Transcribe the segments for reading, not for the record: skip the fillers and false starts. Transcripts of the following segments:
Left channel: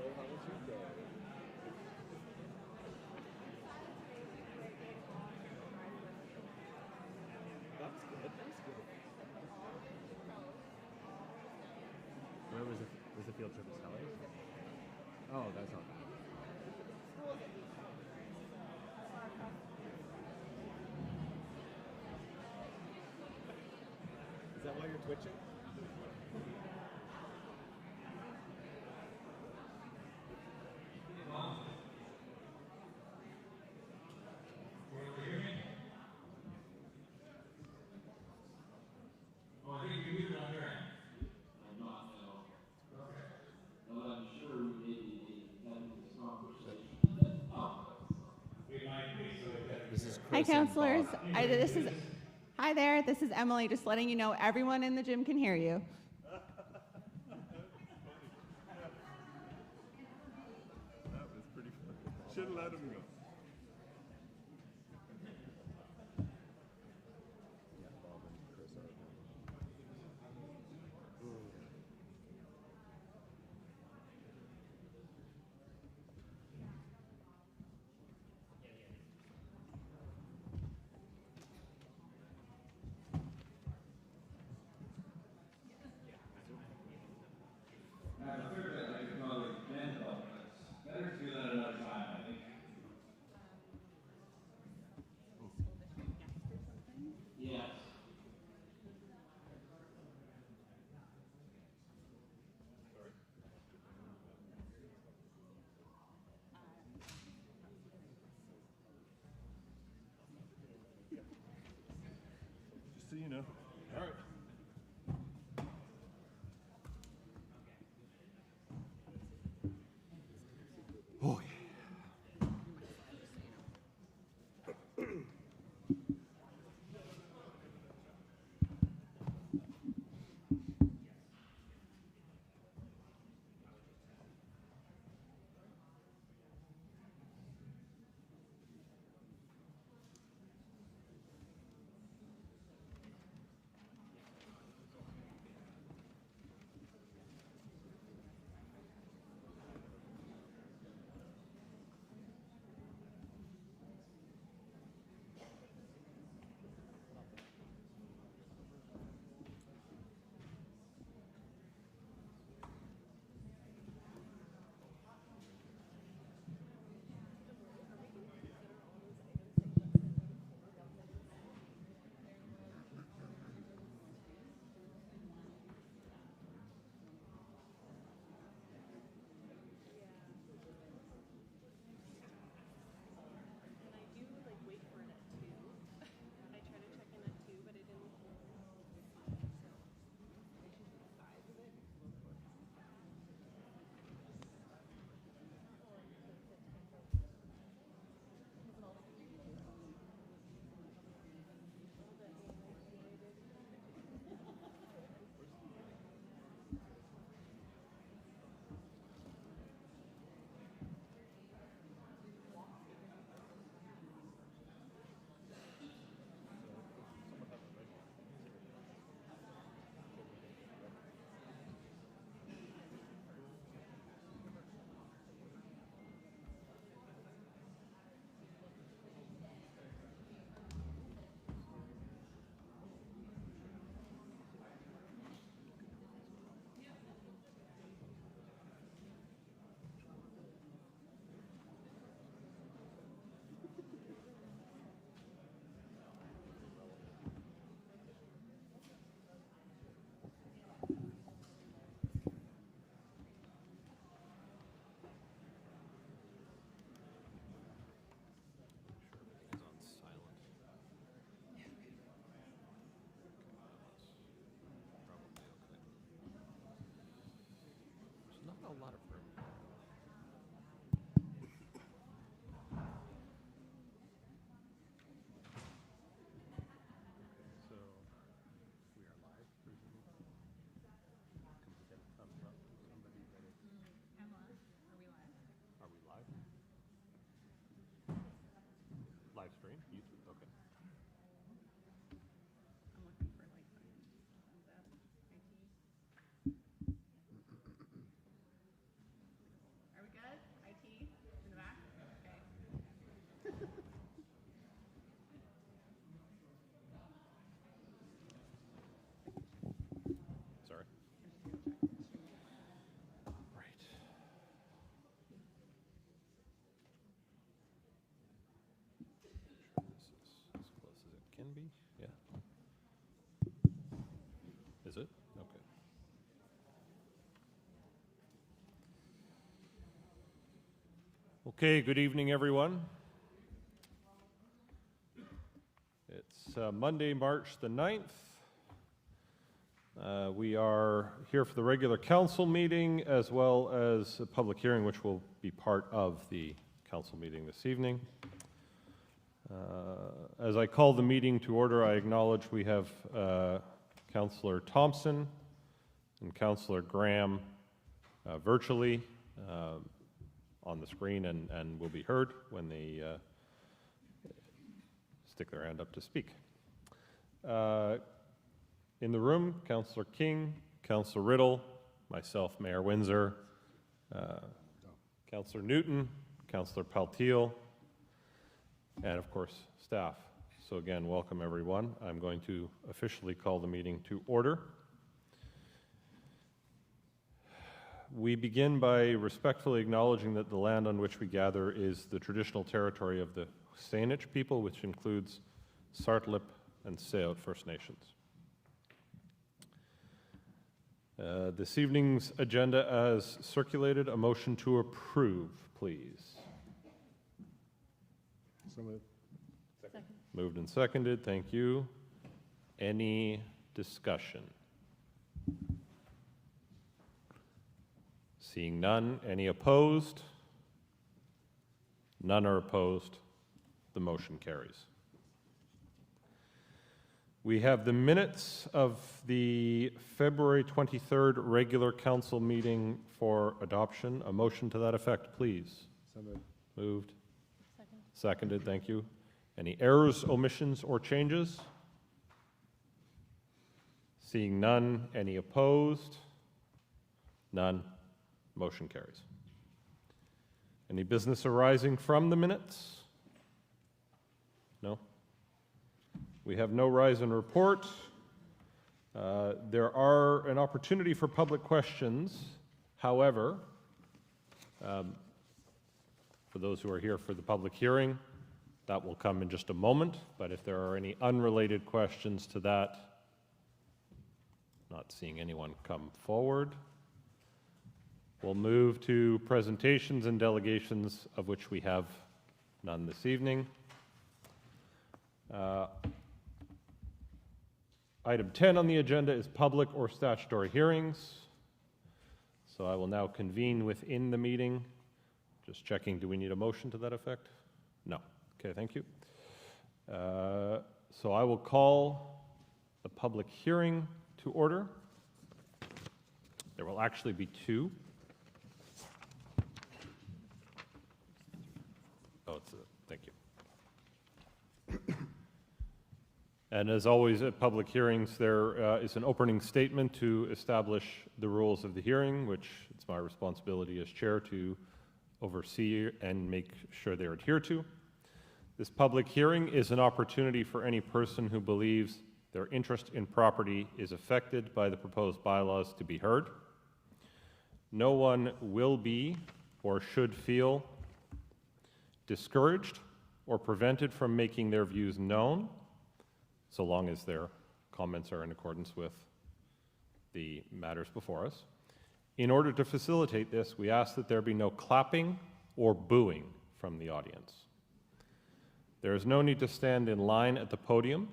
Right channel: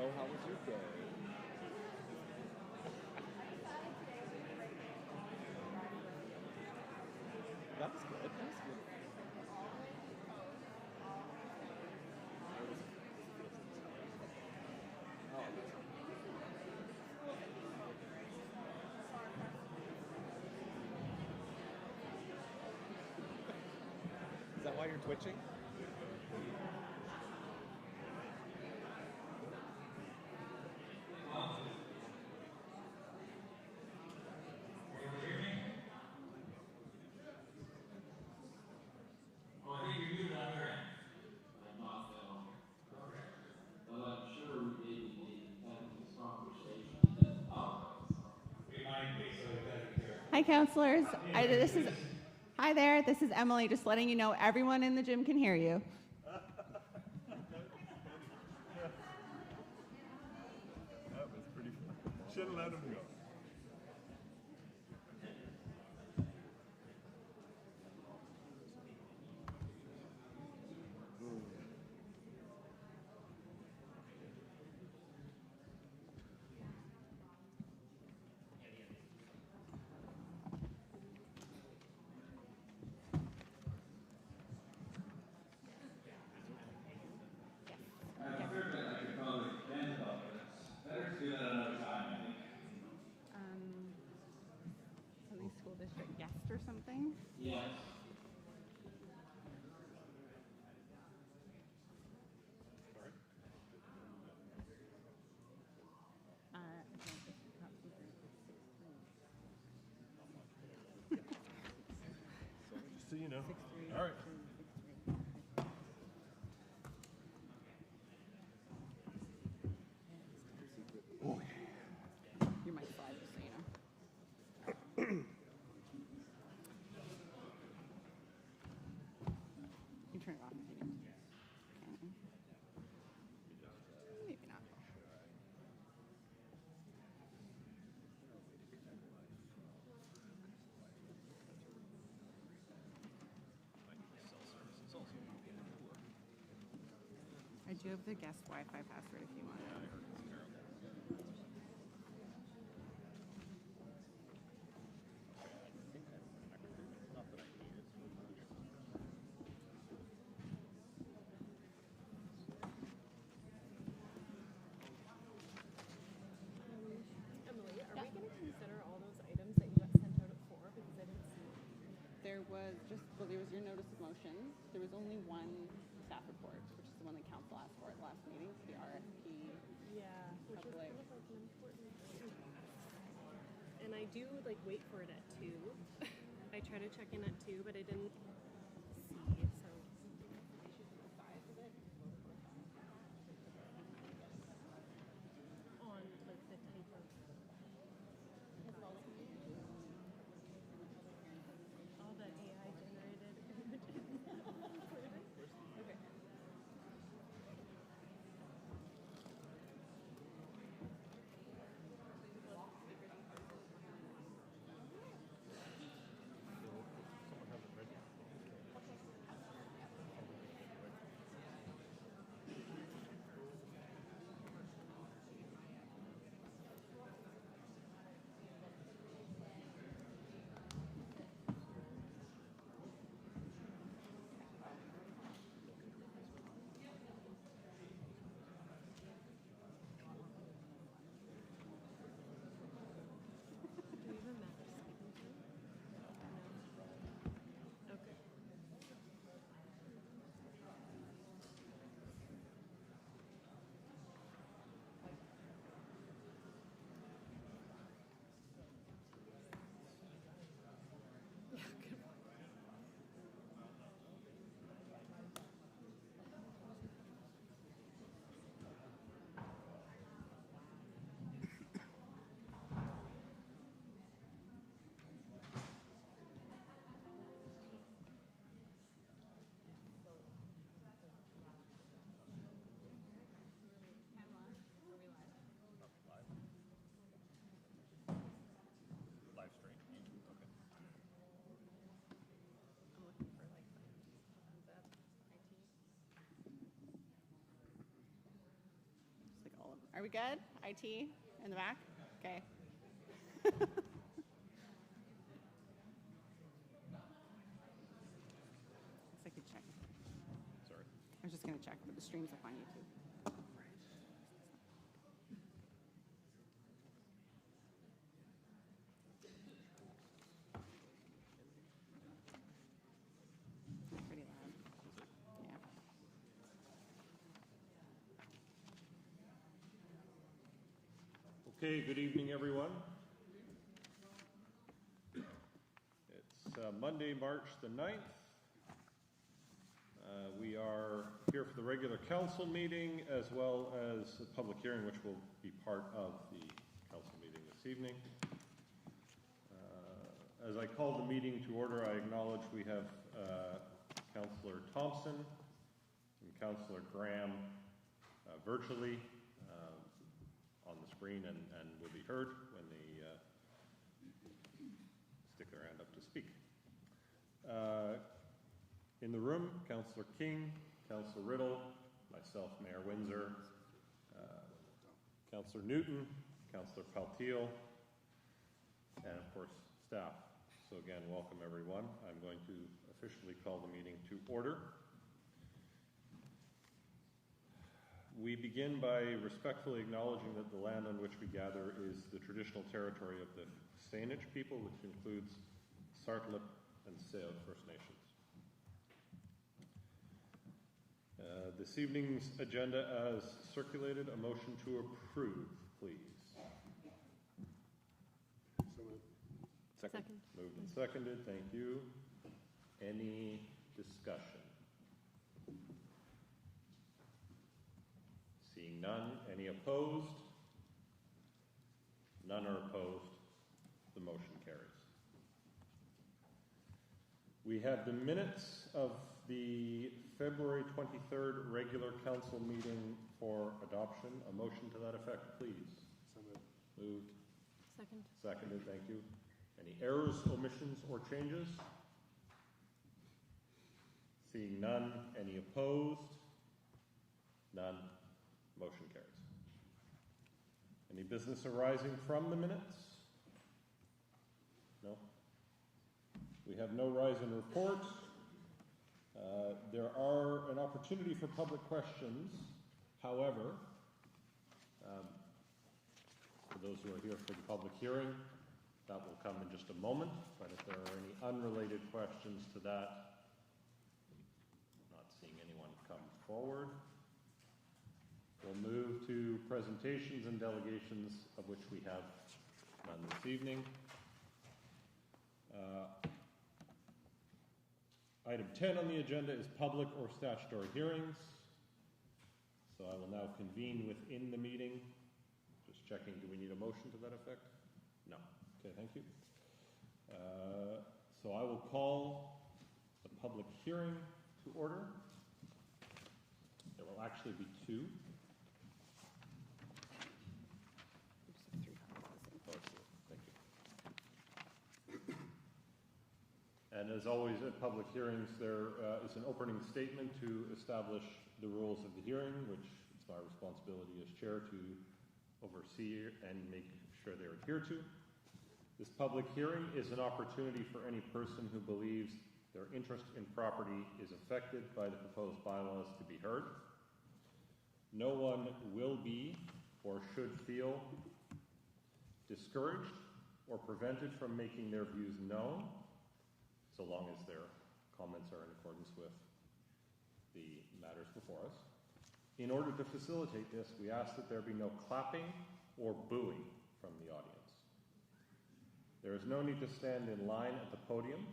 So how was your day? That was good. That was good. When was the field trip to Sally? Oh, that's not. Is that why you're twitching? Hi, counselors. Hi there. This is Emily. Just letting you know, everyone in the gym can hear you. That was pretty funny. Should have let him go. Something school district guest or something? Yes. Sorry? Just so you know. All right. Oh, yeah. You might slide just so you know. You turn it off. Maybe not. I do have the guest Wi-Fi password if you want it. There was just, well, there was your notice of motions. There was only one staff report, which is the one that council asked for at the last meeting, the RFP. Public. And I do like wait for it at 2. I try to check in at 2, but I didn't see it, so on like the 10th of all the AI generated images. Not a lot of room. Are we live? Live stream? YouTube? Okay. I'm looking for like thumbs up, IT. Just like all of them. We good? IT in the back? Okay. Second check. Sorry. I was just gonna check, but the streams are fine. Right. Can be. Yeah. Pretty loud. Is it? Okay. Okay, good evening, everyone. It's Monday, March the 9th. We are here for the regular council meeting as well as a public hearing, which will be part of the council meeting this evening. As I call the meeting to order, I acknowledge we have Councillor Thompson and Councillor Graham virtually on the screen and will be heard when they stick their hand up to speak. In the room, Councillor King, Councillor Riddle, myself, Mayor Windsor, Councillor Newton, Councillor Paltiel, and of course, staff. So again, welcome everyone. I'm going to officially call the meeting to order. We begin by respectfully acknowledging that the land on which we gather is the traditional territory of the Saanich people, which includes Sartlip and Sayout First Nations. This evening's agenda as circulated, a motion to approve, please. So moved. Second. Moved and seconded, thank you. Any discussion? Seeing none, any opposed? None are opposed. The motion carries. We have the minutes of the February 23rd regular council meeting for adoption. A motion to that effect, please. So moved. Moved, Second. seconded, thank you. Any errors, omissions, or changes? Seeing none, any opposed? None. Motion carries. Any business arising from the minutes? No? We have no rise in report. There are an opportunity for public questions. However, for those who are here for the public hearing, that will come in just a moment. But if there are any unrelated questions to that, not seeing anyone come forward, we'll move to presentations and delegations, of which we have none this evening. Item 10 on the agenda is public or statutory hearings. So I will now convene within the meeting. Just checking, do we need a motion to that effect? No. Okay, thank you. So I will call the public hearing to order. There will actually be two. Thank you. And as always at public hearings, there is an opening statement to establish the rules of the hearing, which it's my responsibility as chair to oversee and make sure they're adhered to. This public hearing is an opportunity for any person who believes their interest in property is affected by the proposed bylaws to be heard. No one will be or should feel discouraged or prevented from making their views known, so long as their comments are in accordance with the matters before us. In order to facilitate this, we ask that there be no clapping or booing from the audience. There is no need to stand in line at the podium.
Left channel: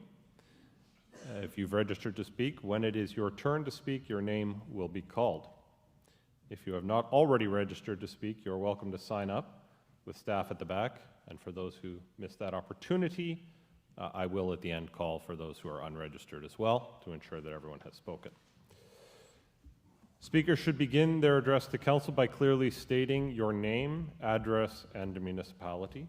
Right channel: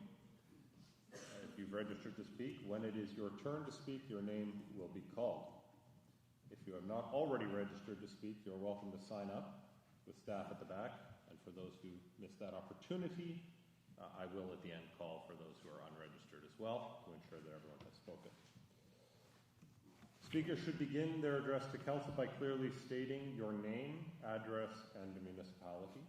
If you've registered to speak, when it is your turn to speak, your name will be called. If you have not already registered to speak, you're welcome to sign up with staff at the back. And for those who missed that opportunity, I will at the end call for those who are unregistered as well to ensure that everyone has spoken. Speakers should begin their address to council by clearly stating your name, address, and municipality.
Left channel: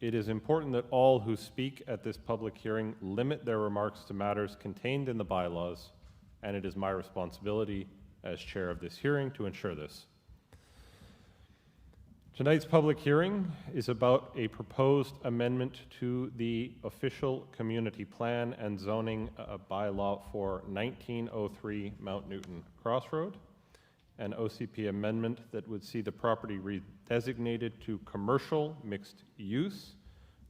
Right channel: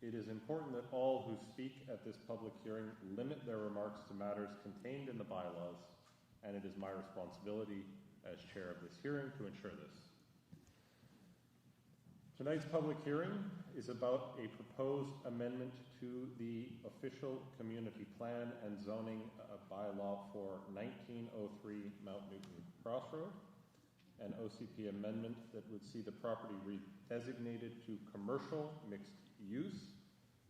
It is important that all who speak at this public hearing limit their remarks to matters contained in the bylaws, and it is my responsibility as chair of this hearing to ensure this. Tonight's public hearing is about a proposed amendment to the official community plan and zoning bylaw for 1903 Mount Newton Crossroad, an OCP amendment that would see the property redesignated to commercial mixed use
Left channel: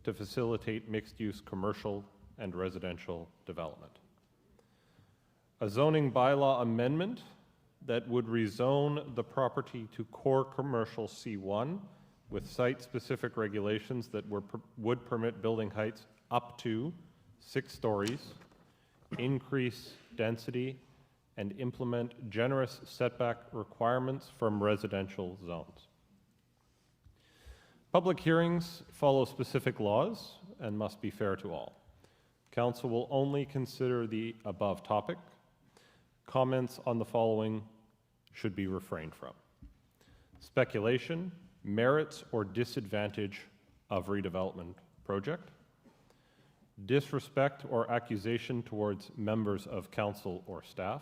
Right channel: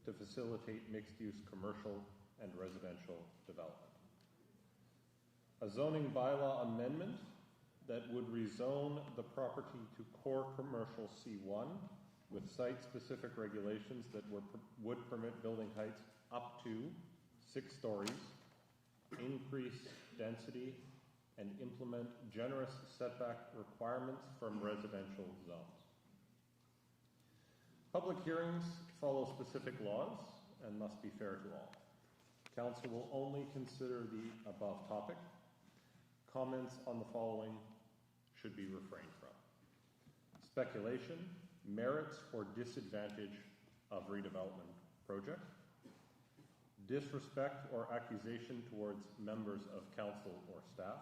to facilitate mixed-use commercial and residential development. A zoning bylaw amendment that would rezone the property to core commercial C1 with site-specific regulations that would permit building heights up to 6 stories, increase density, and implement generous setback requirements from residential zones. Public hearings follow specific laws and must be fair to all. Council will only consider the above topic. Comments on the following should be refrained from: speculation, merits or disadvantage of redevelopment project, disrespect or accusation towards members of council or staff,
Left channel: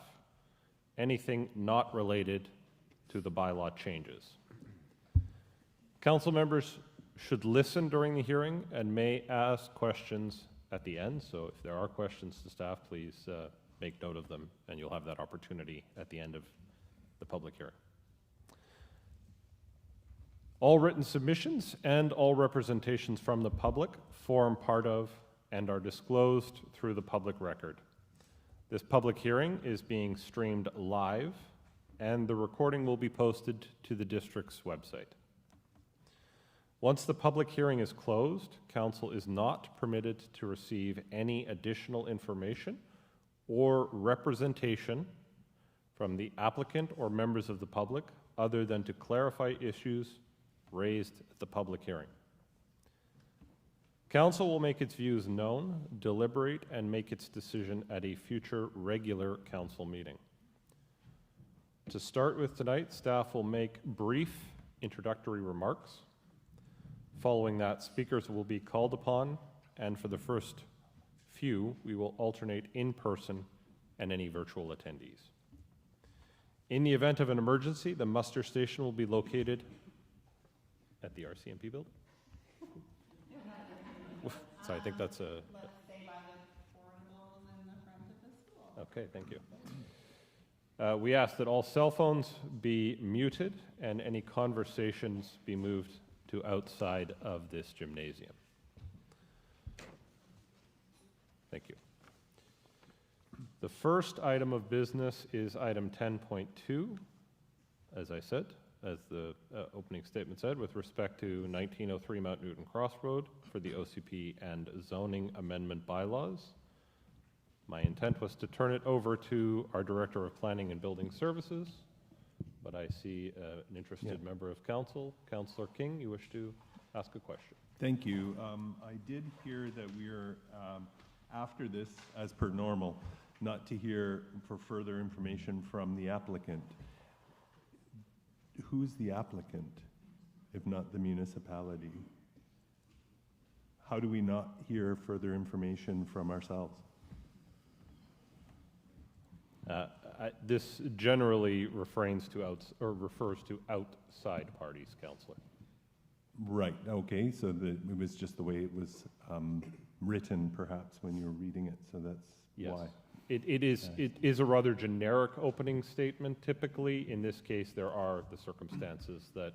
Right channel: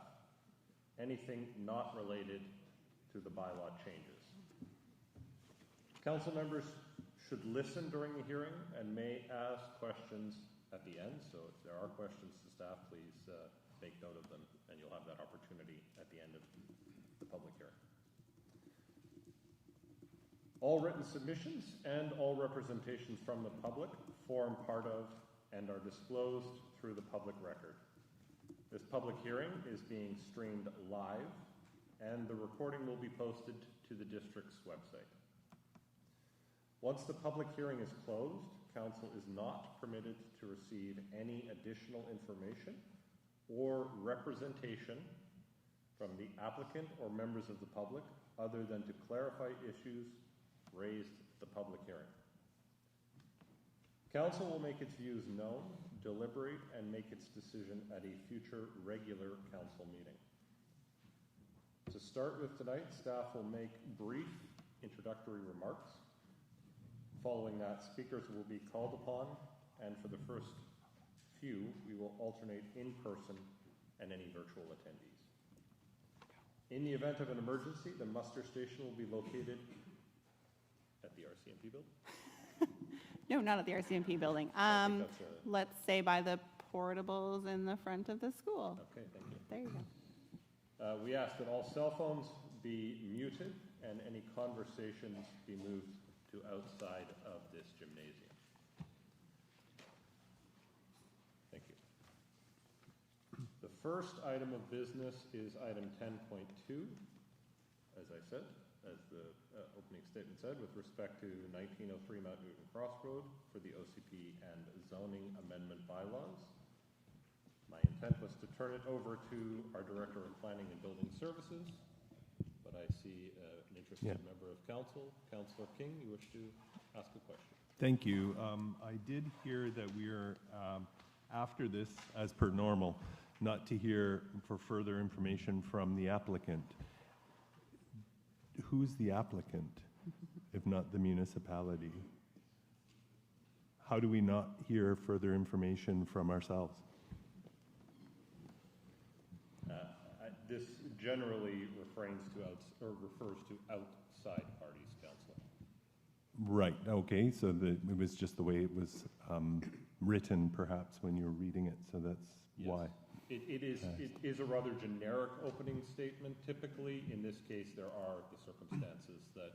anything not related to the bylaw changes. Council members should listen during the hearing and may ask questions at the end, so if there are questions to staff, please make note of them, and you'll have that opportunity at the end of the public hearing. All written submissions and all representations from the public form part of and are disclosed through the public record. This public hearing is being streamed live, and the recording will be posted to the district's website. Once the public hearing is closed, council is not permitted to receive any additional information or representation from the applicant or members of the public other than to clarify issues raised at the public hearing. Council will make its views known, deliberate, and make its decision at a future regular council meeting. To start with tonight, staff will make brief introductory remarks. Following that, speakers will be called upon, and for the first few, we will alternate in person and any virtual attendees. In the event of an emergency, the muster station will be located at the RCMP building. No, not at the RCMP building. So I think that's a... Let's say by the portables in the front of the school. Okay, thank you. There you go. We ask that all cell phones be muted and any conversations be moved to outside of this gymnasium. Thank you. The first item of business is item 10.2, as I said, as the opening statement said, with respect to 1903 Mount Newton Crossroad for the OCP and zoning amendment bylaws. My intent was to turn it over to our Director of Planning and Building Services, but I see an interested member of council. Councillor King, you wish to ask a question? Thank you. I did hear that we're, after this, as per normal, not to hear for further information from the applicant. Who's the applicant, if not the municipality? How do we not hear further information from ourselves? This generally refers to outside parties, Councillor. Right, okay, so it was just the way it was written, perhaps, when you were reading it, so that's Yes. why. It is a rather generic opening statement typically. In this case, there are the circumstances that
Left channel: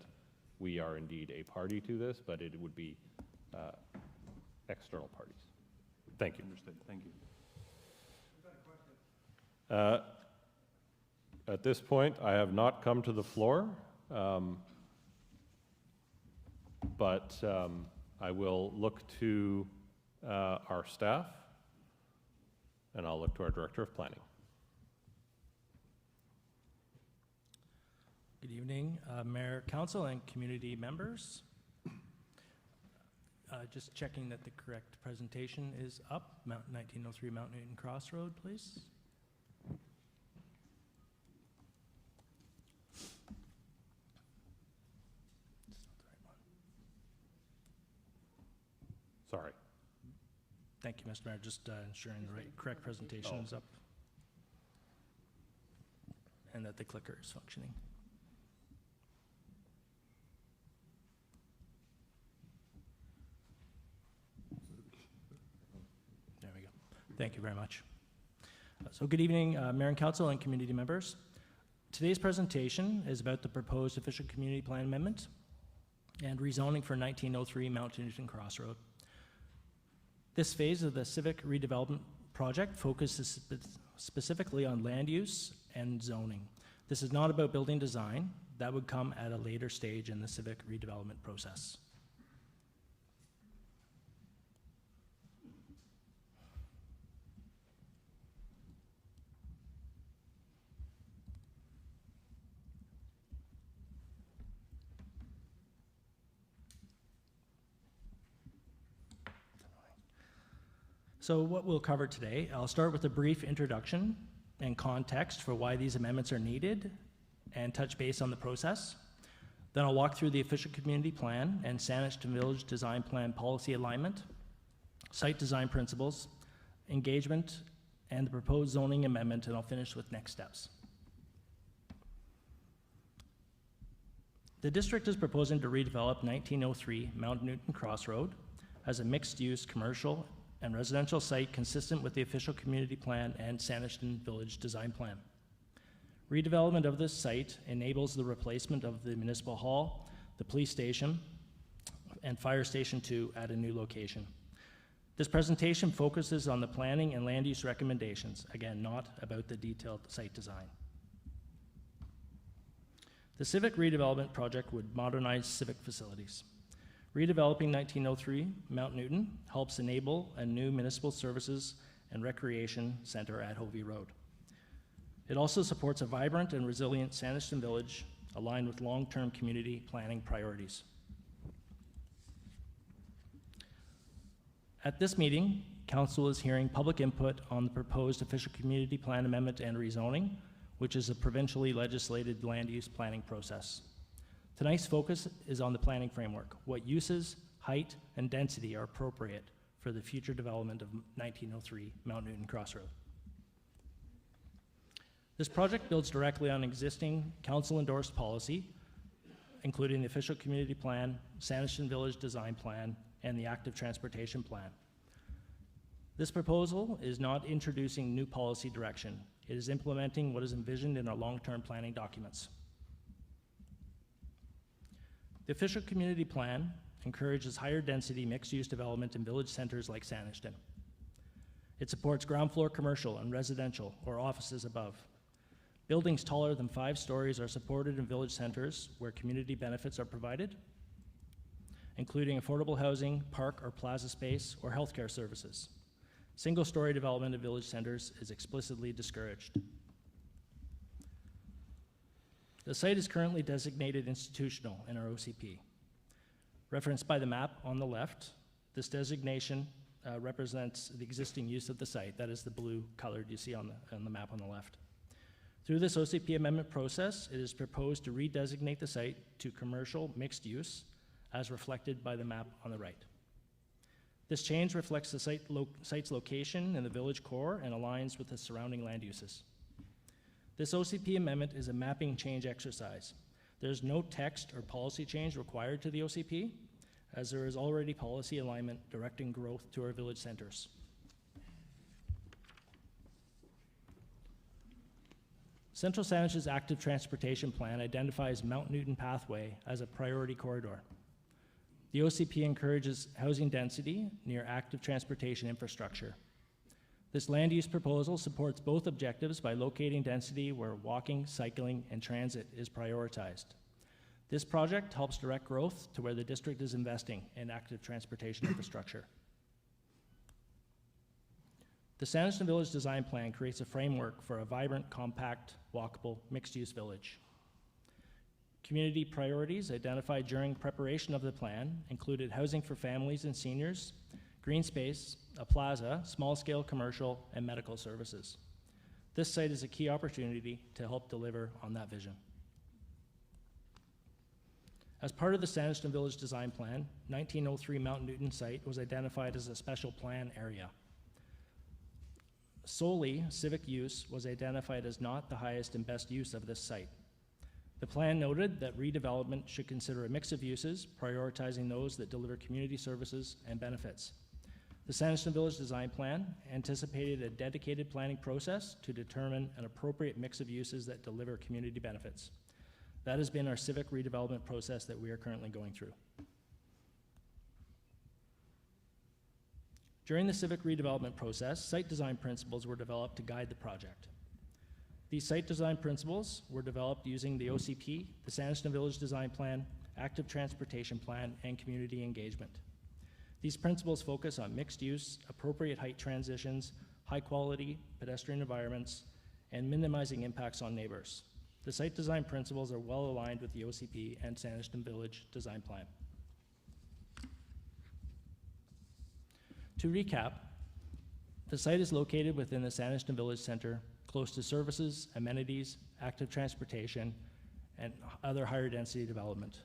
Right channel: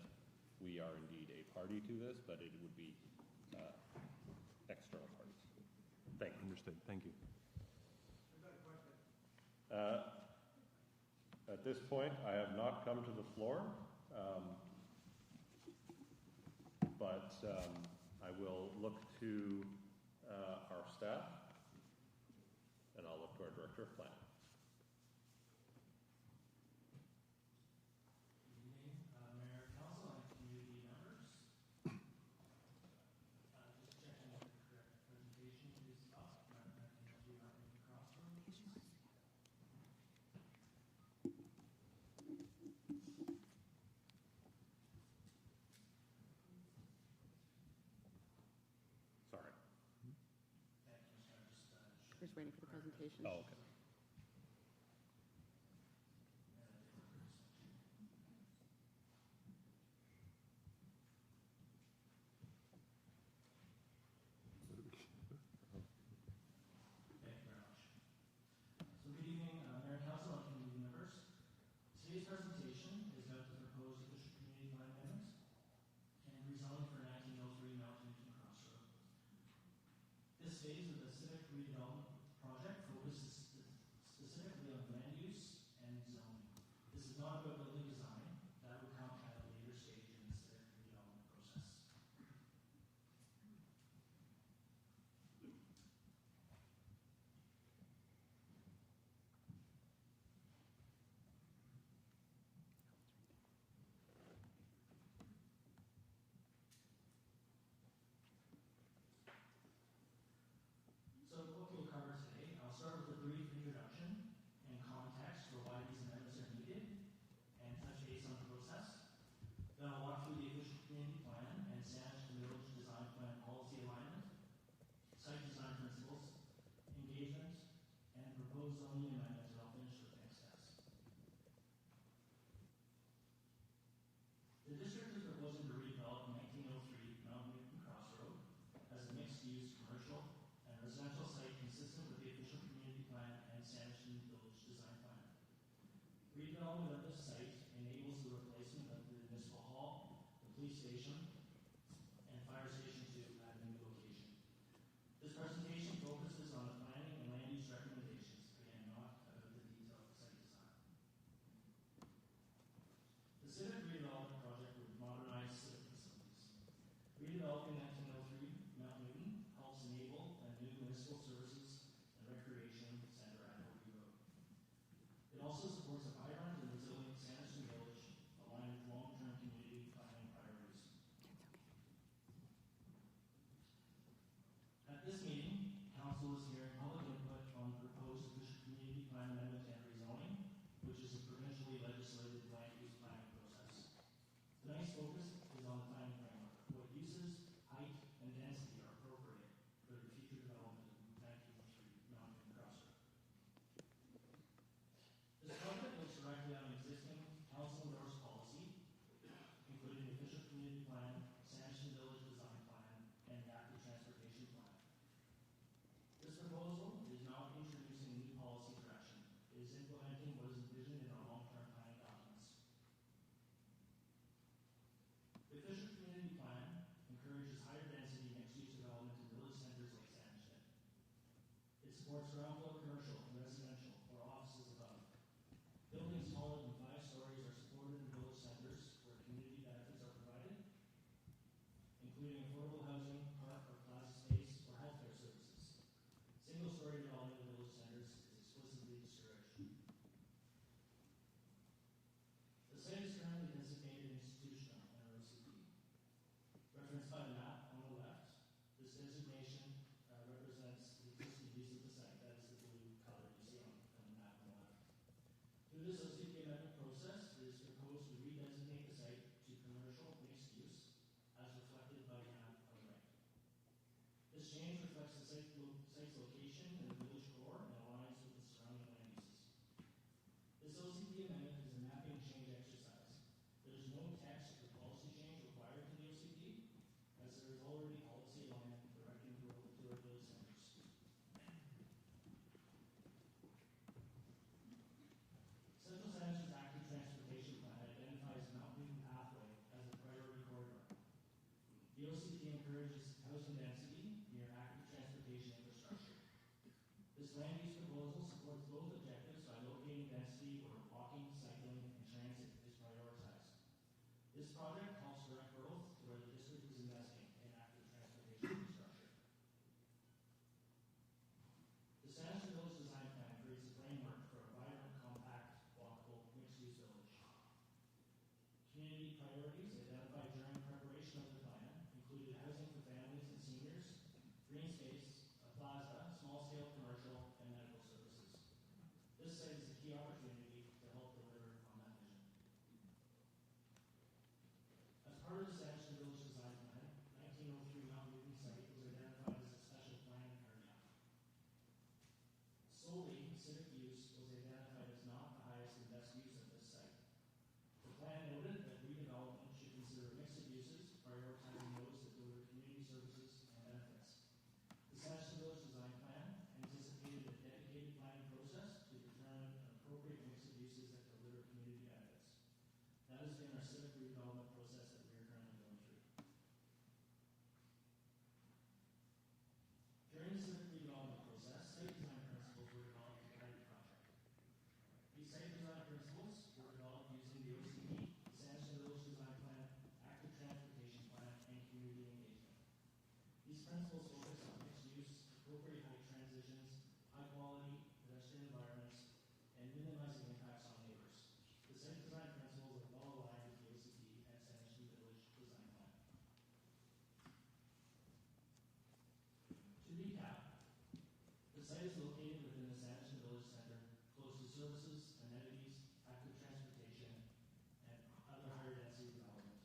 we are indeed a party to this, but it would be external parties. Thank you. Understood, thank you. At this point, I have not come to the floor, but I will look to our staff, and I'll look to our Director of Planning. Good evening, Mayor, Council, and community members. Just checking that the correct presentation is up. 1903 Mount Newton Crossroad, please. Sorry. Thank you, Mr. Mayor. Just ensuring the correct presentation is up and that the clicker is functioning. Thank you very much. So good evening, Mayor and Council and community members. Today's presentation is about the proposed official community plan amendment and rezoning for 1903 Mount Newton Crossroad. This phase of the civic redevelopment project focuses specifically on land use and zoning. This is not about building design. That would come at a later stage in the civic redevelopment process. So what we'll cover today, I'll start with a brief introduction and context for why these amendments are needed and touch base on the process. Then I'll walk through the official community plan and Saanishton Village Design Plan policy alignment, site design principles, engagement, and the proposed zoning amendment, and I'll finish with next steps. The district is proposing to redevelop 1903 Mount Newton Crossroad as a mixed-use commercial and residential site consistent with the official community plan and Saanishton Village Design Plan. Redevelopment of this site enables the replacement of the municipal hall, the police station, and fire station 2 at a new location. This presentation focuses on the planning and land use recommendations, again, not about the detailed site design. The civic redevelopment project would modernize civic facilities. Redeveloping 1903 Mount Newton helps enable a new municipal services and recreation center at Hovey Road. It also supports a vibrant and resilient Saanishton Village aligned with long-term community planning priorities. At this meeting, Council is hearing public input on the proposed official community plan amendment and rezoning, which is a provincially legislated land use planning process. Tonight's focus is on the planning framework, what uses, height, and density are appropriate for the future development of 1903 Mount Newton Crossroad. This project builds directly on existing council-endorsed policy, including the official community plan, Saanishton Village Design Plan, and the active transportation plan. This proposal is not introducing new policy direction. It is implementing what is envisioned in our long-term planning documents. The official community plan encourages higher density mixed-use development in village centers like Saanishton. It supports ground floor commercial and residential or offices above. Buildings taller than 5 stories are supported in village centers where community benefits are provided, including affordable housing, park or plaza space, or healthcare services. Single-story development of village centers is explicitly discouraged. The site is currently designated institutional in our OCP. Referenced by the map on the left, this designation represents the existing use of the site. That is the blue colored you see on the map on the left. Through this OCP amendment process, it is proposed to redesignate the site to commercial mixed use as reflected by the map on the right. This change reflects the site's location in the village core and aligns with the surrounding land uses. This OCP amendment is a mapping change exercise. There's no text or policy change required to the OCP, as there is already policy alignment directing growth to our village centers. Central Saanish's active transportation plan identifies Mount Newton Pathway as a priority corridor. The OCP encourages housing density near active transportation infrastructure. This land use proposal supports both objectives by locating density where walking, cycling, and transit is prioritized. This project helps direct growth to where the district is investing in active transportation infrastructure. The Saanishton Village Design Plan creates a framework for a vibrant, compact, walkable, mixed-use village. Community priorities identified during preparation of the plan included housing for families and seniors, green space, a plaza, small-scale commercial, and medical services. This site is a key opportunity to help deliver on that vision. As part of the Saanishton Village Design Plan, 1903 Mount Newton site was identified as a special plan area. Solely civic use was identified as not the highest and best use of this site. The plan noted that redevelopment should consider a mix of uses, prioritizing those that deliver community services and benefits. The Sanderson Village Design Plan anticipated a dedicated planning process to determine an appropriate mix of uses that deliver community benefits. That has been our civic redevelopment process that we are currently going through. During the civic redevelopment process, site design principles were developed to guide the project. These site design principles were developed using the OCP, the Sanderson Village Design Plan, Active Transportation Plan, and community engagement. These principles focus on mixed use, appropriate height transitions, high quality pedestrian environments, and minimizing impacts on neighbors. The site design principles are well aligned with the OCP and Sanderson Village Design Plan. To recap, the site is located within the Sanderson Village Center, close to services, amenities, active transportation, and other higher density development.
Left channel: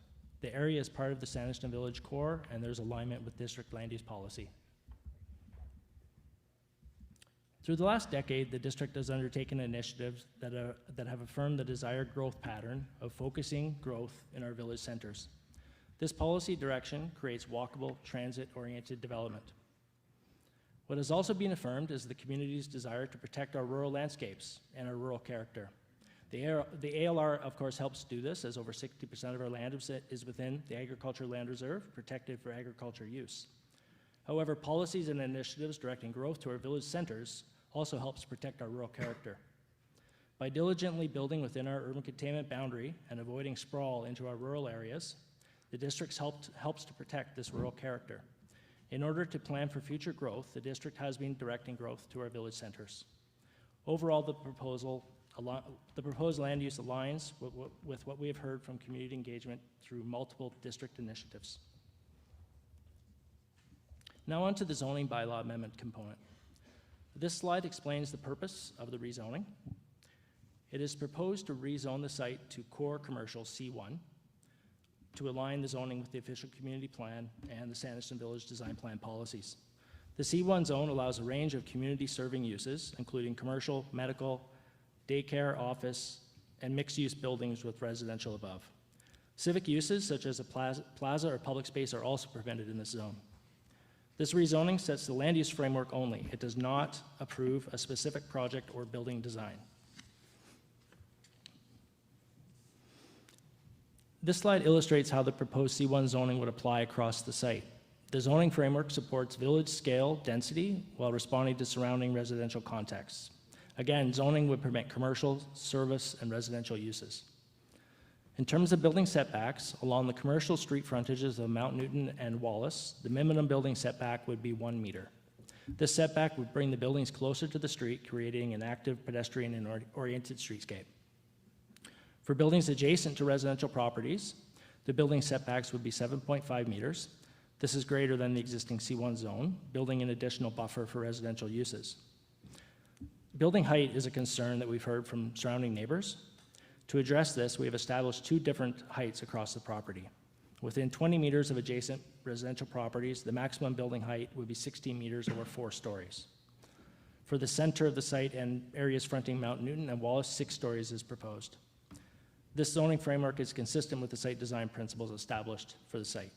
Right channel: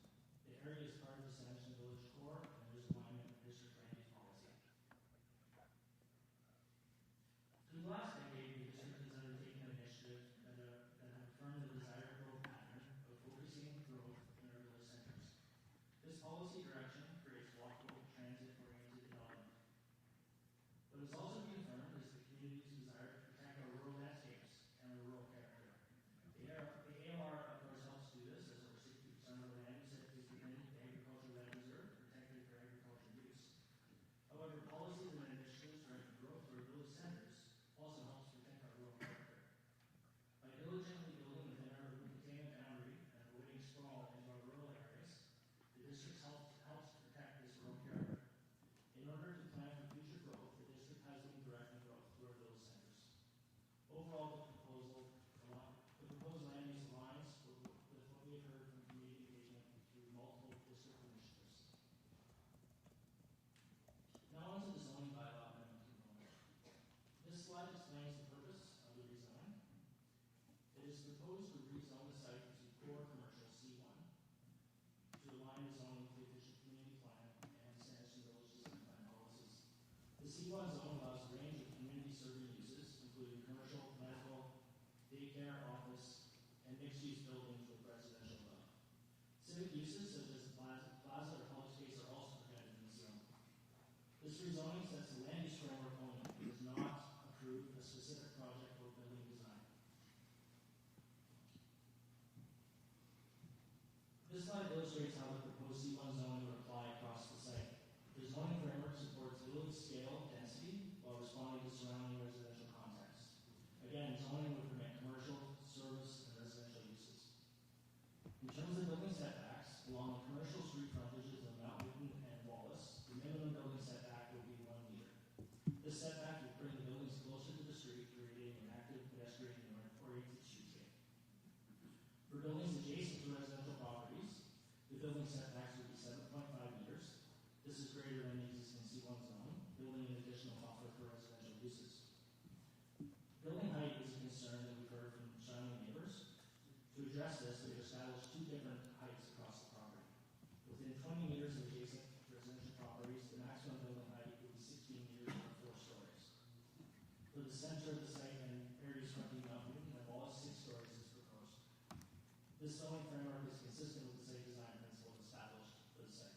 The area is part of the Sanderson Village core, and there's alignment with district land use policy. Through the last decade, the district has undertaken initiatives that have affirmed the desired growth pattern of focusing growth in our village centers. This policy direction creates walkable, transit-oriented development. What has also been affirmed is the community's desire to protect our rural landscapes and our rural character. The ALR, of course, helps do this, as over 60% of our land is within the Agricultural Land Reserve, protected for agriculture use. However, policies and initiatives directing growth to our village centers also helps protect our rural character. By diligently building within our urban containment boundary and avoiding sprawl into our rural areas, the district helps to protect this rural character. In order to plan for future growth, the district has been directing growth to our village centers. Overall, the proposed land use aligns with what we have heard from community engagement through multiple district initiatives. Now on to the zoning bylaw amendment component. This slide explains the purpose of the rezoning. It is proposed to rezone the site to core commercial C1 to align the zoning with the official community plan and the Sanderson Village Design Plan policies. The C1 zone allows a range of community-serving uses, including commercial, medical, daycare, office, and mixed-use buildings with residential above. Civic uses, such as a plaza or public space, are also permitted in this zone. This rezoning sets the land use framework only. It does not approve a specific project or building design. This slide illustrates how the proposed C1 zoning would apply across the site. The zoning framework supports village scale density while responding to surrounding residential contexts. Again, zoning would permit commercial, service, and residential uses. In terms of building setbacks, along the commercial street frontages of Mount Newton and Wallace, the minimum building setback would be 1 meter. This setback would bring the buildings closer to the street, creating an active pedestrian and oriented streetscape. For buildings adjacent to residential properties, the building setbacks would be 7.5 meters. This is greater than the existing C1 zone, building an additional buffer for residential uses. Building height is a concern that we've heard from surrounding neighbors. To address this, we have established 2 different heights across the property. Within 20 meters of adjacent residential properties, the maximum building height would be 16 meters or 4 stories. For the center of the site and areas fronting Mount Newton and Wallace, 6 stories is proposed. This zoning framework is consistent with the site design principles established for the site.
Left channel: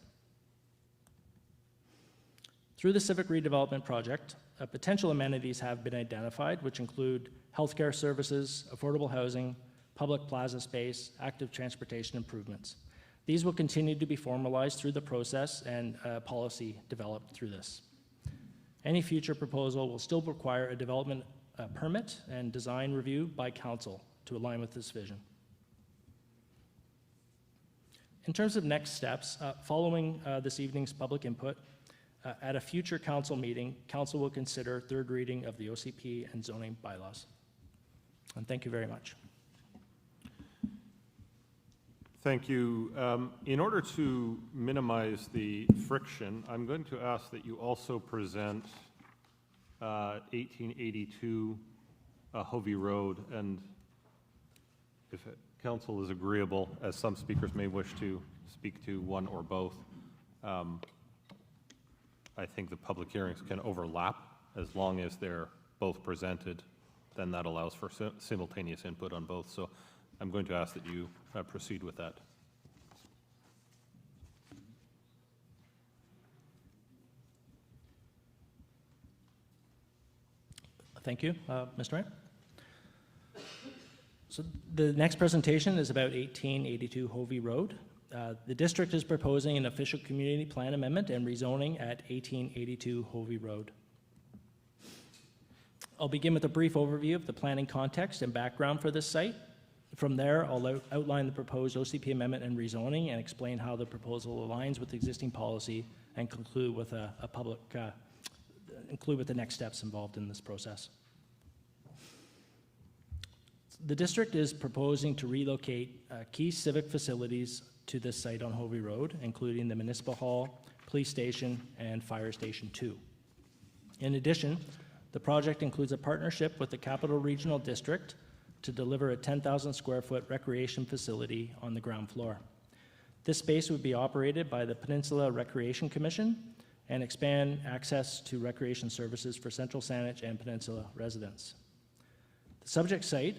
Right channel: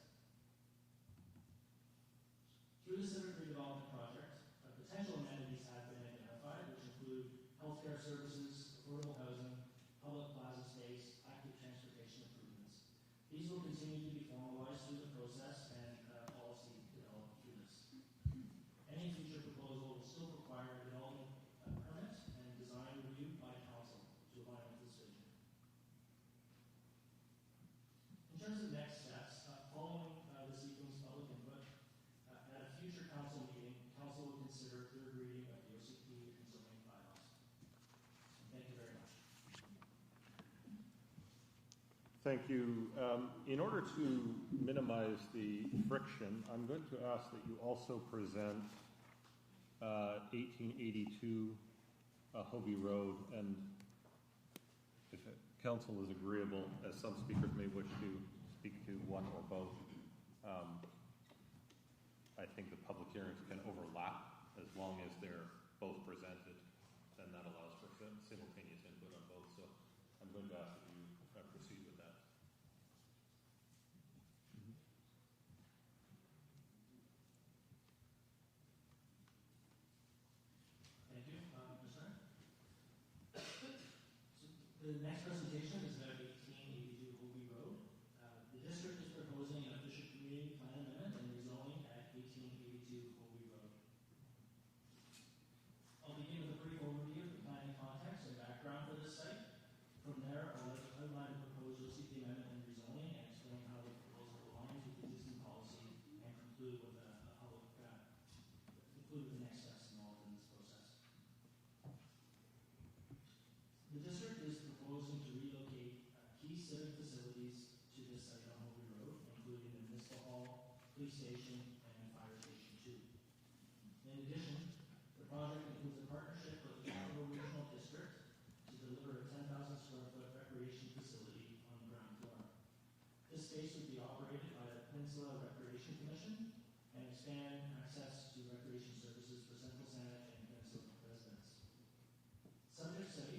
Through the civic redevelopment project, potential amenities have been identified, which include healthcare services, affordable housing, public plaza space, active transportation improvements. These will continue to be formalized through the process and policy developed through this. Any future proposal will still require a development permit and design review by council to align with this vision. In terms of next steps, following this evening's public input, at a future council meeting, council will consider third reading of the OCP and zoning bylaws. And thank you very much. Thank you. In order to minimize the friction, I'm going to ask that you also present 1882 Hovey Road, and if council is agreeable, as some speakers may wish to speak to one or both, I think the public hearings can overlap as long as they're both presented. Then that allows for simultaneous input on both. So I'm going to ask that you proceed with that. Thank you, Mr. Ryan. So the next presentation is about 1882 Hovey Road. The district is proposing an official community plan amendment and rezoning at 1882 Hovey Road. I'll begin with a brief overview of the planning context and background for this site. From there, I'll outline the proposed OCP amendment and rezoning and explain how the proposal aligns with existing policy and conclude with include with the next steps involved in this process. The district is proposing to relocate key civic facilities to this site on Hovey Road, including the Municipal Hall, Police Station, and Fire Station 2. In addition, the project includes a partnership with the Capital Regional District to deliver a 10,000 square foot recreation facility on the ground floor. This space would be operated by the Peninsula Recreation Commission and expand access to recreation services for Central Saanich and Peninsula residents. The subject site,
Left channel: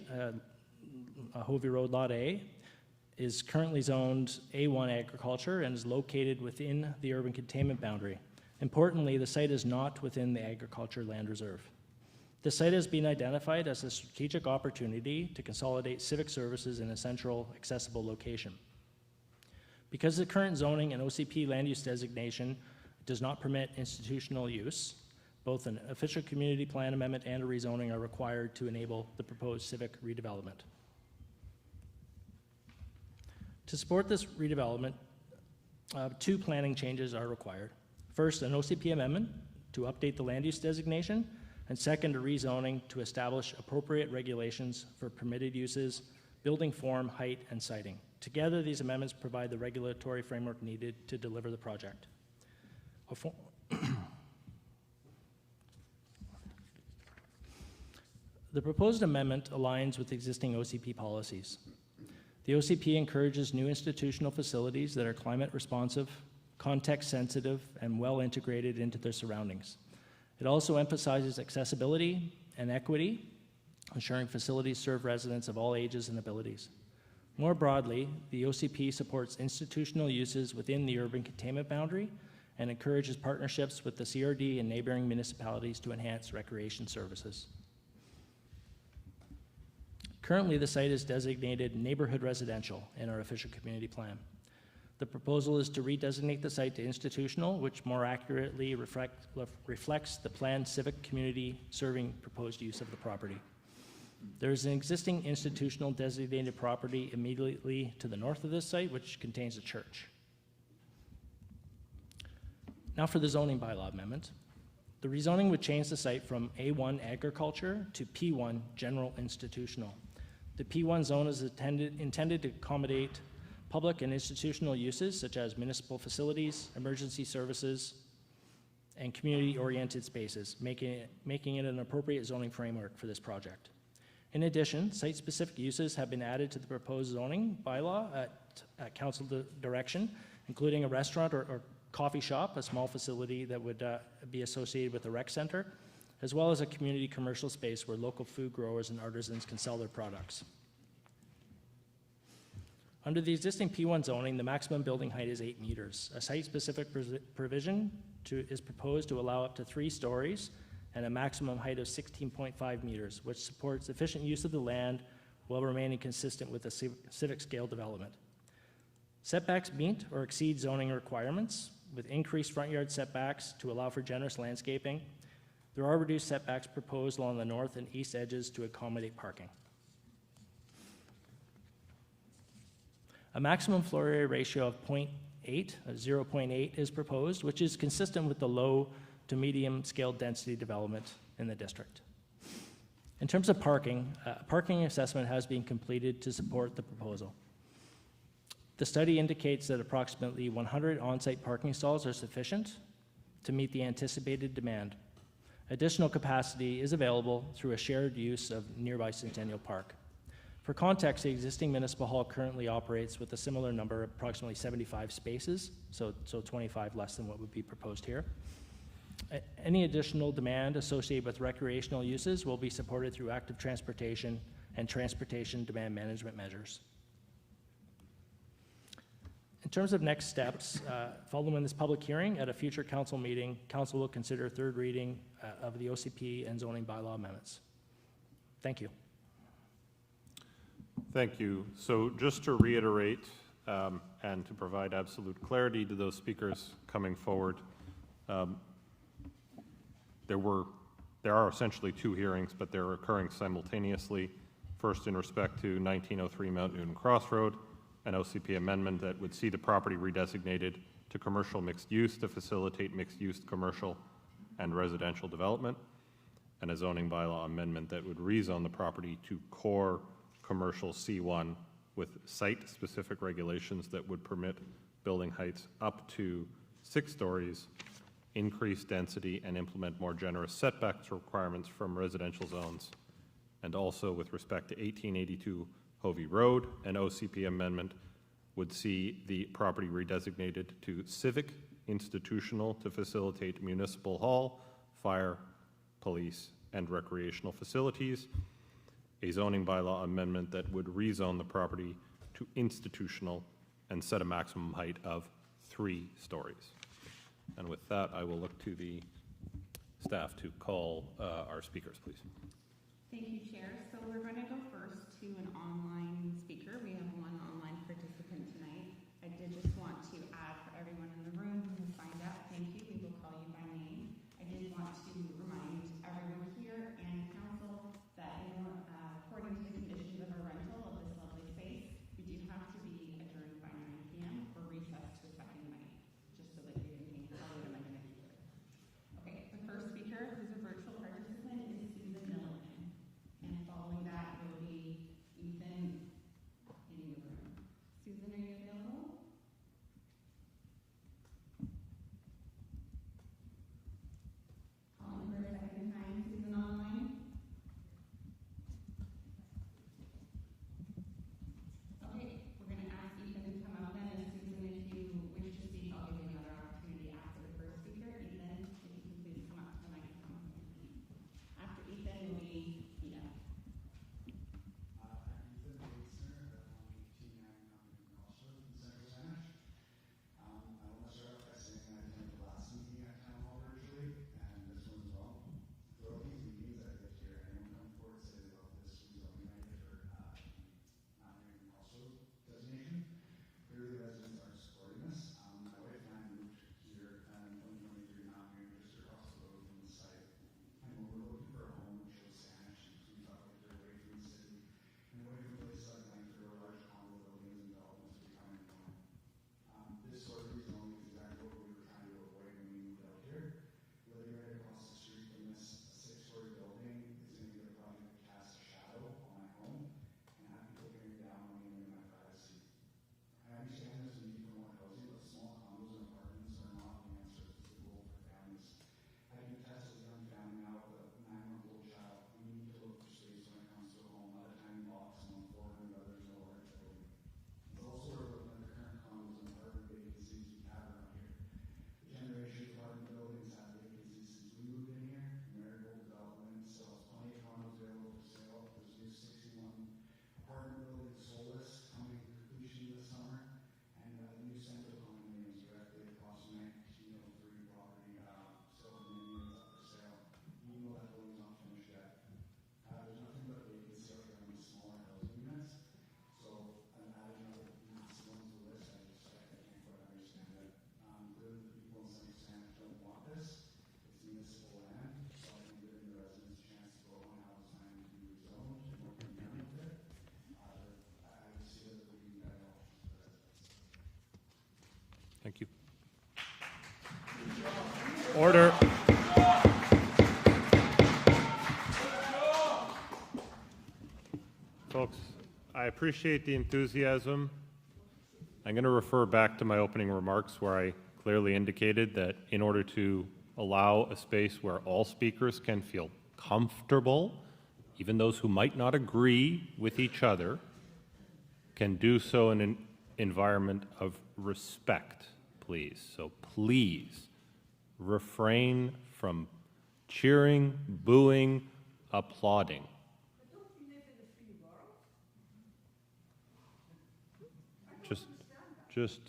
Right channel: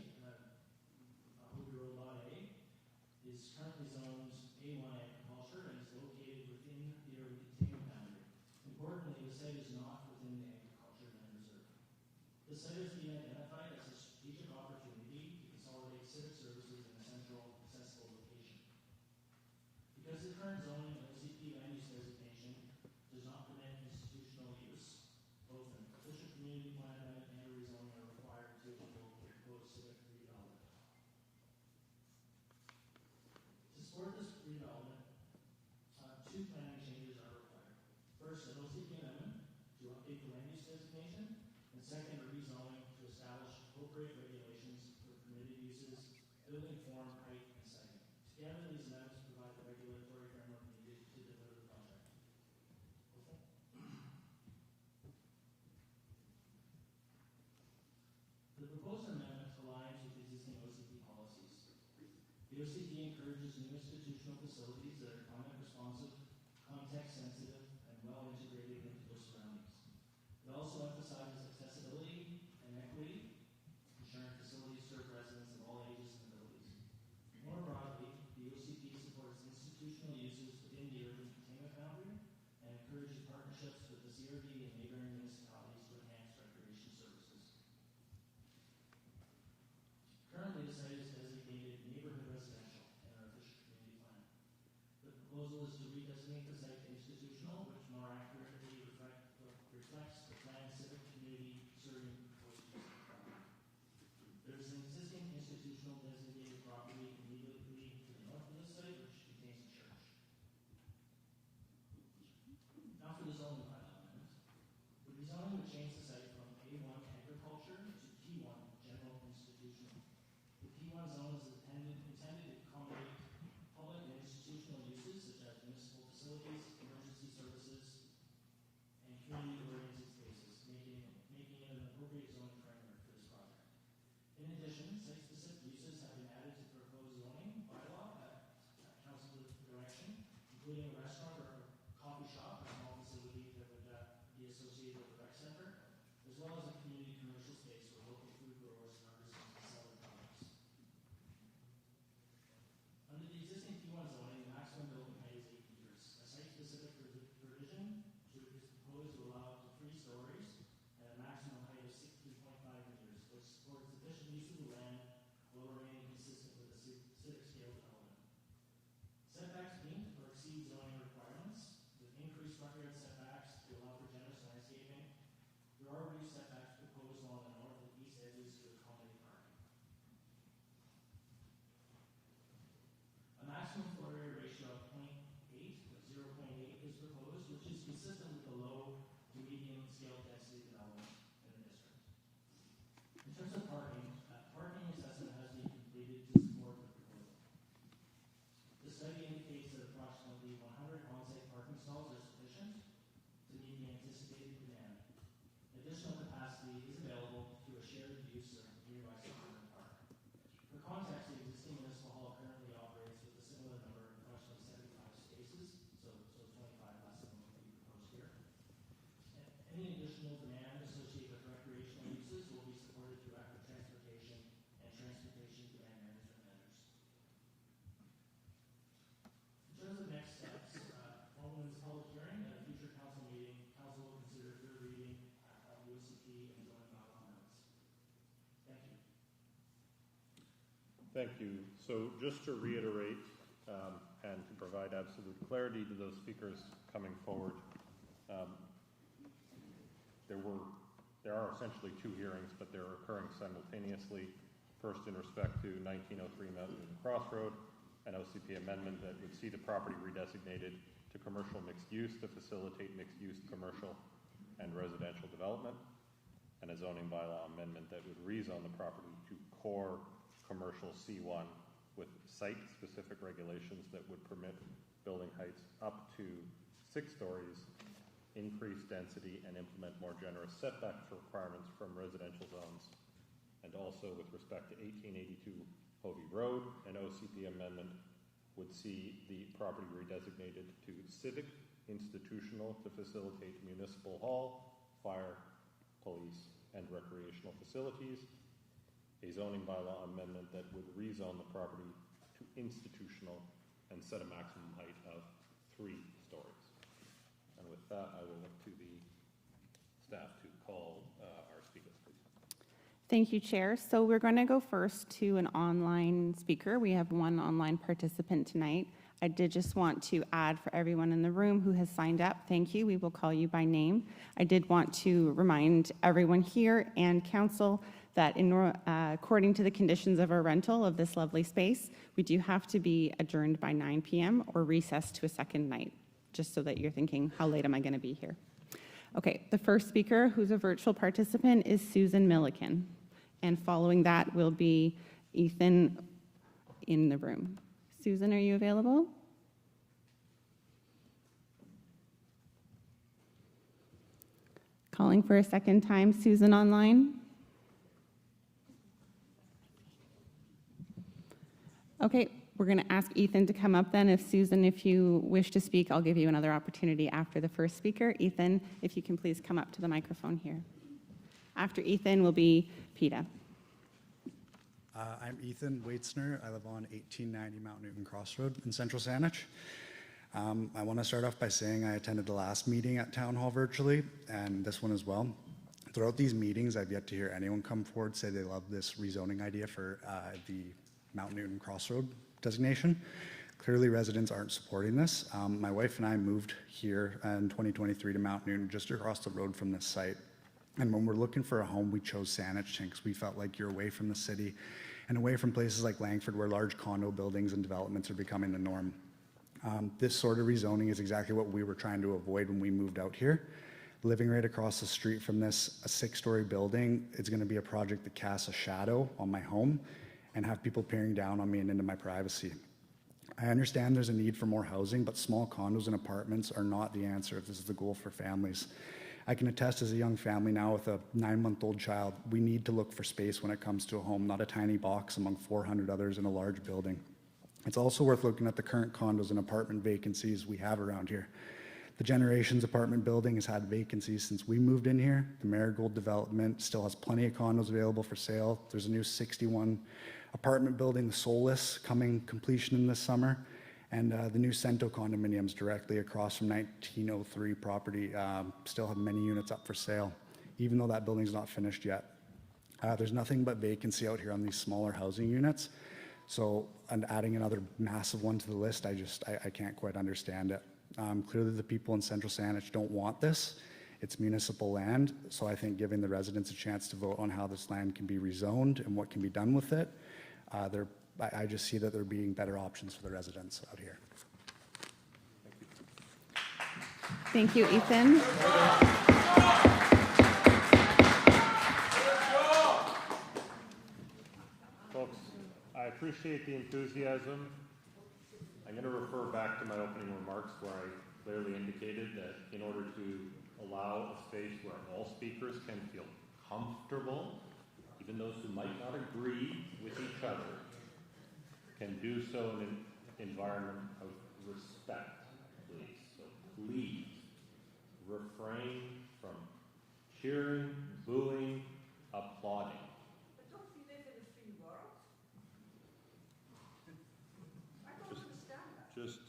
Hovey Road Lot A, is currently zoned A1 agriculture and is located within the urban containment boundary. Importantly, the site is not within the agriculture land reserve. The site has been identified as a strategic opportunity to consolidate civic services in a central, accessible location. Because the current zoning and OCP land use designation does not permit institutional use, both an official community plan amendment and a rezoning are required to enable the proposed civic redevelopment. To support this redevelopment, two planning changes are required. First, an OCP amendment to update the land use designation, and second, a rezoning to establish appropriate regulations for permitted uses, building form, height, and siting. Together, these amendments provide the regulatory framework needed to deliver the project. The proposed amendment aligns with existing OCP policies. The OCP encourages new institutional facilities that are climate responsive, context sensitive, and well integrated into their surroundings. It also emphasizes accessibility and equity, ensuring facilities serve residents of all ages and abilities. More broadly, the OCP supports institutional uses within the urban containment boundary and encourages partnerships with the CRD and neighboring municipalities to enhance recreation services. Currently, the site is designated neighborhood residential in our official community plan. The proposal is to redesignate the site to institutional, which more accurately reflects the planned civic community serving proposed use of the property. There is an existing institutional designated property immediately to the north of this site, which contains a church. Now for the zoning bylaw amendment. The rezoning would change the site from A1 agriculture to P1 general institutional. The P1 zone is intended to accommodate public and institutional uses such as municipal facilities, emergency services, and community-oriented spaces, making it an appropriate zoning framework for this project. In addition, site-specific uses have been added to the proposed zoning bylaw at council direction, including a restaurant or coffee shop, a small facility that would be associated with a rec center, as well as a community commercial space where local food growers and artisans can sell their products. Under the existing P1 zoning, the maximum building height is 8 meters. A site-specific provision is proposed to allow up to 3 stories and a maximum height of 16.5 meters, which supports efficient use of the land while remaining consistent with the civic scale development. Setbacks meet or exceed zoning requirements with increased front yard setbacks to allow for generous landscaping. There are reduced setbacks proposed along the north and east edges to accommodate parking. A maximum floor area ratio of 0.8 is proposed, which is consistent with the low to medium scale density development in the district. In terms of parking, parking assessment has been completed to support the proposal. The study indicates that approximately 100 on-site parking stalls are sufficient to meet the anticipated demand. Additional capacity is available through a shared use of nearby Centennial Park. For context, the existing municipal hall currently operates with a similar number, approximately 75 spaces, so 25 less than what would be proposed here. Any additional demand associated with recreational uses will be supported through active transportation and transportation demand management measures. In In terms of next steps, following this public hearing at a future council meeting, council will consider third reading of the OCP and zoning bylaw amendments. Thank you. Thank you. So just to reiterate and to provide absolute clarity to those speakers coming forward, there are essentially two hearings, but they're occurring simultaneously. First, in respect to 1903 Mount Newton Crossroad, an OCP amendment that would see the property redesignated to commercial mixed use to facilitate mixed-use commercial and residential development, and a zoning bylaw amendment that would rezone the property to core commercial C1 with site-specific regulations that would permit building heights up to 6 stories, increase density, and implement more generous setbacks requirements from residential zones. And also with respect to 1882 Hovey Road, an OCP amendment would see the property redesignated to civic institutional to facilitate municipal hall, fire, police, and recreational facilities. A zoning bylaw amendment that would rezone the property to institutional and set a maximum height of 3 stories. And with that, I will look to the staff to call our speakers, please. Thank you, Chair. So we're going to go first to an online speaker. We have one online participant tonight. I did just want to add for everyone in the room who has signed up, thank you. We will call you by name. I did want to remind everyone here and council that according to the conditions of our rental of this lovely space, we do have to be adjourned by 9 p.m. or recessed to a second night, just so that you're thinking, how late am I going to be here? Okay, the first speaker who's a virtual participant is Susan Milliken. And following that will be Ethan in the room. Susan, are you available? Calling for a second time, Susan online. Okay, we're going to ask Ethan to come up then. Susan, if you wish to speak, I'll give you another opportunity after the first speaker. Ethan, if you can please come up to the microphone here. After Ethan will be PETA. I'm Ethan Waitzner. I live on 1890 Mount Newton Crossroad in Central Saanich. I want to start off by saying I attended the last meeting at Town Hall virtually, and this one as well. Throughout these meetings, I've yet to hear anyone come forward say they love this rezoning idea for the Mount Newton Crossroad designation. Clearly, residents aren't supporting this. My wife and I moved here in 2023 to Mount Newton, just across the road from this site. And when we're looking for a home, we chose Saanich because we felt like you're away from the city and away from places like Langford where large condo buildings and developments are becoming the norm. This sort of rezoning is exactly what we were trying to avoid when we moved out here. Living right across the street from this, a 6-story building, it's going to be a project that casts a shadow on my home and have people peering down on me and into my privacy. I understand there's a need for more housing, but small condos and apartments are not the answer if this is the goal for families. I can attest as a young family now with a 9-month-old child, we need to look for space when it comes to a home, not a tiny box among 400 others in a large building. It's also worth looking at the current condos and apartment vacancies we have around here. The Generations apartment building has had vacancies since we moved in here. The Marigold development still has plenty of condos available for sale. There's a new 61 apartment building, the Solus, coming completion in this summer. And the new Cento condominiums directly across from 1903 property still have many units up for sale, even though that building's not finished yet. There's nothing but vacancy out here on these smaller housing units. So, and adding another massive one to the list, I can't quite understand it. Clearly the people in Central Saanich don't want this. It's municipal land, so I think giving the residents a chance to vote on how this land can be rezoned and what can be done with it, I just see that there being better options for the residents out here. Thank you. Thank you, Ethan. Order. Folks, I appreciate the enthusiasm. I'm going to refer back to my opening remarks where I clearly indicated that in order to allow a space where all speakers can feel comfortable, even those who might not agree with each other, can do so in an environment of respect, please. So please refrain from cheering, booing, applauding. Just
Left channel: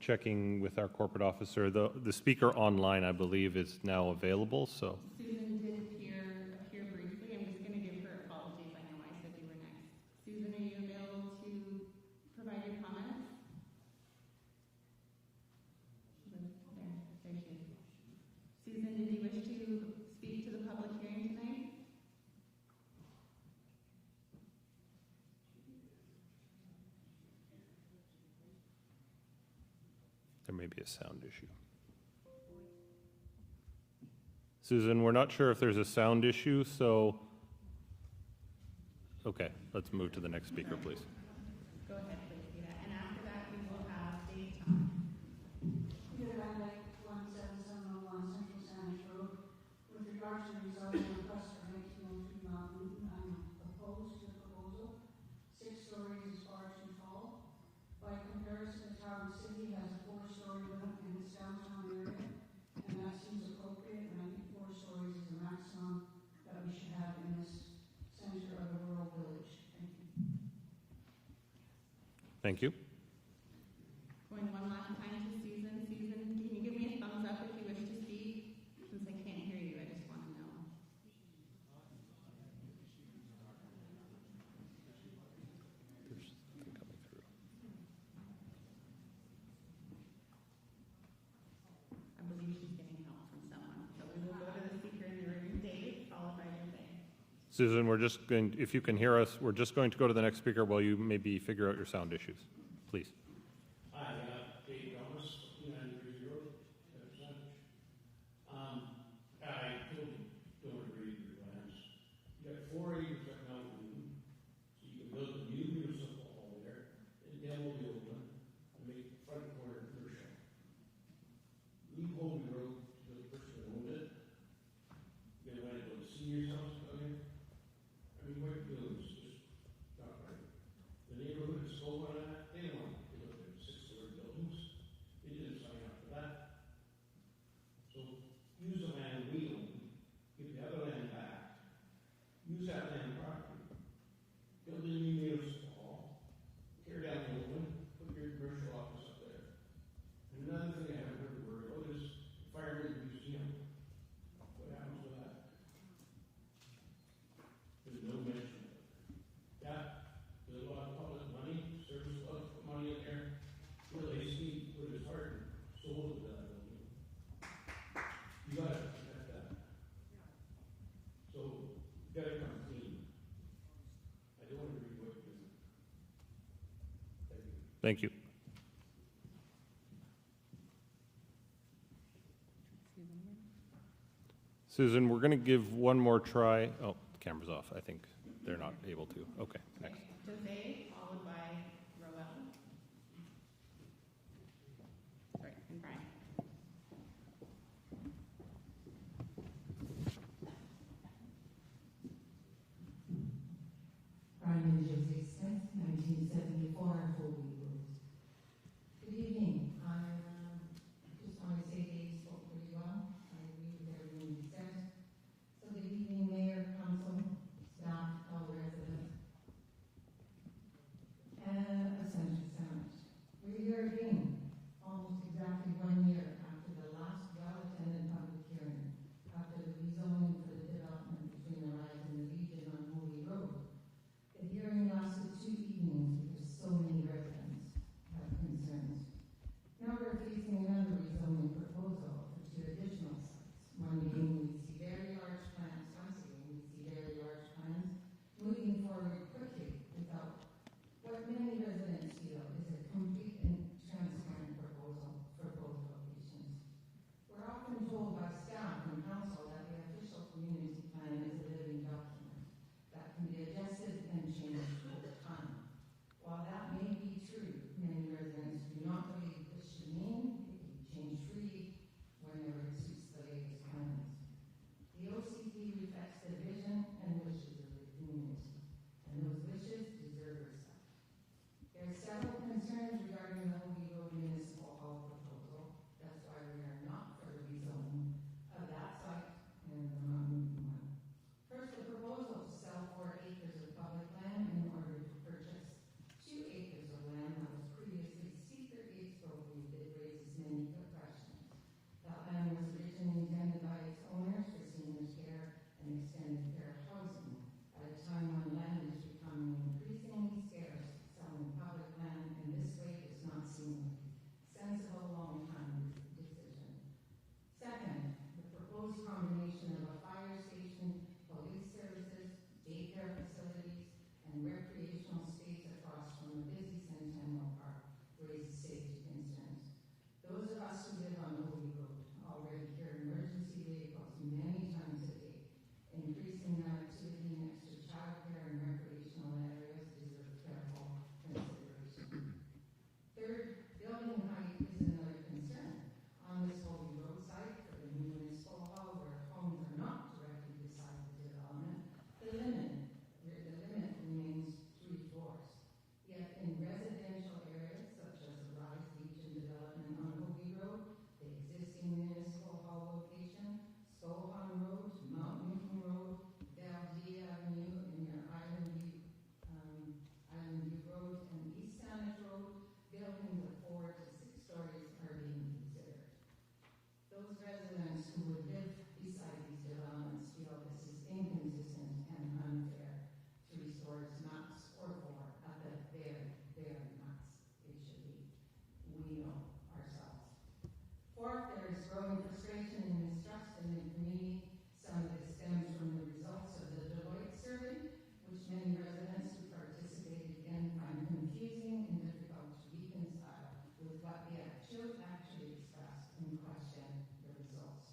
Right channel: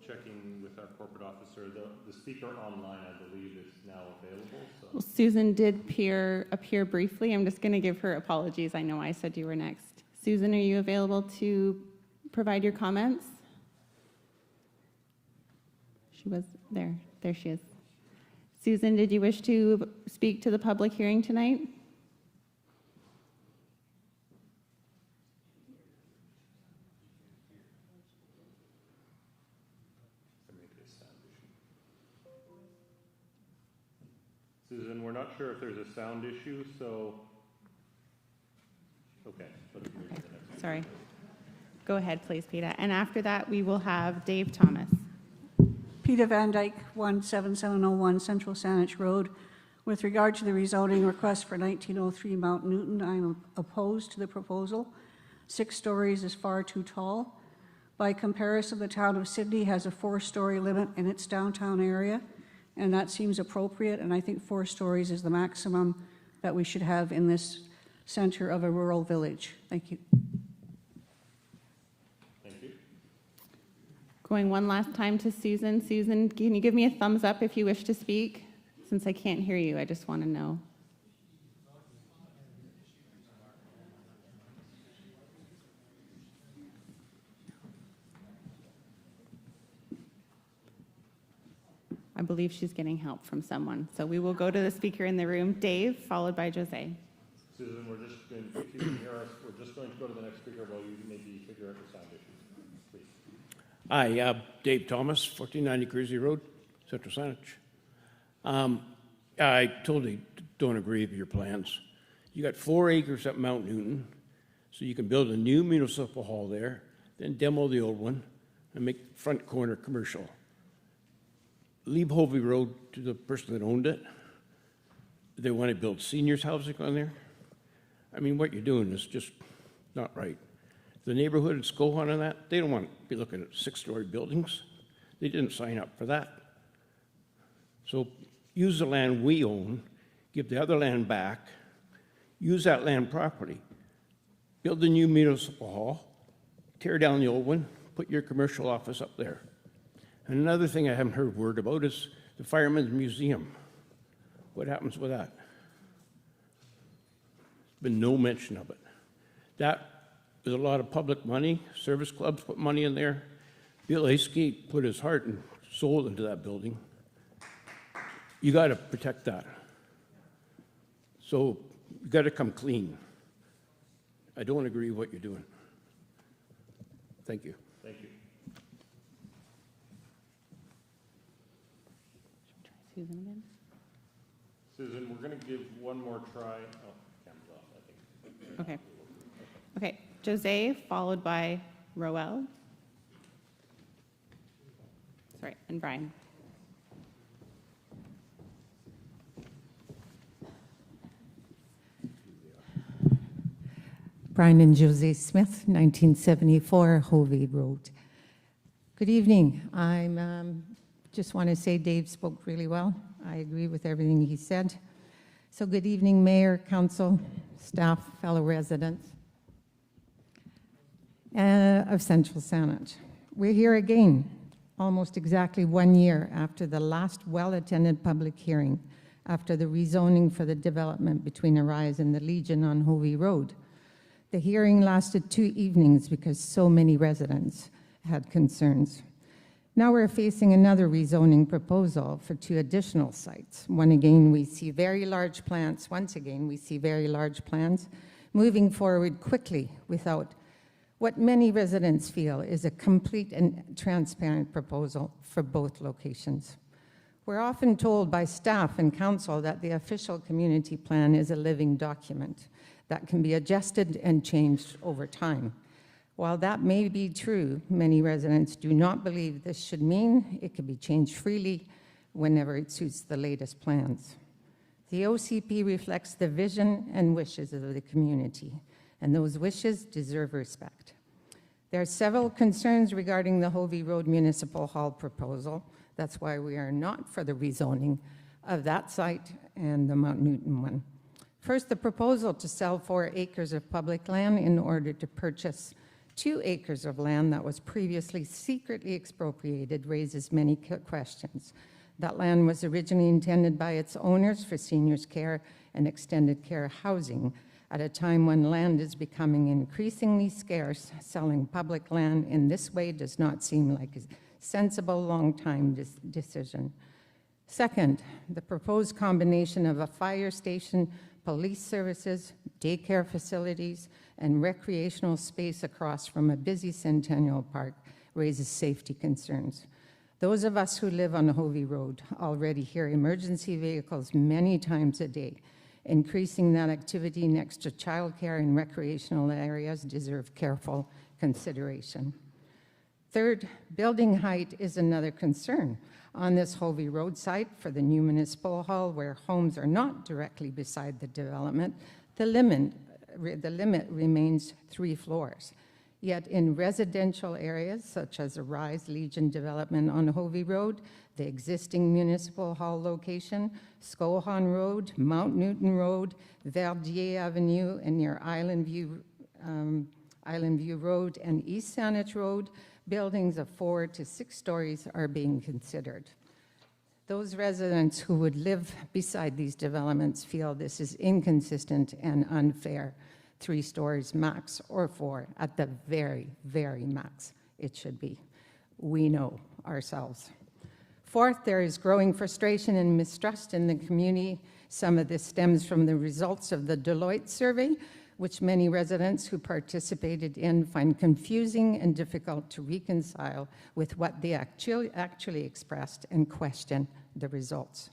checking with our corporate officer, the speaker online, I believe, is now available, so. Well, Susan did appear briefly. I'm just going to give her apologies. I know I said you were next. Susan, are you available to provide your comments? She was there. There she is. Susan, did you wish to speak to the public hearing tonight? There may be a sound issue. Susan, we're not sure if there's a sound issue, so, okay, let's move to the next speaker, Sorry. please. Go ahead, please, Peter. And after that, we will have Dave Thomas. Peter Van Dyke, 17701 Central Saanich Road. With regard to the rezoning request for 1903 Mount Newton, I am opposed to the proposal. 6 stories is far too tall. By comparison, the town of Sydney has a 4-story limit in its downtown area, and that seems appropriate, and I think 4 stories is the maximum that we should have in this center of a rural village. Thank you. Thank you. Going one last time to Susan. Susan, can you give me a thumbs up if you wish to speak? Since I can't hear you, I just want to know. I believe she's getting help from someone. So we will go to the speaker in the room, Dave, followed by Jose. Susan, we're just going, if you can hear us, we're just going to go to the next speaker while you maybe figure out your sound issues. Please. Hi, Dave Thomas, 1490 Cruzy Road, Central Saanich. I totally don't agree with your plans. You got 4 acres at Mount Newton, so you can build a new municipal hall there, then demo the old one, and make the front corner commercial. Leave Hovey Road to the person that owned it. They want to build seniors housing on there. I mean, what you're doing is just not right. The neighborhood in Skohan and that, they don't want to be looking at 6-story buildings. They didn't sign up for that. So use the land we own, give the other land back, use that land property, build a new municipal hall, tear down the old one, put your commercial office up there. And another thing I haven't heard a word about is the Firemen's Museum. What happens with that? There's been no mention of it. That is a lot of public money. Service clubs put money in there. Bill Askey put his heart and soul into that building. You got to protect that. So you got to come clean. I don't agree with what you're doing. Thank you. Thank you. Susan again. Susan, we're going to give one more try. Oh, the camera's off. I think they're not Okay. able to. Okay. Okay, Jose, followed by Roel. Sorry, and Brian. Brian and Jose Smith, 1974 Hovey Road. Good evening. I'm just want to say Dave spoke really well. I agree with everything he said. So good evening, Mayor, Council, staff, fellow residents of Central Saanich. We're here again, almost exactly 1 year after the last well-attended public hearing after the rezoning for the development between Arise and the Legion on Hovey Road. The hearing lasted 2 evenings because so many residents had concerns. Now we're facing another rezoning proposal for 2 additional sites. Once again, we see very large plans moving forward quickly without what many residents feel is a complete and transparent proposal for both locations. We're often told by staff and council that the official community plan is a living document that can be adjusted and changed over time. While that may be true, many residents do not believe this should mean it can be changed freely whenever it suits the latest plans. The OCP reflects the vision and wishes of the community, and those wishes deserve respect. There are several concerns regarding the Hovey Road Municipal Hall proposal. That's why we are not for the rezoning of that site and the Mount Newton one. First, the proposal to sell 4 acres of public land in order to purchase 2 acres of land that was previously secretly expropriated raises many questions. That land was originally intended by its owners for seniors' care and extended care housing. At a time when land is becoming increasingly scarce, selling public land in this way does not seem like a sensible long-time decision. Second, the proposed combination of a fire station, police services, daycare facilities, and recreational space across from a busy Centennial Park raises safety concerns. Those of us who live on Hovey Road already hear emergency vehicles many times a day. Increasing that activity next to childcare and recreational areas deserve careful consideration. Third, building height is another concern. On this Hovey Road site for the new municipal hall, where homes are not directly beside the development, the limit remains 3 floors. Yet in residential areas, such as Arise Legion development on Hovey Road, the existing municipal hall location, Skohan Road, Mount Newton Road, Verdier Avenue, and near Island View Road and East Saanich Road, buildings of 4 to 6 stories are being considered. Those residents who would live beside these developments feel this is inconsistent and unfair. 3 stories max, or 4 at the very, very max it should be. We know ourselves. Fourth, there is growing frustration and mistrust in the community. Some of this stems from the results of the Deloitte survey, which many residents who participated in find confusing and difficult to reconcile with what they actually expressed and question the results.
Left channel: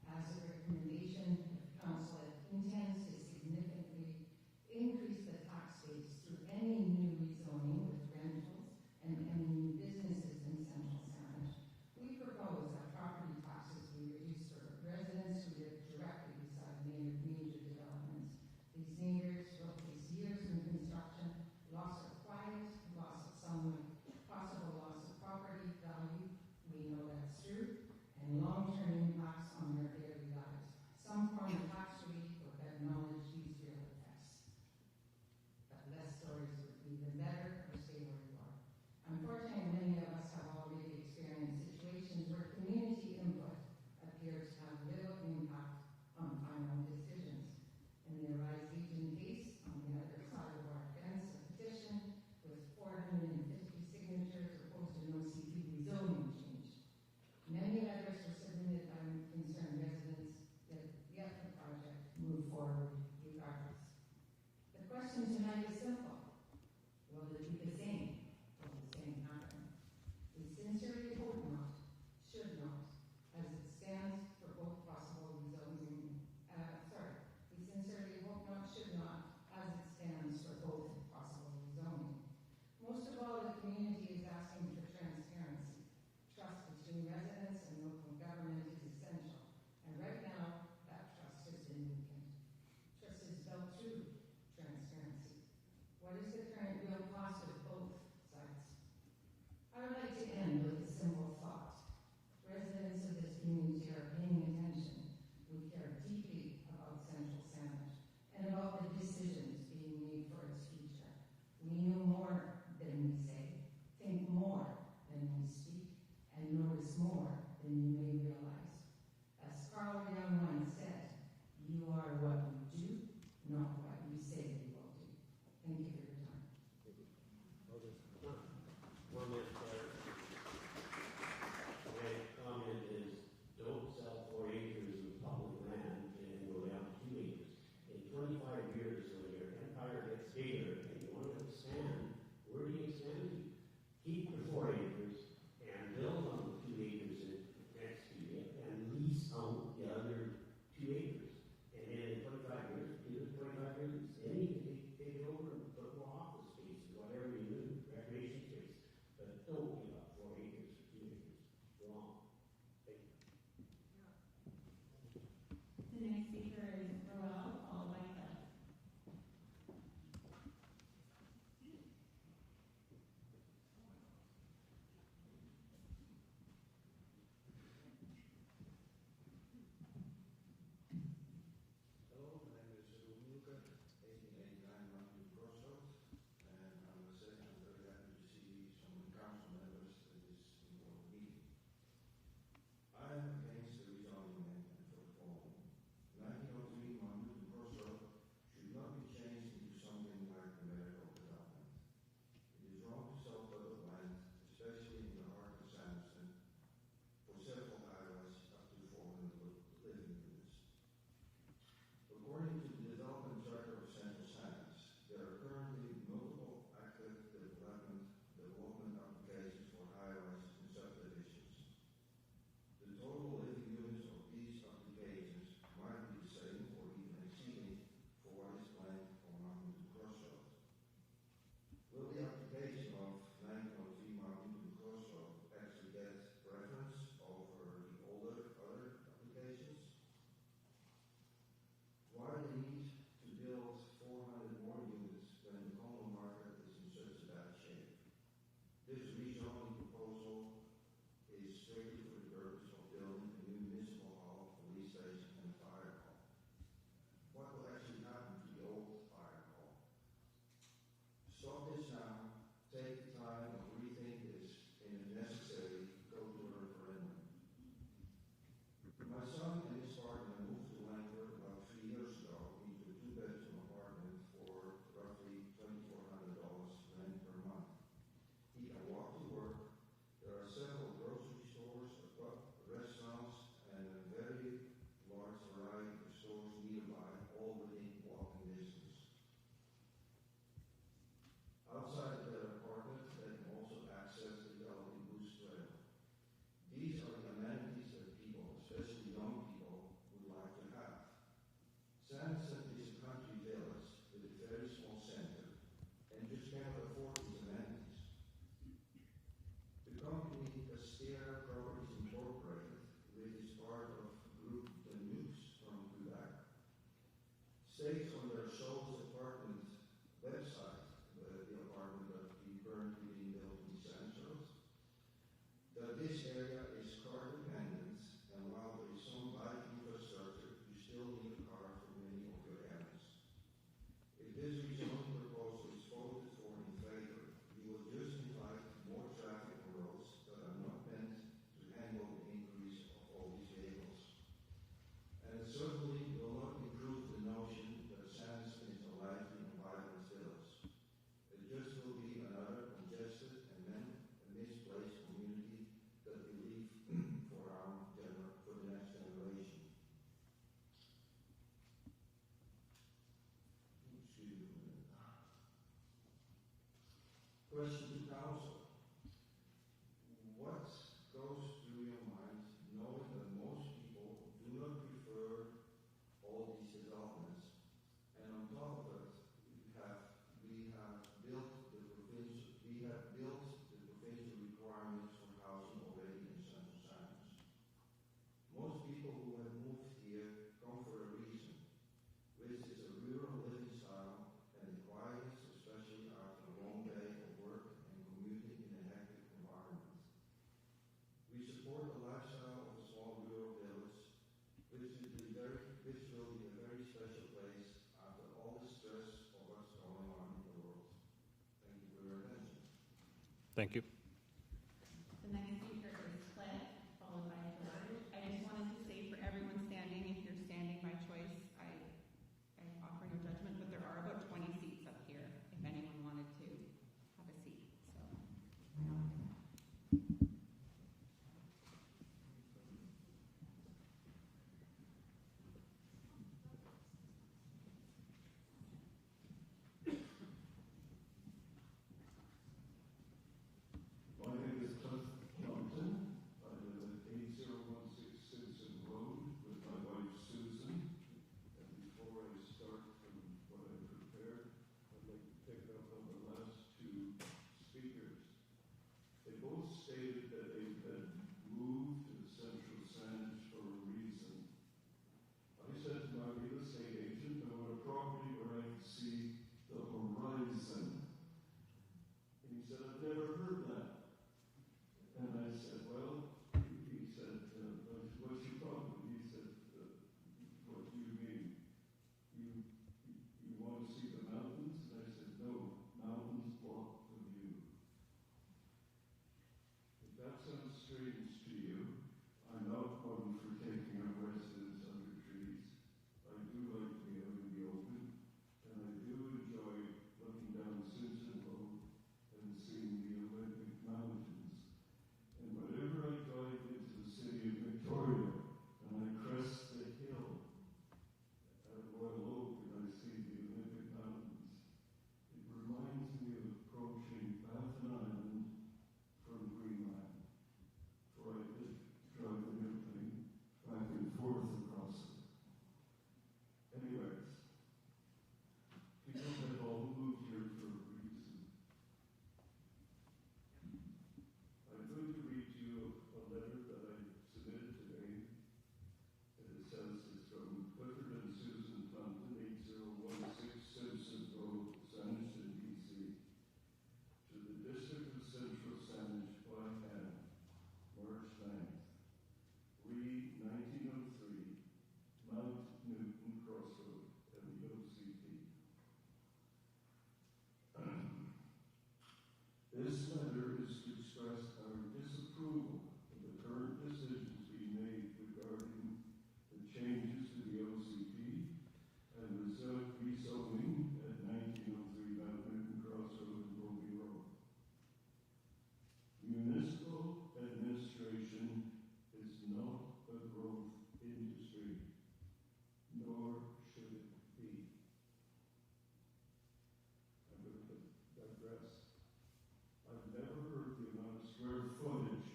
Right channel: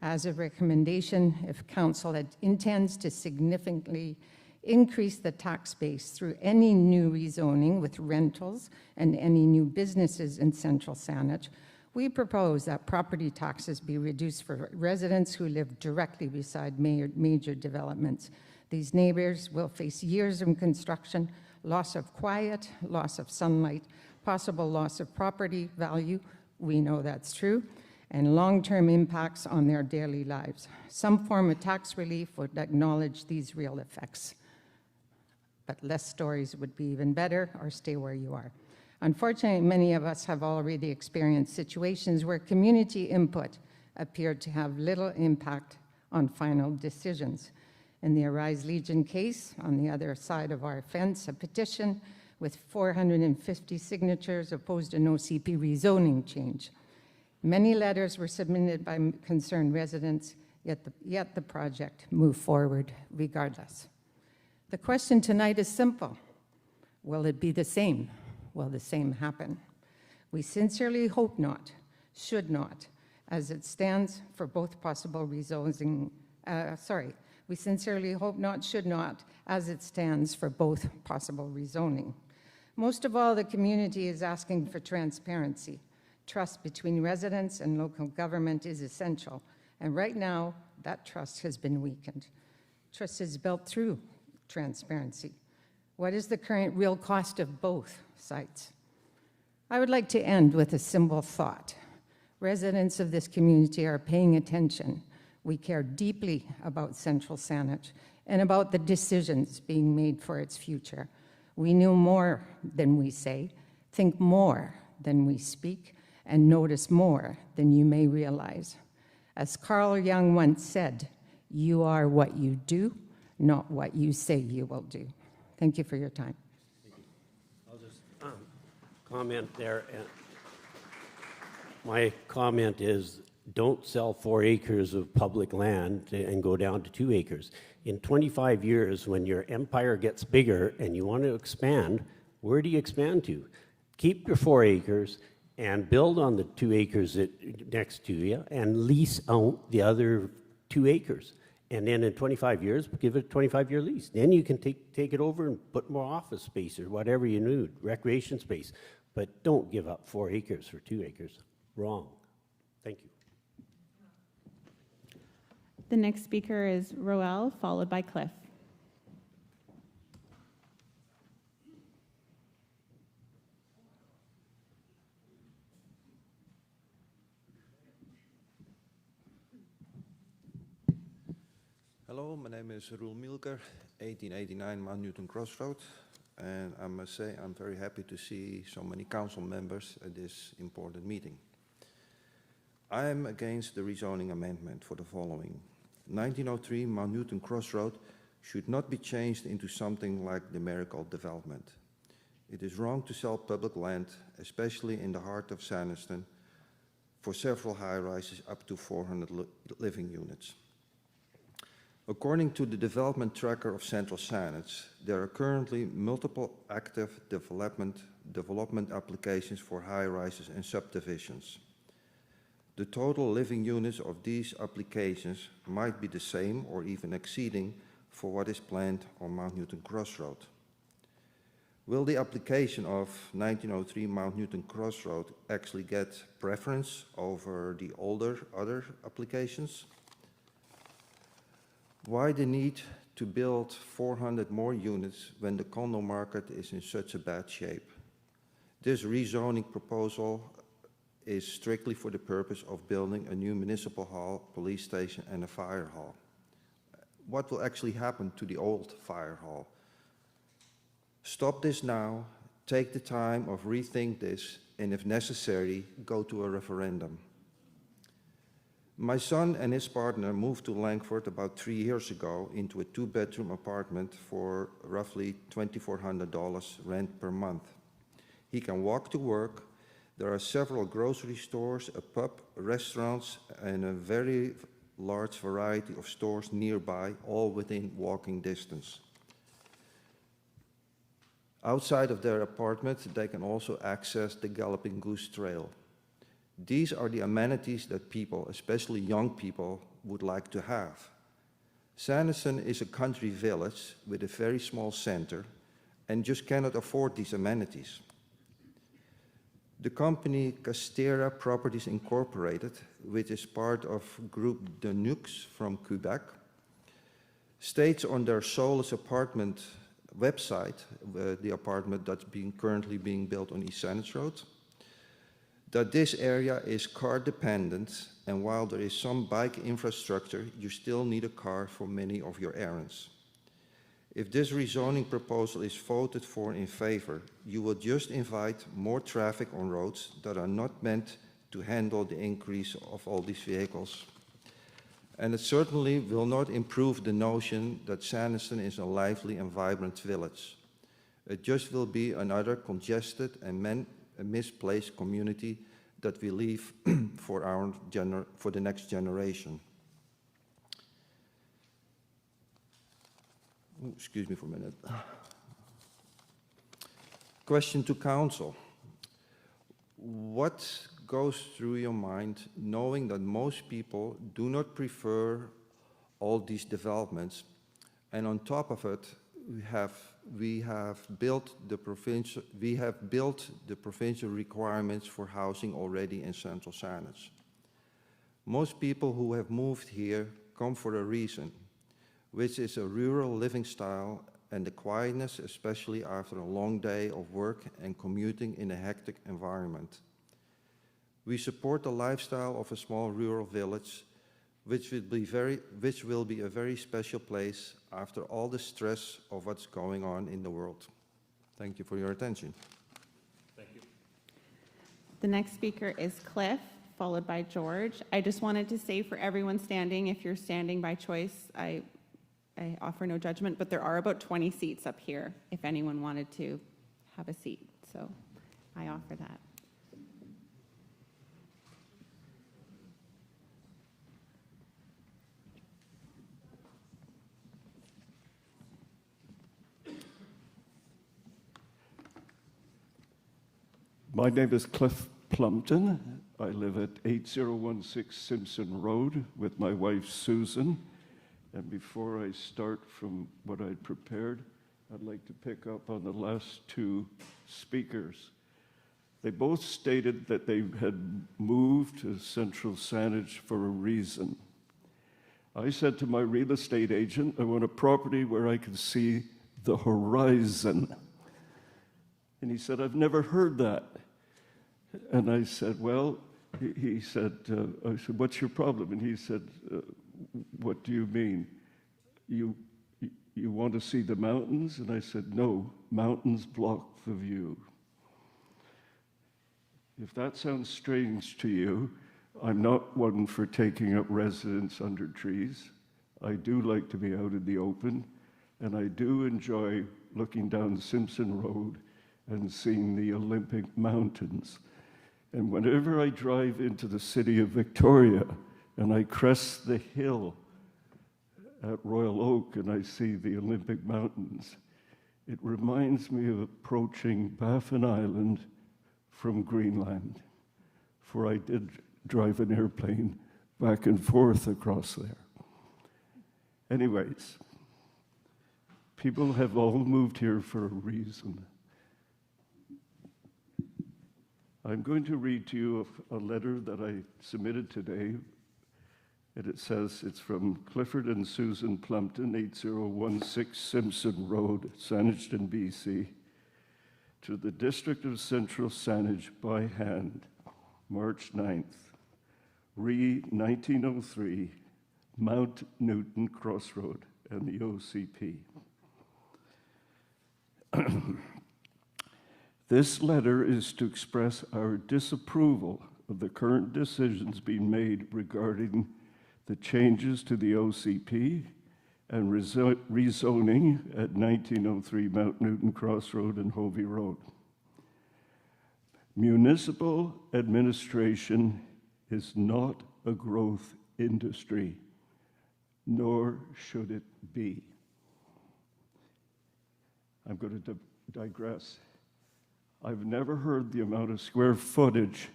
As a recommendation, if council intends to significantly increase the tax base through any new rezoning with rentals and any new businesses in Central Saanich, we propose that property taxes be reduced for residents who live directly beside major developments. These neighbors will face years of construction, loss of quiet, loss of sunlight, possible loss of property value, we know that's true, and long-term impacts on their daily lives. Some form of tax relief would acknowledge these real effects. But less stories would be even better, or stay where you are. Unfortunately, many of us have already experienced situations where community input appeared to have little impact on final decisions. In the Arise Legion case, on the other side of our fence, a petition with 450 signatures opposed an OCP rezoning change. Many letters were submitted by concerned residents, yet the project moved forward regardless. The question tonight is simple. Will it be the same? Will the same happen? We sincerely hope not, should not, as it stands for both possible rezoning, we sincerely hope not, should not, as it stands for both possible rezoning. Most of all, the community is asking for transparency. Trust between residents and local government is essential, and right now, that trust has been weakened. Trust is built through transparency. What is the current real cost of both sites? I would like to end with a simple thought. Residents of this community are paying attention. We care deeply about Central Saanich and about the decisions being made for its future. We know more than we say, think more than we speak, and notice more than you may realize. As Carl Jung once said, you are what you do, not what you say you will do. Thank you for your time. I'll just comment there. My comment is, don't sell 4 acres of public land and go down to 2 acres. In 25 years, when your empire gets bigger and you want to expand, where do you expand to? Keep your 4 acres and build on the 2 acres next to you and lease out the other 2 acres. And then in 25 years, give it a 25-year lease. Then you can take it over and put more office space or whatever you need, recreation space. But don't give up 4 acres for 2 acres. Wrong. Thank you. The next speaker is Roel, followed by Cliff. Hello, my name is Roel Mielker, 1889 Mount Newton Crossroad. and I must say I'm very happy to see so many council members at this important meeting. I am against the rezoning amendment for the following. 1903 Mount Newton Crossroad should not be changed into something like the Marigold development. It is wrong to sell public land, especially in the heart of Sanderson, for several high-rises up to 400 living units. According to the development tracker of Central Saanich, there are currently multiple active development applications for high-rises and subdivisions. The total living units of these applications might be the same or even exceeding for what is planned on Mount Newton Crossroad. Will the application of 1903 Mount Newton Crossroad actually get preference over the other applications? Why the need to build 400 more units when the condo market is in such a bad shape? This rezoning proposal is strictly for the purpose of building a new municipal hall, police station, and a fire hall. What will actually happen to the old fire hall? Stop this now, take the time of rethink this, and if necessary, go to a referendum. My son and his partner moved to Langford about 3 years ago into a 2-bedroom apartment for roughly $2,400 rent per month. He can walk to work. There are several grocery stores, a pub, restaurants, and a very large variety of stores nearby, all within walking distance. Outside of their apartment, they can also access the Galloping Goose Trail. These are the amenities that people, especially young people, would like to have. Sanderson is a country village with a very small center and just cannot afford these amenities. The company Castera Properties Incorporated, which is part of Group de Nux from Quebec, states on their Solus apartment website, the apartment that's currently being built on East Saanich Road, that this area is car dependent, and while there is some bike infrastructure, you still need a car for many of your errands. If this rezoning proposal is voted for in favor, you will just invite more traffic on roads that are not meant to handle the increase of all these vehicles. And it certainly will not improve the notion that Sanderson is a lively and vibrant village. It just will be another congested and misplaced community that we leave for the next generation. Ooh, excuse me for a minute. Question to council. What goes through your mind knowing that most people do not prefer all these developments, and on top of it, we have built the provincial requirements for housing already in Central Saanich. Most people who have moved here come for a reason, which is a rural living style and the quietness, especially after a long day of work and commuting in a hectic environment. We support the lifestyle of a small rural village, which will be a very special place after all the stress of what's going on in the world. Thank you for your attention. Thank you. The next speaker is Cliff, followed by George. I just wanted to say for everyone standing, if you're standing by choice, I offer no judgment, but there are about 20 seats up here if anyone wanted to have a seat. So I offer that. My name is Cliff Plumpton. I live at 8016 Simpson Road with my wife Susan. And before I start from what I'd prepared, I'd like to pick up on the last two speakers. They both stated that they had moved to Central Saanich for a reason. I said to my real estate agent, I want a property where I can see the horizon. And he said, I've never heard that. And I said, well, he said, I said, what's your problem? And he said, what do you mean? You you want to see the mountains? And I said, no, mountains block the view. If that sounds strange to you, I'm not one for taking up residence under trees. I do like to be out in the open, and I do enjoy looking down Simpson Road and seeing the Olympic Mountains. And whenever I drive into the city of Victoria and I crest the hill at Royal Oak and I see the Olympic Mountains, it reminds me of approaching Baffin Island from Greenland, for I did drive an airplane back and forth across there. Anyways, people have all moved here for a reason. I'm going to read to you a letter that I submitted today. And it says it's from Clifford and Susan Plumpton, 8016 Simpson Road, Saanich, BC, to the District of Central Saanich by hand, March 9th, Re 1903, Mount Newton Crossroad, and the OCP. This letter is to express our disapproval of the current decisions being made regarding the changes to the OCP and rezoning at 1903 Mount Newton Crossroad and Hovey Road. Municipal administration is not a growth industry, nor should it be. I'm going to digress. I've never heard the amount of square footage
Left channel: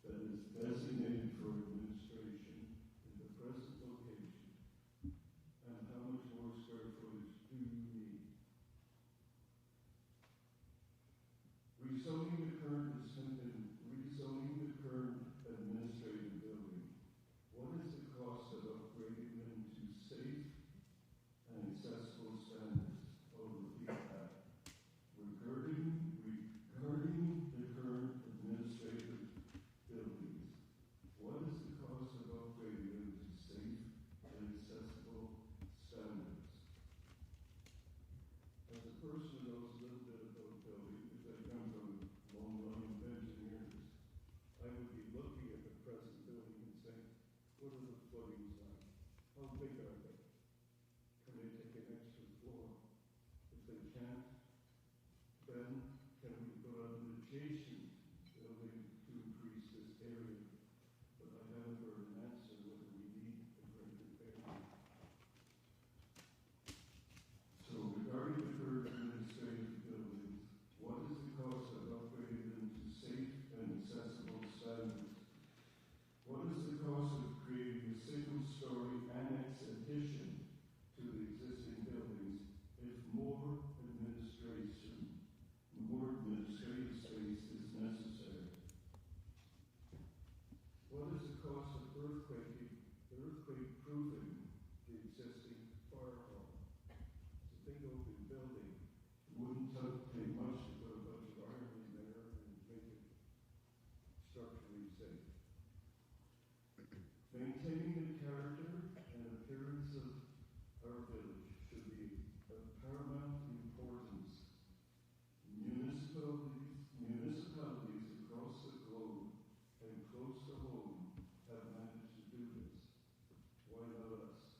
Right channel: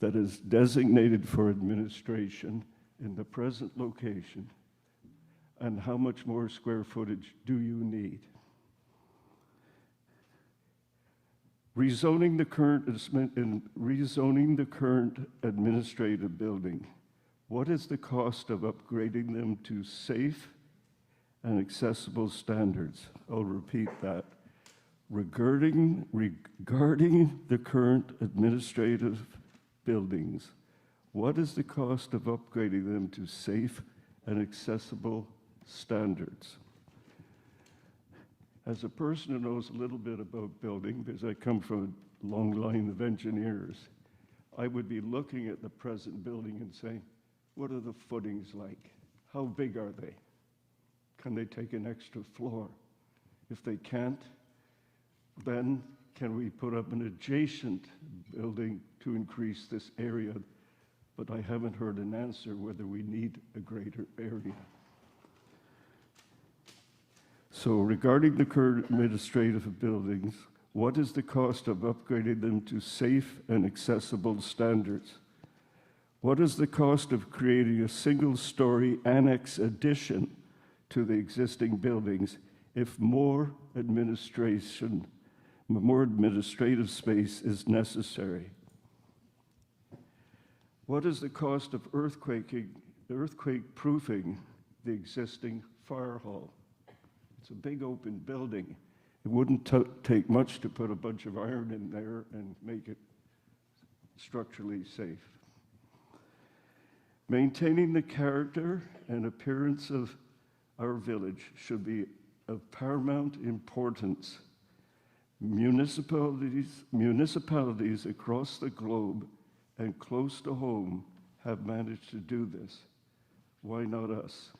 that is designated for administration in the present location, and how much more square footage do you need? Rezoning the current administrative building, what is the cost of upgrading them to safe and accessible standards? I'll repeat that. Regarding the current administrative buildings, what is the cost of upgrading them to safe and accessible standards? As a person who knows a little bit about building, because I come from a long line of engineers, I would be looking at the present building and saying, what are the footings like? How big are they? Can they take an extra floor? If they can't, then can we put up an adjacent building to increase this area? But I haven't heard an answer whether we need a greater area. So regarding the current administrative buildings, what is the cost of upgrading them to safe and accessible standards? What is the cost of creating a single-story annex addition to the existing buildings if more administrative space is necessary? What is the cost of earthquake-proofing the existing fire hall? It's a big open building. It wouldn't take much to put a bunch of iron in there and make it structurally safe. Maintaining the character and appearance of our village should be of paramount importance. Municipalities across the globe and close to home have managed to do this. Why not us?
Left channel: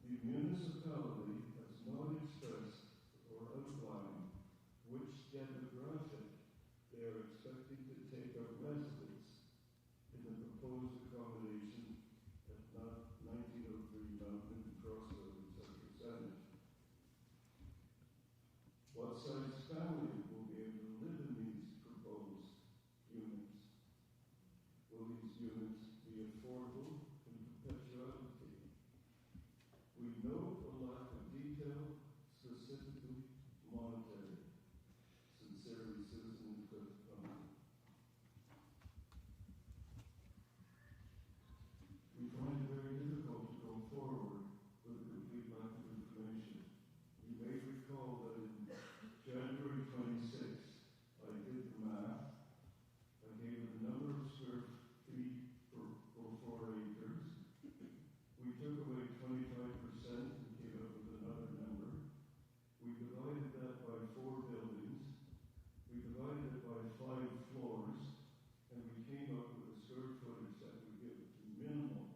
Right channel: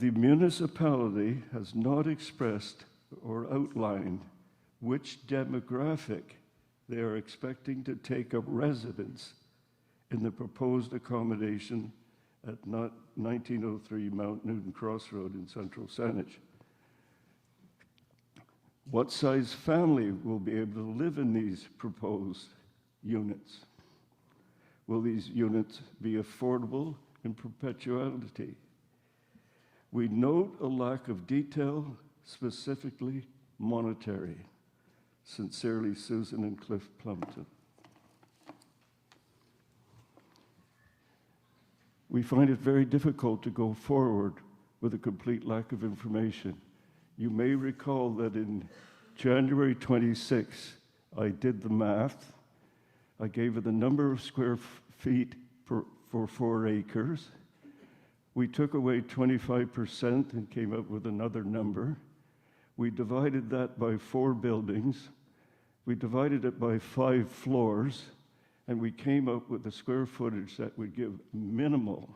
The municipality has not expressed or outlined which demographic they are expecting to take up residence in the proposed accommodation at 1903 Mount Newton Crossroad in Central Saanich. What size family will be able to live in these proposed units? Will these units be affordable in perpetuity? We note a lack of detail, specifically monetary. Sincerely, Susan and Cliff Plumpton. We find it very difficult to go forward with a complete lack of information. You may recall that in January 26, I did the math. I gave it the number of square feet for 4 acres. We took away 25% and came up with another number. We divided that by 4 buildings. We divided it by 5 floors, and we came up with a square footage that would give minimal,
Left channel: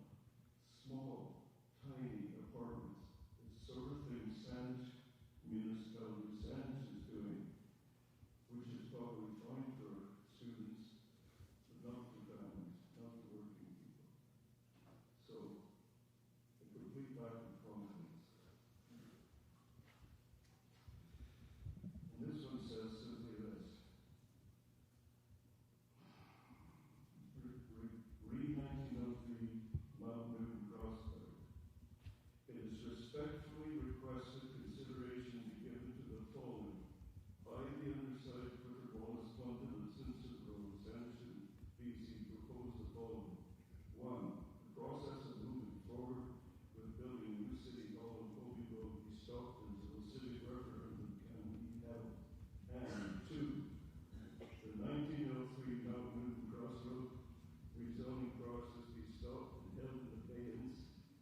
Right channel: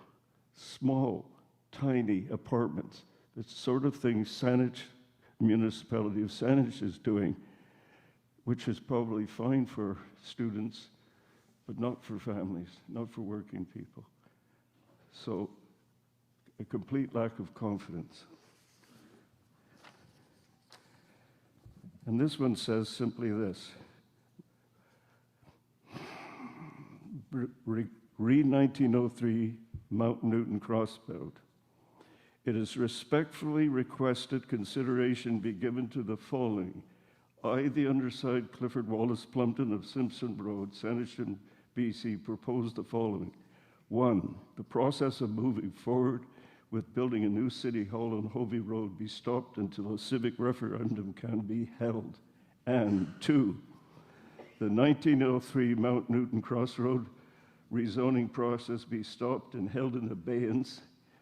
small, tiny apartments. The sort of thing Saanich, municipality of Saanich is doing, which is probably fine for students, but not for families, not for working people. So, a complete lack of confidence. And this one says simply this. Read 1903 Mount Newton Crossroad. It is respectfully requested consideration be given to the following. I, the undersigned Clifford Wallace Plumpton of Simpson Road, Saanich, BC, propose the following. 1, the process of moving forward with building a new city hall on Hovey Road be stopped until a civic referendum can be held. And 2, the 1903 Mount Newton Crossroad rezoning process be stopped and held in abeyance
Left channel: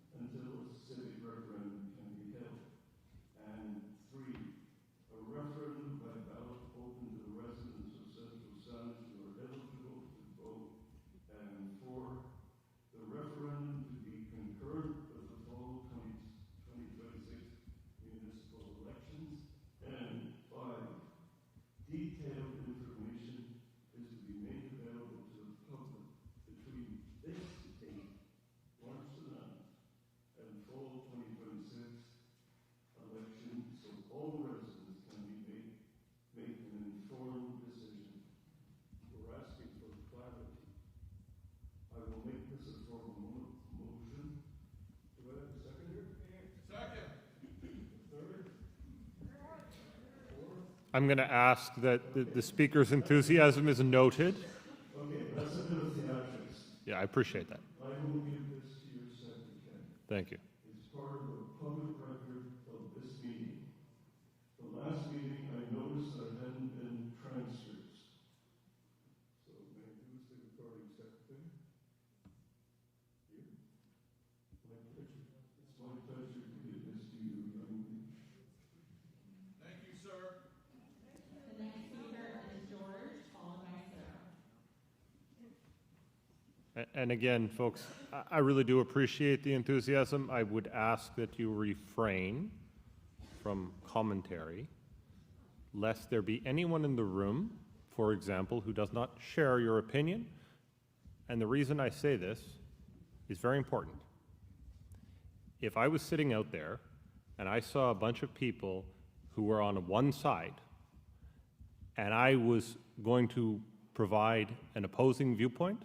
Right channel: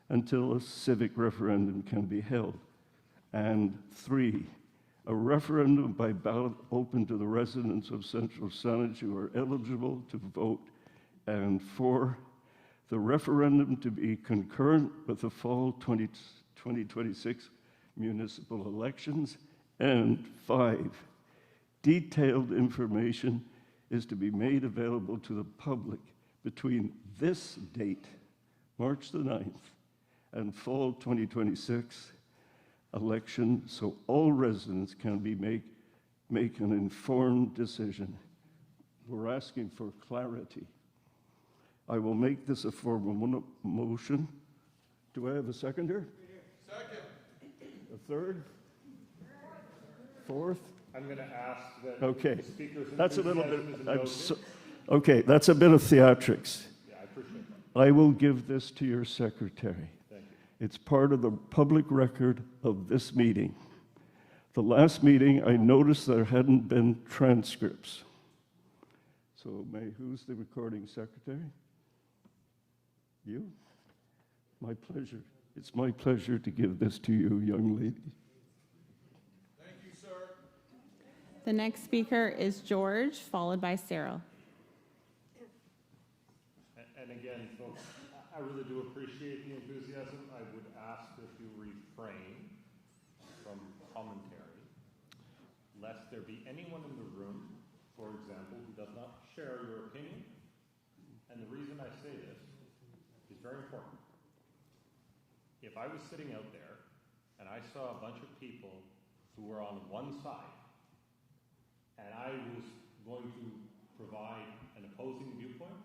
until a civic referendum can be held. And 3, a referendum by ballot open to the residents of Central Saanich who are eligible to vote. And 4, the referendum to be concurrent with the fall 2026 municipal elections. And 5, detailed information is to be made available to the public between this date, March the 9th, and fall 2026 election, so all residents can make an informed decision. We're asking for clarity. I will make this a formal motion. Do I have a seconder? Second. A third? Fourth? I'm going to ask that Okay. the speaker's That's a little enthusiasm bit- is that's noted. so- Okay, that's a bit of theatrics. Yeah, I appreciate that. I will give this to your secretary. Thank you. It's part of the public record of this meeting. The last meeting, I noticed there hadn't been transcripts. So who's the recording secretary? You? My pleasure. It's my pleasure to give this to you, young lady. Thank you, sir. The next speaker is George, followed by Cyril. And again, folks, I really do appreciate the enthusiasm. I would ask that you refrain from commentary, lest there be anyone in the room, for example, who does not share your opinion. And the reason I say this is very important. If I was sitting out there and I saw a bunch of people who were on one side, and I was going to provide an opposing viewpoint,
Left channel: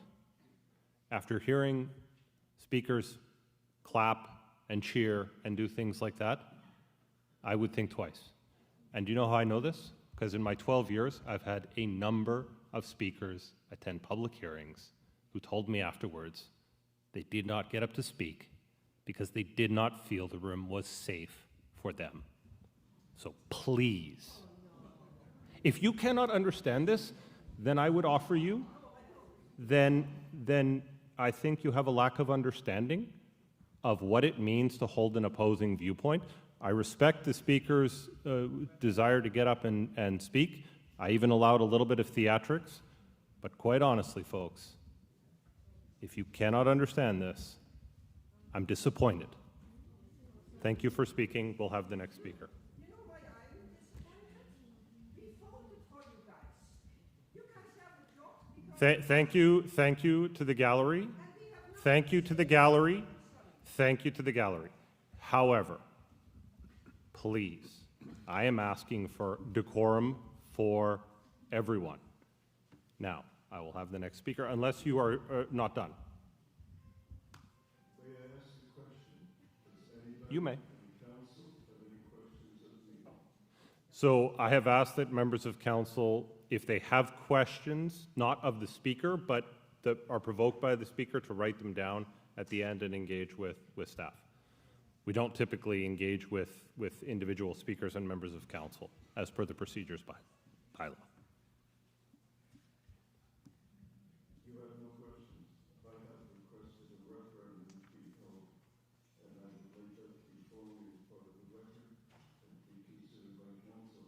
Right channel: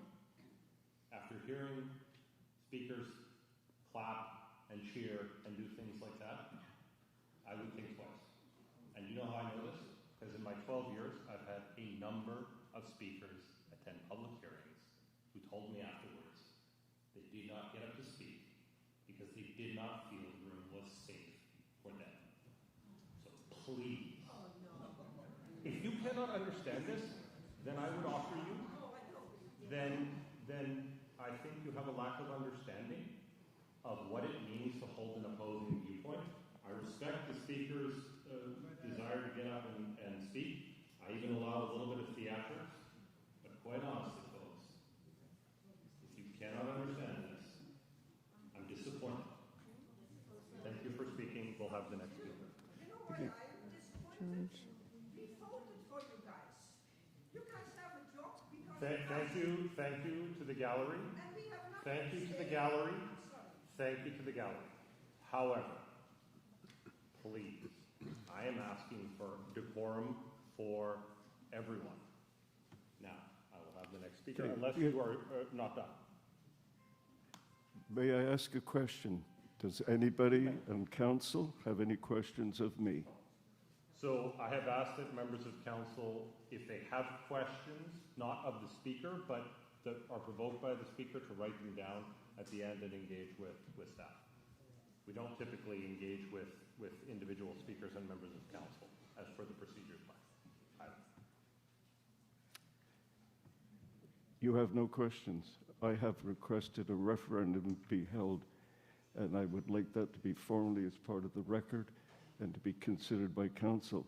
after hearing speakers clap and cheer and do things like that, I would think twice. And do you know how I know this? Because in my 12 years, I've had a number of speakers attend public hearings who told me afterwards they did not get up to speak because they did not feel the room was safe for them. So please, if you cannot understand this, then I would offer you, then I think you have a lack of understanding of what it means to hold an opposing viewpoint. I respect the speaker's desire to get up and speak. I even allowed a little bit of theatrics. But quite honestly, folks, if you cannot understand this, I'm disappointed. Thank you for speaking. We'll have the next speaker. Thank you to the gallery. Thank you to the gallery. Thank you to the gallery. However, please, I am asking for decorum for everyone. Now, I will have the next speaker, unless you are not done. May I ask a question? Does anybody You may. on council have any questions of me? So I have asked that members of council, if they have questions, not of the speaker, but that are provoked by the speaker, to write them down at the end and engage with staff. We don't typically engage with individual speakers and members of council, as per the procedures by bylaw. You have no questions. I have requested a referendum be held and I would like that to be formally as part of the record and to be considered by council.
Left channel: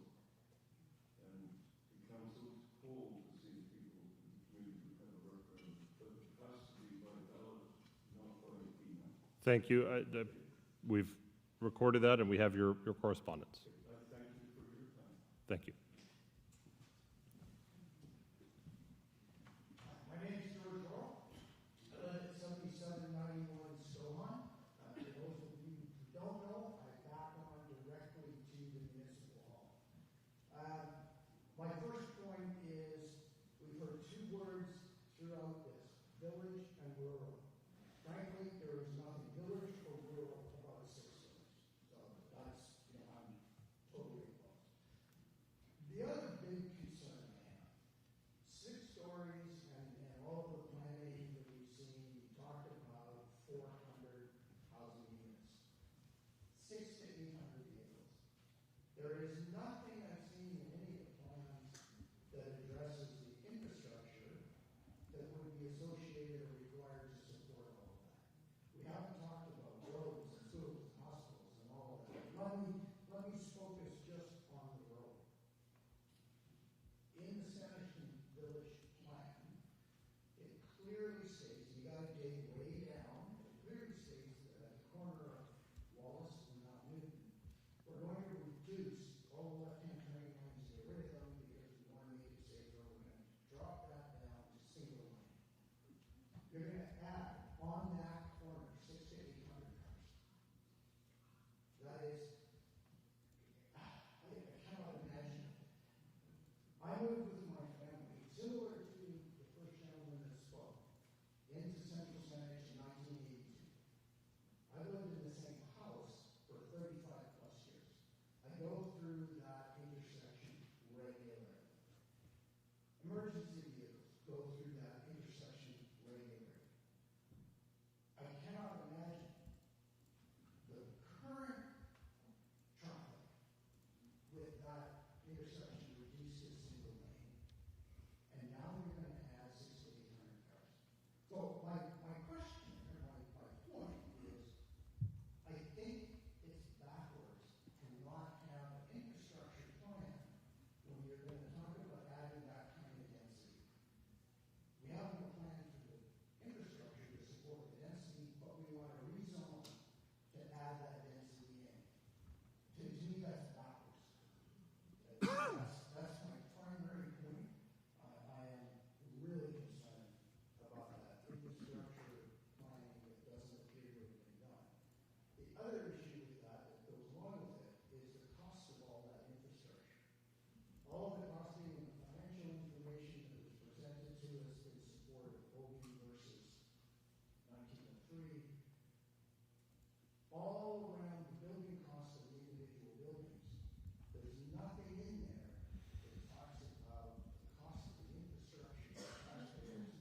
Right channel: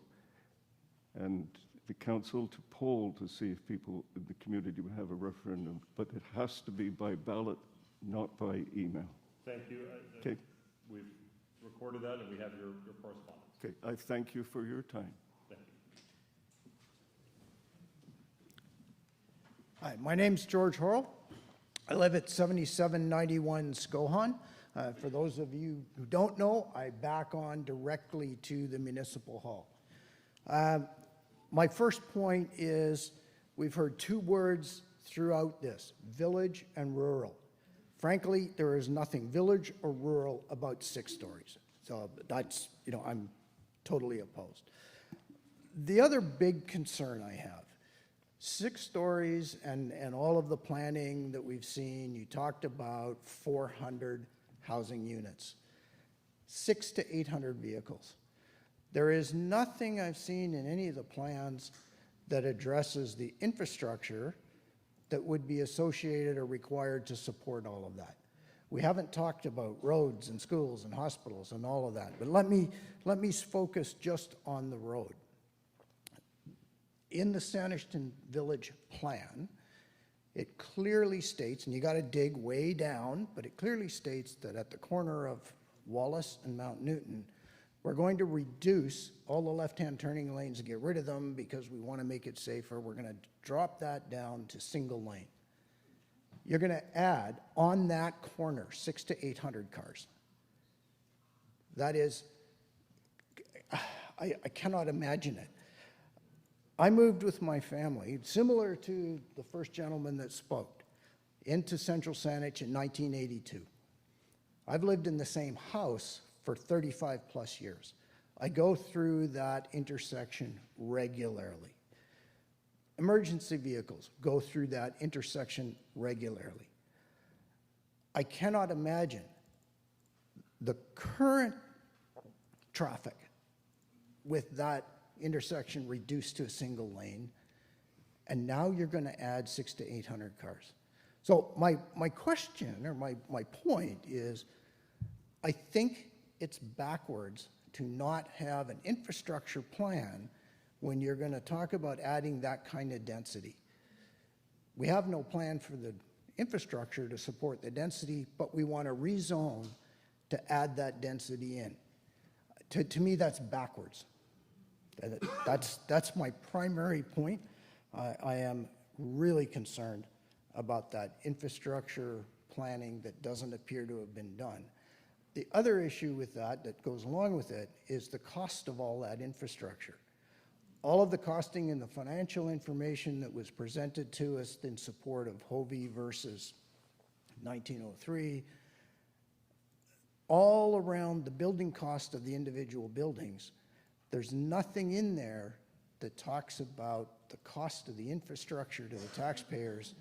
And the council to poll to see if people in the community would have a referendum, but it has to be by ballot, not by email. Thank you. Okay. We've recorded that, and we have your correspondence. Okay, I thank you for your time. Thank you. Hi, my name's George Horrell. I live at 7791 Skohan. For those of you who don't know, I back on directly to the Municipal Hall. My first point is we've heard two words throughout this, village and rural. Frankly, there is nothing village or rural about 6 stories. So that's, I'm totally opposed. The other big concern I have, 6 stories and all of the planning that we've seen, you talked about 400 housing units, 600 to 800 vehicles. There is nothing I've seen in any of the plans that addresses the infrastructure that would be associated or required to support all of that. We haven't talked about roads and schools and hospitals and all of that, but let me focus just on the road. In the Sanishton Village plan, it clearly states, and you got to dig way down, but it clearly states that at the corner of Wallace and Mount Newton, we're going to reduce all the left-hand turning lanes and get rid of them because we want to make it safer. We're going to drop that down to single lane. You're going to add on that corner 600 to 800 cars. That is, I cannot imagine it. I moved with my family, similar to the first gentleman that spoke, into Central Saanich in 1982. I've lived in the same house for 35 plus years. I go through that intersection regularly. Emergency vehicles go through that intersection regularly. I cannot imagine the current traffic with that intersection reduced to a single lane, and now you're going to add 600 to 800 cars. So my question, or my point is, I think it's backwards to not have an infrastructure plan when you're going to talk about adding that kind of density. We have no plan for the infrastructure to support the density, but we want to rezone to add that density in. To me, that's backwards. That's my primary point. I am really concerned about that infrastructure planning that doesn't appear to have been done. The other issue with that goes along with it is the cost of all that infrastructure. All of the costing and the financial information that was presented to us in support of Hovey versus 1903, all around the building cost of the individual buildings, there's nothing in there that talks about the cost of the infrastructure to the taxpayers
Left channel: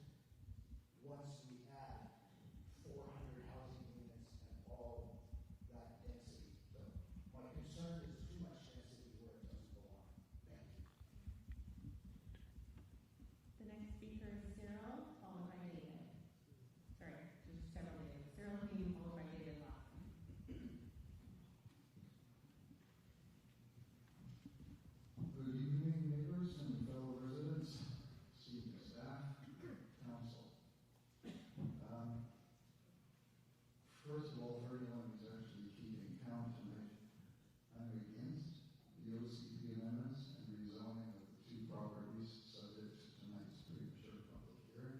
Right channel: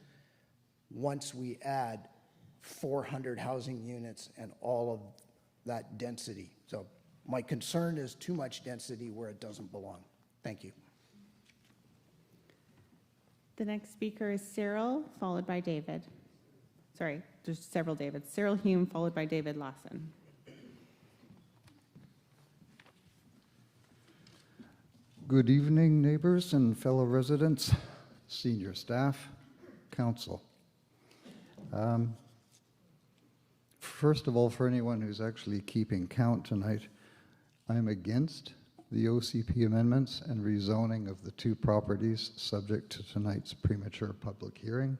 once we add 400 housing units and all of that density. So my concern is too much density where it doesn't belong. Thank you. The next speaker is Cyril, followed by David. Sorry, there's several Davids. Cyril Hume, followed by David Lawson. Good evening, neighbors and fellow residents, senior staff, council. First of all, for anyone who's actually keeping count tonight, I'm against the OCP amendments and rezoning of the 2 properties subject to tonight's premature public hearing.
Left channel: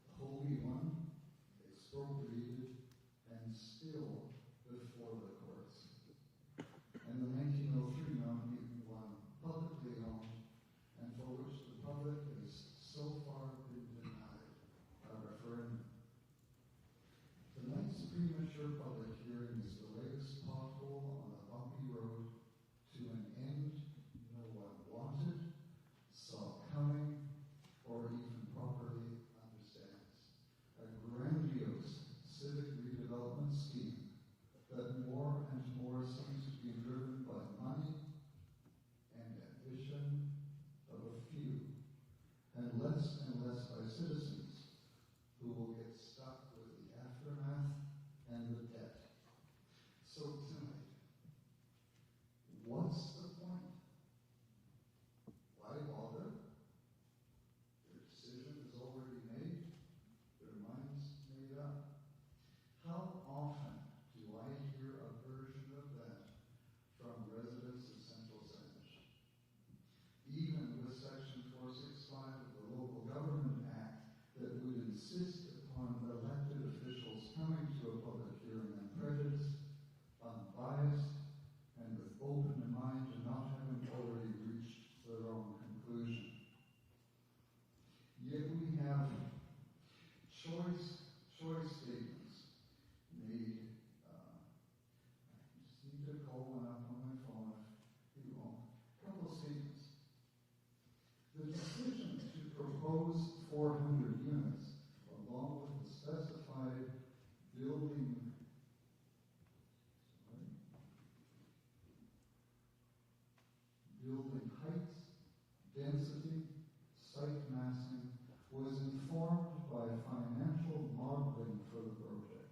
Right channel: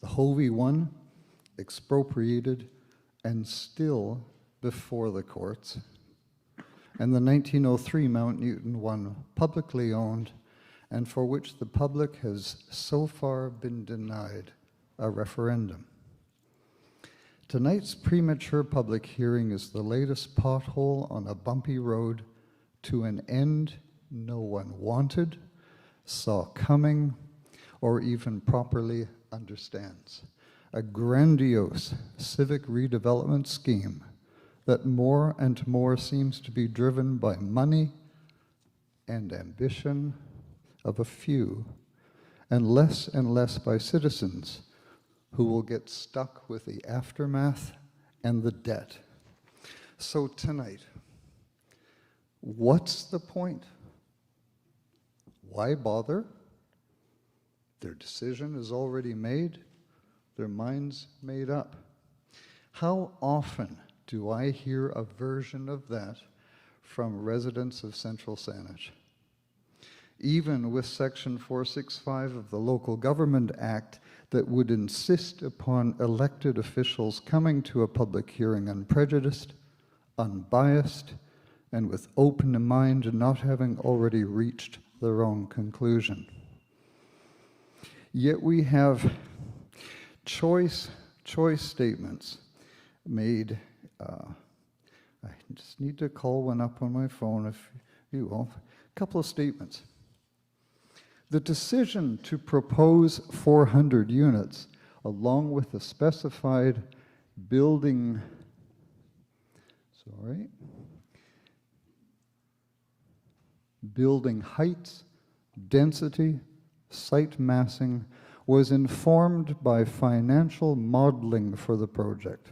The Hovey one, expropriated and still before the courts, and the 1903 Mount Newton one, publicly owned, and for which the public has so far been denied a referendum. Tonight's premature public hearing is the latest pothole on a bumpy road to an end no one wanted, saw coming, or even properly understands. A grandiose civic redevelopment scheme that more and more seems to be driven by money and ambition of a few, and less by citizens who will get stuck with the aftermath and the debt. So tonight, what's the point? Why bother? Their decision is already made, their minds made up. How often do I hear a version of that from residents of Central Saanich? Even with Section 465 of the Local Government Act that would insist upon elected officials coming to a public hearing unprejudiced, unbiased, and with open mind and not having already reached the wrong conclusion. Yet we have choice statements made. I just need to call one up on my phone if you will. A couple of statements. The decision to propose 400 units along with the specified building, building heights, density, site massing was informed by financial modeling for the project.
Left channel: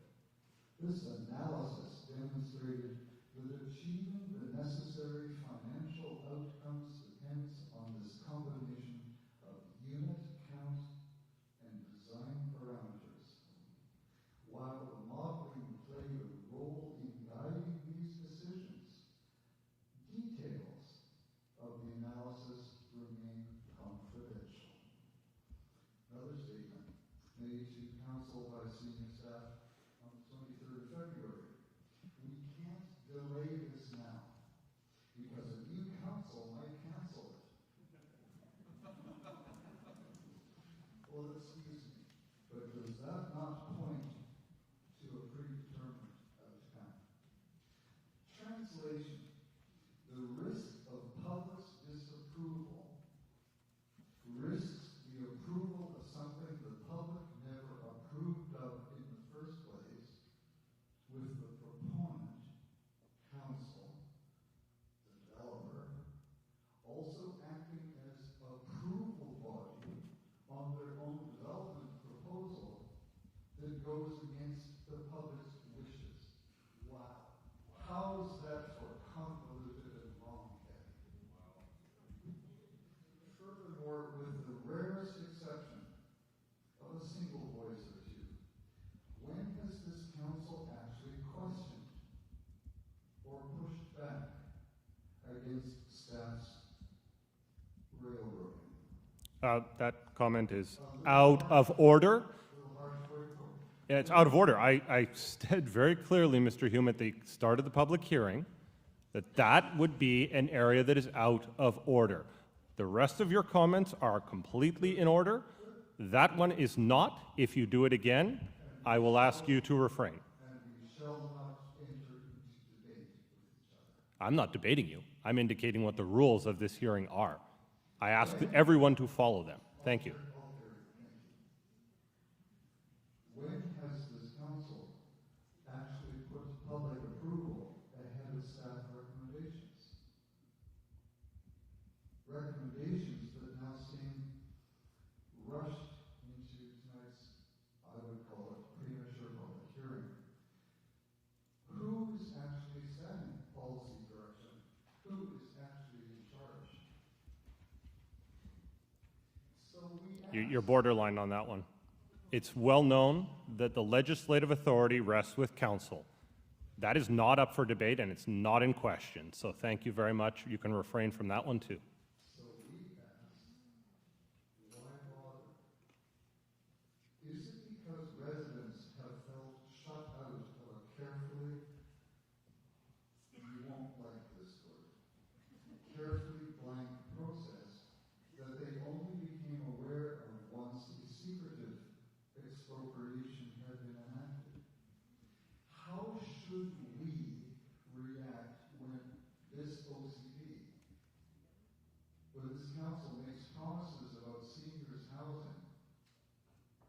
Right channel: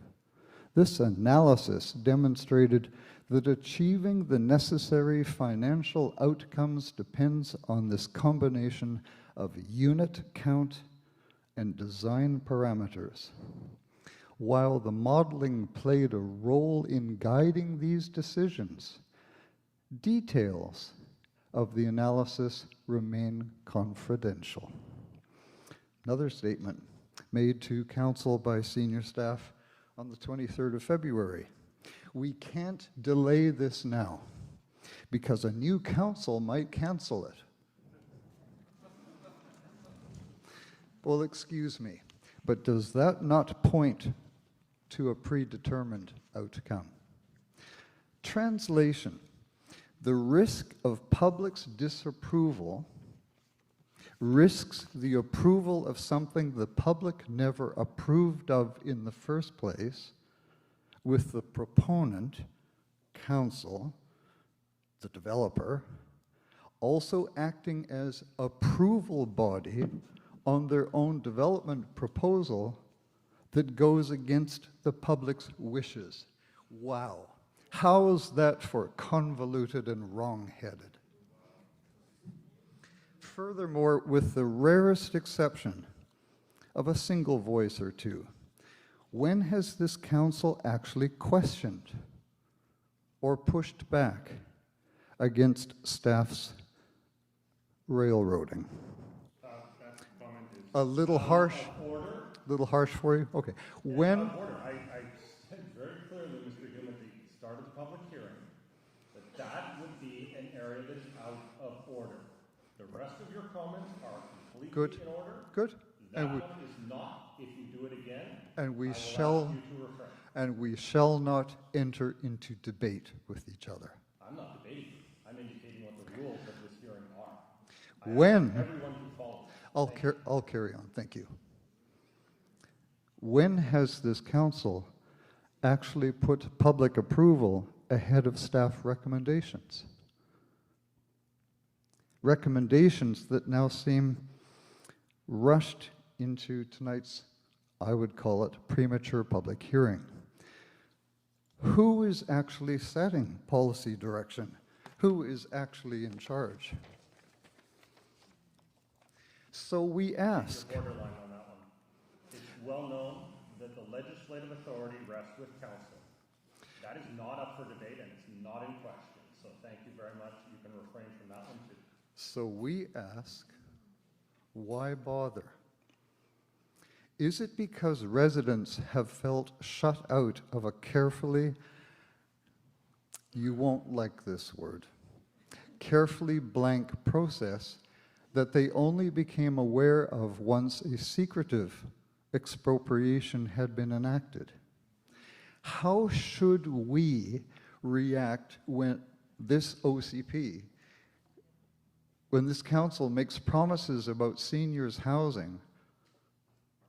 This analysis demonstrated that achieving the necessary financial outcomes depends on this combination of unit count and design parameters. While the modeling played a role in guiding these decisions, details of the analysis remain confidential. Another statement made to council by senior staff on the 23rd of February. We can't delay this now because a new council might cancel it. Well, excuse me, but does that not point to a predetermined outcome? Translation: the risk of public's disapproval risks the approval of something the public never approved of in the first place, with the proponent, council, the developer, also acting as approval body on their own development proposal that goes against the public's wishes. Wow. How is that for convoluted and wrong-headed? Furthermore, with the rarest exception of a single voice or two, when has this council actually questioned or pushed back against staff's railroading? That comment is A little out harsh. of order. A little harsh for you? Okay. Yeah, it's out of order. I said very clearly, Mr. Hume, at the start of the public hearing, that would be an area that is out of order. The rest of your comments are completely in order. Good. That one is not. If you do it again, I will ask you to refrain. And we shall not enter into debate with each other. I'm not debating you. I'm indicating what the rules of this hearing are. I ask everyone to follow them. I'll carry on. Thank you. When has this council actually put public approval ahead of staff recommendations? Recommendations that now seem rushed into tonight's, I would call it, premature public hearing. Who is actually setting policy direction? Who is actually in charge? So we ask. You're borderline on that one. It's well known that the legislative authority rests with council. That is not up for debate and it's not in question. So thank you very much. You can refrain from that one too. So we ask, why bother? Is it because residents have felt shut out of a carefully, you won't like this word, carefully blank process that they only became aware of once a secretive expropriation had been enacted? How should we react when this OCP, when this council makes promises about seniors' housing,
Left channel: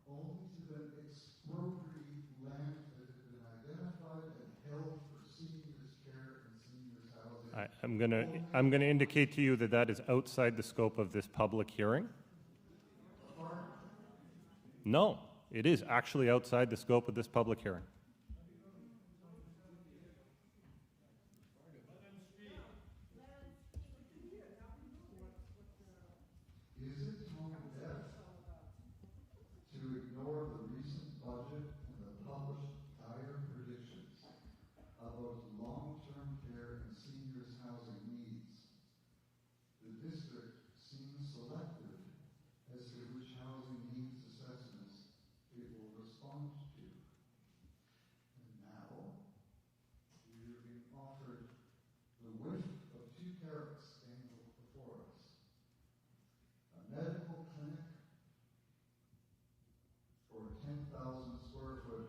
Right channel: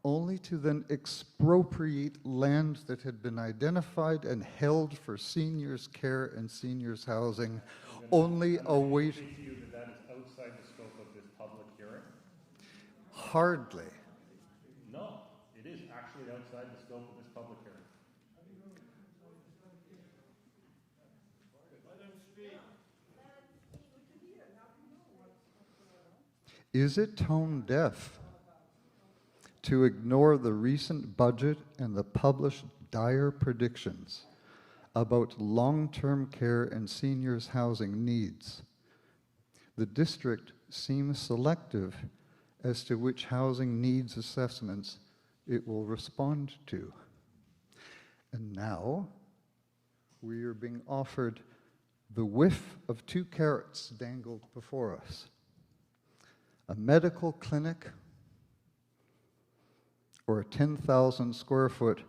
only to then expropriate land that had been identified and held for seniors' care and seniors' housing? I'm going to indicate to you that that is outside the scope of this public hearing. Hardly. No, it is actually outside the scope of this public hearing. Is it tone deaf to ignore the recent budget and the published dire predictions about long-term care and seniors' housing needs? The district seems selective as to which housing needs assessments it will respond to. And now we are being offered the whiff of 2 carrots dangled before us. A medical clinic or a 10,000 square foot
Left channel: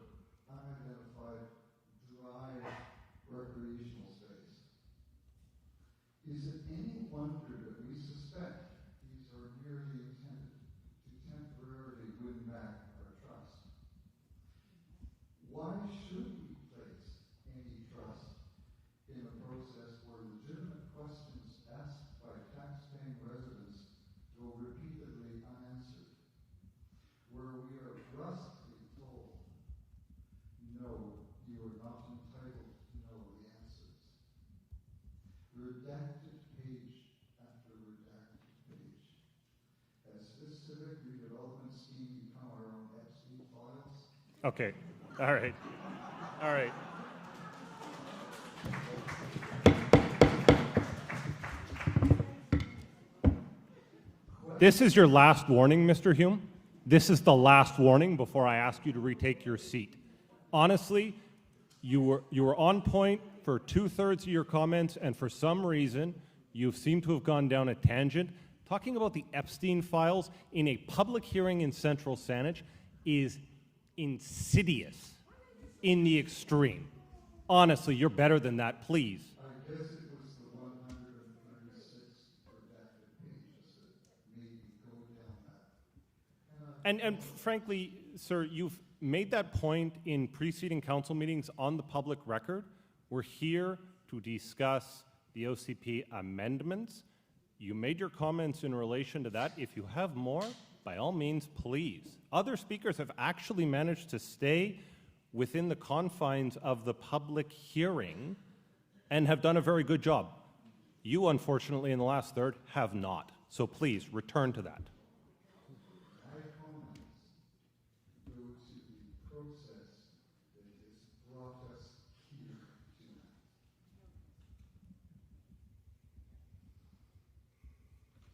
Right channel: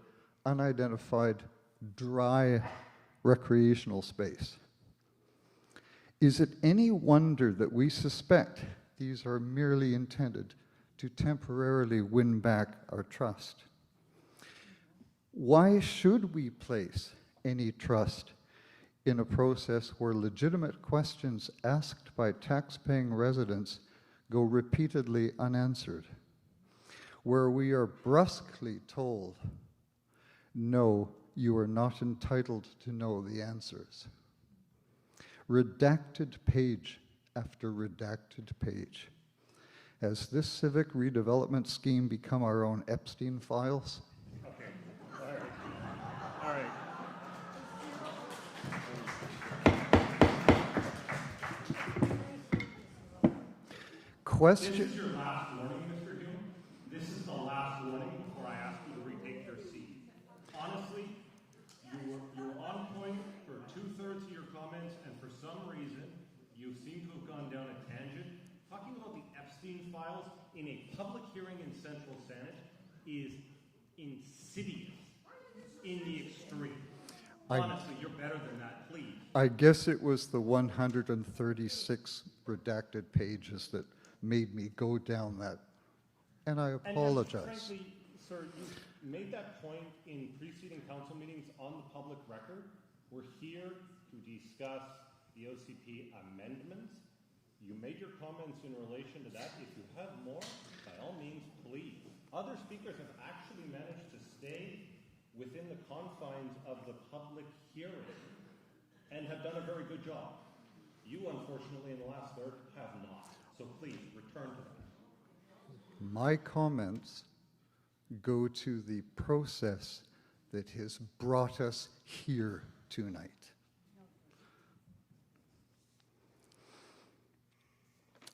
unidentified dry recreational space. Is it any wonder that we suspect these are merely intended to temporarily win back our trust? Why should we place any trust in a process where legitimate questions asked by tax-paying residents go repeatedly unanswered? Where we are brusquely told, no, you are not entitled to know the answers. Redacted page after redacted page. Has this civic redevelopment scheme become our own Epstein files? Okay, all right, all right. This is your last warning, Mr. Hume. This is the last warning before I ask you to retake your seat. Honestly, you were on point for 2/3 of your comments, and for some reason, you seem to have gone down a tangent. Talking about the Epstein files in a public hearing in Central Saanich is insidious in the extreme. Honestly, you're better than that, please. I guess it was the 136 redacted pages that made me go down that, and I apologize. And frankly, sir, you've made that point in preceding council meetings on the public record. We're here to discuss the OCP amendments. You made your comments in relation to that. If you have more, by all means, please. Other speakers have actually managed to stay within the confines of the public hearing and have done a very good job. You, unfortunately, in the last third, have not. So please, return to that. My comments go to the process that has brought us here tonight.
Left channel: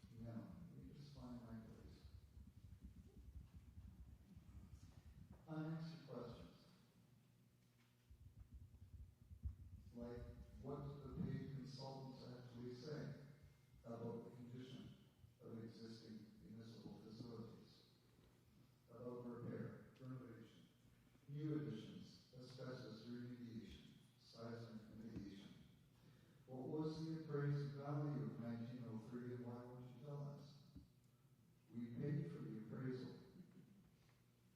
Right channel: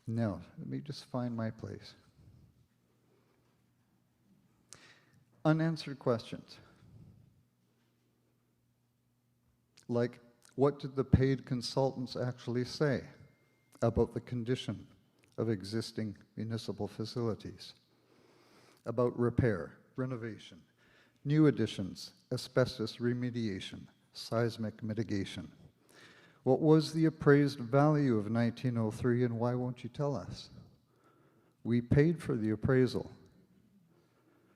Now, let me just find my place. Unanswered questions. Like, what did the paid consultants actually say about the condition of existing municipal facilities? About repair, renovation, new additions, asbestos remediation, seismic mitigation. What was the appraised value of 1903, and why won't you tell us? We paid for the appraisal.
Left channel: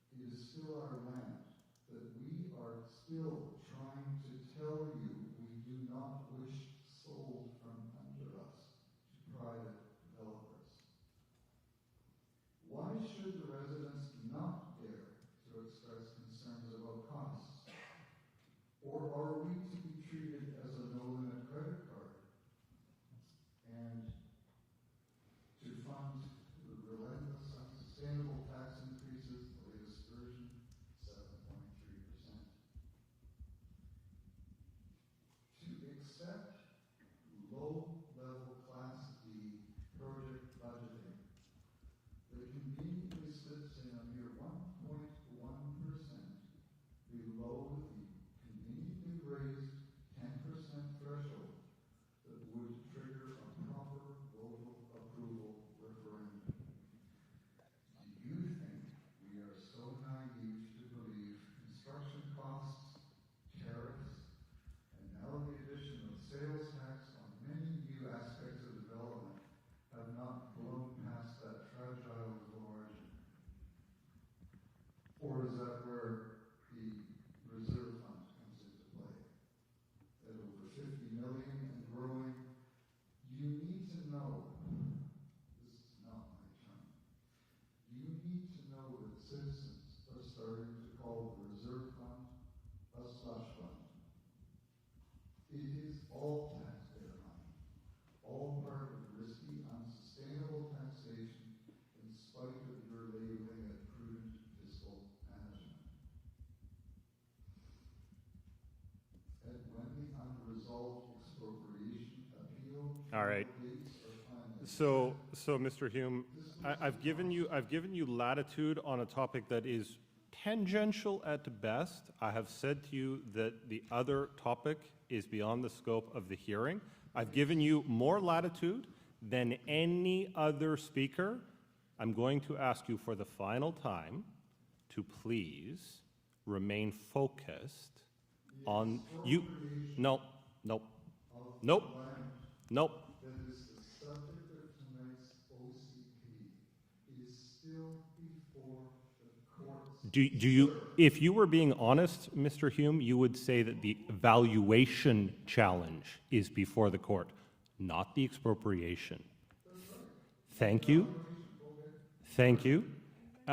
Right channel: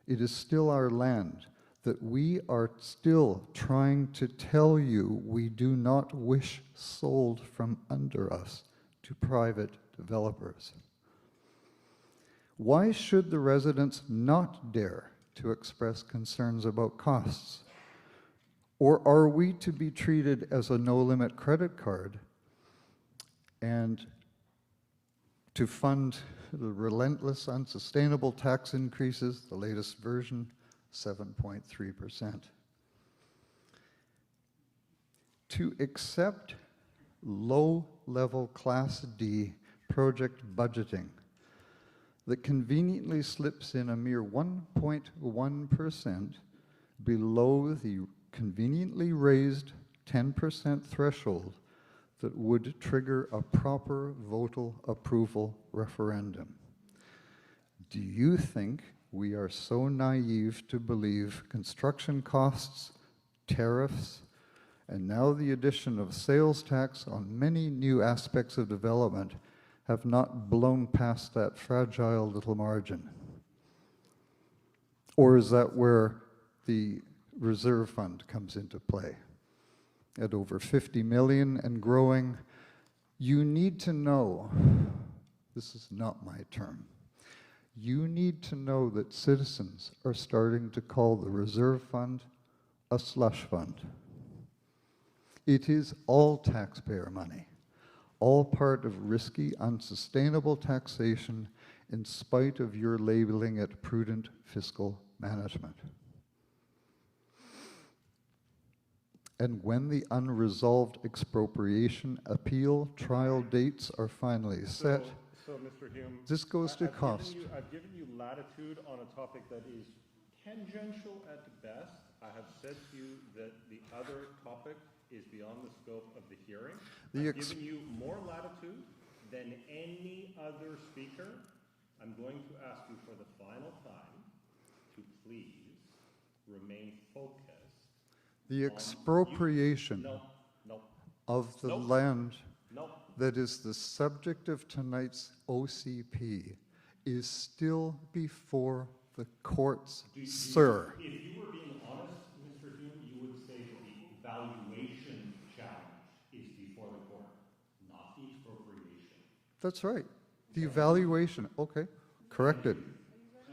It is still our land that we are still trying to tell you we do not wish sold from under us to private developers. Why should the residents not dare to express concerns about costs? Or are we to be treated as a no-limit credit card and to fund the relentless, unsustainable tax increases, the latest version, 7.3%? To accept low-level Class D project budgeting that conveniently slips in a mere 1.1% below the conveniently raised 10% threshold that would trigger a proper votal approval referendum. Do you think we are so naive to believe construction costs, tariffs, and now the addition of sales tax on many new aspects of development have not blown past that fragile little margin? Or is that where the reserve fund comes into play? At over 50 million and growing, you need to know, this is not my term, you need to know that citizens are starting to call the reserve fund a slush fund. It is all taxpayer money, all part of risky, unsustainable taxation in spite of your labeling it prudent fiscal management. And when the unresolved expropriation appeal trial right. dates are finally So, set, so Mr. Hume, this goes to I've cost. given you latitude on a topic that is tangential at best. I have said to you that the other topic is beyond the scope of the hearing. I've given you more latitude than any other speaker. I'm going to ask you for the final time to please remain focused. The on expropriation no, of the Nope. land nope. that is the subject of tonight's OCP is still before the courts, sir. If you were being honest, Mr. Hume, you would say that the valuation challenge is before the court, not the expropriation. That's right. The Thank you. evaluation, okay. Thank corrected. you.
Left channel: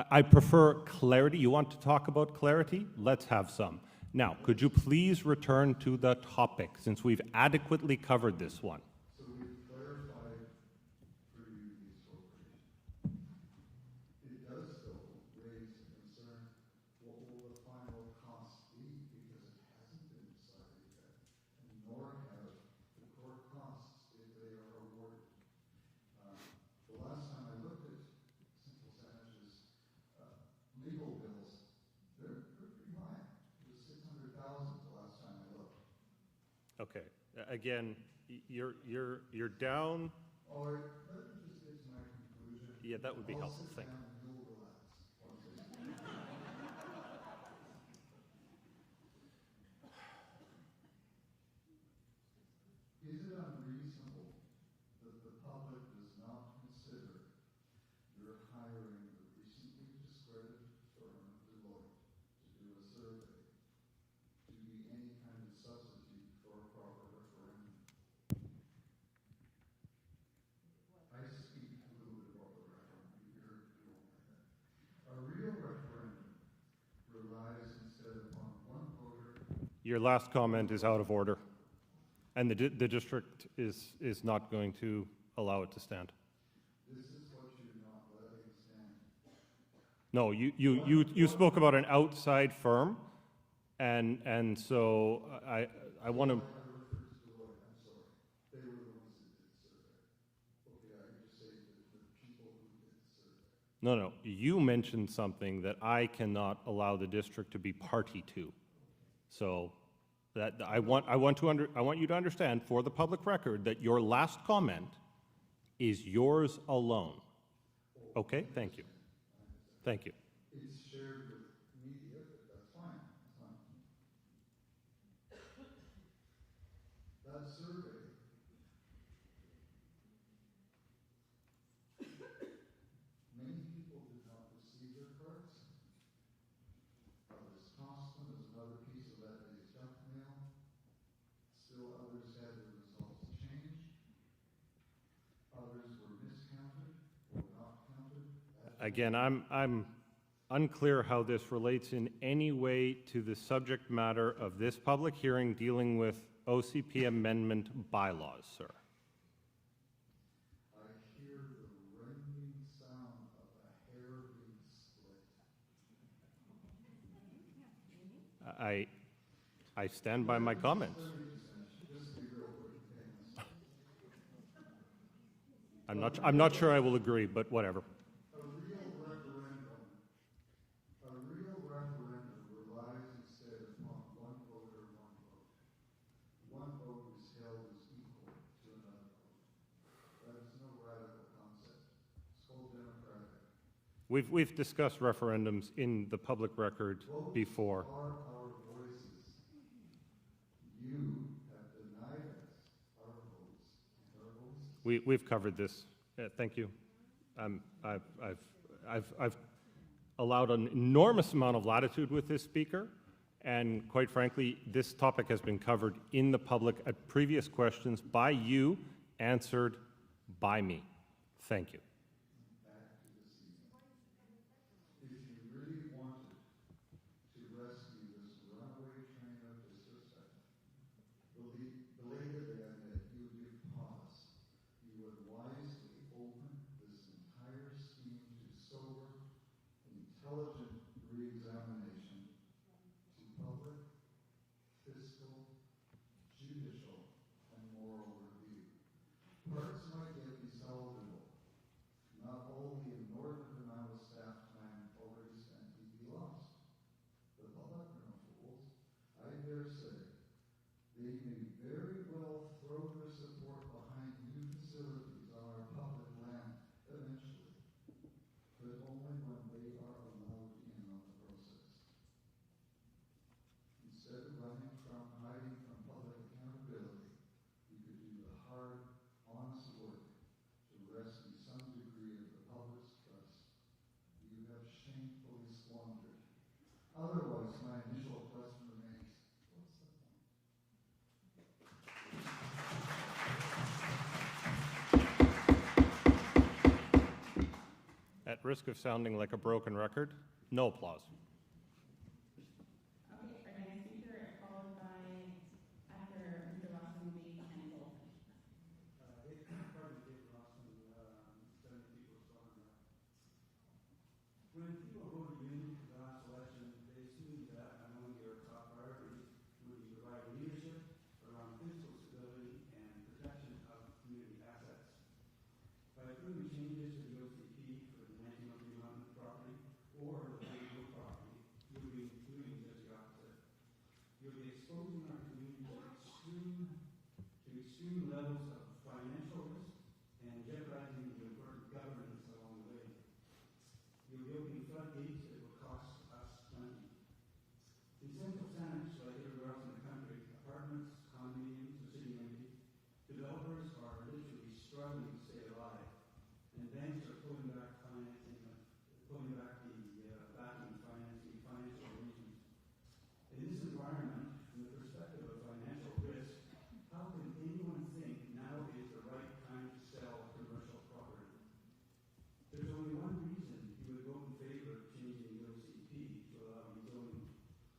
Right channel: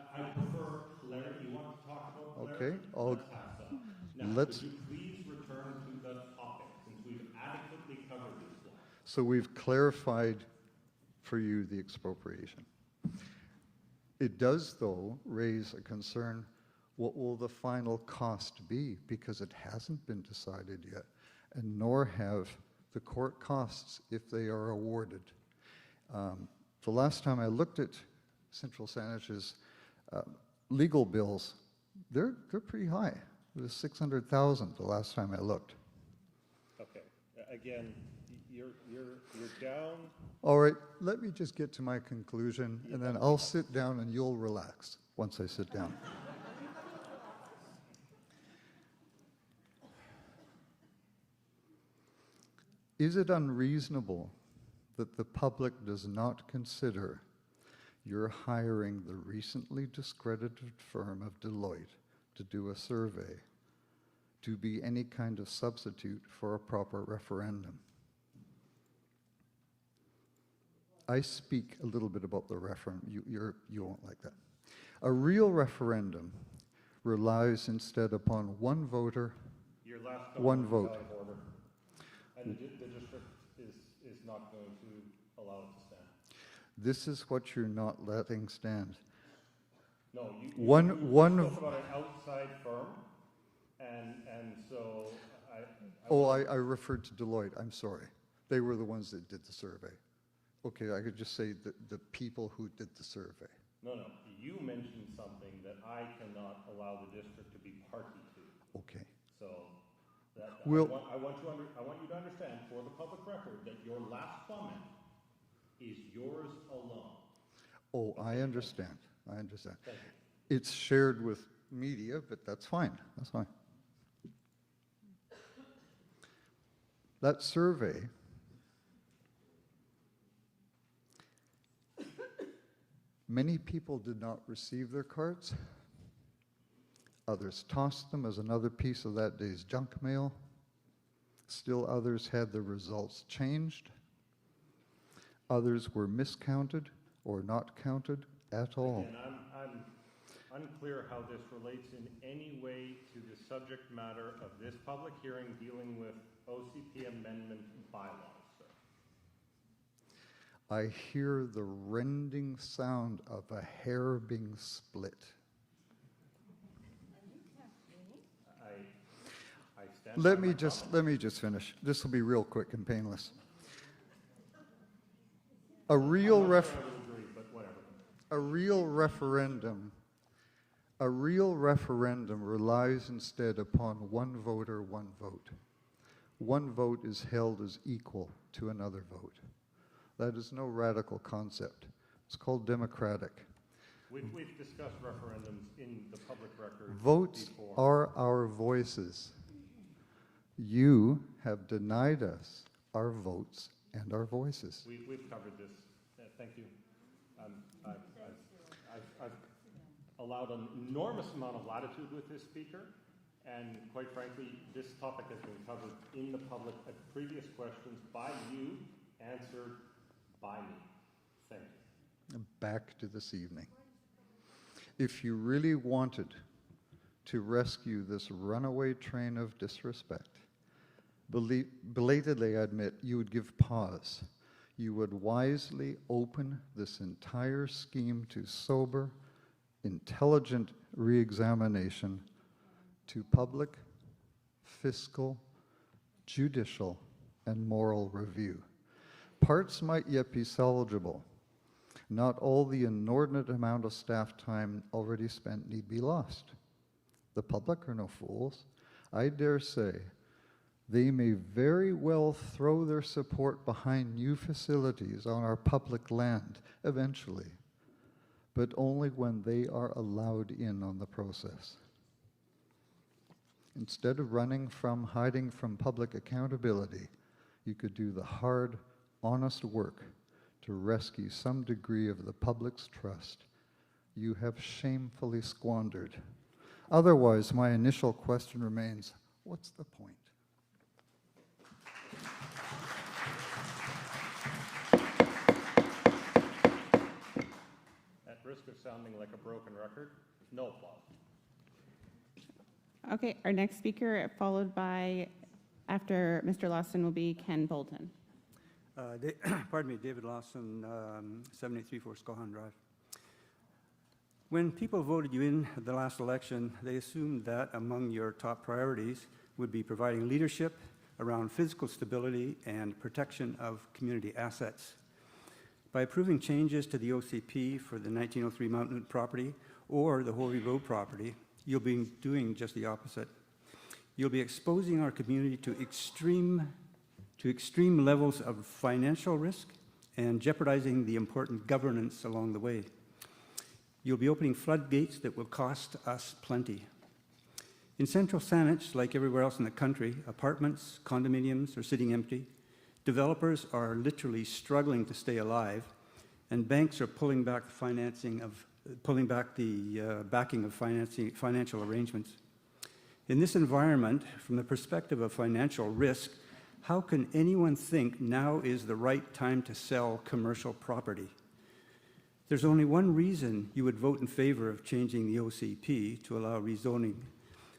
I prefer clarity. You want to talk about clarity? I'll- Let's have some. Now, Let's- could you please return to the topic, since we've adequately covered this one? So we've clarified for you the expropriation. It does, though, raise a concern, what will the final cost be? Because it hasn't been decided yet, and nor have the court costs if they are awarded. The last time I looked at Central Saanach's legal bills, they're pretty high. It was 600,000 the last time I looked. Okay. Again, you're down. All right, let me just get to my conclusion, Yeah, and that then would be I'll helpful. sit down and you'll relax once I sit down. Is it unreasonable that the public does not consider your hiring the recently discredited firm of Deloitte to do a survey to be any kind of substitute for a proper referendum? I speak a little bit about the referendum. You won't like that. A real referendum relies instead upon one voter. Your last One comment is vote. out of order, and the district is not going to allow it to stand. This is what you're not letting stand. No, you One- spoke about an outside firm, and so I Oh, want I referred to Deloitte. I'm sorry. They were the ones that did the survey. Okay, I could just say the people who did the survey. No, you mentioned something that I cannot allow the district to be party to. Okay. So that Well- I want you to understand, for the public record, that your last comment is yours alone. Oh, Okay, I thank you. understand. I understand. Thank you. It's shared with media, but that's fine. That's fine. That survey many people did not receive their cards. Others tossed them as another piece of that day's junk mail. Still others had the results changed. Others were miscounted or not counted at all. Again, I'm unclear how this relates in any way to the subject matter of this public hearing dealing with OCP amendment bylaws, sir. I hear the rending sound of a hair being split. I stand by my comments. Let me just finish. This will be real quick and painless. I'm not sure I will agree, but whatever. A real referendum relies instead upon one voter, one vote. One vote is held as equal to another vote. That is no radical concept. It's called democratic. We've discussed referendums in the public record Votes before. are our voices. You have denied us our votes and our voices. We've covered this. Thank you. I've allowed an enormous amount of latitude with this speaker, and quite frankly, this topic has been covered in the public at previous questions by you, answered by me. Thank you. Back to this evening. If you really wanted to rescue this runaway train of disrespect, belatedly I admit you would give pause. you would wisely open this entire scheme to sober, intelligent re-examination, to public, fiscal, judicial, and moral review. Parts might yet be salvageable. Not all the inordinate amount of staff time already spent need be lost. The public are no fools. I dare say they may very well throw their support behind new facilities on our public land eventually, but only when they are allowed in on the process. Instead of hiding from public accountability, you could do the hard, honest work to rescue some degree of the public's trust you have shamefully squandered. Otherwise, my initial question remains, what's the point? At risk of sounding like a broken record, no applause. Okay, our next speaker, followed by, after Mr. Lawson, will be Ken Bolton. Pardon me, David Lawson, 734 Scohan Drive. When people voted you in at the last election, they assumed that among your top priorities would be providing leadership around physical stability and protection of community assets. By approving changes to the OCP for the 1903 Mount Newton property or the Hovey Road property, you'll be doing just the opposite. You'll be exposing our community to extreme levels of financial risk and jeopardizing the important governance along the way. You'll be opening floodgates that will cost us plenty. In central Saanich, like everywhere else in the country, apartments, condominiums are sitting empty. Developers are literally struggling to stay alive, and banks are pulling back the backing of financial arrangements. In this environment, from the perspective of financial risk, how can anyone think now is the right time to sell commercial property? There's only one reason you would vote in favor of changing the OCP to allow rezoning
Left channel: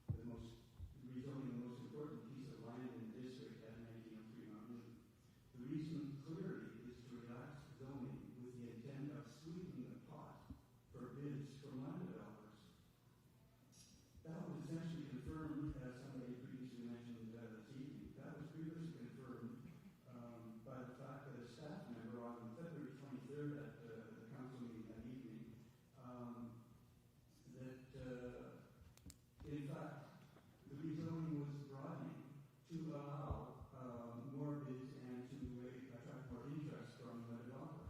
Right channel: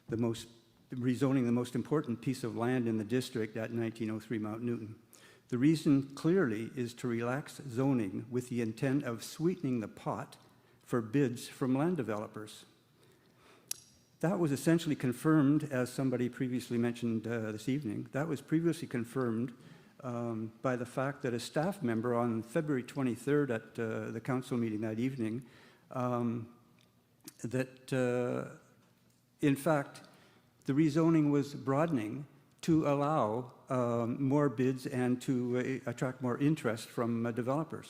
the most important piece of land in the district at 1903 Mount Newton. The reason clearly is to relax zoning with the intent of sweetening the pot for bids from land developers. That was essentially confirmed, as somebody previously mentioned this evening, that was previously confirmed by the fact that a staff member on February 23rd at the council meeting that evening, in fact, the rezoning was broadening to allow more bids and to attract more interest from developers.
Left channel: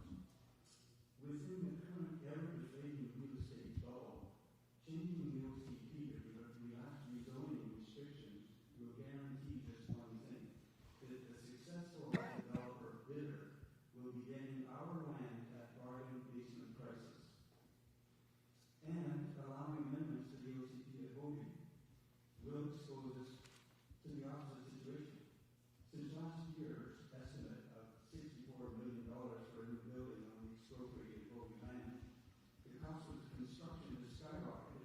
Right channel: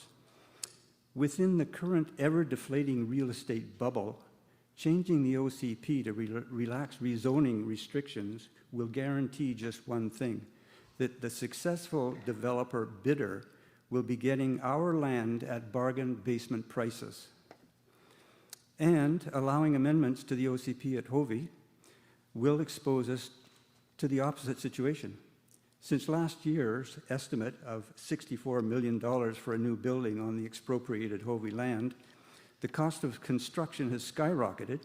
Within the current ever-deflating real estate bubble, changing the OCP to relax rezoning restrictions will guarantee just one thing, that the successful developer bidder will be getting our land at bargain basement prices. And allowing amendments to the OCP at Hovey will expose us to the opposite situation. Since last year's estimate of $64 million for a new building on the expropriated Hovey land, the cost of construction has skyrocketed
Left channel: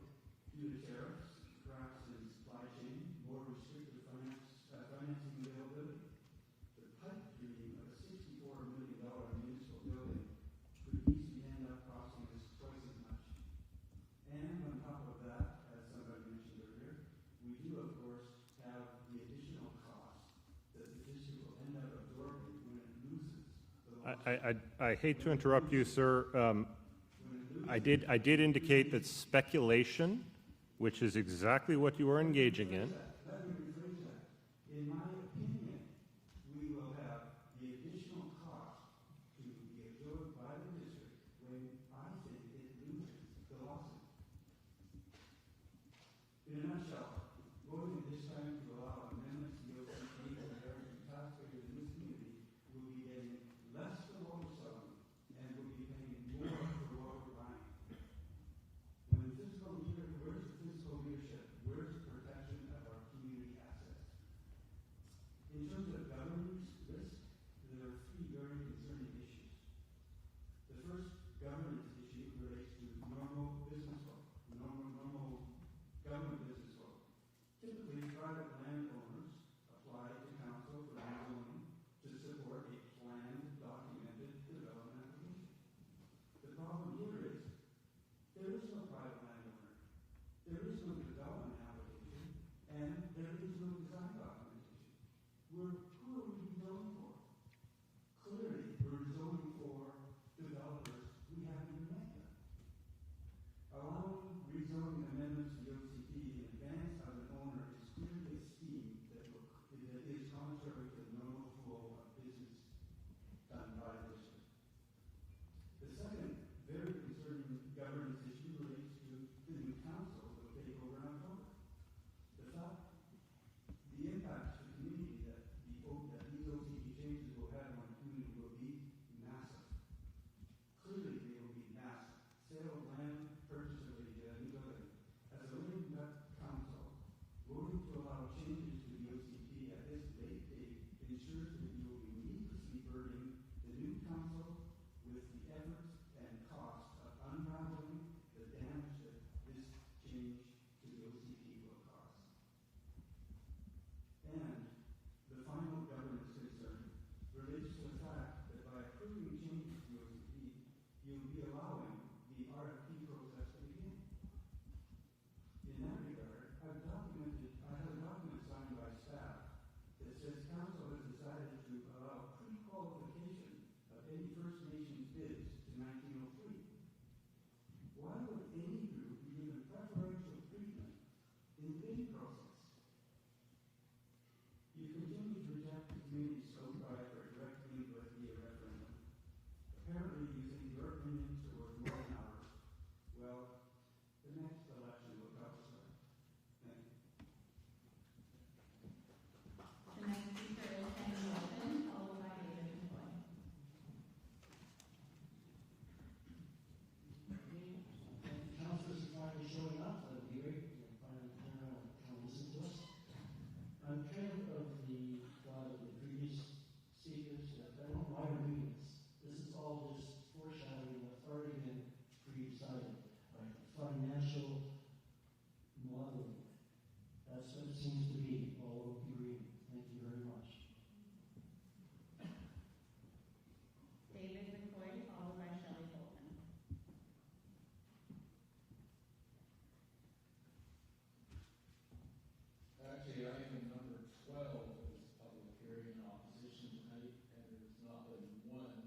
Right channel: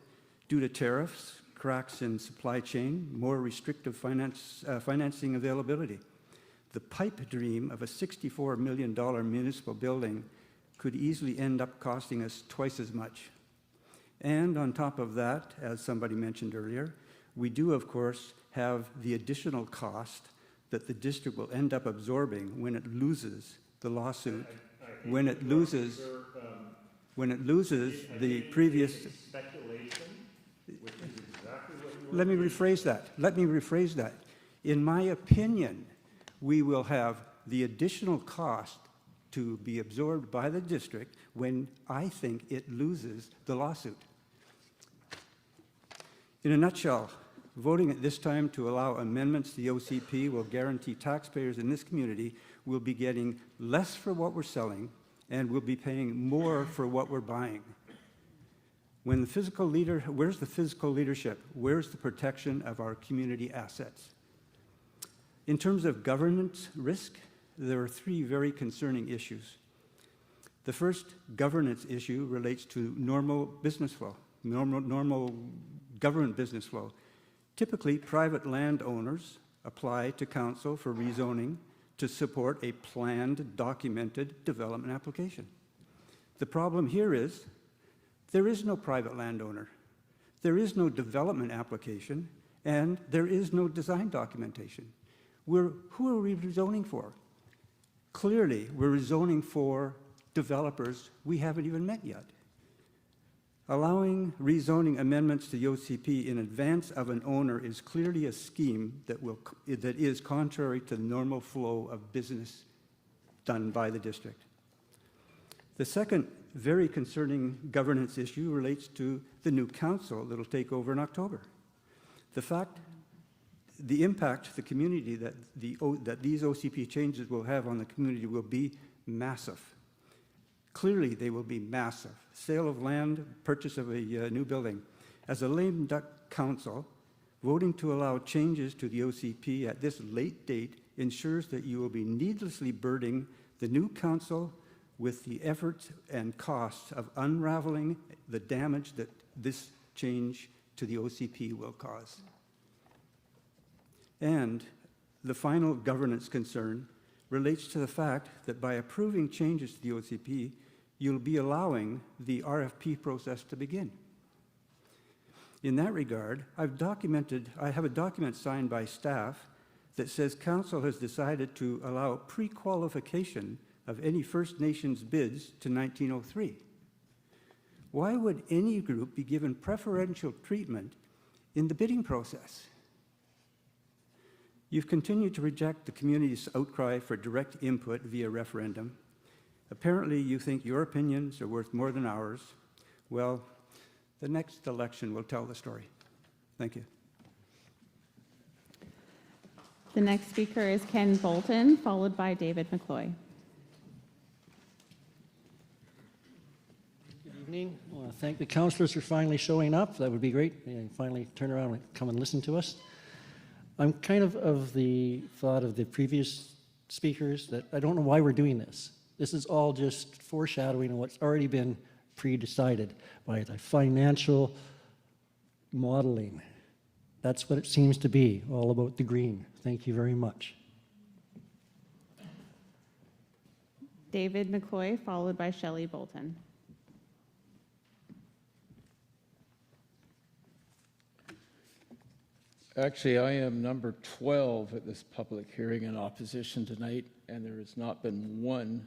due to tariffs, cracks in supply chain, more restrictive financing availability. The pipe dream of a $64 million municipal building could easily end up costing us twice as much. And on top of that, as somebody mentioned earlier, we do, of course, have the additional cost that the district will end up absorbing when it loses the lawsuit. I hate to interrupt you, sir. When it loses, I did indicate that speculation, which is exactly what you were engaging in. Let me rephrase that. In my opinion, we will have the additional cost to be absorbed by the district when I think it loses the lawsuit. In a nutshell, voting at this time to allow amendments to the OCP will guarantee taxpayers in this community will be getting less for what we're selling and will be paying more for what we're buying. When the physical leader, where's the physical leadership? Where's the protection of our community assets? In terms of governance risk, there are three very concerning issues. The first governance issue relates to normal business flow, normal government business flow. Typically, private landowners apply to council for rezoning to support a planned, documented development application. The problem here is there is no private landowner, there is no development application, and there is no design documentation. Who are we rezoning for? Clearly, we're rezoning for developers we haven't even met yet. Allowing rezoning amendments to the OCP in advance of an owner is clearly a scheme that is contrary to the normal flow of business done by the district. The second very concerning governance issue relates to the new council that will take over in October. The impact to the community that these OCP changes will have on the community will be massive. Clearly, they will be massive. Sale of land, purchase of a new building. As a lame duck council, voting to allow changes to the OCP at this late date ensures that you will be needlessly burdening the new council with the efforts and costs of unraveling the damage that this change to the OCP will cause. And the final governance concern relates to the fact that by approving changes to the OCP, you'll be allowing the RFP process to begin. In that regard, I have a document signed by staff that says Council has decided to allow pre-qualification of any First Nations bids to 1903. Why would any group be given preferential treatment in the bidding process? You've continued to reject the community's outcry for direct input via referendum. Apparently, you think your opinions are worth more than ours. Well, the next election will tell the story. Thank you. The next speaker is Ken Bolton, followed by David McCloy. Good evening. I want to thank the councillors for finally showing up. That would be great. And finally turn around and come and listen to us. I'm kind of the thought of the previous speakers that I don't know why we're doing this. This is all just foreshadowing of what's already been pre-decided by the financial modeling. That's what it seems to be, all about the green. Thank you very much. David McCloy, followed by Shelley Bolton. Actually, I am number 12 at this public hearing in opposition tonight, and there has not been one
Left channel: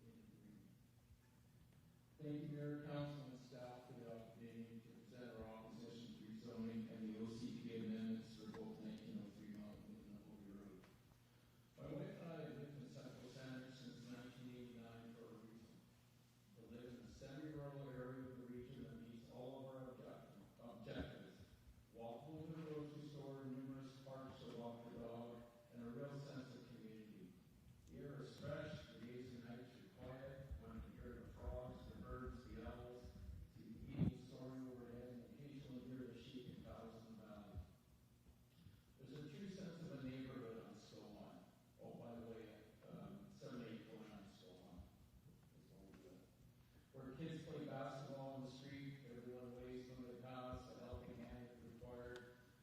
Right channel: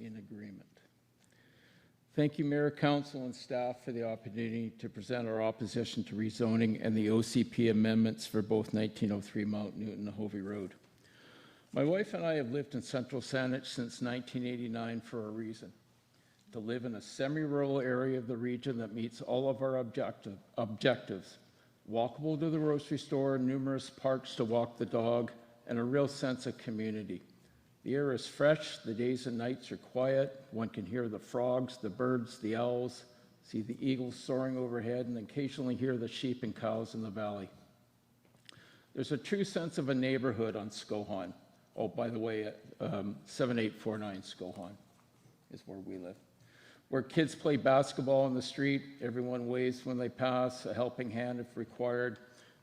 in agreement. Thank you, Mayor, Council, and staff for the opportunity to present our opposition to rezoning and the OCP amendments for both 1903 Mount Newton and Hovey Road. My wife and I have lived in Central Saanich since 1989 for a reason: to live in a semi-rural area of the region that meets all of our objectives. Walkable to the grocery store, numerous parks to walk the dog, and a real sense of community. The air is fresh, the days and nights are quiet, one can hear the frogs, the birds, the owls, see the eagles soaring overhead, and occasionally hear the sheep and cows in the valley. There's a true sense of a neighborhood on Skohan. Oh, by the way, 7849 Skohan is where we live. Where kids play basketball in the street, everyone waves when they pass, a helping hand if required,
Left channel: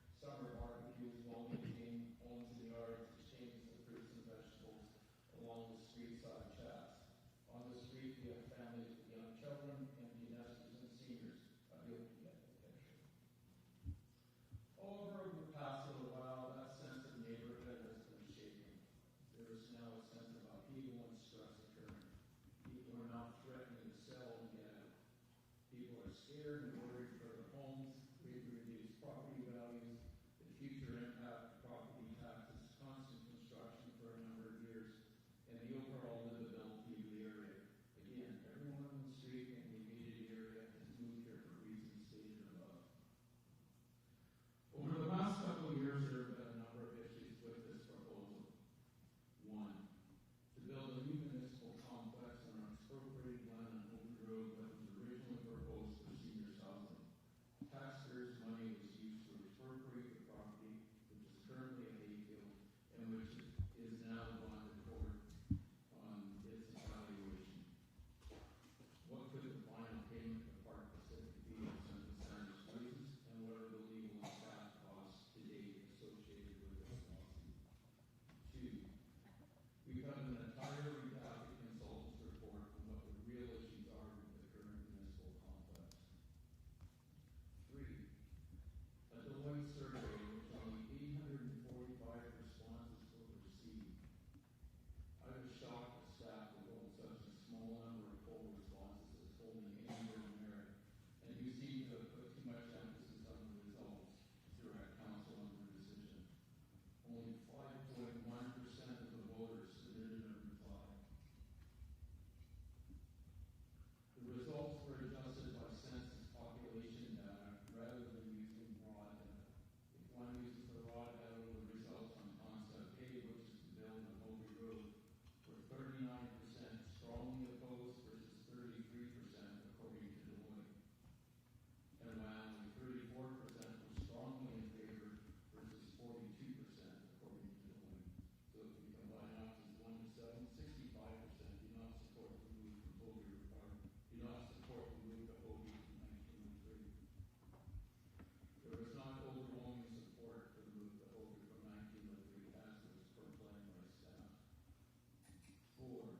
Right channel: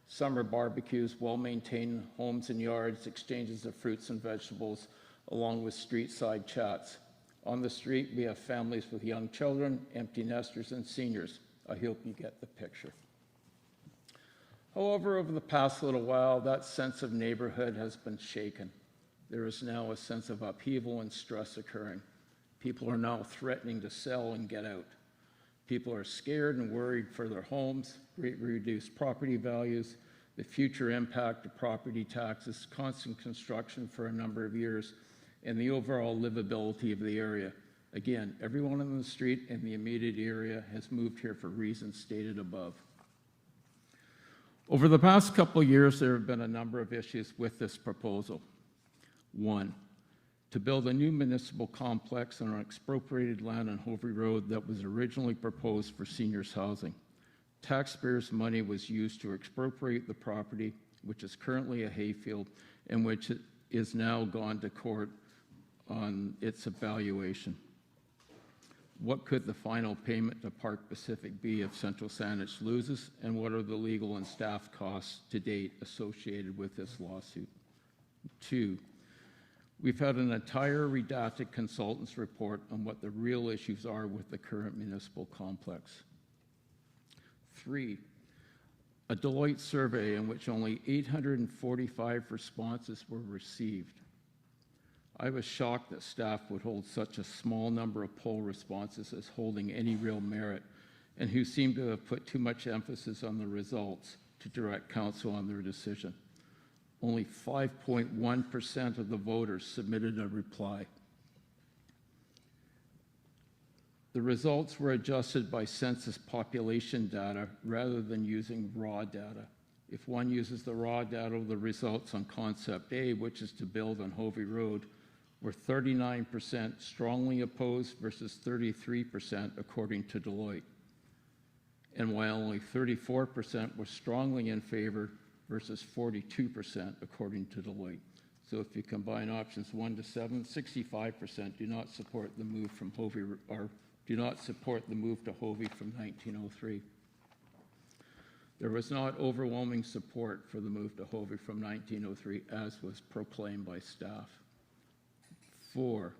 summer barbecues, well-maintained homes and yards, exchanges of fruits and vegetables, along with street-side chats. On the street, we have families with young children, empty nesters, and seniors. I hope you get the picture. However, over the past little while, that sense of neighborhood has been shaken. There is now a sense of upheaval and stress occurring. People are now threatening to sell and get out. People are scared and worried for their homes, greatly reduced property values, the future impact of property taxes, constant construction for a number of years, and the overall livability of the area. Again, everyone on the street in the immediate area has moved here for reasons stated above. Over the past couple of years, there have been a number of issues with this proposal. One, to build a new municipal complex on expropriated land on Hovey Road that was originally proposed for seniors housing. Taxpayers' money was used to expropriate the property, which is currently a hayfield, and which is now gone to court on its evaluation. What could the final payment to Park Pacific be if Central Saanich loses, and what are the legal and staff costs to date associated with this lawsuit? Two, We've had an entire redacted consultant's report on what the real issues are with the current municipal complex. 3, a Deloitte survey in which only 845 responses were received. I was shocked that staff would hold such a small number of poll responses as holding any real merit, and who seemed to have put too much emphasis on the results to direct council on their decision. Only 5.1% of the voters submitted a reply. The results were adjusted by census population data rather than using raw data. If one uses the raw data, the results on Concept A, which is to build on Hovey Road, were 39% strongly opposed versus 33% according to Deloitte. And while only 34% were strongly in favor versus 42% according to Deloitte. So if you combine options 1 to 7, 65% do not support the move from Hovey, or do not support the move to Hovey from 1903. There was not overwhelming support for the move to Hovey from 1903, as was proclaimed by staff. 4,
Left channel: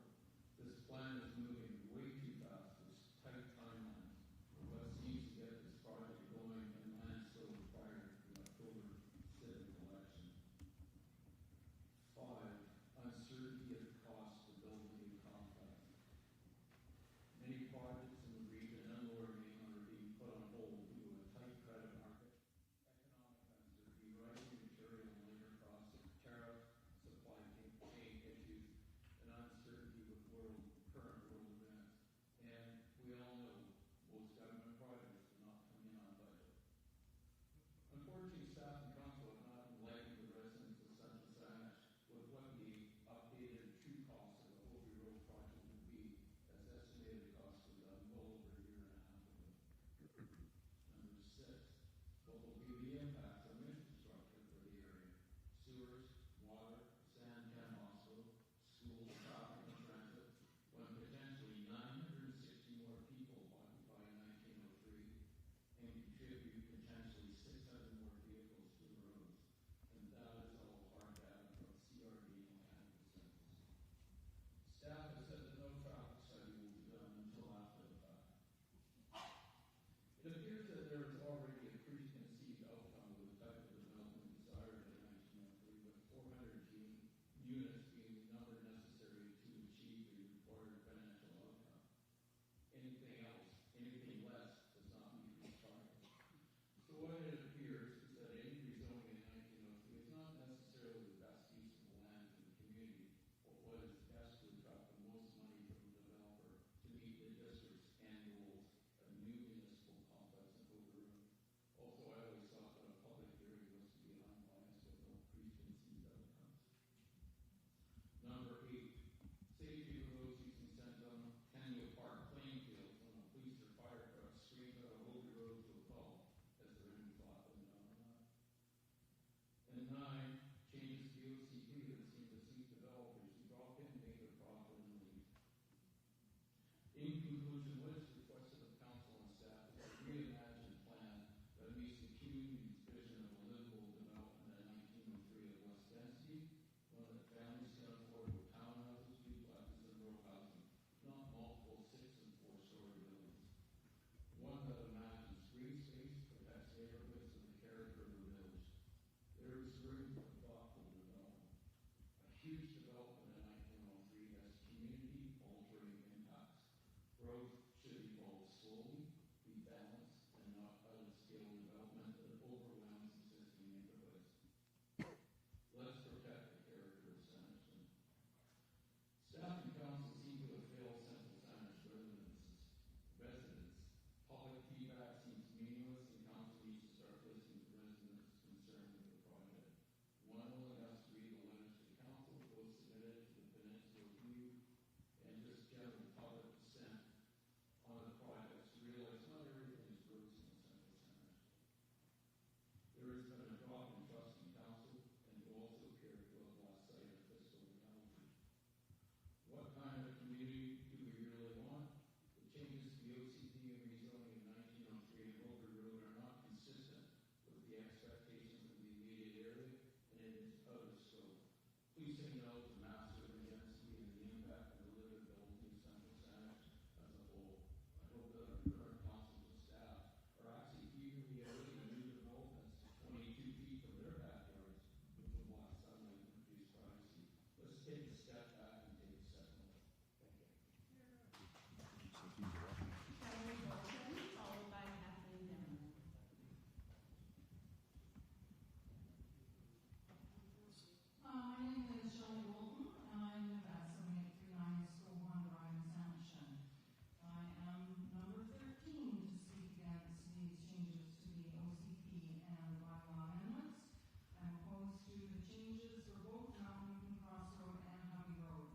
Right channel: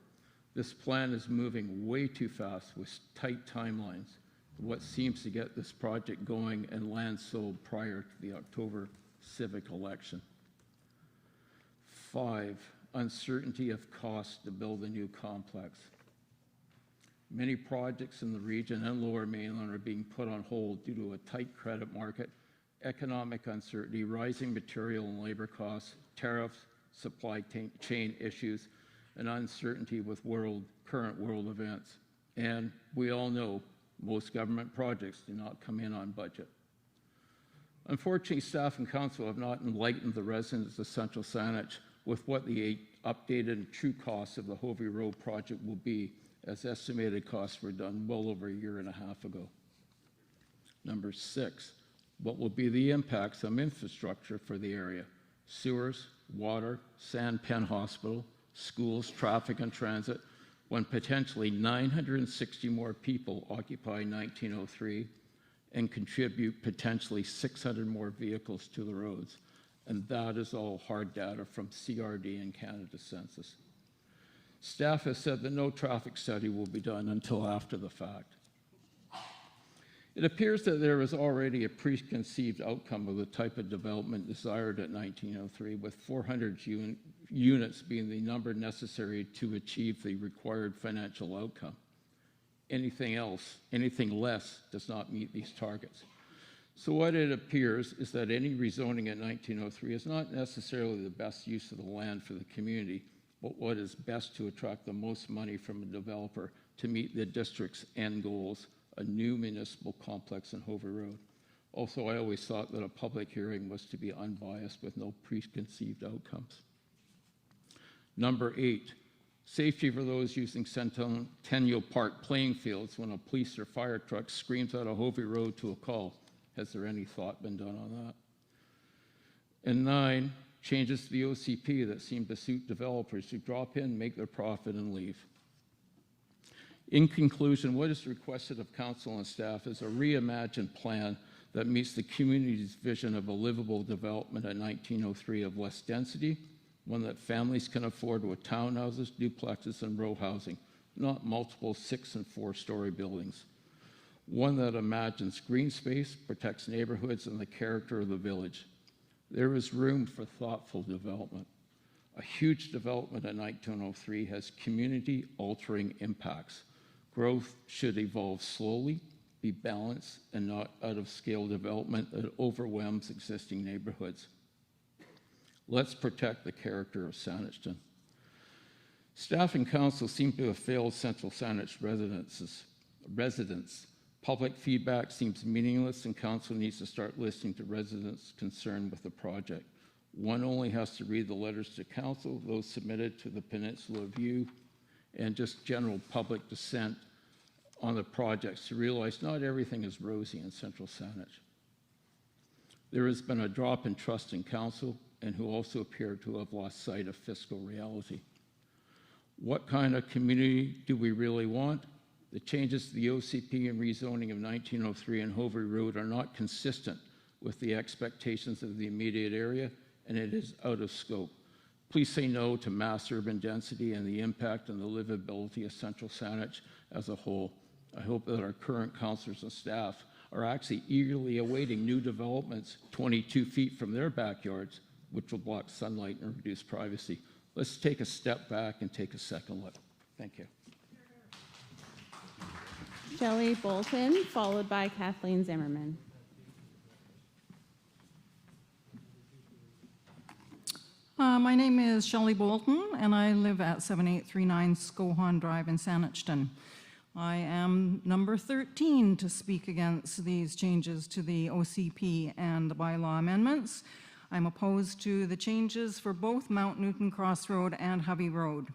this plan is moving way too fast with tight timelines, what seems to get this project going and land sold prior to the October civic election. 5, uncertainty of cost to build a new complex. Many projects in the region and Lower Mainland are being put on hold due to a tight credit market, economic uncertainty, rising material and labor costs, tariffs, supply chain issues, and uncertainty with current world events. And we all know most government projects do not come in on budget. Unfortunately, staff and council have not enlightened the residents of Central Saanich with what the updated and true costs of the Hovey Road project will be, as estimated costs were done well over a year and a half ago. Number 6, what will be the impacts on infrastructure for the area? Sewers, water, Sandpen Hospital, schools, traffic and transit, when potentially 960 more people occupy 1903 and contribute potentially 600 more vehicles to the roads. And that is all hard data from CRD and Canada Census. Staff has said that no traffic study will be done until after the fact. It appears that there is already a preconceived outcome of the type of development desired at 1903, with 400 units being the number necessary to achieve the required financial outcome. Anything else, anything less, does not meet these targets. So what it appears is that any rezoning at 1903 is not necessarily the best use of the land for the community, but what is best to attract the most money from a developer to meet the district's end goals, a new municipal complex on Hovey Road. Also, I always thought that a public hearing was to be unbiased with no preconceived outcomes. Number 8, safety for those using Centennial Park playing fields when a police or fire truck screams out of Hovey Road to a call. Has there any thought been done on that? And 9, changes to the OCP that seem to suit developers who drop in, make their profit, and leave. In conclusion, what is requested of council and staff is a reimagined plan that meets the community's vision of a livable development at 1903 of less density, one that families can afford with townhouses, duplexes, and row housing, not multiple 6- and 4-story buildings. One that imagines green space, protects neighborhoods and the character of the village. There is room for thoughtful development. A huge development at 1903 has community-altering impacts. Growth should evolve slowly, be balanced, and not out-of-scale development that overwhelms existing neighborhoods. Let's protect the character of Saanich. Staff and council seem to have failed Central Saanich residents. Public feedback seems meaningless, and council needs to start listening to residents concerned with the project. One only has to read the letters to council, those submitted to the Peninsula View, and just general public dissent on the projects to realize not everything is rosy in Central Saanich. There has been a drop in trust in council, and who also appear to have lost sight of fiscal reality. What kind of community do we really want? The changes to the OCP and rezoning of 1903 and Hovey Road are not consistent with the expectations of the immediate area, and it is out of scope. Please say no to mass urban density and the impact on the livability of Central Saanich as a whole. I hope that our current councillors and staff are actually eagerly awaiting new developments 22 feet from their backyards, which will block sunlight and reduce privacy. Let's take a step back and take a second look. Thank you. Shelley Bolton, followed by Kathleen Zimmerman. My name is Shelley Bolton, and I live at 7839 Skohan Drive in Saanich. I am number 13 to speak against these changes to the OCP and the bylaw amendments. I'm opposed to the changes for both Mount Newton Crossroad and Hovey Road.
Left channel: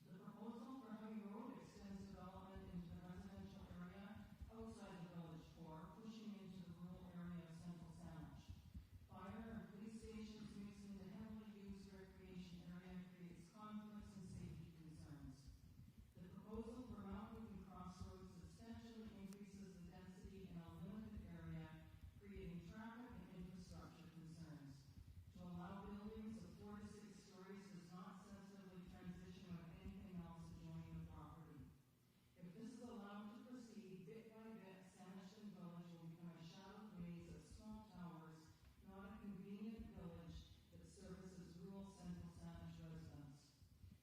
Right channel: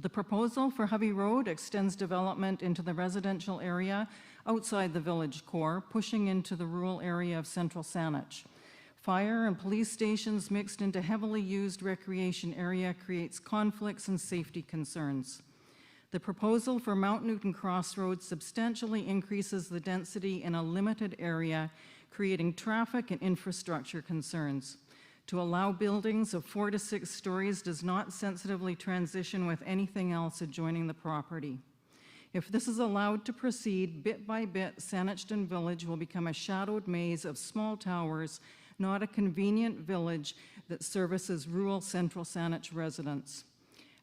The proposal for Hovey Road extends development into the residential area outside the village core, pushing into the rural area of Central Saanich. Fire and police stations mixed into heavily used recreation area creates conflicts and safety concerns. The proposal for Mount Newton Crossroads substantially increases the density in a limited area, creating traffic and infrastructure concerns. To allow buildings of 4 to 6 stories does not sensitively transition with anything else adjoining the property. If this is allowed to proceed, bit by bit, Saanich Village will become a shadowed maze of small towers, not a convenient village that services rural Central Saanich residents.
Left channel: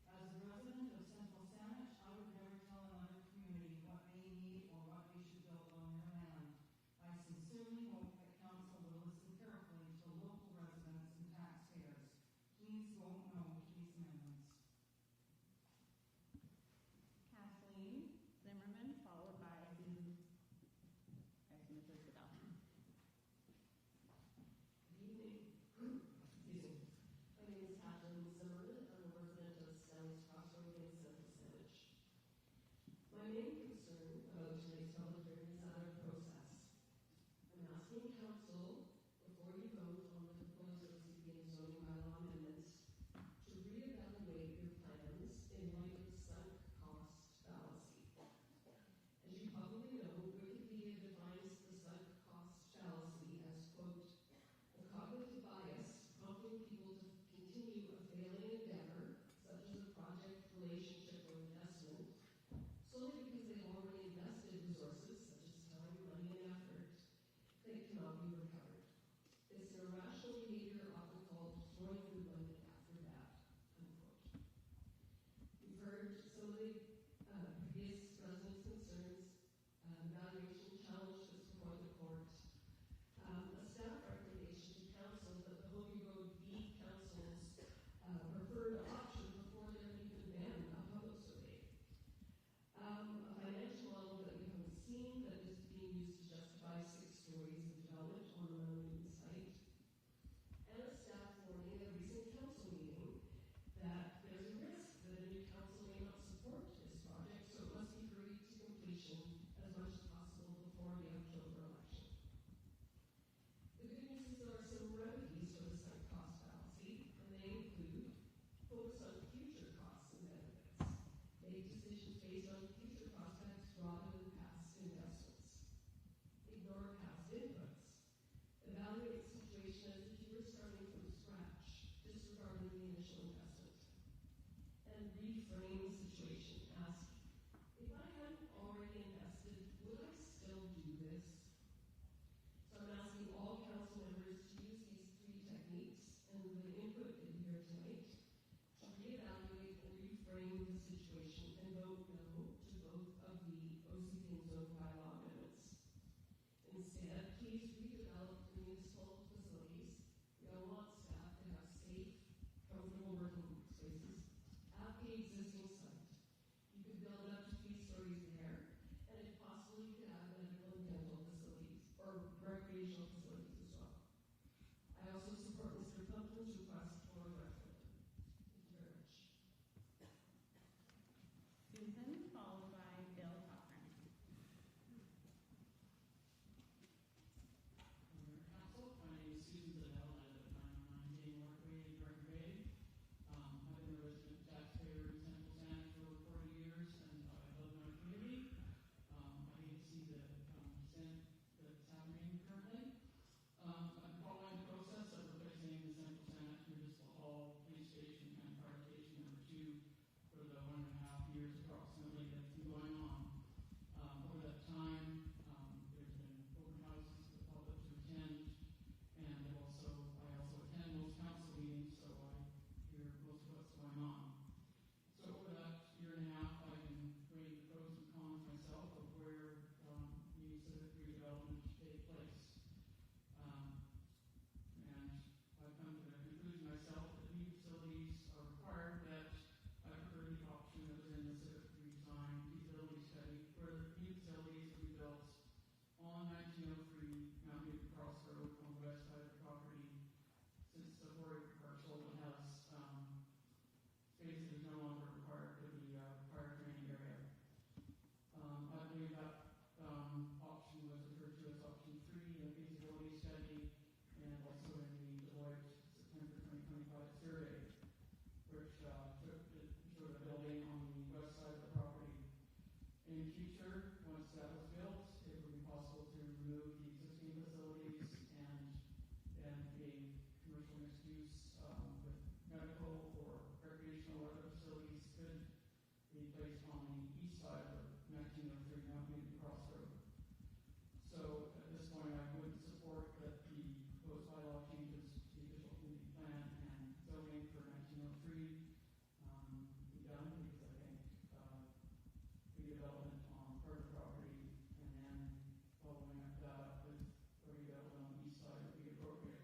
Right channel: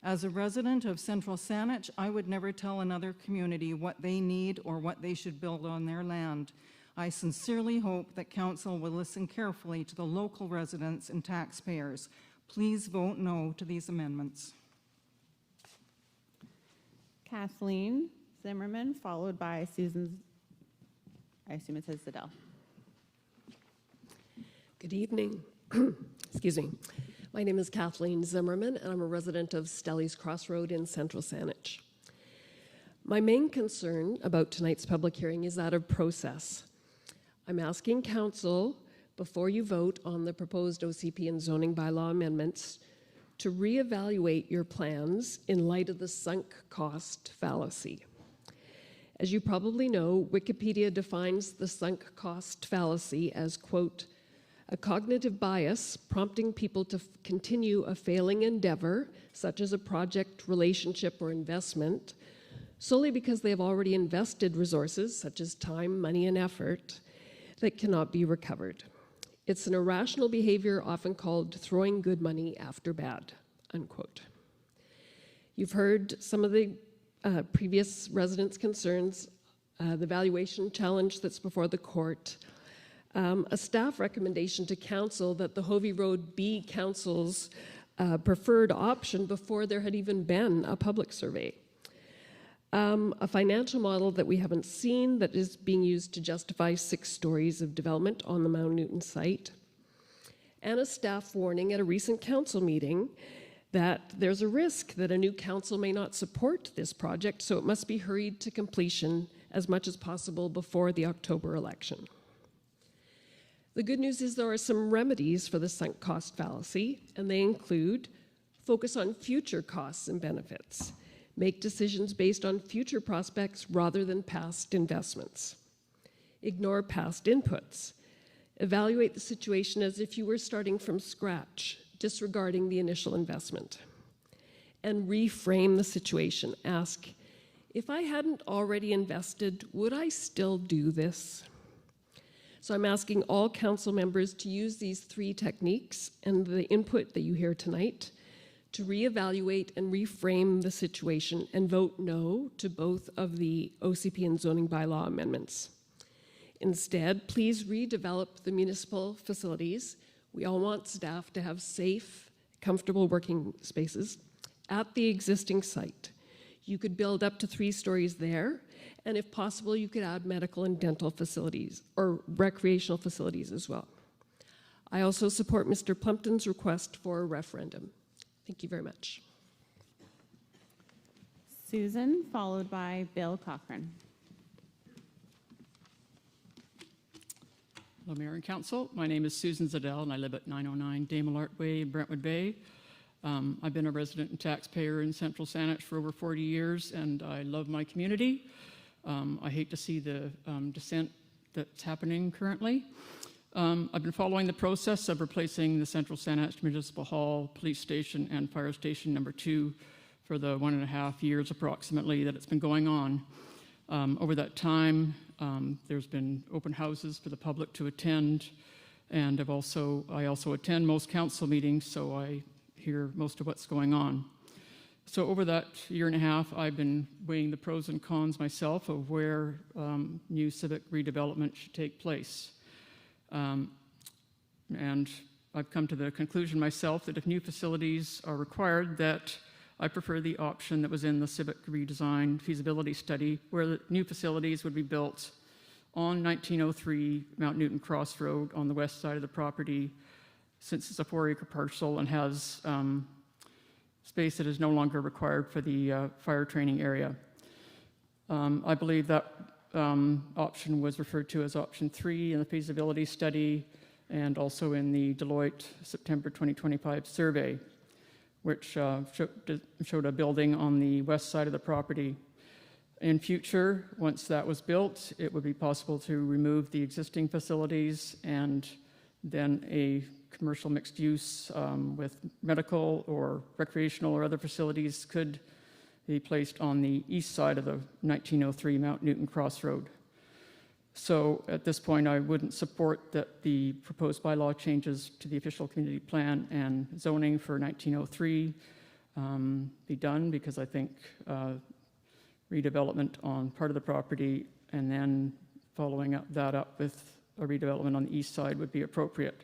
As a resident of Central Saanich, I would never tell another community what they need or what they should build on their land. I sincerely hope that Council will listen carefully to the local residents and taxpayers. Please vote no to these amendments. Kathleen Zimmerman, followed by Susan, I assume it says Zadell. Good evening. Excuse me. My name is Kathleen Zimmerman, and I'm a resident of Stelly's Crossroad in Central Saanich. My main concern about tonight's public hearing is that of process. I'm asking Council, before you vote on the proposed OCP and zoning bylaw amendments, to reevaluate your plans in light of the sunk cost fallacy. As you probably know, Wikipedia defines the sunk cost fallacy as, quote, a cognitive bias prompting people to continue a failing endeavor, such as a project, relationship, or investment, solely because they have already invested resources, such as time, money, and effort, that cannot be recovered. It's an irrational behavior often called throwing good money after bad, unquote. You've heard some of the previous residents' concerns, the valuation challenge that's before the court, a staff recommendation to council that the Hovey Road be council's preferred option before there had even been a public survey. A financial model that we haven't seen that is being used to justify 6 stories of development on the Mount Newton site, and a staff warning at a recent council meeting that there's a risk that a new council may not support this project, so it must be hurried to completion as much as possible before the October election. The good news is there are some remedies for the sunk cost fallacy, and they include focus on future costs and benefits, make decisions based on future prospects rather than past investments, ignore past inputs, evaluate the situation as if you were starting from scratch, disregarding the initial investment, and reframe the situation. Ask, if I hadn't already invested, would I still do this? So I'm asking all council members to use these 3 techniques and the input that you hear tonight to reevaluate and reframe the situation and vote no to both of the OCP and zoning bylaw amendments. Instead, please redevelop the municipal facilities. We all want staff to have safe, comfortable working spaces at the existing site. You could build up to 3 stories there, and if possible, you could add medical and dental facilities or recreational facilities as well. I also support Mr. Plumpton's request for a referendum. Thank you very much. Susan, followed by Bill Cochran. Hello, Mayor and Council. My name is Susan Zadell, and I live at 909 Damelart Way in Brentwood Bay. I've been a resident and taxpayer in Central Saanich for over 40 years, and I love my community. I hate to see the dissent that's happening currently. I've been following the process of replacing the Central Saanich Municipal Hall, Police Station, and Fire Station number 2 for the 1.5 years approximately that it's been going on. Over that time, there's been open houses for the public to attend, and I also attend most council meetings, so I hear most of what's going on. So over that 1.5 years, I've been weighing the pros and cons myself of where new civic redevelopment should take place. And I've come to the conclusion myself that if new facilities are required, that I prefer the option that was in the civic redesign feasibility study, where the new facilities would be built on 1903 Mount Newton Crossroad on the west side of the property, since it's a 4-acre parcel and has space that is no longer required for the fire training area. I believe that option was referred to as option 3 in the feasibility study and also in the Deloitte September 2025 survey, which showed a building on the west side of the property. In future, once that was built, it would be possible to remove the existing facilities, and then a commercial mixed use with medical or recreational or other facilities could be placed on the east side of the 1903 Mount Newton Crossroad. So at this point, I wouldn't support that the proposed bylaw changes to the official community plan and zoning for 1903 be done, because I think redevelopment on part of the property and then following that up with a redevelopment on the east side would be appropriate.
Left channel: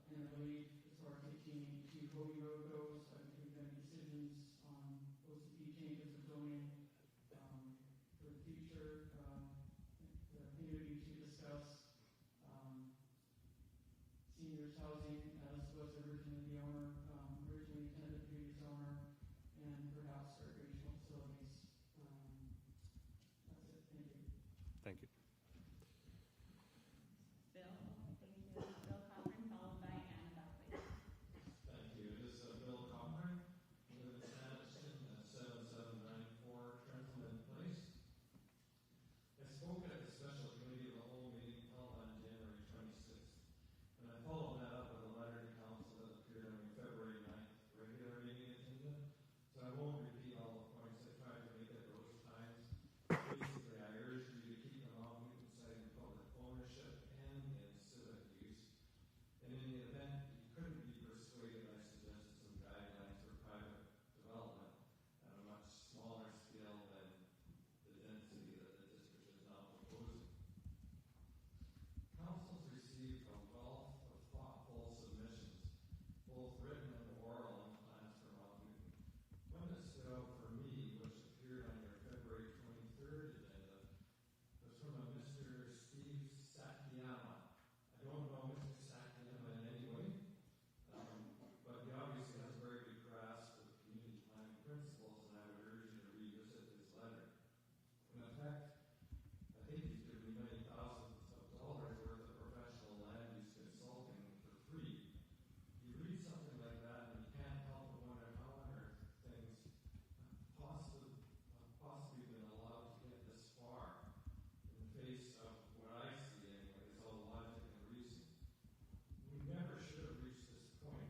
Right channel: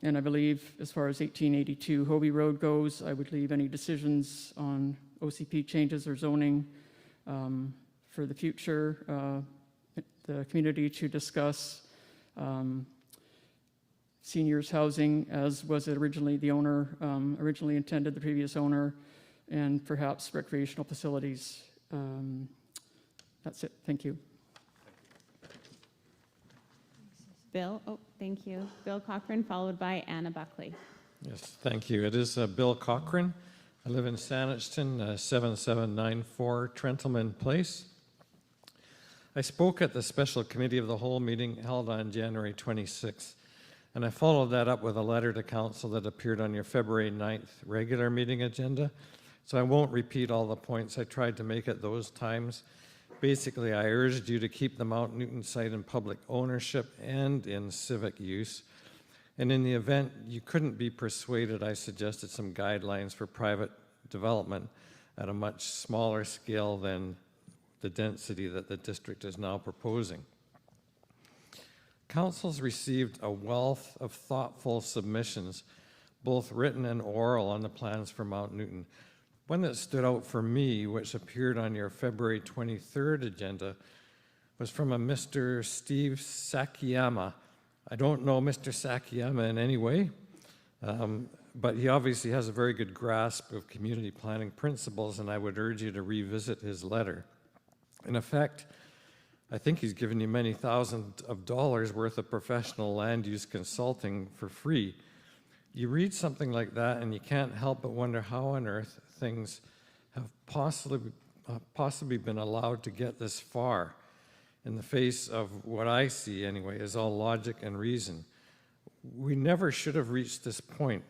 And I believe as far as 1882 Hobie Road goes, I would leave any decisions on OCP changes or zoning for the future, the community to discuss seniors housing, as was originally the owner, originally intended, the previous owner, and perhaps recreational facilities. That's it. Thank you. Thank you. Bill, thank you. Bill Cochran, followed by Anna Buckley. Yes, thank you. It is Bill Cochran. I live in Saanich, 7794 Trentleman Place. I spoke at the special committee of the whole meeting held on January 26th, and I followed that up with a letter to council that appeared on your February 9th regular meeting agenda. So I won't repeat all the points I tried to make at those times. Basically, I urged you to keep the Mount Newton site in public ownership and in civic use. And in the event you couldn't be persuaded, I suggested some guidelines for private development at a much smaller scale than the density that the district is now proposing. Council's received a wealth of thoughtful submissions, both written and oral, on the plans for Mount Newton. One that stood out for me, which appeared on your February 23rd agenda, was from a Mr. Steve Sakiyama. I don't know Mr. Sakiyama in any way, but he obviously has a very good grasp of community planning principles, and I would urge you to revisit his letter. In effect, I think he's given you many thousands of dollars worth of professional land use consulting for free. You read something like that and you can't help but wonder how on earth things have possibly been allowed to get this far in the face of what I see anyway is all logic and reason. We never should have reached this point.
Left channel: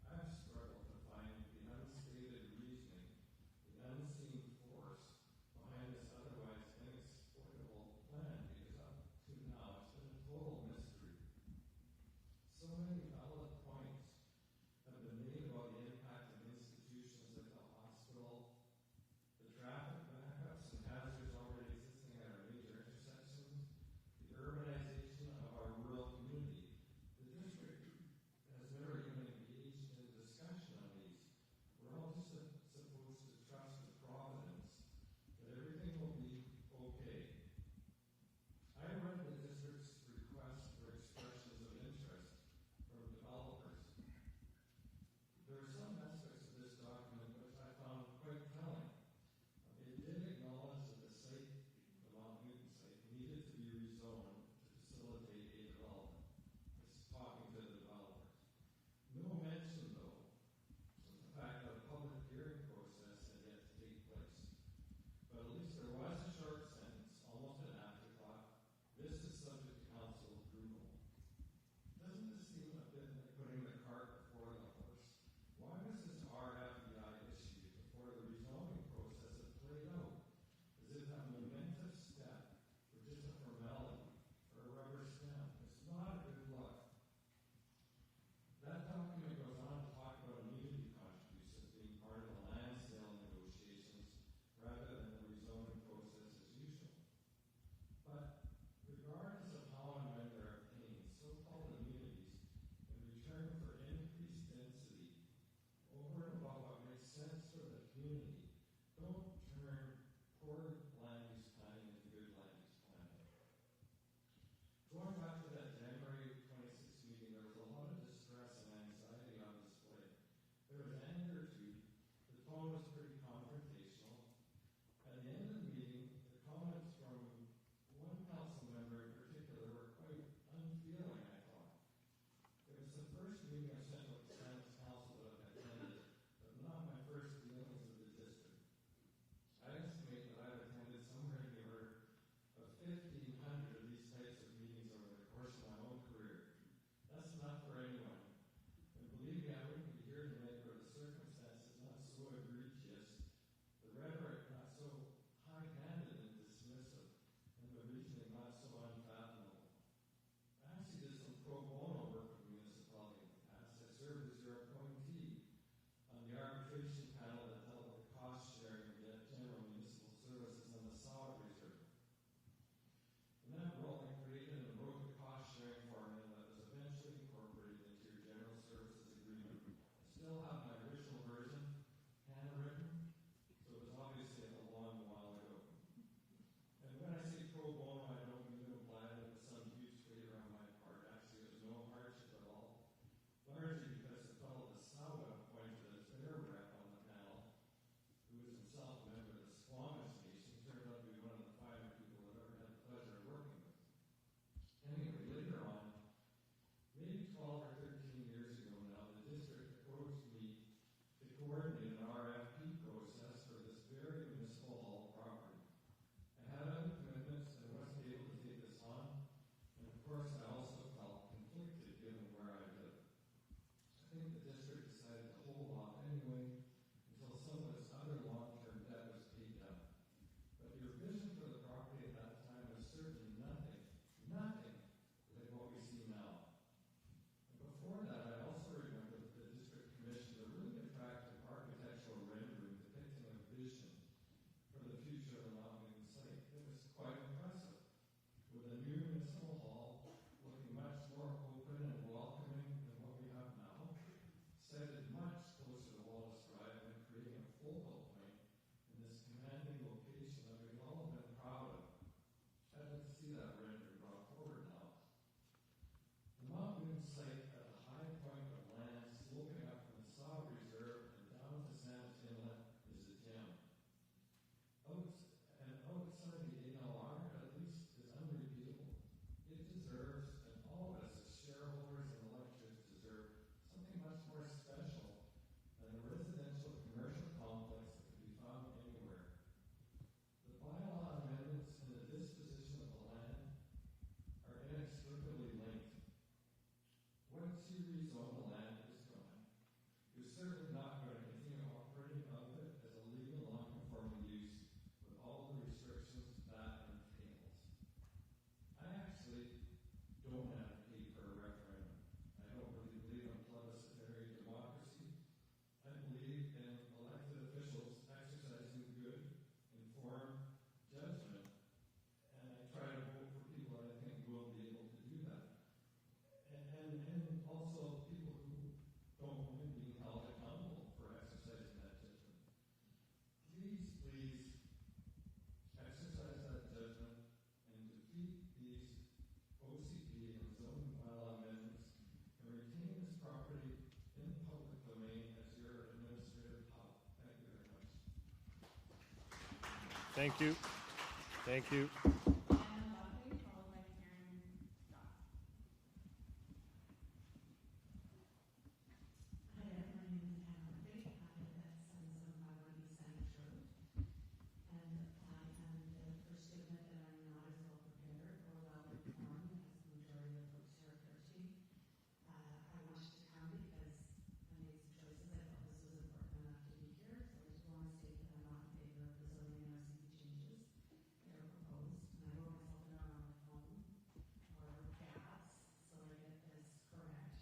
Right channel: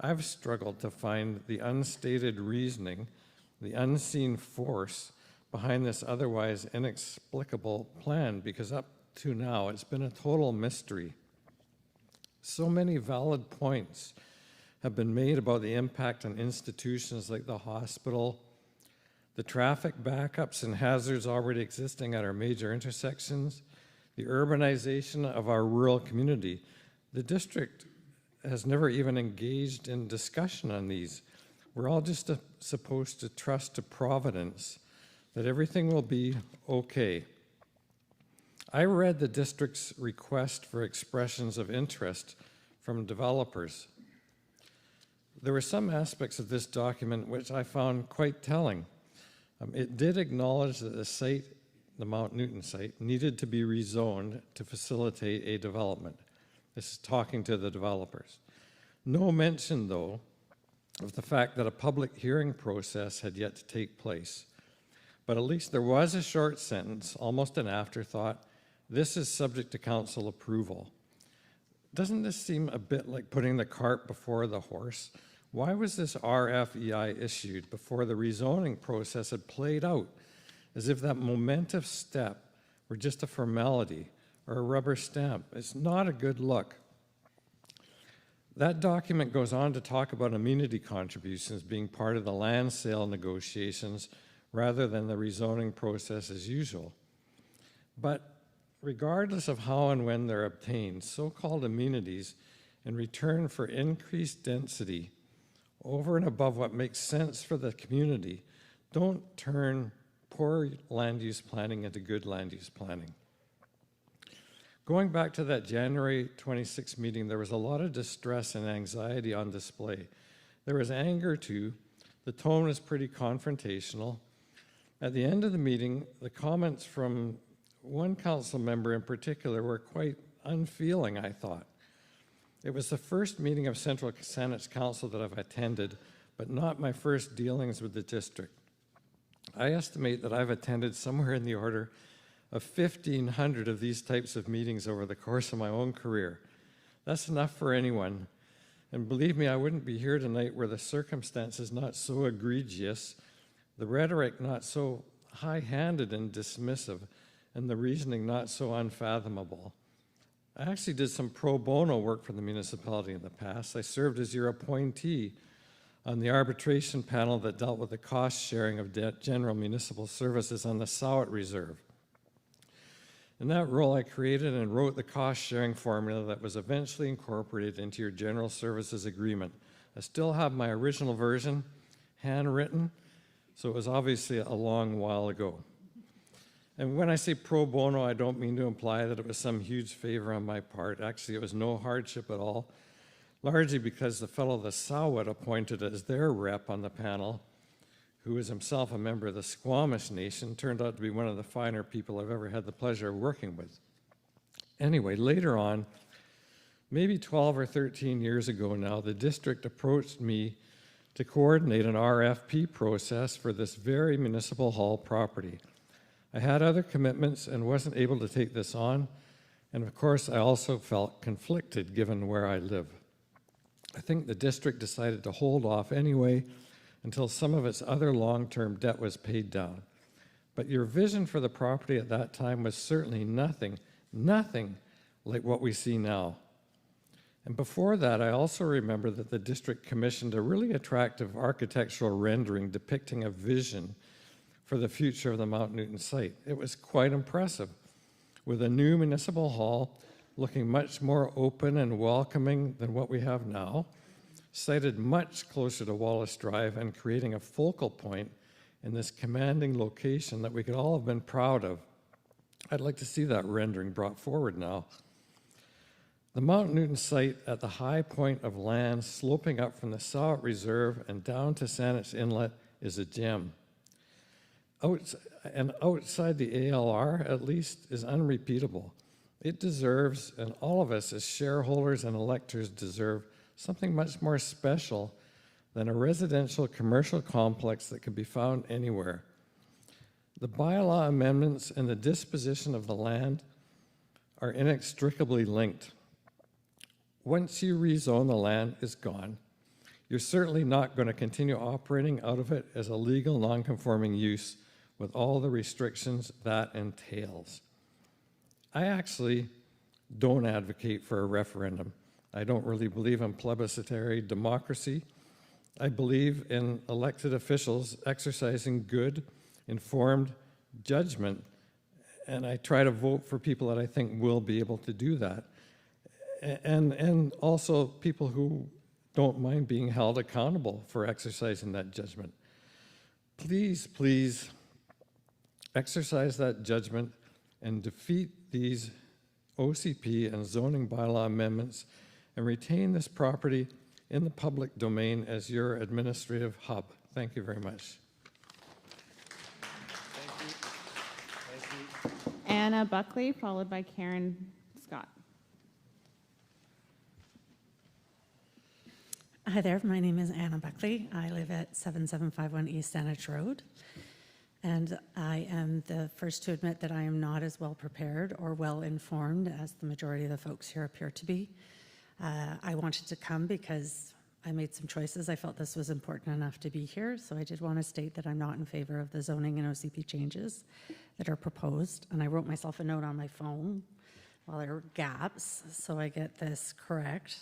I've struggled to find the unstated reasoning, the unseen force behind this otherwise inexplicable plan, because up to now it's been a total mystery. So many valid points have been made about the impact on institutions like the hospital, the traffic backups and hazards already existing at our major intersections, the urbanization of our rural community. The district has never even engaged in discussion on these. We're all just supposed to trust to Providence that everything will be okay. I read the district's request for expressions of interest from developers. There were some aspects of this document which I found quite telling. It did acknowledge that the site, the Mount Newton site, needed to be rezoned to facilitate a development. This is talking to the developers. No mention, though, of the fact that a public hearing process had yet to take place. But at least there was a short sentence, almost an afterthought, This is subject to council approval. Doesn't this seem a bit like putting the cart before the horse? Why was this RFEI issued before the rezoning process had played out, as if that momentous step were just a formality or a rubber stamp? It's not a good look. That document goes on to talk about amenity contributions being part of the land sale negotiations rather than the rezoning process as usual. But regardless of how and when they're obtained, so-called amenities in return for increased density over and above what makes sense for the community don't turn poor land use planning into good land use planning. Going back to that January 26th meeting, there was a lot of distress and anxiety on display. There was anger too. The tone was pretty confrontational. At the end of the meeting, the comments from one council member in particular were quite unfeeling, I thought. It was the first meeting of Central Saanich Council that I've attended, but not my first dealings with the district. I estimate that I've attended somewhere in the order of 1,500 of these types of meetings over the course of my own career. That's enough for anyone. And believe me, I wouldn't be here tonight were the circumstances not so egregious, the rhetoric not so high-handed and dismissive, and the reasoning not so unfathomable. I actually did some pro bono work for the municipality in the past. I served as your appointee on the arbitration panel that dealt with the cost sharing of general municipal services on the Sowett Reserve. In that role, I created and wrote the cost sharing formula that was eventually incorporated into your general services agreement. I still have my original version handwritten, so it was obviously a long while ago. And when I say pro bono, I don't mean to imply that it was some huge favor on my part. Actually, it was no hardship at all, largely because the fellow the Sowett appointed as their rep on the panel, who is himself a member of the Squamish Nation, turned out to be one of the finer people I've ever had the pleasure of working with. Anyway, later on, maybe 12 or 13 years ago now, the district approached me to coordinate an RFP process for this very municipal hall property. I had other commitments and wasn't able to take this on, and of course I also felt conflicted given where I live. I think the district decided to hold off anyway until some of its other long-term debt was paid down. But your vision for the property at that time was certainly nothing like what we see now. And before that, I also remember that the district commissioned a really attractive architectural rendering depicting a vision for the future of the Mount Newton site. It was quite impressive, with a new municipal hall looking much more open and welcoming than what we have now, sited much closer to Wallace Drive and creating a focal point in this commanding location that we could all have been proud of. I'd like to see that rendering brought forward now. The Mount Newton site at the high point of land sloping up from the Sowett Reserve and down to Saanich Inlet is a gem. Outside the ALR, at least, is unrepeatable. It deserves, and all of us as shareholders and electors deserve, something much more special than a residential commercial complex that can be found anywhere. The bylaw amendments and the disposition of the land are inextricably linked. Once you rezone, the land is gone. You're certainly not going to continue operating out of it as a legal non-conforming use with all the restrictions that entails. I actually don't advocate for a referendum. I don't really believe in plebiscitary democracy. I believe in elected officials exercising good, informed judgment, and I try to vote for people that I think will be able to do that. And also people who don't mind being held accountable for exercising that judgment. Please, please exercise that judgment and defeat these OCP and zoning bylaw amendments and retain this property in the public domain as your administrative hub. Thank you very much. Thank you. Thank you. Anna Buckley, followed by Karen Scott. Hi there, my name is Anna Buckley. I live at 7751 East Saanich Road. And I am the first to admit that I am not as well prepared or well informed as the majority of the folks here appear to be. I wanted to come because I made some choices. I felt this was important enough to be here, so I did want to state that I'm not in favor of the zoning and OCP changes that are proposed. And I wrote myself a note on my phone while there were gaps, so I get this correct.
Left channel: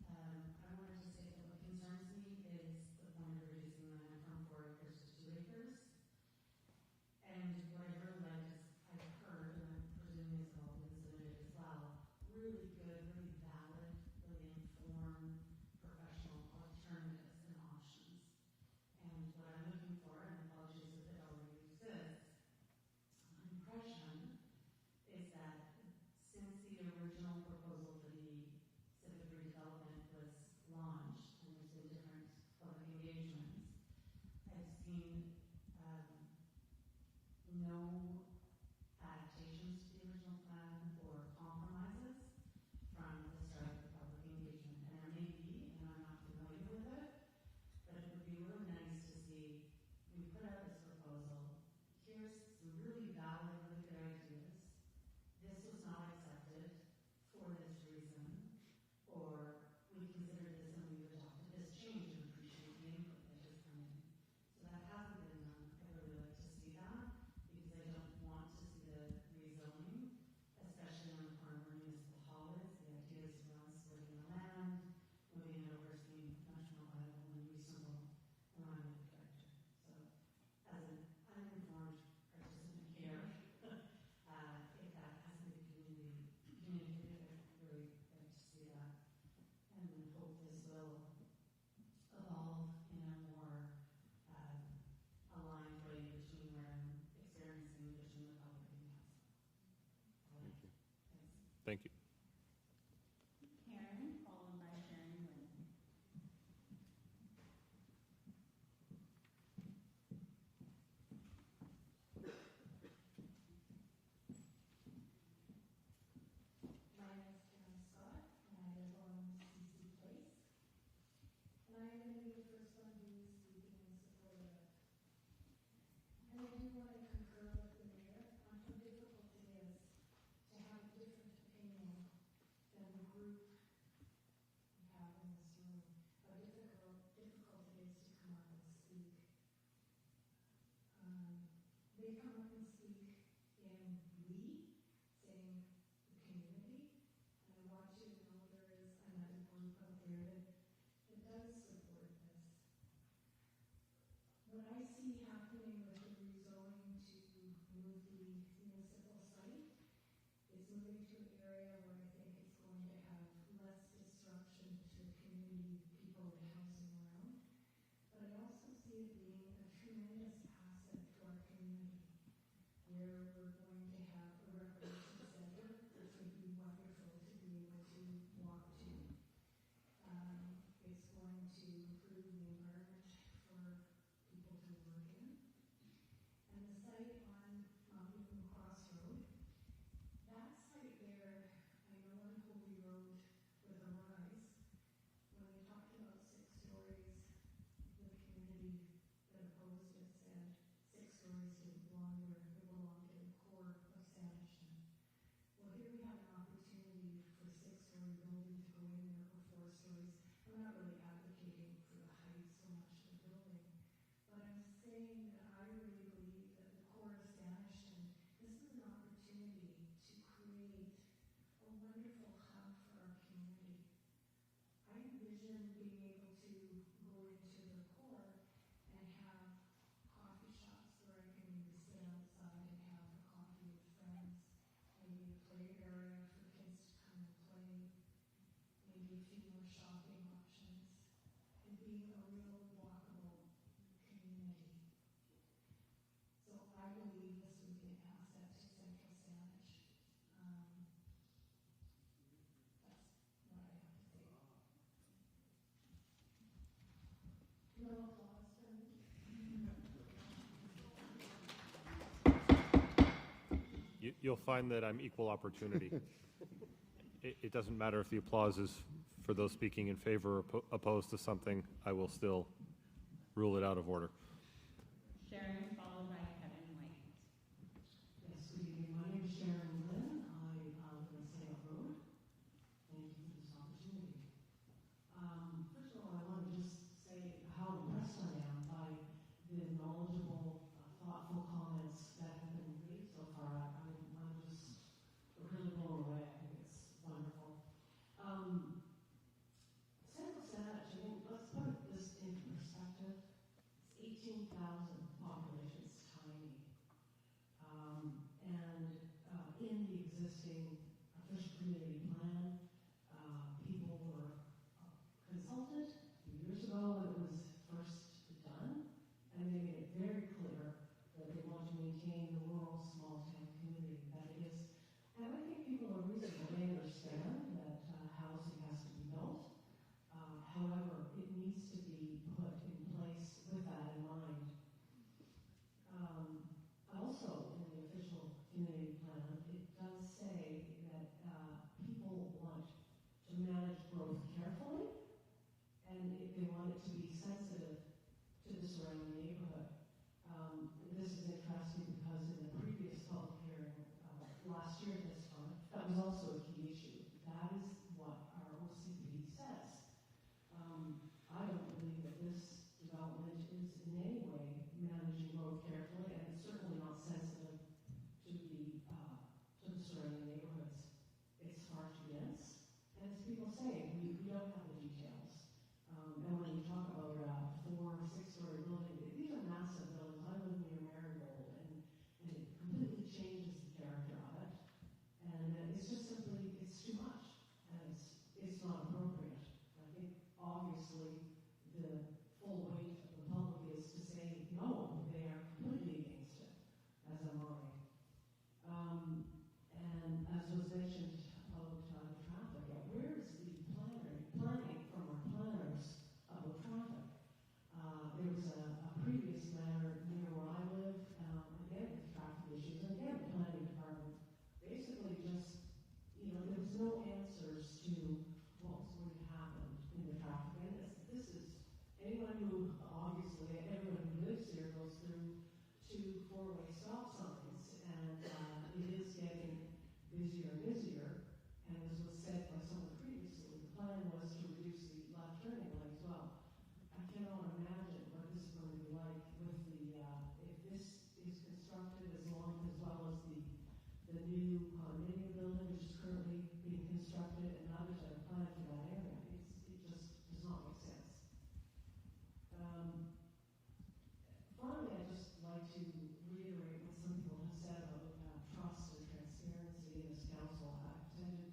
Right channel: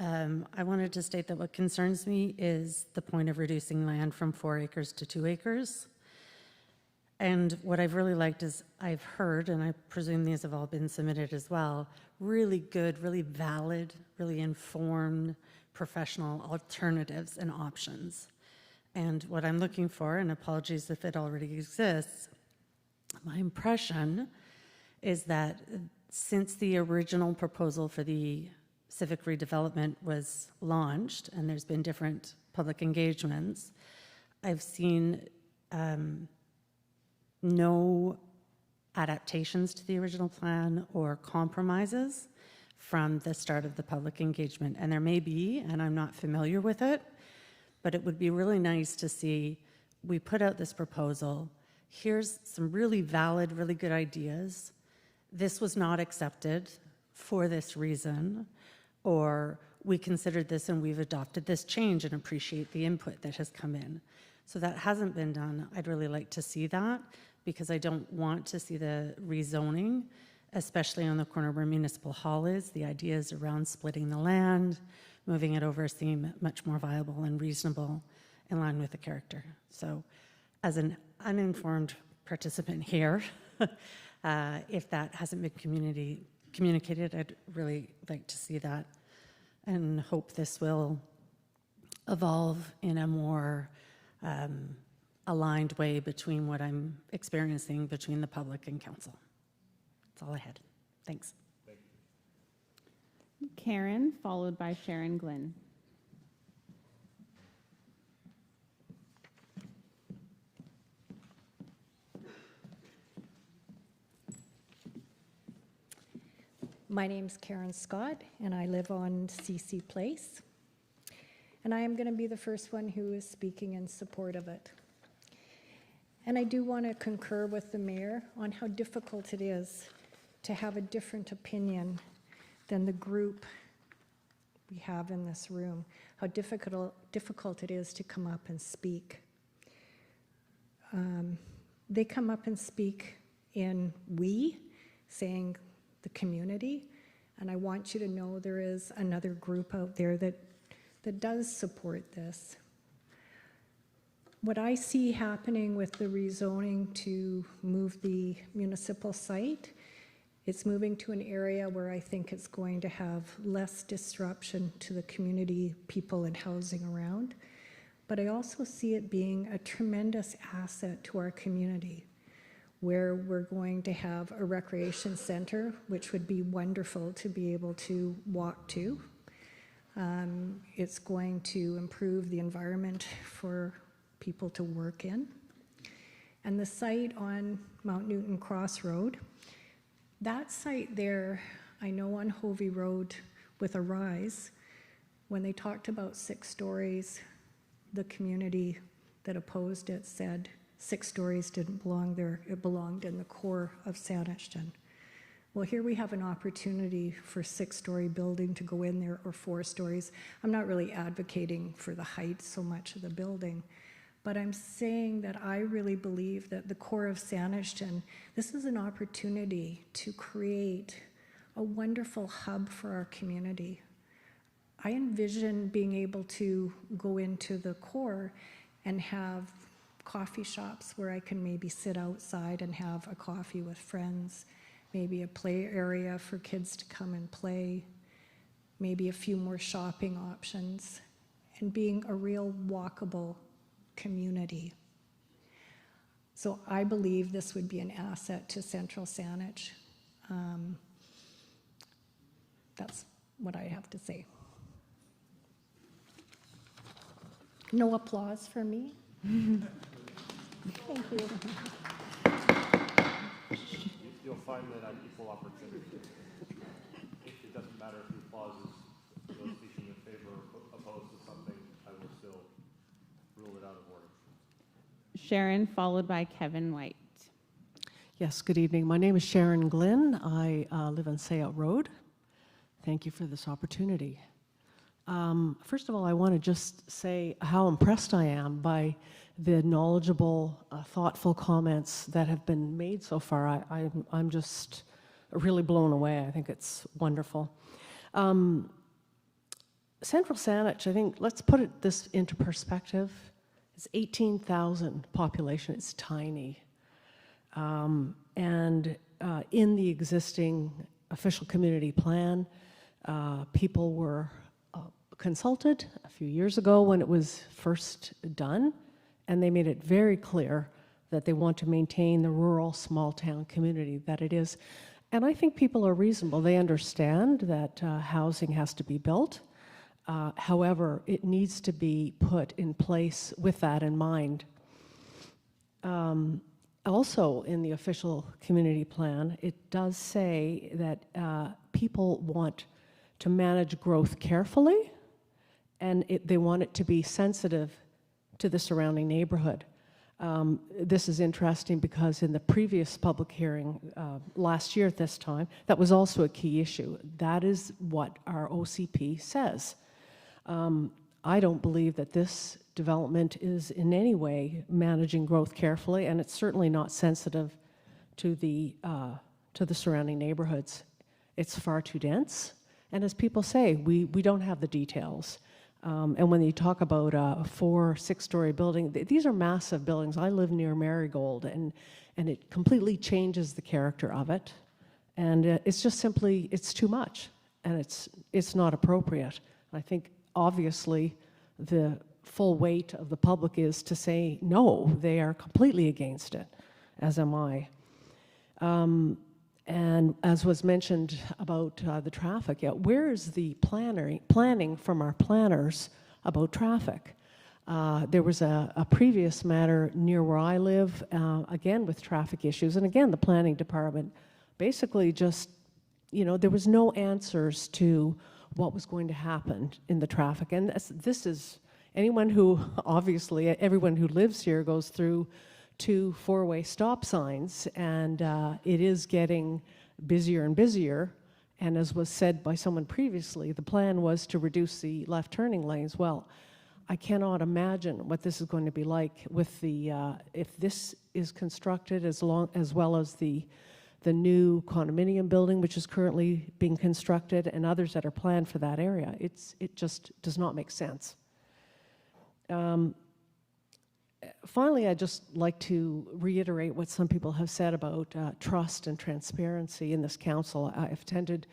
I wanted to state that what concerns me is the point of reducing land from 4 acres to 2 acres. And what I've really liked is I've heard, and I presume these have all been submitted as well, really good, really valid, really informed, professional alternatives and options. And what I'm looking for, and apologies if it already exists, my impression is that since the original proposal for the civic redevelopment was launched, and there's been different public engagements, I've seen no adaptations to the original plan or compromises from the start of the public engagement. And there may be, and I'm not familiar with it, but it would be really nice to see, we put out this proposal, here's some really valid, really good ideas. This was not accepted for this reason, or we considered this and we've adopted this change and appreciate the input that has come in. So that hasn't been done. I'd really like to see that, because I don't want to see the rezoning, especially on the corner where Municipal Hall is. The ideas around splitting the land, moving it over seem much more viable and reasonable in line with the character. So as an uninformed participant here, if that hasn't been communicated, I'd really like to see that and hope this will evolve in a more aligned way between what I'm experiencing between the public and council. That's all I had. Thanks. Thank you. Karen, followed by Sharon Glynn. My name's Karen Scott, and I live on CC Place. And I am going to be the first one who is speaking in support of it. And I do want to concur with the mayor on how difficult it is to have a different opinion than the group we have in this room, how difficult it is to come up and speak. They come up and speak in we, saying the community, and I want you to know there is another group out there that does support this. What I see happening with the rezoning to move the municipal site, it's moving to an area where I think it's going to have less disruption to the community, people and housing around. But I also see it being a tremendous asset to our community, where we're going to have a recreation center, which would be wonderful to be able to walk to. It's going to improve the environment for people to work in. And the site on Mount Newton Crossroad, that site there, I know on Hovey Road with Arise, when they talked about 6 stories, the community that opposed it said 6 stories didn't belong there, it belonged in the core of Saanich. Well, here we have an opportunity for 6-story building to go in there, or 4 stories. I'm not really advocating for the height so much of the building, but I'm saying that I really believe that the core of Saanich, this is an opportunity to create a wonderful hub for our community. I envision being able to go into the core and have coffee shops where I can maybe sit outside and have a coffee with friends, maybe a play area for kids to come and play, maybe a few more shopping options, and being a real walkable community. So I believe this would be an asset to Central Saanich. That's what I have to say. No applause for me. Thank you. You'll find that I'm equal opportunity. It doesn't matter if the applause is for those speaking in favor or opposed to something, I will still rule it out of order. Sharon, followed by Kevin White. Yes, good evening. My name is Sharon Glynn. I live on Sayout Road. Thank you for this opportunity. First of all, I want to just say how impressed I am by the knowledgeable, thoughtful comments that have been made so far. I'm just really blown away. I think it's wonderful. Central Saanich, I think, let's put this into perspective. It's 18,000 population. It's tiny. In the existing official community plan, people were consulted a few years ago when it was first done, and they made it very clear that they want to maintain the rural small town community that it is. And I think people are reasonable. They understand that housing has to be built. However, it needs to be put in place with that in mind. Also, in the official community plan, it does say that people want to manage growth carefully, and they want it to be sensitive to the surrounding neighborhood. This is interesting because in the previous public hearing last year at this time, that was also a key issue. That is what our OCP says. I don't believe that this development is in any way managing growth carefully, and it's certainly not sensitive to the surrounding neighborhoods. It's far too dense, and as people say, we don't have the details. And when you talk about a 4-, 6-story building, these are massive buildings. I live near Marigold, and it completely changes the character of it. And it's just simply, it's too much, and it's not appropriate. I think, obviously, the full weight of the public is to say, no, they are completely against it, as am I. And as was mentioned about the traffic, where is the planning from our planners about traffic? There was a previous matter near where I live, again with traffic issues, and again the planning department basically just, there was no answers to what was going to happen in the traffic. And this is, anyone who, obviously, everyone who lives here goes through 2 4-way stop signs, and it is getting busier and busier. And as was said by someone previously, the plan was to reduce the left turning lanes. Well, I cannot imagine what this is going to be like with the, if this is constructed as well as the new condominium building, which is currently being constructed, and others that are planned for that area. It just does not make sense. Finally, I'd just like to reiterate what some people have said about trust and transparency in this council. I've attended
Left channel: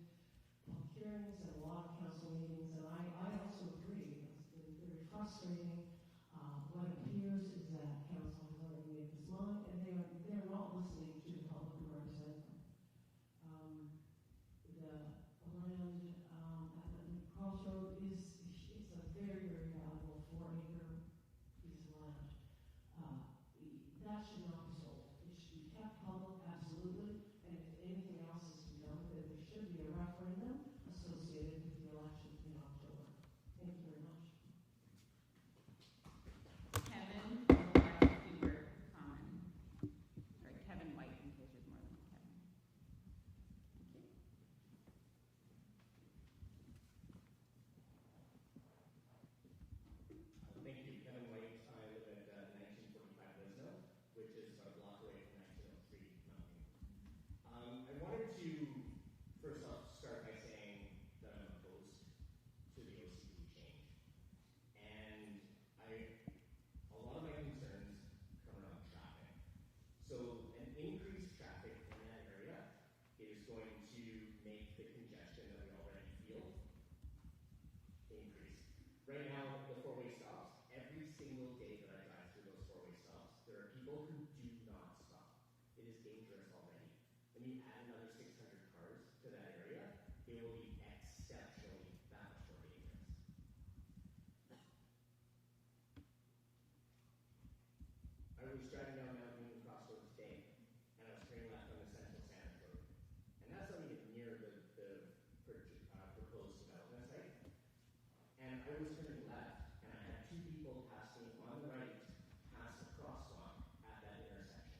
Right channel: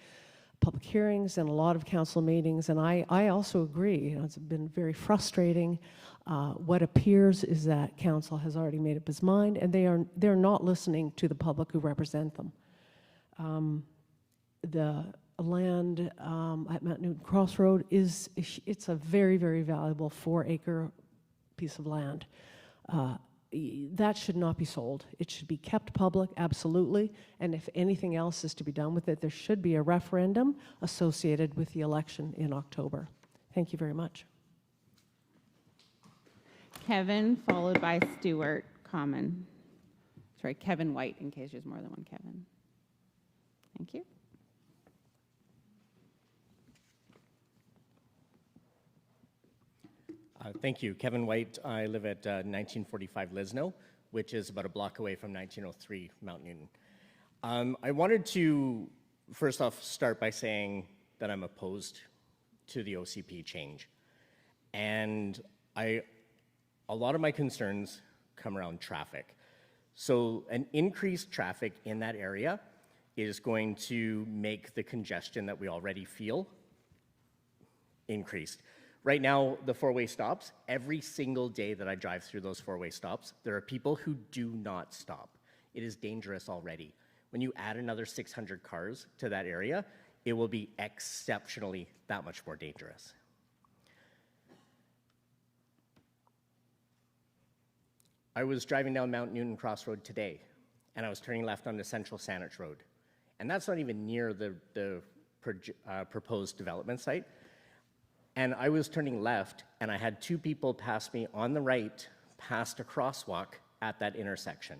public hearings and a lot of council meetings, and I also agree. It's been very frustrating. What appears is that council has already made up its mind, and they're not listening to the public who represent them. The land at Mount Newton Crossroad it's a very, very valuable 4-acre piece of land. That should not be sold. It should be kept public, absolutely, and if anything else is to be done with it, there should be a referendum associated with the election in October. Thank you very much. Kevin, followed by Stuart Common. Sorry, Kevin White, in case there's more than one Kevin. Thank you. Thank you. Kevin White. I live at 1945 Lisno, which is about a block away from 1903 Mount Newton. I wanted to, first off, start by saying that I'm opposed to the OCP change. And a lot of my concerns come around traffic. So an increased traffic in that area is going to make the congestion that we already feel increased. Right now, the 4-way stops, every single day that I drive through those 4-way stops, there are people who do not stop. It is dangerous already. When you add another 600 cars to that area, it will be exceptionally that much more dangerous. I was driving down Mount Newton Crossroad today, and I was turning left onto Central Saanich Road. And that's not even near the proposed development site. And I was turning left, and I had 2 people pass me on the right past a crosswalk at that intersection.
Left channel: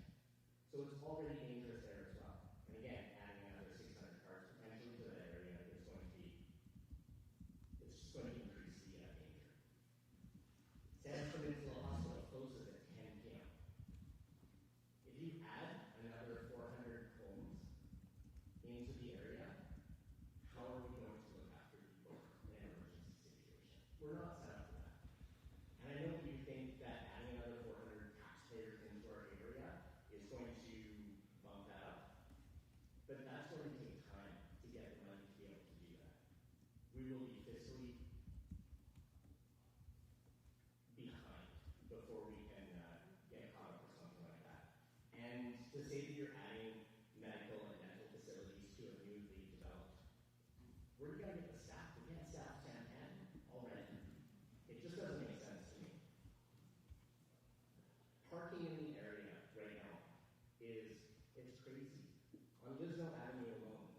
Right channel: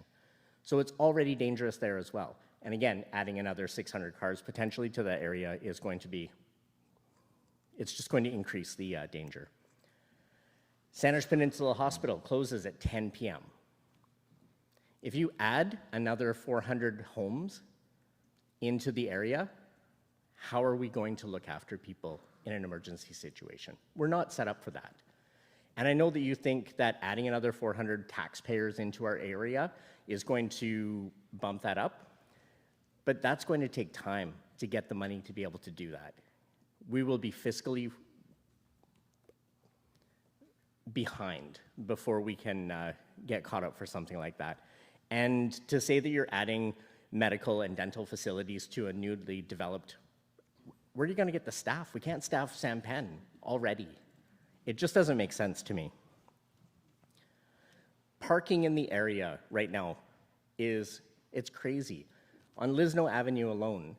So it's already dangerous there as well. And again, adding another 600 cars potentially to that area is going to be, it's just going to increase the danger. Saanich Peninsula Hospital closes at 10 p.m. If you add another 400 homes into the area, how are we going to look after people in an emergency situation? We're not set up for that. And I know that you think that adding another 400 taxpayers into our area is going to bump that up, but that's going to take time to get the money to be able to do that. We will be fiscally behind before we can get caught up for something like that. And to say that you're adding medical and dental facilities to a newly developed, where are you going to get the staff? We can't staff Sampen already. It just doesn't make sense to me. Parking in the area right now it's crazy. On Lisno Avenue alone,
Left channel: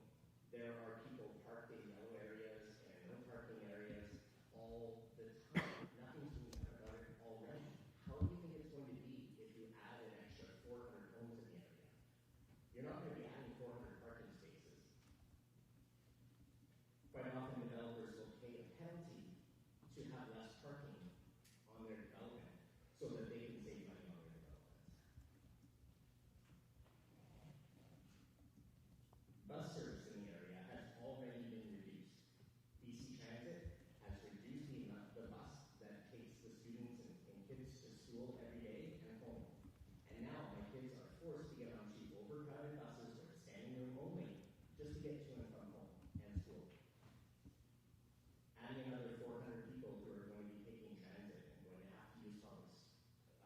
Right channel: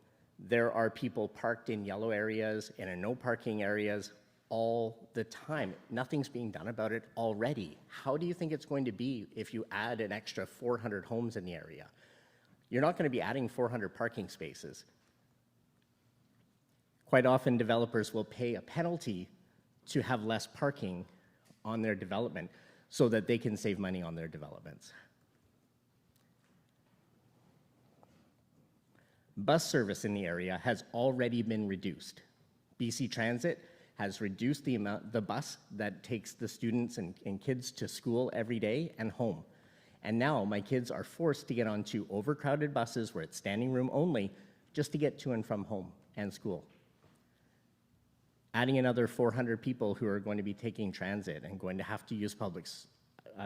there are people parked in yellow areas and in no parking areas all the time. Nothing's being done about it already. How do you think it's going to be if you add an extra 400 homes in the area? You're not going to be adding 400 parking spaces. Quite often, developers will pay a penalty to have less parking on their development so that they can save money on their developments. Bus service in the area has already been reduced. BC Transit has reduced the bus that takes the students and kids to school every day and home. And now my kids are forced to get onto overcrowded buses where it's standing room only just to get to and from home and school. Adding another 400 people who are going to be taking transit and going to have to use public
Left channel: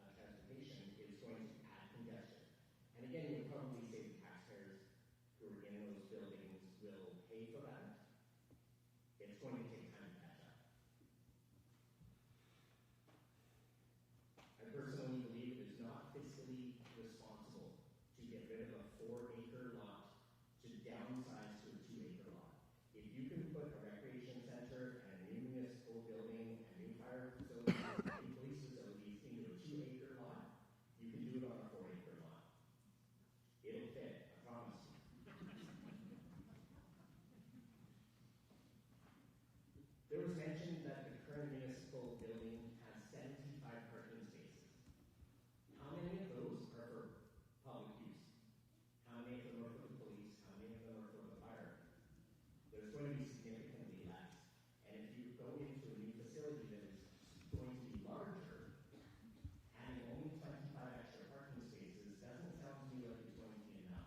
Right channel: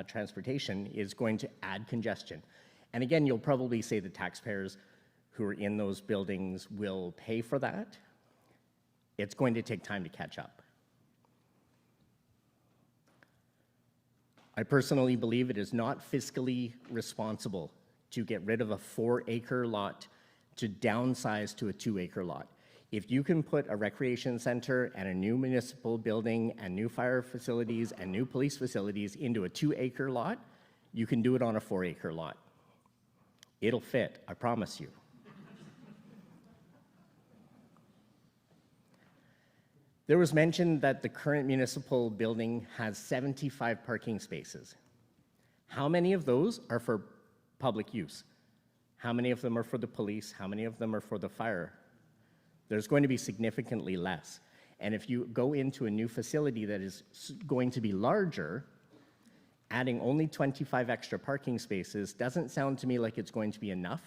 transportation is going to add congestion. And again, you'll probably say the taxpayers who are in those buildings will pay for that. It's going to take time to catch up. I personally believe it is not fiscally responsible to get rid of a 4-acre lot to downsize to a 2-acre lot. If you can put a recreation center and a new municipal building and new fire facilities and new police facilities into a 2-acre lot, you can do it on a 4-acre lot. It'll fit, I promise you. There was mention that the current municipal building has 75 parking spaces. How many of those are for public use? How many of them are for the police? How many of them are for the fire? There's going to be significantly less. And if you go into a new facility that is going to be larger, adding only 25 extra parking spaces doesn't sound to me like it's going to be enough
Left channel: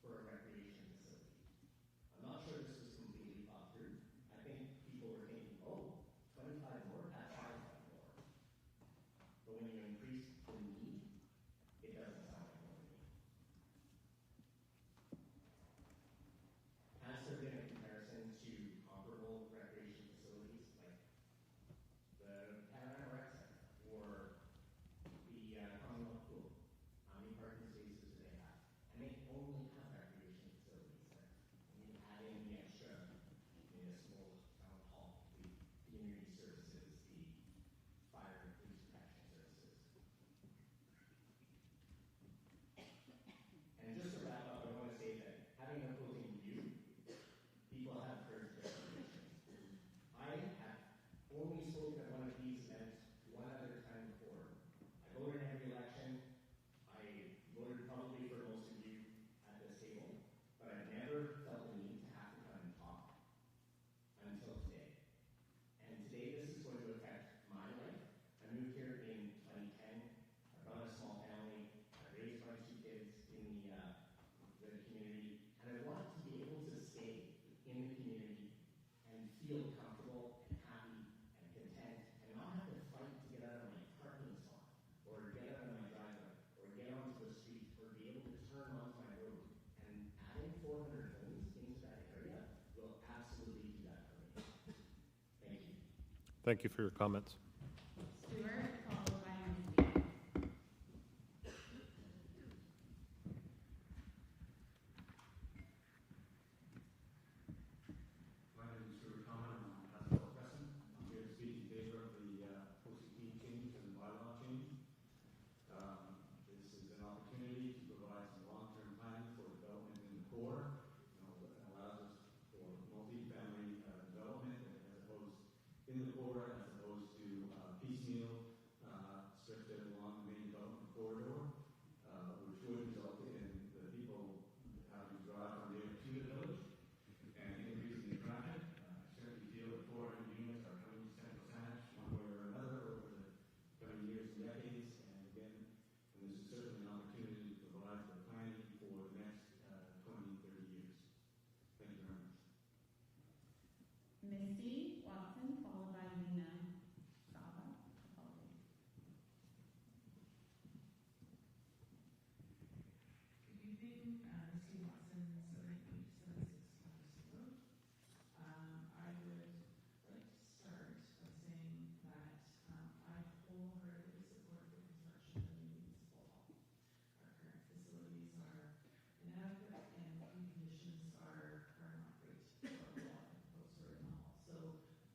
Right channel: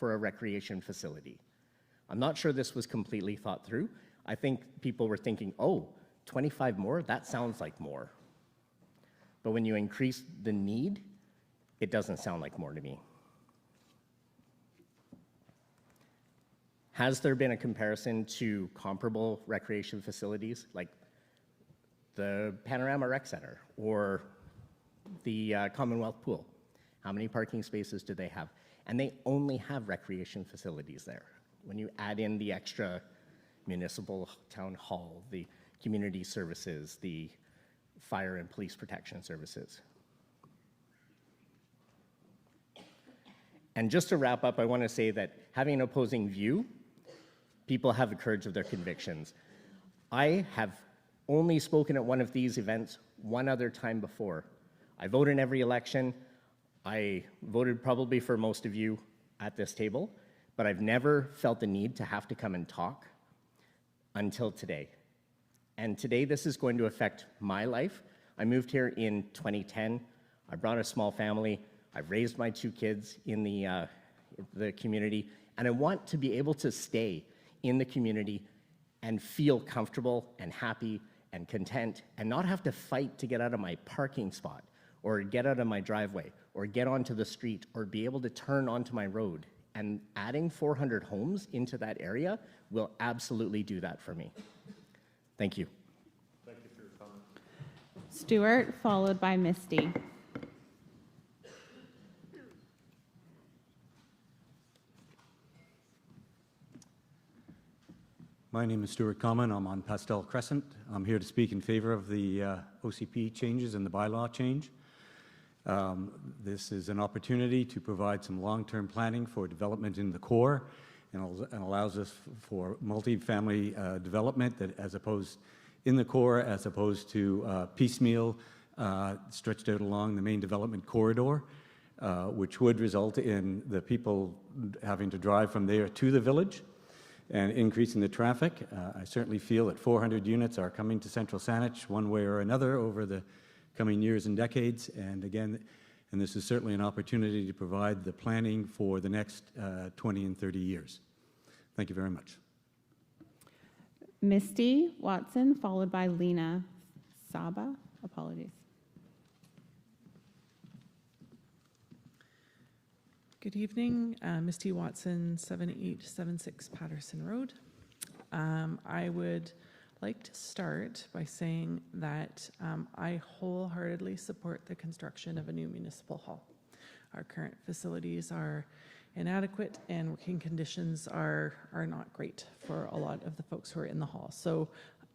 for a recreation facility. I'm not sure this was completely thought through. I think people were thinking, oh, 25 more? That sounds like more. But when you increase the need, it doesn't sound like more to me. Has there been a comparison to comparable recreation facilities like the Panorama Rec Center or the Commonwealth Pool? How many parking spaces do they have? And they only have recreation facilities there. When you add in the extra municipal town hall, the community services, the fire and police protection services. And just to wrap up, I want to say that having an opposing view, people have the courage of their convictions. I have only spoken at one of these events one other time before. I vote in every election. I voted probably for most of you at this table, but I've never felt the need to have to come and talk until today. And today this is going to affect my life. I moved here in 2010. I brought a small family. I raised my 2 kids in the community, and I want to be able to stay in the community and feel comfortable and happy and content and not have to fight to get out of my parking spot or get out of my driveway or get onto the street or be able to turn onto my road. And adding 400 homes into that area will absolutely do that for me. Thank you. Thank you for your comments. Stuart, followed by Misty. My name is Stuart Common. I'm on Pastel Crescent. I'm here to speak in favor of the OCP changes and the bylaw change. This is an opportunity to provide some long-term planning for development in the core and allows us for multi-family development that as opposed in the core as opposed to piecemeal stretched out along the main development corridor, which would result in the people having to drive from there to the village and increasing the traffic. I certainly feel that 400 units are coming to Central Saanich one way or another over the coming years and decades. And again, and this is certainly an opportunity to provide the planning for the next 20 and 30 years. Thank you very much. Misty Watson, followed by Lena Saba. Apologies. Good evening, Misty Watson, 7876 Patterson Road. I would like to start by saying that I wholeheartedly support the construction of a new municipal hall. Our current facilities are inadequate and working conditions are not great for a lot of the folks who are in the hall. So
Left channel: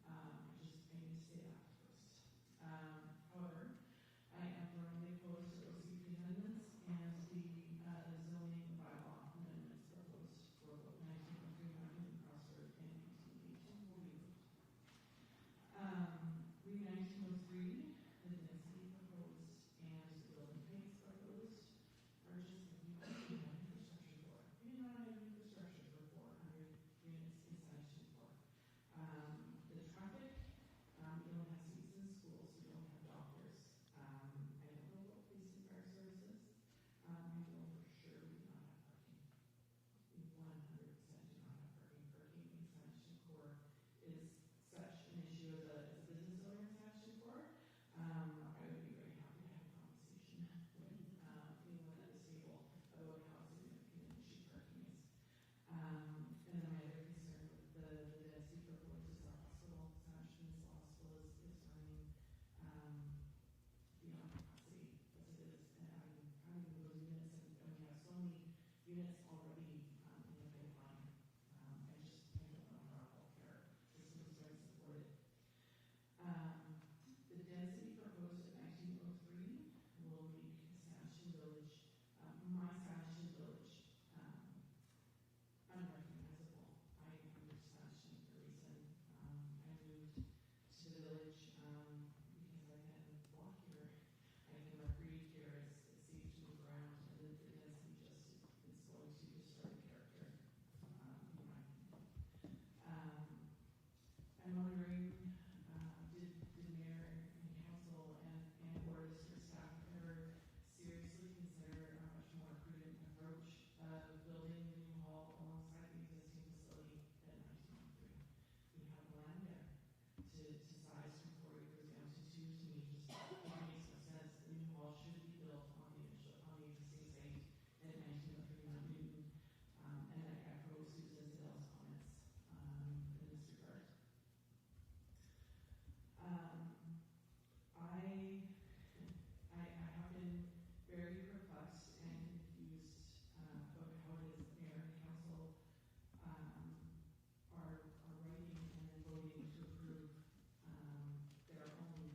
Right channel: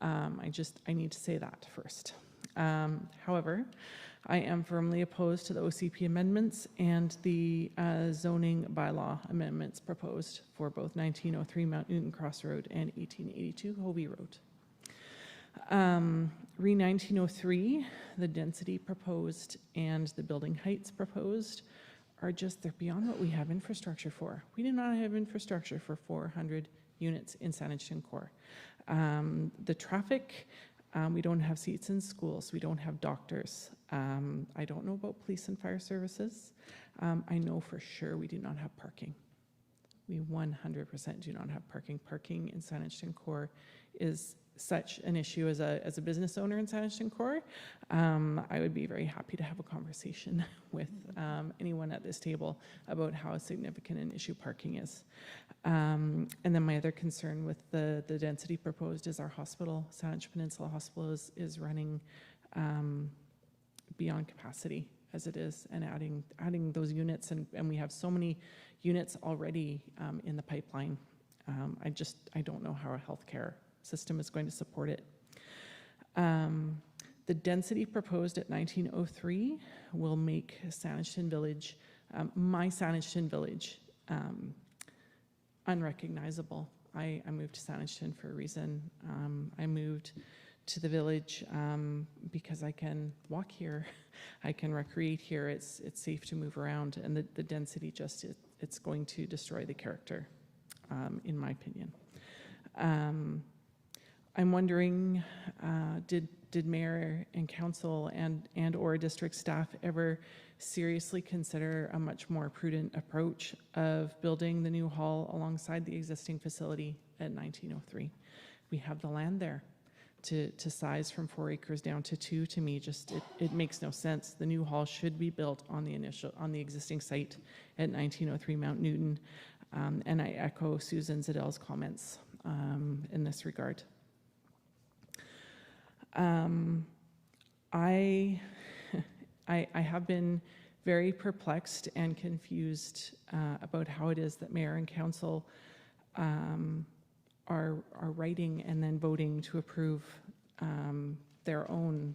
I need to say that first. However, I am firmly opposed to the OCP amendments and the zoning bylaw amendments proposed for both 1903 Mount Newton Cross Road and 1882 Hovey Road. Re 1903, the density proposed and the building heights proposed are just, they're beyond what we have infrastructure for. We do not have infrastructure for 400 units in Saanich Core. The traffic, we don't have seats in schools, we don't have doctors. I don't know about police and fire services. I know for sure we do not have parking. We 100% do not have parking. Parking in Saanich Core is such an issue as a business owner in Saanich Core. I would be very happy to have a conversation with anyone at this table about how significant an issue parking is. And then my other concern with the density proposed is our hospital, Saanich Peninsula Hospital, is running beyond capacity as it is, and adding those units, and we have so many units already in the pipeline. I don't know how our healthcare system is going to support it. The density proposed at 1903 will make Saanich Village, my Saanich Village, unrecognizable. I moved to Saanich for a reason. I moved to the village because I can walk here, I can recreate here, it's safe to move around, and the density just, it's going to destroy the character, in my opinion. I'm wondering, did mayor and council and or district staff ever seriously consider a much more prudent approach of building the new hall alongside the existing facility at 1903? We have the land there. To size from 4 acres down to 2, to me, just it makes no sense. The new hall should be built on the existing site at 1903 Mount Newton, and I echo Susan Zidel's comments in this regard. I have been very perplexed and confused about how it is that mayor and council are writing and then voting to approve their own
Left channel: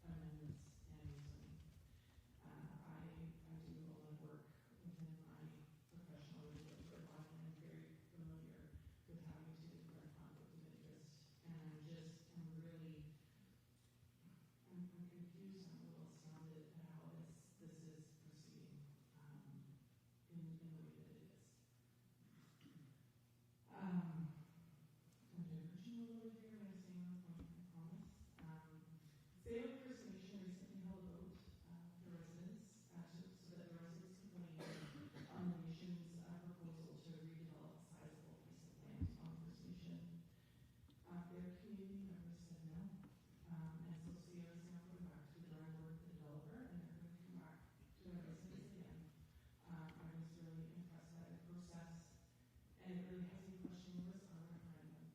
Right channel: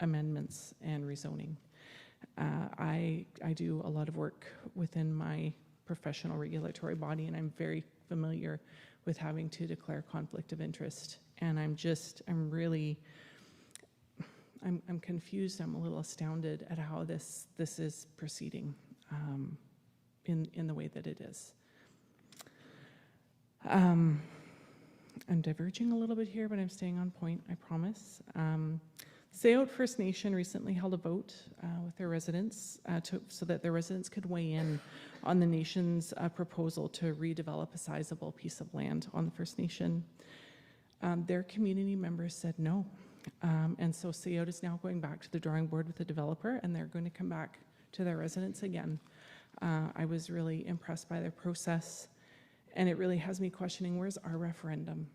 amendments and rezoning. I do a lot of work within my professional regulatory body, and I'm very familiar with having to declare conflict of interest. And I'm confused, I'm a little astounded at how this is proceeding in the way that it is. I'm diverging a little bit here, but I'm staying on point, I promise. Sayote First Nation recently held a vote with their residents so that their residents could weigh in on the nation's proposal to redevelop a sizable piece of land on the First Nation. Their community members said no. And so Sayote is now going back to the drawing board with the developer, and they're going to come back to their residents again. I was really impressed by their process, and it really has me questioning, where's our referendum?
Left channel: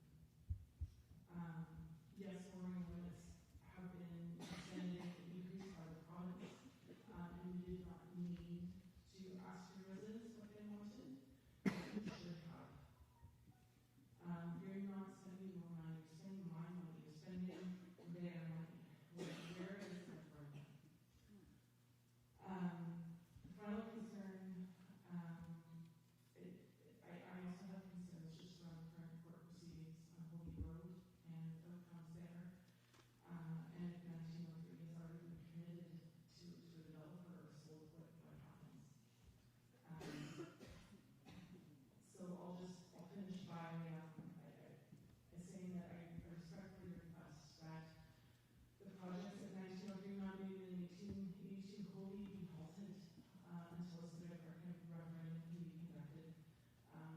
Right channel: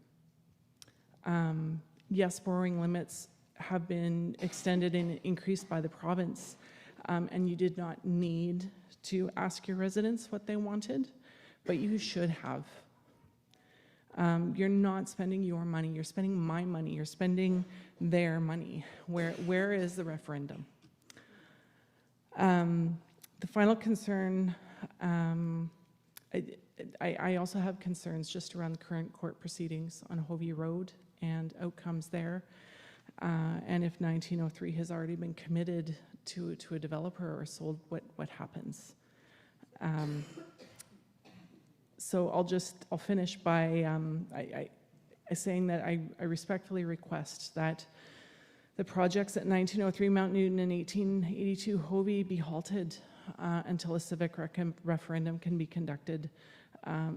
Yes, borrowing limits have been extended and increased by the province, and you did not need to ask your residents what they wanted, but you should have. You're not spending your money, you're spending my money, you're spending their money. Where is the referendum? The final concern, I also have concerns just around the current court proceedings on Hovey Road and outcomes there. And if 1903 has already been committed to a developer or sold, what happens? So I'll finish by saying that I respectfully request that the projects at 1903 Mount Newton and 1882 Hovey be halted until a civic referendum can be conducted,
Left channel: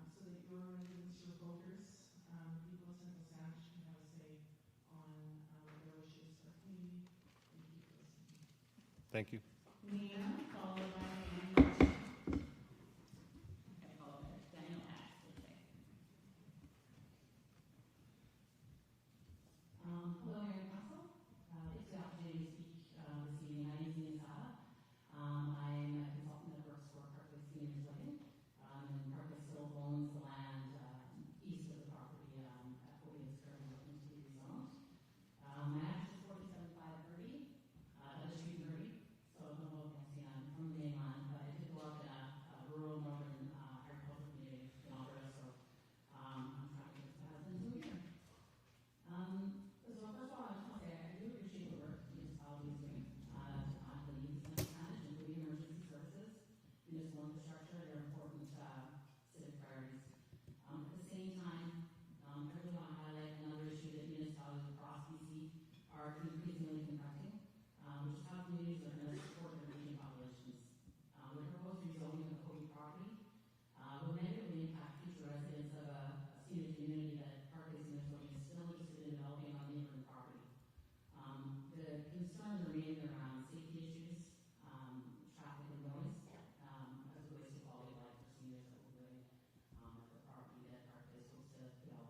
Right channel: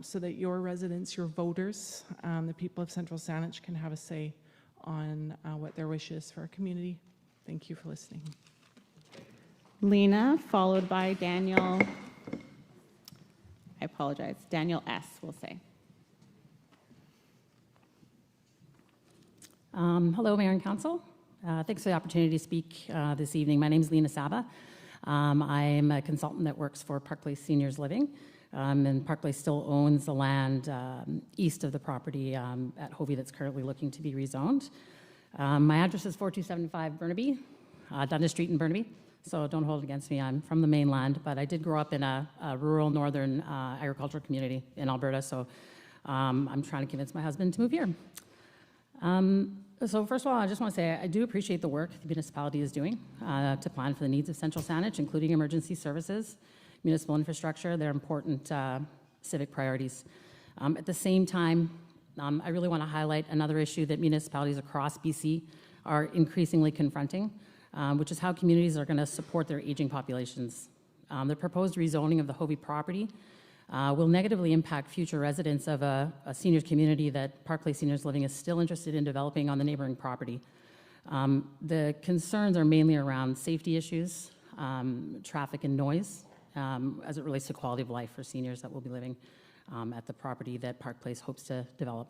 so that your residents, your voters, the people of Central Saanich can have a say on what their wish is for our community. Thank you for listening. Thank you. Lena, followed by Daniel. I apologize. Daniel S. will say. Hello, Mayor and Council. Thanks for the opportunity to speak this evening. My name is Lena Saba. I'm a consultant that works for Park Place Seniors Living, and Park Place still owns the land east of the property at Hovey that's currently looking to be rezoned. My address is 4275 Burnaby, Dundas Street in Burnaby, so don't hold it against me. I'm from the mainland, but I did grow up in a rural northern agricultural community in Alberta, so I'm trying to convince my husband to move here. So first of all, I just want to say I do appreciate the work the municipality is doing to plan for the needs of Central Saanich, including emergency services, municipal infrastructure. They're important civic priorities. At the same time, I really want to highlight another issue that municipalities across BC are increasingly confronting, which is how communities are going to support their aging populations. The proposed rezoning of the Hovey property will negatively impact future residents of a seniors community that Park Place Seniors Living is still interested in developing on the neighboring property. The concerns are mainly around safety issues, traffic and noise, as it relates to quality of life for seniors that will be living at the property that Park Place hopes to develop.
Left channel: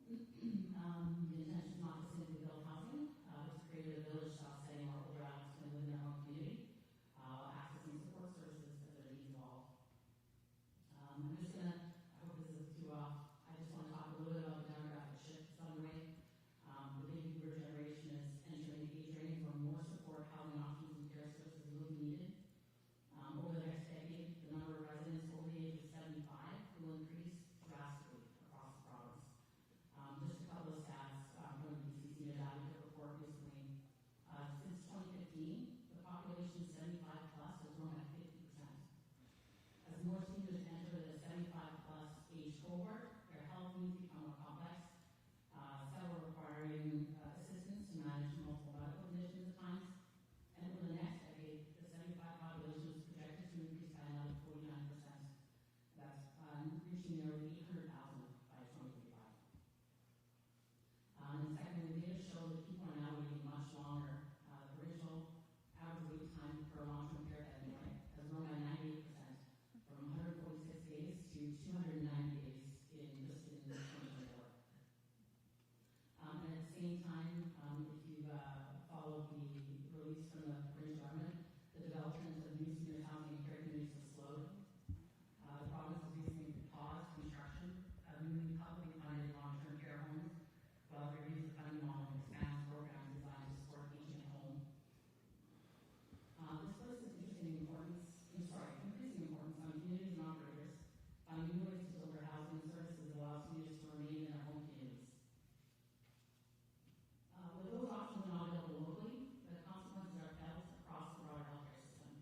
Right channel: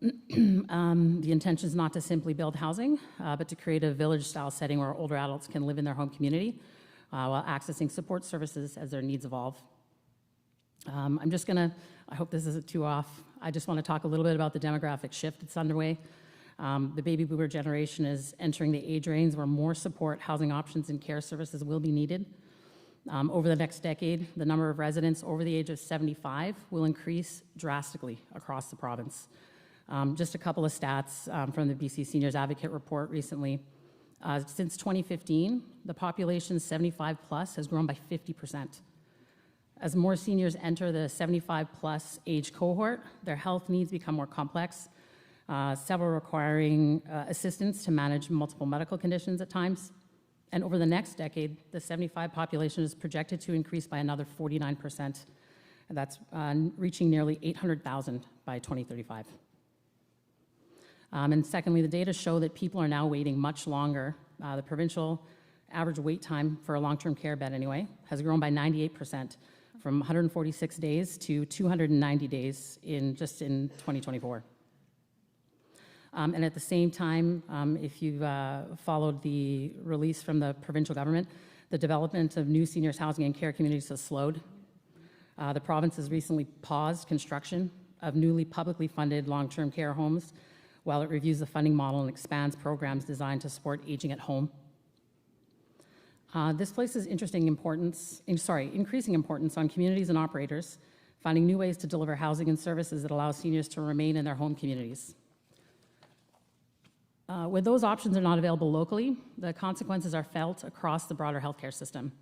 The intention is not to simply build housing, but to create a village-style setting where older adults can live in their home community while accessing support services as their needs evolve. I'm just going to, I hope this isn't too off, I just want to talk a little bit about the demographic shift that's underway. The baby boomer generation is entering the age range where more support, housing options, and care services will be needed. Over the next decade, the number of residents over the age of 75 will increase drastically across the province. Just a couple of stats from the BC Seniors Advocate report recently. Since 2015, the population 75 plus has grown by 50%. As more seniors enter the 75 plus age cohort, their health needs become more complex, several requiring assistance to manage multiple medical conditions at times. And over the next decade, the 75 population is projected to increase by another 49%. And that's reaching nearly 800,000 by 2035. And secondly, the data show that people are now waiting much longer. The provincial average wait time for a long-term care bed anyway has grown by 98%, from 146 days to 290 days in 2024. And at the same time, if you've followed the release from the provincial government, the development of new seniors housing and care communities has slowed. The province has recently paused construction of newly publicly funded long-term care homes while it reviews the funding model and expands programs designed to support aging at home. This places increasing importance on communities and operators, finding new ways to deliver housing and services that allow seniors to remain in their home communities. When those options are not available locally, the consequences are felt across the broader healthcare system.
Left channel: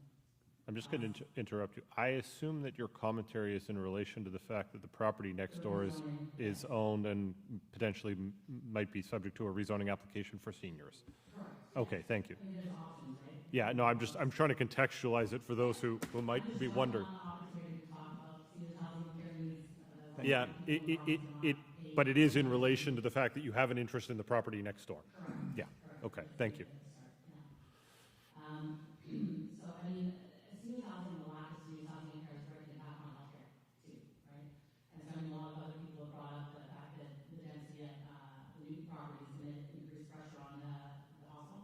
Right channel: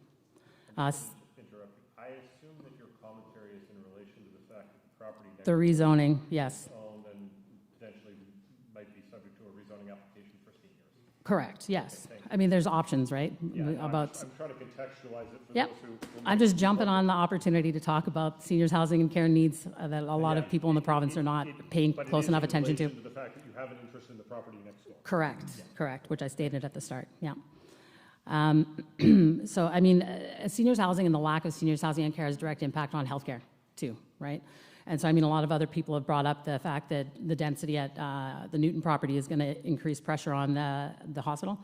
I'm just going to interrupt you. I assume that your commentary is in relation to the fact that the property next The door rezoning, yes. is owned and potentially might be subject to a rezoning application for seniors. Correct, yes. Okay, thank you. I mean, there's options, right? Yeah, no, I'm trying to contextualize it for Yep. those who might I'm just be jumping on wondering. the opportunity to talk about seniors housing and care needs that a lot Yeah, of people in the province are not paying But close it is enough in attention relation to. to the fact that you have an interest in the property next door. Correct, Yeah. correct, which Okay, I thank stated you. at the start, yeah. So, I mean, seniors housing and the lack of seniors housing and care has direct impact on healthcare too, right? And so, I mean, a lot of other people have brought up the fact that the density at the Newton property is going to increase pressure on the hospital.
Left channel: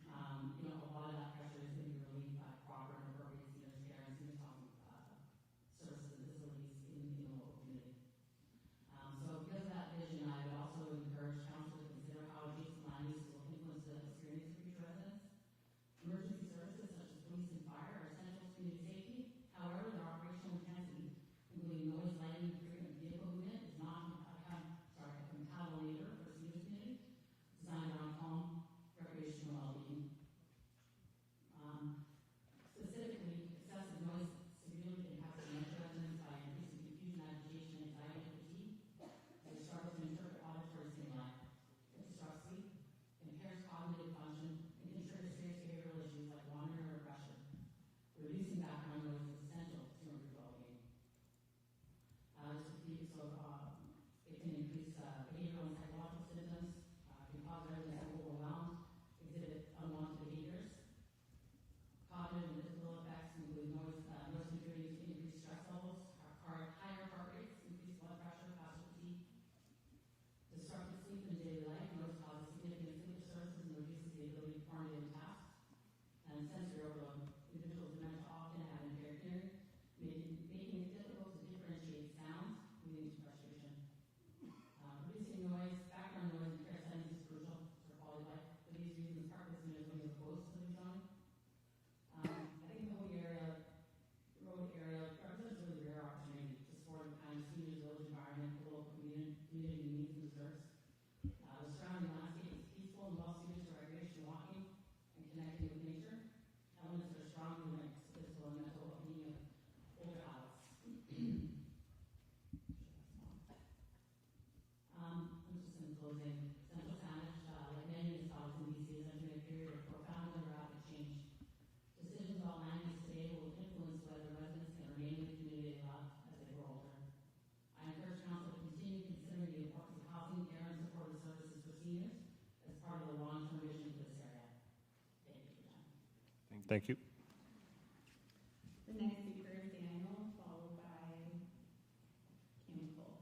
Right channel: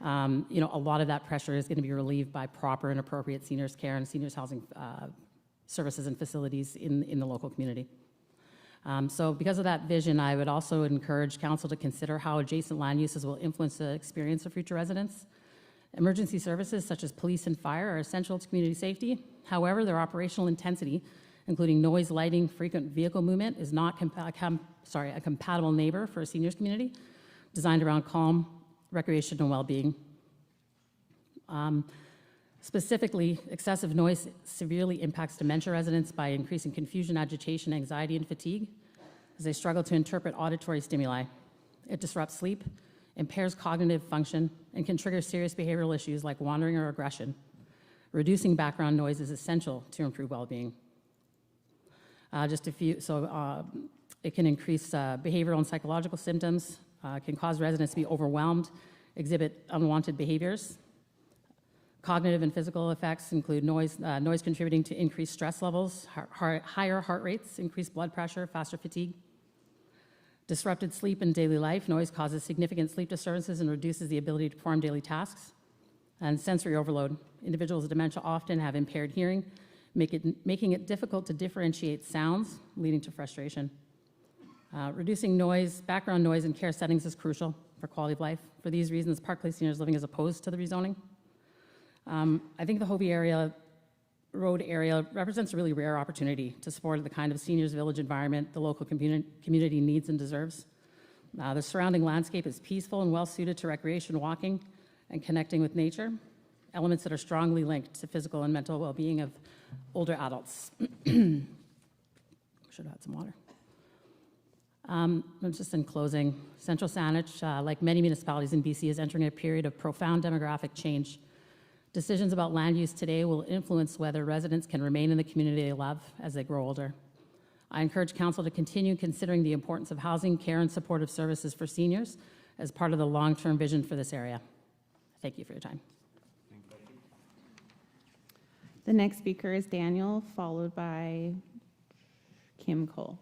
You know, a lot of that pressure is going to be relieved by proper and appropriate seniors care and seniors housing services and facilities in the local community. So because of that vision, I would also encourage council to consider how adjacent land uses will influence the experience of future residents. Emergency services such as police and fire are essential to community safety. However, their operational intensity, including noise, lighting, frequent vehicle movement, is not a compatible neighbor for a seniors community designed around calm, recreation, and well-being. Specifically, excessive noise severely impacts dementia residents by increasing confusion, agitation, anxiety, and fatigue as they struggle to interpret auditory stimuli. It disrupts sleep, impairs cognitive function, and can trigger serious behavioral issues like wandering or aggression. Reducing background noise is essential to improve well-being. It can increase behavioral and psychological symptoms, can cause residents to be overwhelmed, exhibit unwanted behaviors. Cognitive and physical effects include noise contributing to increased stress levels, higher heart rates, increased blood pressure, faster fatigue. Disrupted sleep in daily life. Noise causes significant sleep disturbances and reduces the ability to perform daily tasks. And sensory overload. Individuals with dementia often have impaired hearing, making it difficult to differentiate sounds, leading to frustration. Reducing noise, background noise in care settings is crucial for quality of life. For these reasons, Parkleigh Seniors Living is opposed to the rezoning. I think the Hovey Road area represents a really rare opportunity to support the kind of seniors village environment the local community needs and deserves. The surrounding landscape is peaceful and well suited to recreation, walking, and connecting with nature, elements that are strongly linked to physical and mental well-being of older adults. Should have had some water. Just in closing, Central Saanich, like many municipalities in BC, is entering a period of profound demographic change. Decisions about land use today will influence whether residents can remain in the community they love as they grow older. I encourage Council to continue considering the importance of housing, care, and supportive services for seniors as part of the long-term vision for this area. Thank you for your time. Thank you. The next speaker is Daniel, followed by Kim Cole.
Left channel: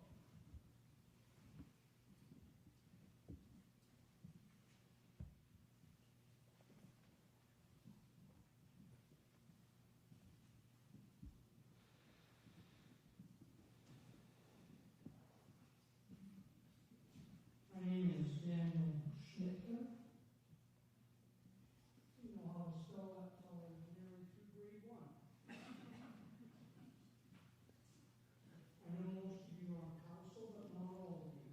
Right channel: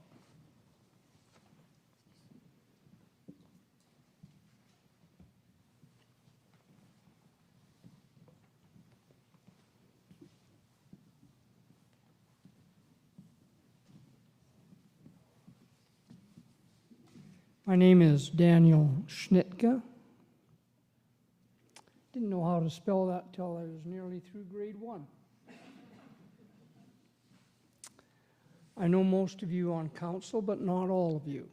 My name is Daniel Schnitka. Didn't know how to spell that till I was nearly through grade 1. I know most of you on council, but not all of you.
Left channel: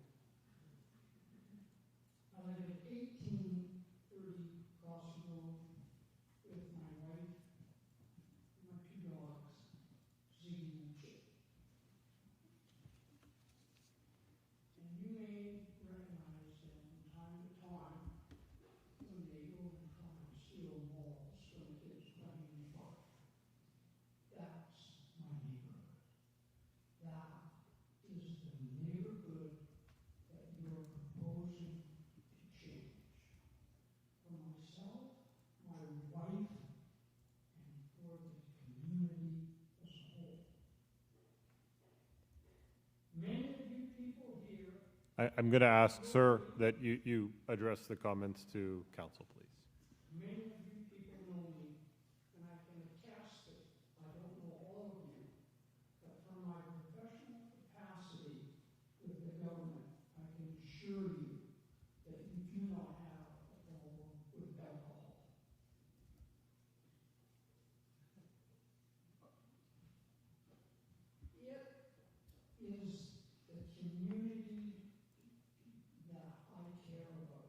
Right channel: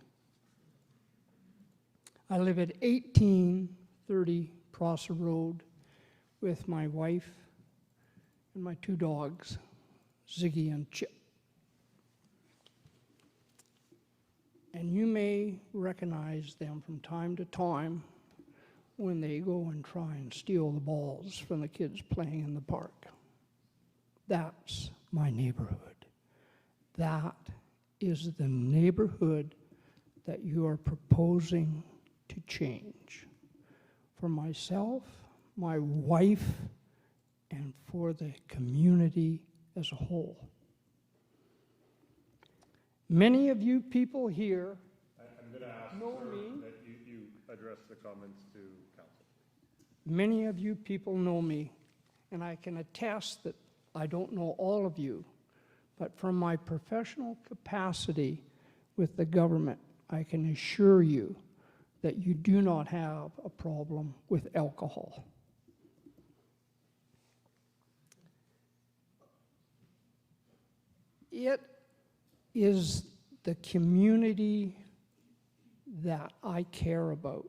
I live at 1830 Prosser Road with my wife and my 2 dogs, Ziggy and Chip. And you may recognize them from time to time when they go and try and steal the balls from the kids playing in the park. That's my neighborhood. That is the neighborhood that you are proposing to change for myself, my wife, and for the community as a whole. Many of you people here... I'm going to ask, sir, that you address the comments to council, please. Many of you people know me, and I can attest that I don't know all of you, but from my professional capacity with the government, I can assure you that you do not have a problem with alcohol. It is the community that I care about.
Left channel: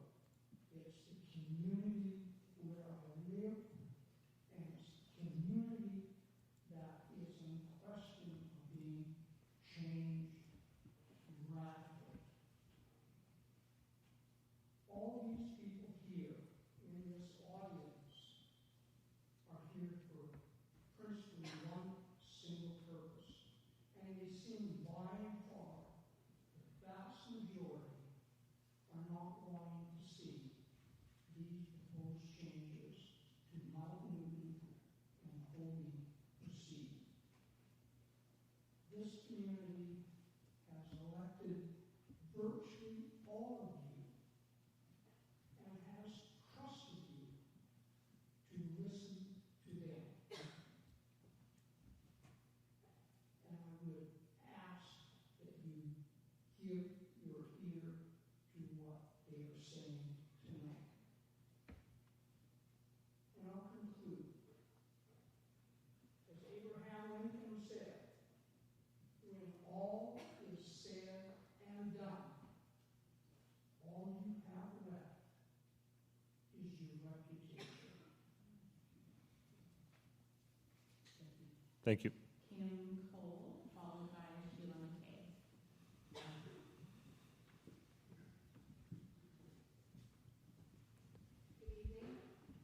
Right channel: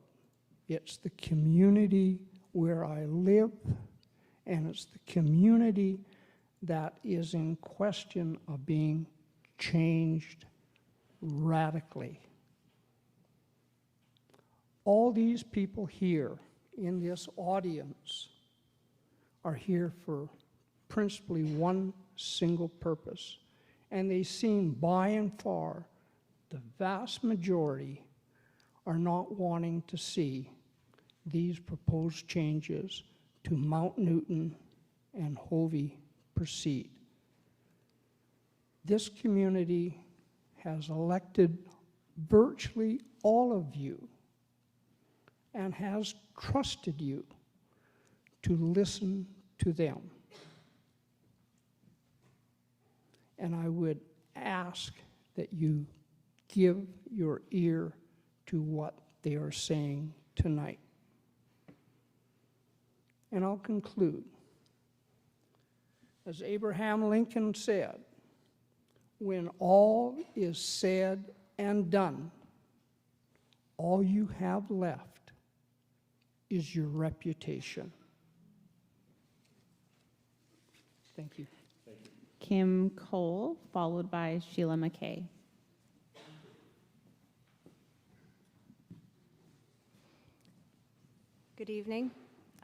It's the community where I live, and it's the community that is in question of being changed radically. All these people here in this audience are here for principally one single purpose, and they seem by and far, the vast majority are not wanting to see these proposed changes to Mount Newton and Hovey proceed. This community has elected virtually all of you and has trusted you to listen to them. And I would ask that you give your ear to what they are saying tonight. And I'll conclude. As Abraham Lincoln said, when all is said and done, all you have left is your reputation. Thank you. Thank you. Kim Cole, followed by Sheila McKay. Good evening.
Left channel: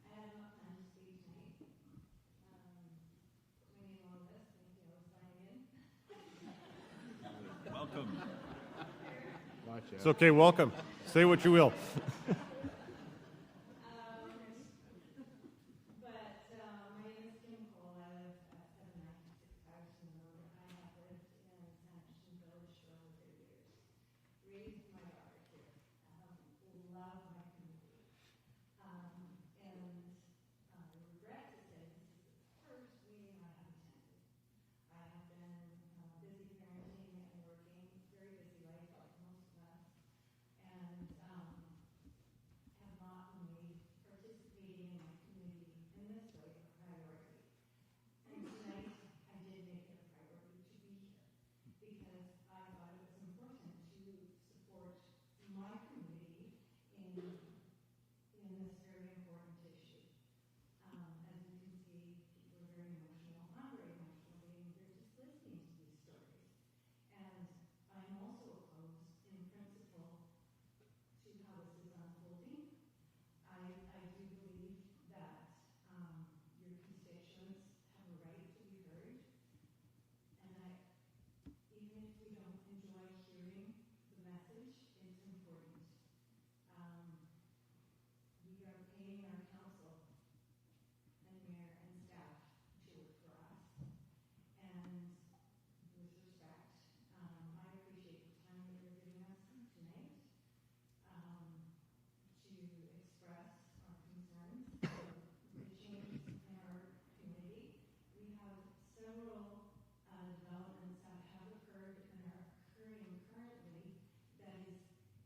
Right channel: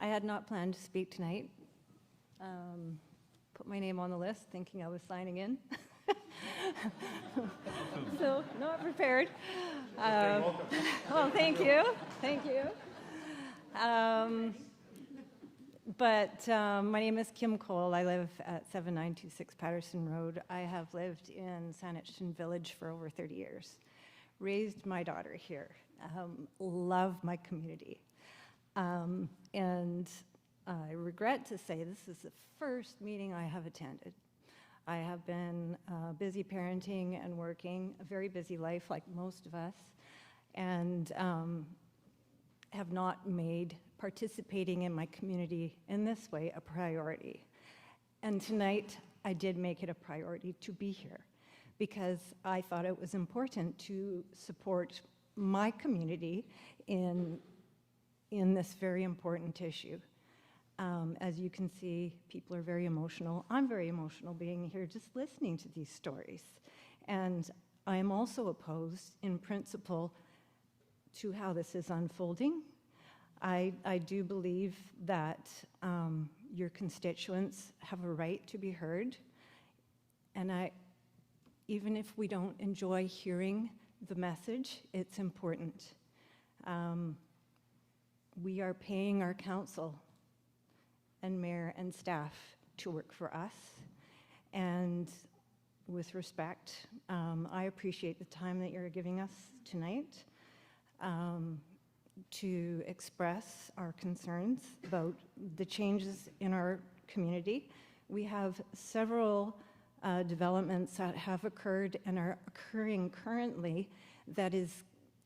I had not planned to speak tonight. Put my name on the list thinking I was signing in. So, not prepared. It's okay, welcome. Say what you will. Thank you. My name is Kim Cole. I live at 7926 Patterson Road. I have lived in Saanich Village for over 30 years. Raised my daughter here. Love my community. And I regret to say this is the first meeting I have attended. I have been busy parenting and working, a very busy life like most of us, and have not made participating in my community in this way a priority. And tonight, I did make it a priority to be here because I thought it was important to support my community in this very important issue. As you can see, people are very emotional. I'm very emotional being here just listening to these stories. And I am also opposed in principle to how this is unfolding. I do believe that your constituents have a right to be heard. And even if we don't enjoy hearing the message, it's important. We are paying our council and mayor and staff to work for us. And with respect, I appreciate the time that you're giving us tonight to express our concerns about the changes in our community. We have several developments that have occurred and are occurring currently that is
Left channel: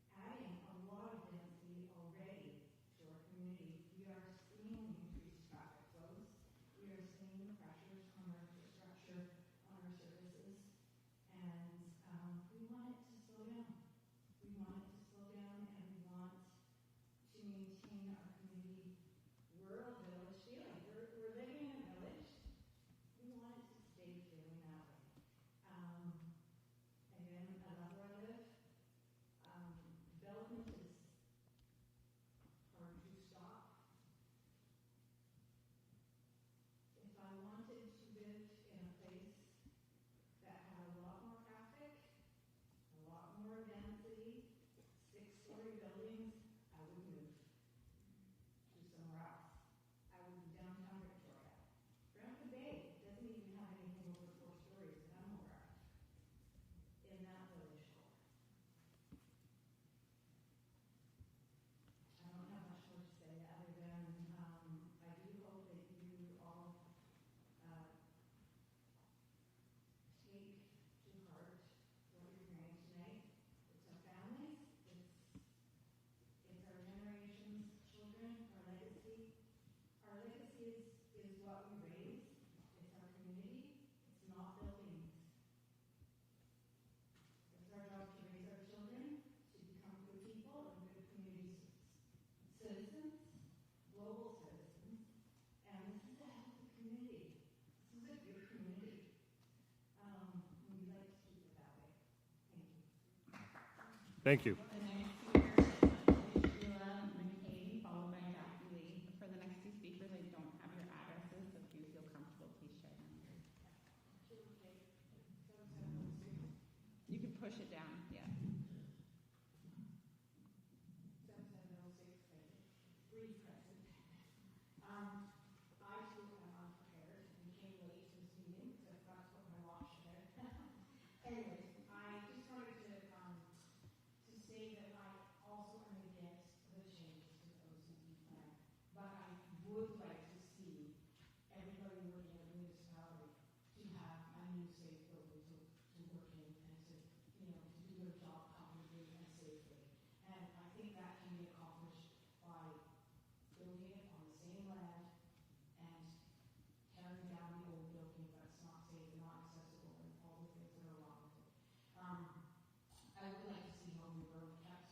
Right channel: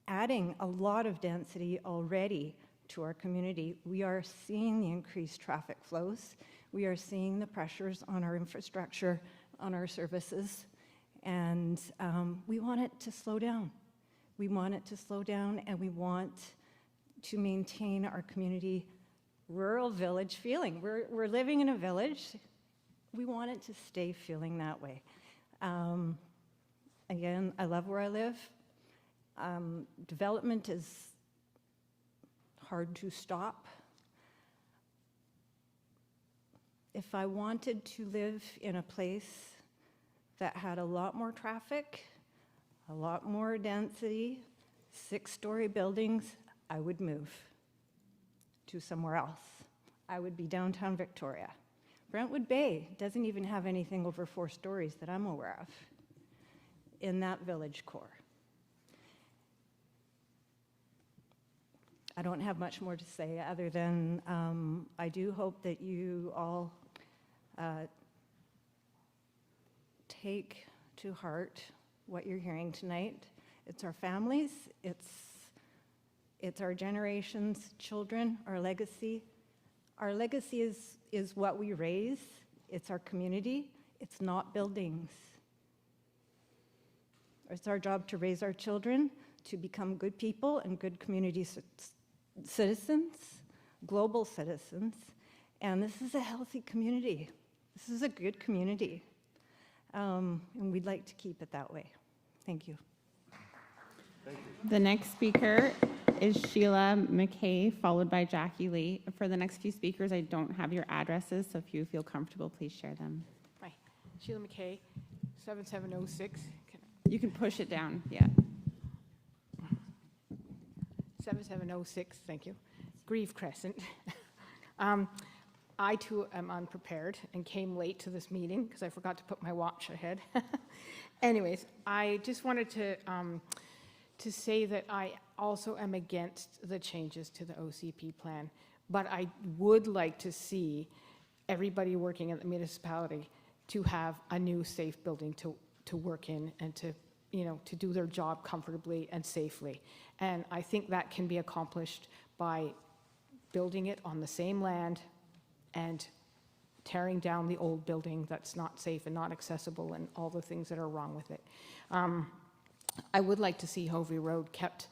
adding a lot of density already to our community. We are seeing the increased traffic flows. We are seeing the pressures on our infrastructure, on our services, and we want it to slow down. We want it to slow down, and we want to maintain our community rural village feeling. We're living in a village. We want it to stay feeling that way. Again, I love where I live. Development is hard to stop. If I wanted to live in a place that had a lot more traffic, a lot more density, 6-story buildings, I would move to somewhere else. I would be downtown Victoria. Brentwood Bay doesn't even have anything over 4 stories that I'm aware of in that village core. I don't have much more to say other than I do hope that you all take to heart what you're hearing tonight. It's our families, it's our generations, children, our legacy. Our legacy is what we raise. It's our community. It's not buildings. It's our job to raise our children to become good people and good community citizens, global citizens, and this is a healthy community. This is a good community, and we'd like to keep it that way. Thank you. Thank you. The next speaker is Sheila McKay, followed by Jackie Lee. For the next few speakers, I don't have your addresses, so if you feel comfortable, please share them. Hi, Sheila McKay, 7706. You can push it down, yeah. 7706, thank you. Grieve Crescent. I too am unprepared and came late to this meeting because I forgot to put my watch ahead. Anyways, I just wanted to say that I also am against the changes to the OCP plan, but I would like to see everybody working at the municipality to have a new safe building to work in and to do their job comfortably and safely. And I think that can be accomplished by building it on the same land and tearing down the old building that's not safe and not accessible and all the things that are wrong with it. I would like to see Hovey Road kept,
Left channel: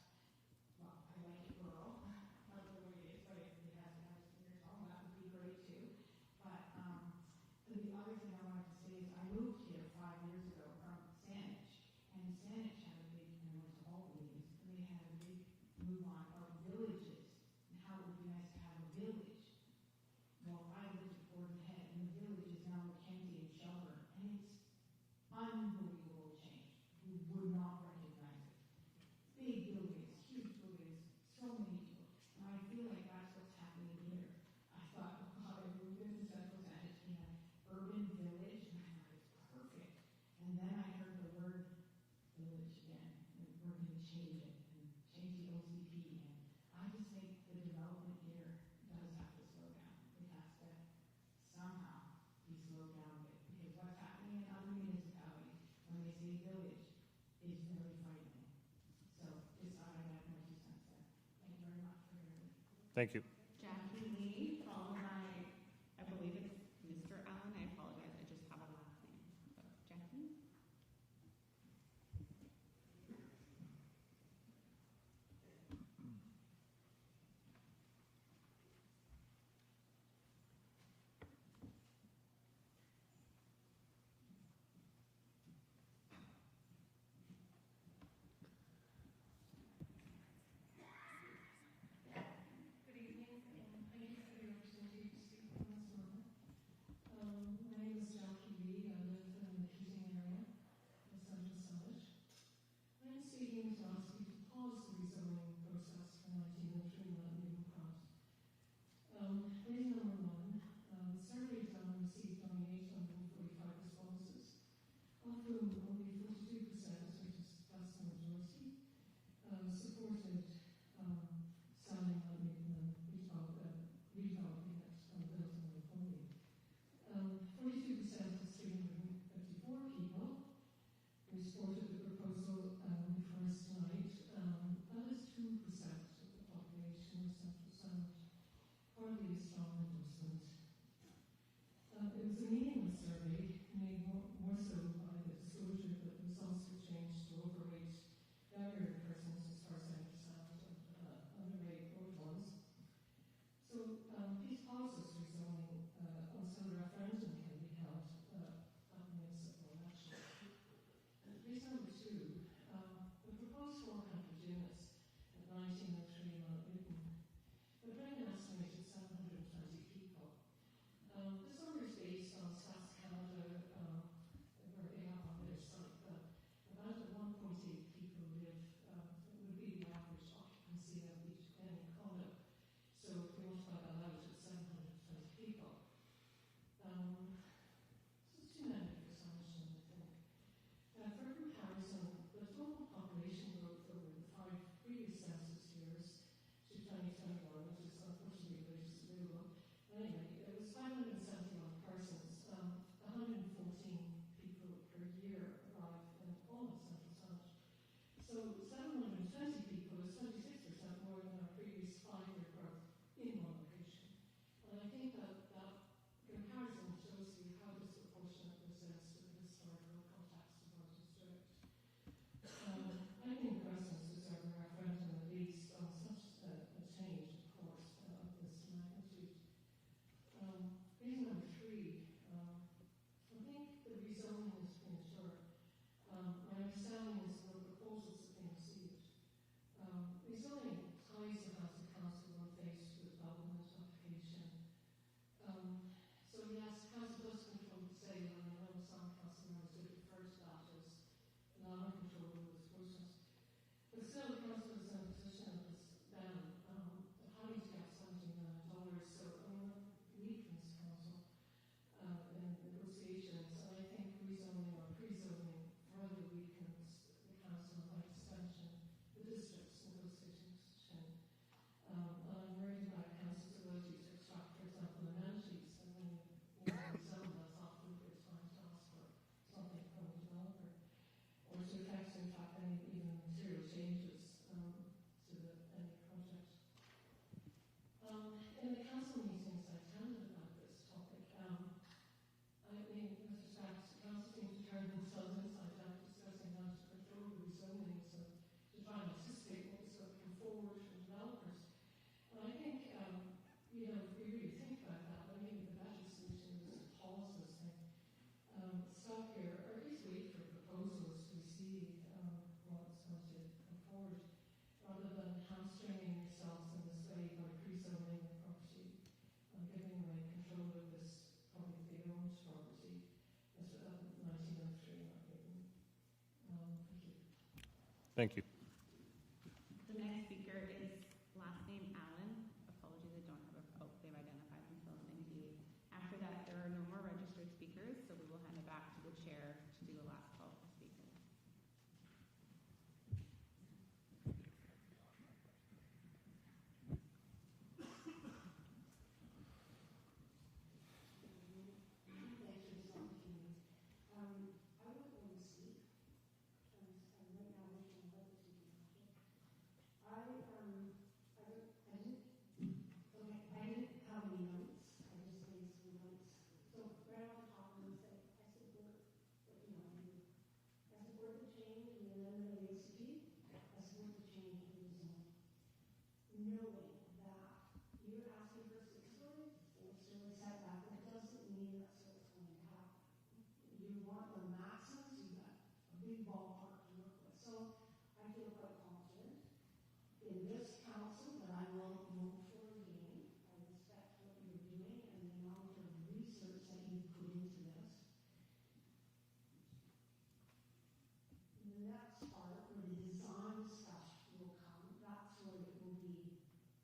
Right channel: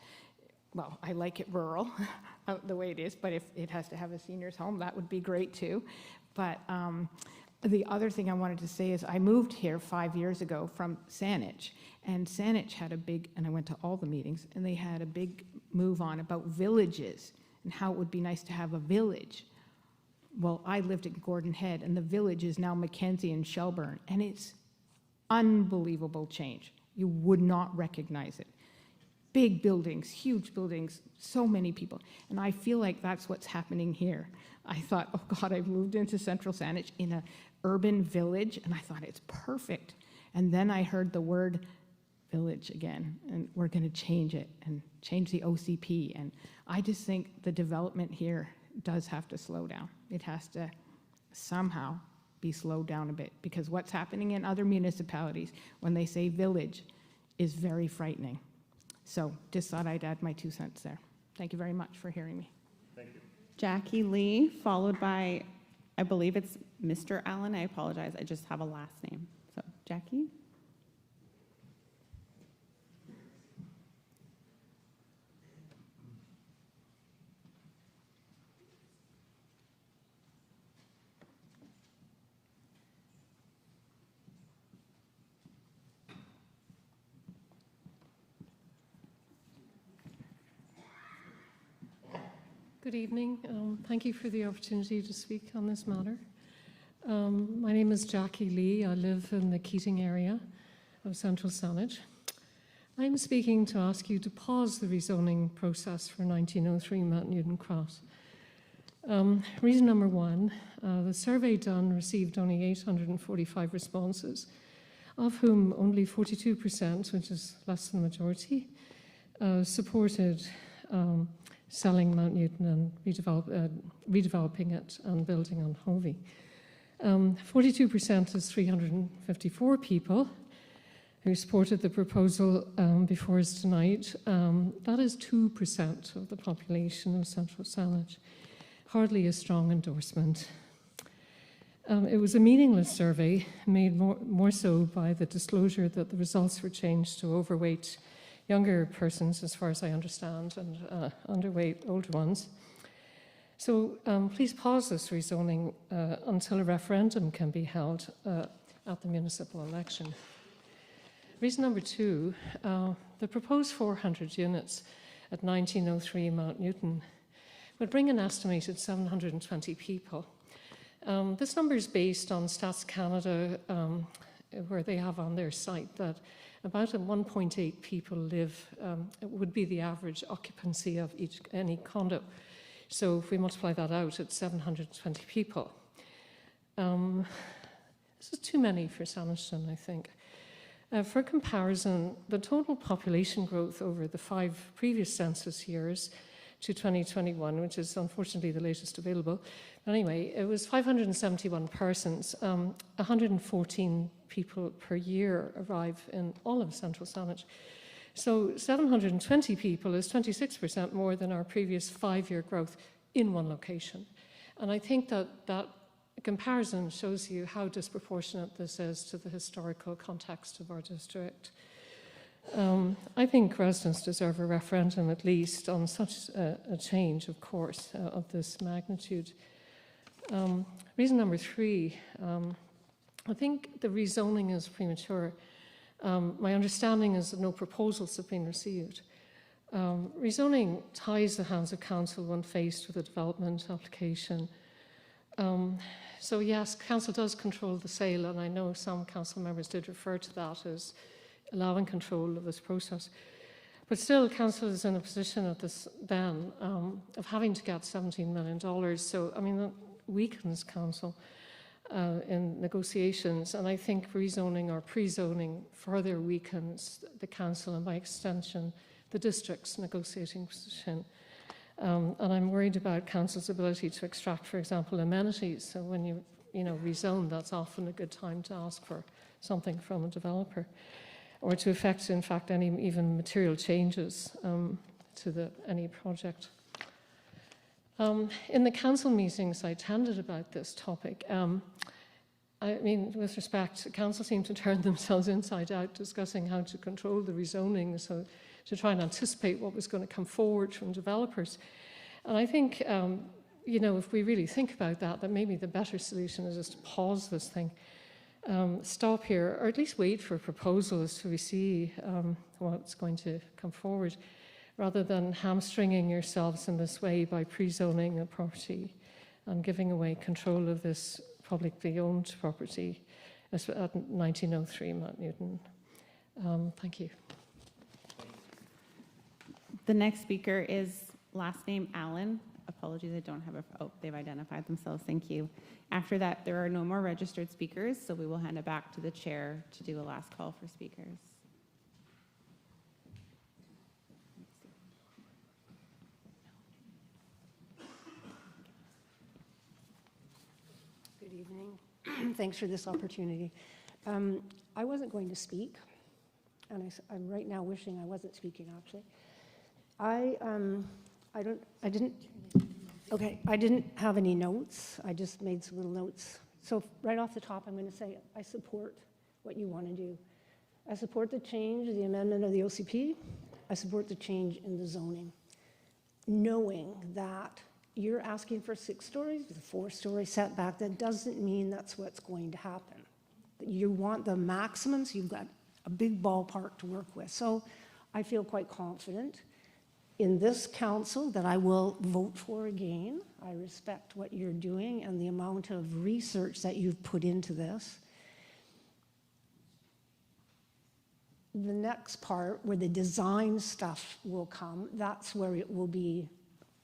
well, I like it rural, the way it is, but if it has to have a senior's home, that would be great too. But the other thing I wanted to say is I moved here 5 years ago from Saanich, and Saanich had a big, and I went to all the meetings, and they had a big move on about villages and how it would be nice to have a village. Well, I lived in Gordon Head, and the village is now Mackenzie and Shelburne, and it's unbelievable change. You would not recognize it. Big buildings, huge buildings, so many people. And I feel like that's what's happening here. I thought, oh God, I've moved into Central Saanich in an urban village, and I thought it's perfect. And then I heard the word village again, and we're going to change it and change the OCP. And I just think the development here does have to slow down. It has to somehow be slowed down a bit, because what's happening in other municipalities when they say village is very frightening. So just thought I'd add my 2 cents there. Thank you very much for hearing me. Thank you. Jackie Lee, followed by, I believe it's Mr. Allen. I apologize, I just have a last name. So Jackie? Good evening. Thank you for the opportunity to speak on this matter. My name is Jackie Lee. I live in the Keating area of Central Saanich. I'm speaking to ask you to pause the rezoning process for 1903 Mount Newton Cross. Reason number one, the survey done received only 845 responses, of whom only 42%, which is less than the majority, supported selling Mount Newton and redeveloping it and building on Hovey. 42% is 354 people who supported the proposal before us tonight. That is 2% of the population of Central Saanich. Hardly a strong endorsement. It was a meaningless survey, made more so by the disclosure that the results were changed to overweight younger persons, as far as I understand, and underweight older ones. So please pause this rezoning until a referendum can be held at the municipal election. Reason number two, the proposed 400 units at 1903 Mount Newton would bring an estimated 720 people. This number is based on Stats Canada, where they have on their site that about 1.8 people live, it would be the average occupancy of any condo. So if we multiply that out, it's 720 people. This is too many for Sanishton, I think. For comparison, the total population growth over the 5 previous census years to 2021, which is unfortunately the latest available, but anyway, it was 571 persons. 114 people per year arrive in all of Central Saanich. So 720 people is 26% more than our previous 5-year growth in one location. And I think that that comparison shows you how disproportionate this is to the historical context of our district. I think residents deserve a referendum at least on such a change, of course, of this magnitude. Reason number three, I think the rezoning is premature. My understanding is that no proposals have been received. Rezoning ties the hands of council when faced with a development application. So yes, council does control the sale, and I know some council members did refer to that as allowing control of this process. But still, council is in a position at this then of having to get $17 million. So, I mean, that weakens council in negotiations, and I think rezoning or pre-zoning further weakens the council and by extension the district's negotiating position. And I'm worried about council's ability to extract, for example, amenities. So when you rezone, that's often a good time to ask for something from a developer, or to effect, in fact, any even material changes to any project. In the council meetings I attended about this topic, I mean, with respect, the council seemed to turn themselves inside out discussing how to control the rezoning, so to try and anticipate what was going to come forward from developers. And I think, you know, if we really think about that, that maybe the better solution is just to pause this thing, stop here, or at least wait for proposals so we see what's going to come forward, rather than hamstringing yourselves in this way by pre-zoning a property and giving away control of this publicly owned property at 1903 Mount Newton. Thank you. Thank you. The next speaker is last name Allen. Apologies, I don't have a, oh, they've identified themselves, thank you. After that, there are no more registered speakers, so we will hand it back to the chair to do a last call for speakers. Good evening. Thanks for this opportunity. I wasn't going to speak, and I'm right now wishing I wasn't speaking, actually. I didn't have any notes. I just made some little notes. So right off the top, I'm going to say I support what you want to do. I support the change, the amendment of the OCP. I support the change in the zoning, knowing that you're asking for 6 stories with a 4-story setback. That doesn't mean that's what's going to happen. You want the maximums. You've got a big ballpark to work with. So I feel quite confident in this council that I will vote for again. I respect what you're doing and the amount of research that you've put into this. The next part, where the design stuff will come, that's where it will be.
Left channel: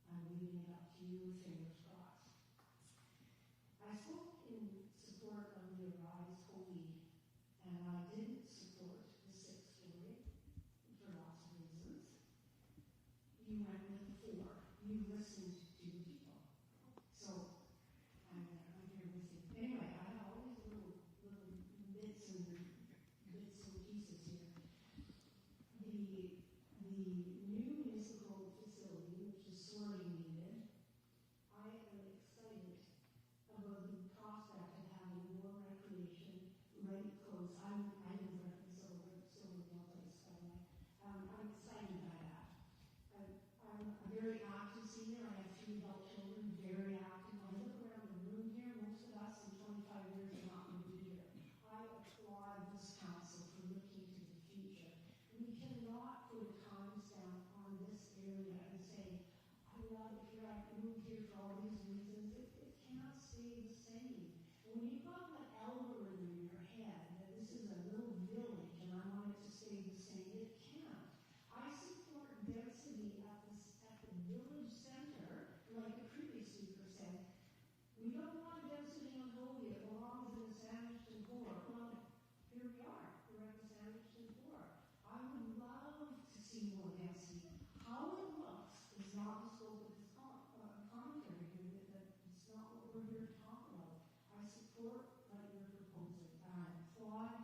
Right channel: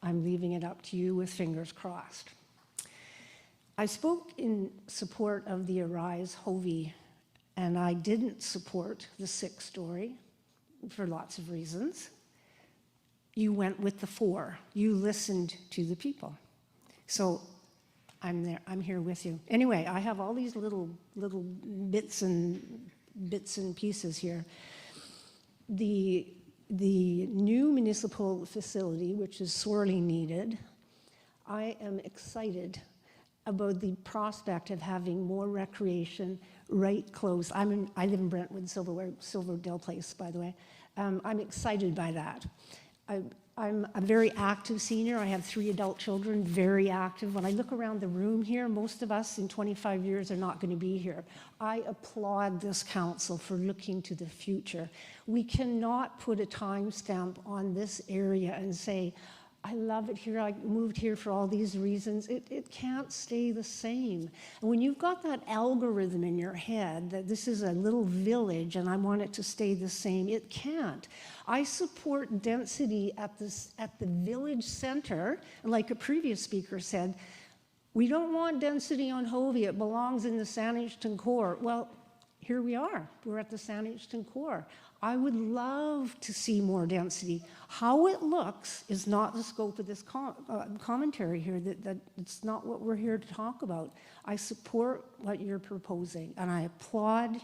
I'm leaving it up to you with fingers crossed. I spoke in support of the Arise Hovey, and I didn't support the 6-story for lots of reasons. You went with the 4. You listened to the people. So I'm there. I'm here with you. Anyway, I have all these little bits and pieces here. The new municipal facility, which is sorely needed, I am excited about the prospect of having more recreation right close. I live in Brentwood, Silverdale Place, by the way. I'm excited by that. I'm a very active senior. I have 3 adult children, very active. When I look around the room here, most of us in 25 years are not going to be here. I applaud this council for looking to the future. We cannot put a timestamp on this area and say, I love it here, I moved here for all these reasons. It can't stay the same. And when you've got that algorithm in your head that this is a little village and I want it to stay the same, it can't. I support density at the village center, and like a previous speaker said, we don't want density on Hovey, it belongs in the Saanich core. Well, here we are, we're at the Saanich core. I would love to see more density. How it looks is not the scope of this commentary here, that it's not what we're here to talk about. I support what you're proposing, and I applaud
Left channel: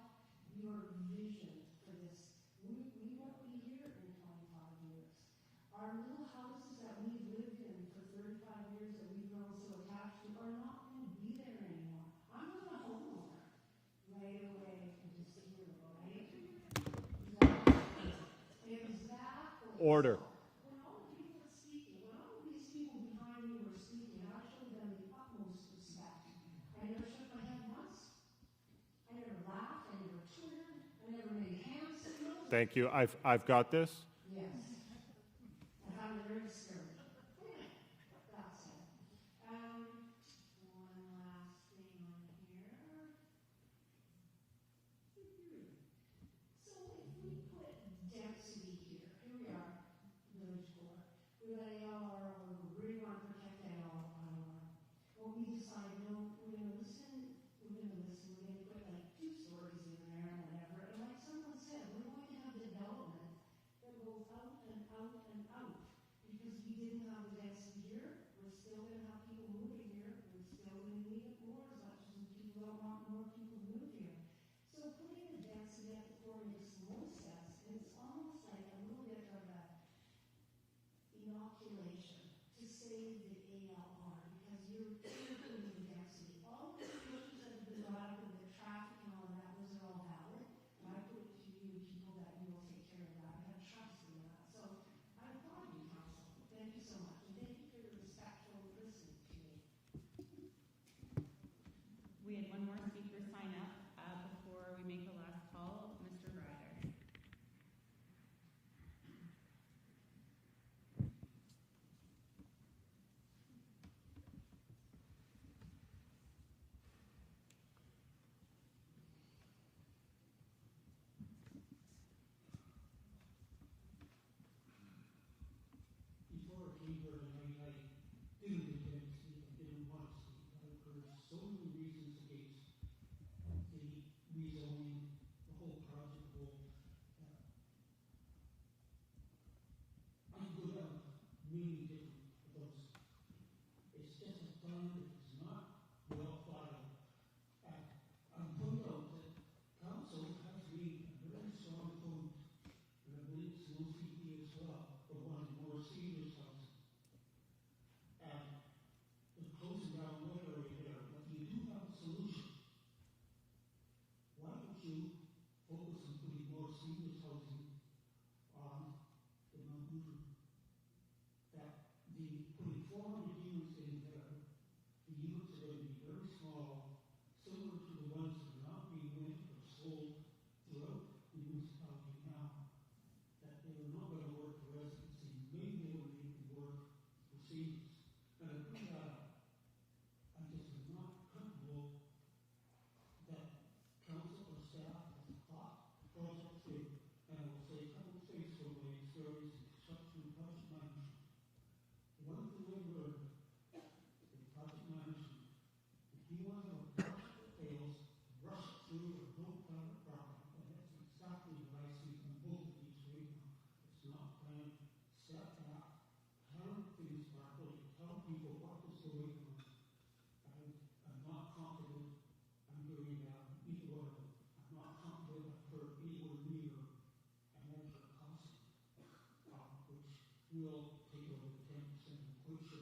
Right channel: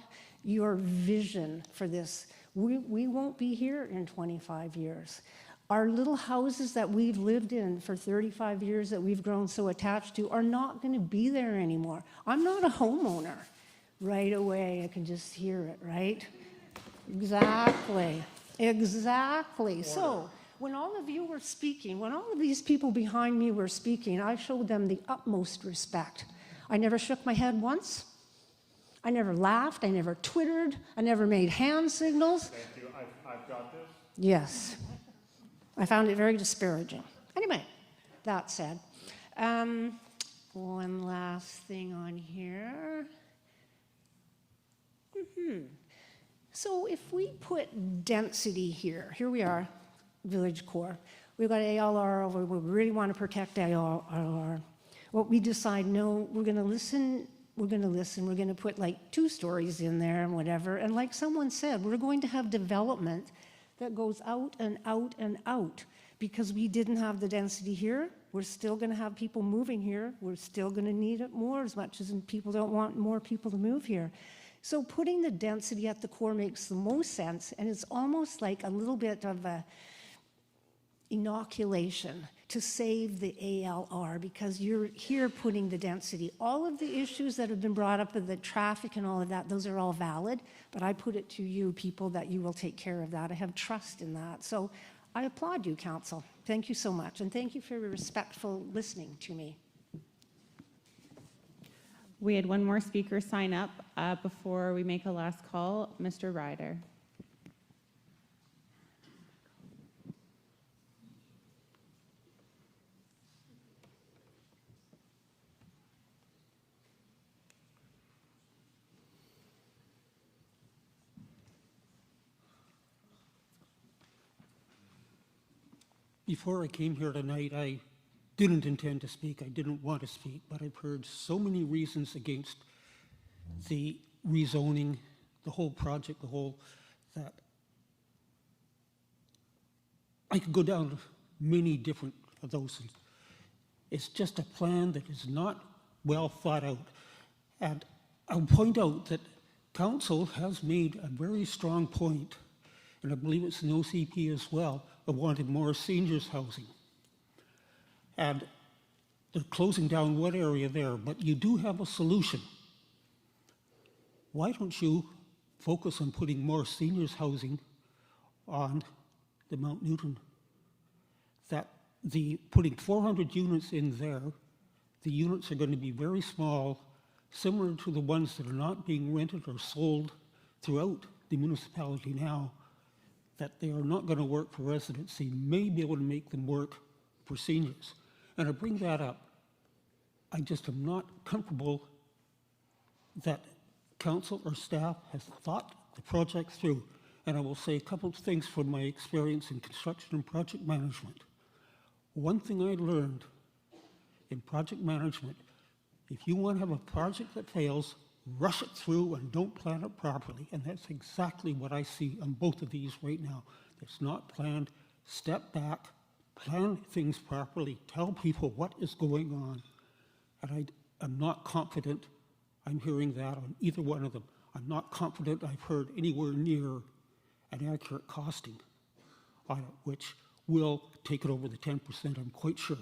your vision for this. We won't be here in 25 years. Our little houses that we've lived in for 35 years that we've grown so attached to are not going to be there anymore. I'm not a homeowner. Right away, I can just hear it, right? Exactly. Exactly. Order. So when all of you were speaking, when all of these people behind me were speaking, I showed them the utmost respect. I never shook my head once. I never laughed, I never twittered, I never made hand signals. Thank you. I've got this. Yes. I found it very disparaging. Anyway, that said, one last thing on here. So if we put density here we are, village core. We've got ALR, we really want to protect ALR. What we decide, no, we're going to listen, we're going to put like 2 stories in there and whatever. And like someone said, we're going to have development that goes out and out and out because we didn't have the density here. We're still going to have people moving here. We're still going to need it more as much as people don't want more people to move here. So putting the density at the core makes the most sense, and it's almost like a little bit of a inoculation. to save the ALR because you're here putting the density. All of the issues that have been brought up with the traffic and all of that, those are all valid, but I put it to you people that you will take care of that. I have trust in that. So I applaud you, Council. Thank you so much, and thank you for your respectful listening to me. We had one more speaker sign up before we make a last call. Mr. Ryder. Before I came here tonight, I didn't intend to speak. I didn't want to speak, but I've heard so many reasons against the rezoning, the whole project, that I could go down many different of those. It's just a plan that is not well thought out. And I'll point out that Council has made a very strong point, and I believe it's an OCP as well, of wanting more seniors housing. And they're closing down one area there, but you do have a solution. Why don't you focus on putting more seniors housing on the Mount Newton? That putting 400 units in there, the units are going to be very small, similar to the ones that are not being rented or sold throughout the municipality now, that they are not going to work for residency, may be able to make them work for seniors. And I bring that up. I just am not comfortable that council or staff has thought the project through. And I will say a couple of things from my experience in construction and project management. One thing I learned in project management, if you want to have a project that fails, rush it through and don't plan it properly. And that's exactly what I see on both of these right now. It's not planned. Step back, plan things properly, tell people what is going on. And I'm not confident I'm hearing that on either one of them. I'm not confident I've heard anywhere near an accurate costing on it, which will take it over the 10%, I'm quite sure.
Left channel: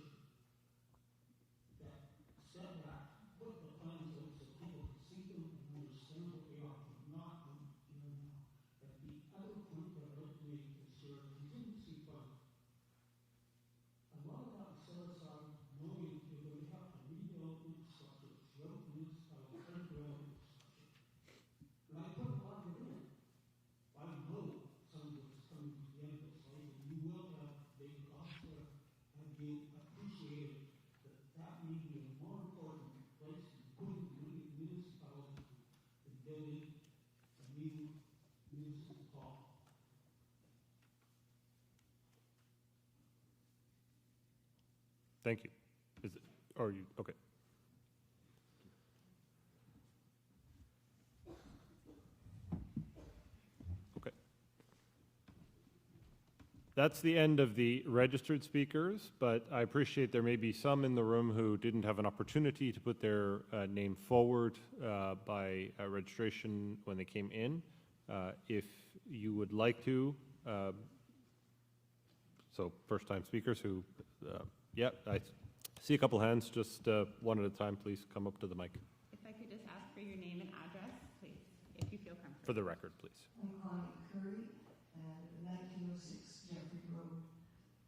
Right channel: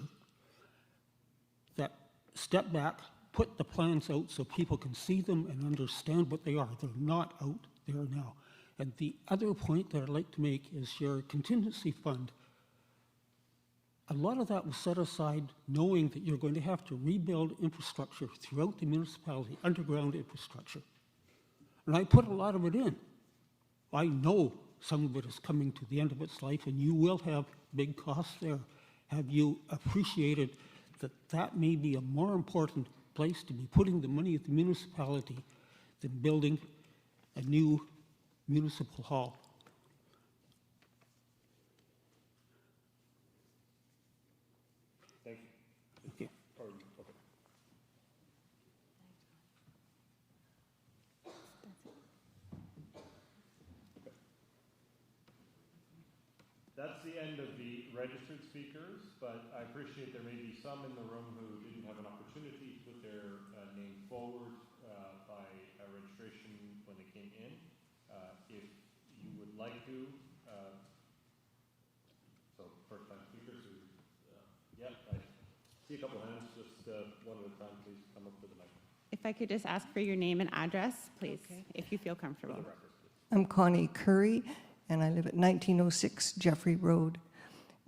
That step back, put the plans out so people can see them and understand what they are. They're not out there now. And the other point that I'd like to make is your contingency fund. A lot of that was set aside knowing that you're going to have to rebuild infrastructure throughout the municipality, underground infrastructure. And I put a lot of it in. I know some of it is coming to the end of its life, and you will have big costs there. Have you appreciated that that may be a more important place to be putting the money at the municipality than building a new municipal hall? Thank you. Okay. Okay. That's the end of the registered speakers, but I appreciate there may be some in the room who didn't have an opportunity to put their name forward by registration when they came in. If you would like to, so first-time speakers who, yeah, I see a couple hands, just one at a time, please come up to the mic. If I could just ask for your name and address, please, if you feel comfortable. For the record, please. I'm Connie Curry, and I live at 1906 Jeffrey Road.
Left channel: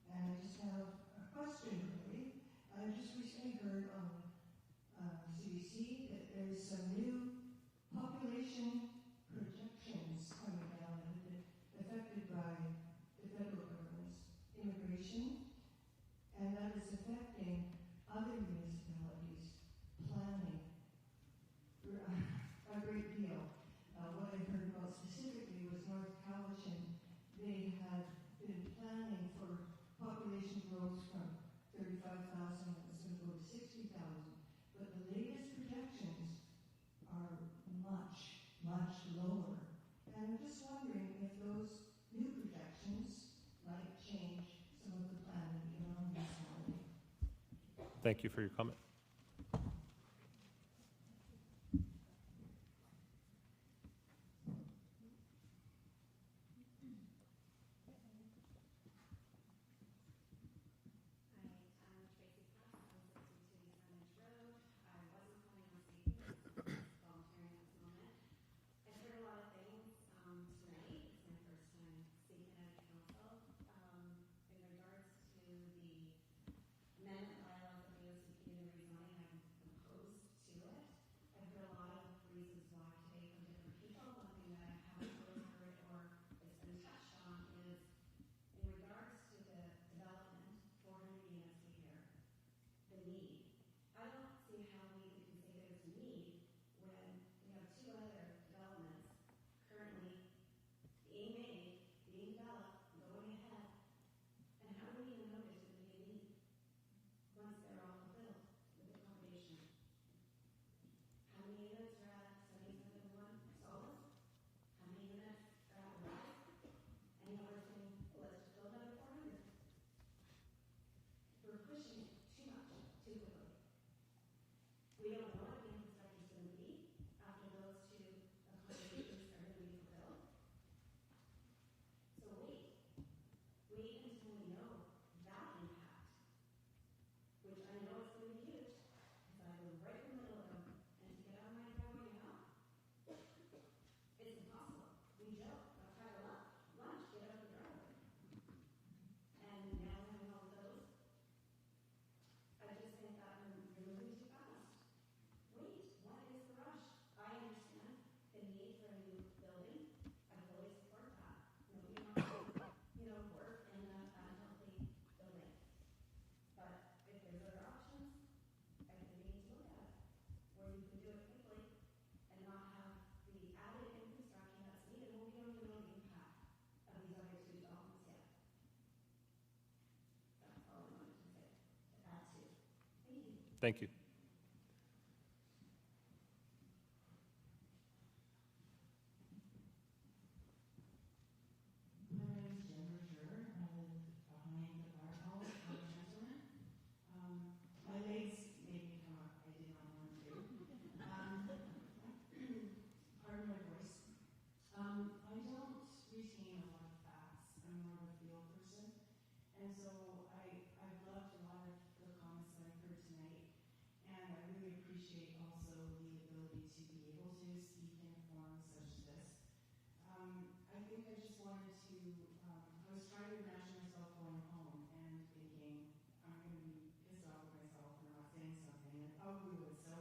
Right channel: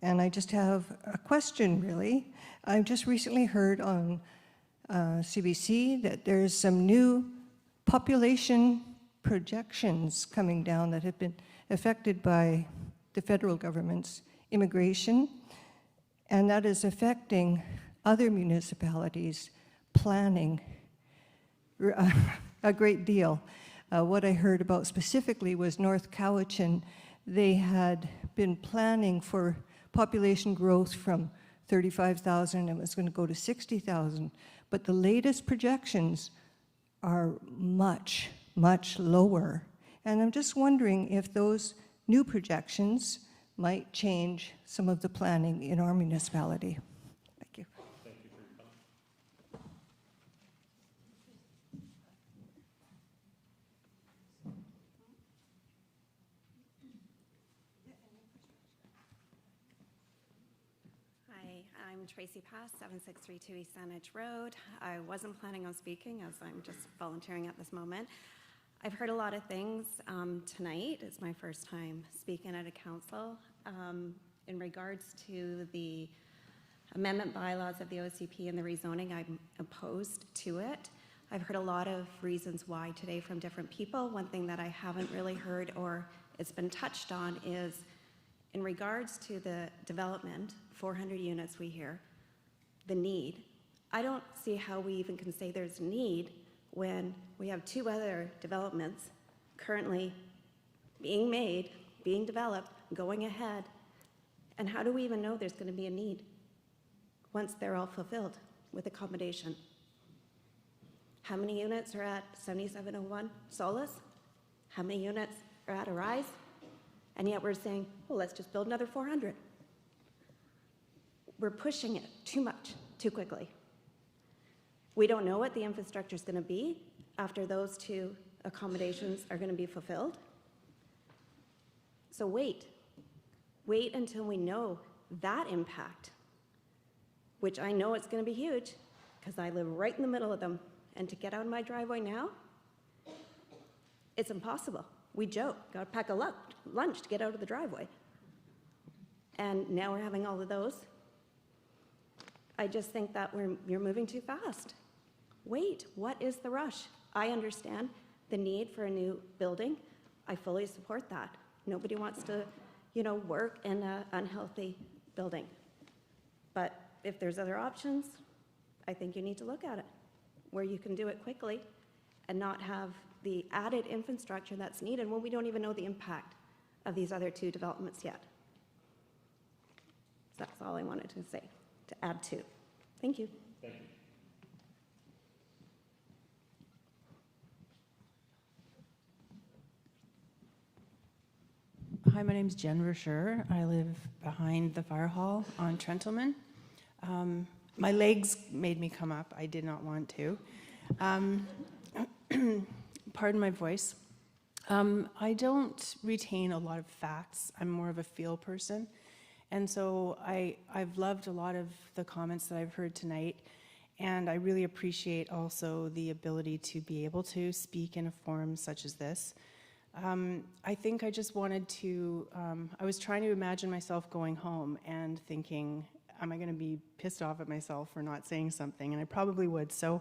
And I just have a question, really. I've just recently heard on CBC that there's some new population projections coming down that have been affected by the federal government's immigration, and that is affecting other municipalities' planning a great deal. What I heard about specifically was North Cowichan. They had been planning for population growth from 35,000 and was going to go to 60,000, but the latest projections are much, much lower. And I'm just wondering if those new projections might change some of the planning in our municipality. Thank you. Thank you for your comment. Tracy Pass, 7632 East Saanich Road. I wasn't planning on speaking, as I'm just volunteering at this moment. I've heard a lot of things tonight. It's my first time speaking at a council. In regards to the amendment bylaws of the OCP and the rezoning, I'm opposed to it. I've heard a lot of reasons why today from different people. One thing that I haven't really heard, or it's been touched on, is in regards to the development, 400 units we hear, the need. I don't see how we even can say there's a need when we have 2 other developments currently being made, being developed, going ahead. And how do we even know there's going to be a need once they're all fulfilled with accommodation? How many units are at 7701 Solis? How many units are at Arise? And yet we're saying, well, let's just build another 400. We're pushing it too much, too quickly. We don't know what the infrastructure is going to be after those 2 accommodations are going to be fulfilled. So wait until we know that impact, which I know it's going to be huge because I live right in the middle of them. And to get out of my driveway now, it's impossible. We joke, got to pack a lunch to get out of the driveway. And now we're having all of those. I just think that you're moving too fast. Wait, what is the rush? I understand the need for a new building. I fully support that. Nobody wants to, work in an unhealthy building. But if there's other options, I think you need to look at it, where you can do it quickly and not have the added infrastructure that's needed when we don't even know the impact of these other 2 developments yet. So that's all I wanted to say, to add to. Thank you. Thank you. Hi, my name's Jen Verscher. I live behind the fire hall on Trentleman. My legs made me come up. I did not want to. Pardon my voice. I don't retain a lot of facts. I'm more of a feel person. And so I've loved a lot of the comments that I've heard tonight. And I really appreciate also the ability to be able to speak in a forum such as this. I think I just wanted to, I was trying to imagine myself going home and thinking, am I going to be pissed off at myself for not saying something? And I probably would. So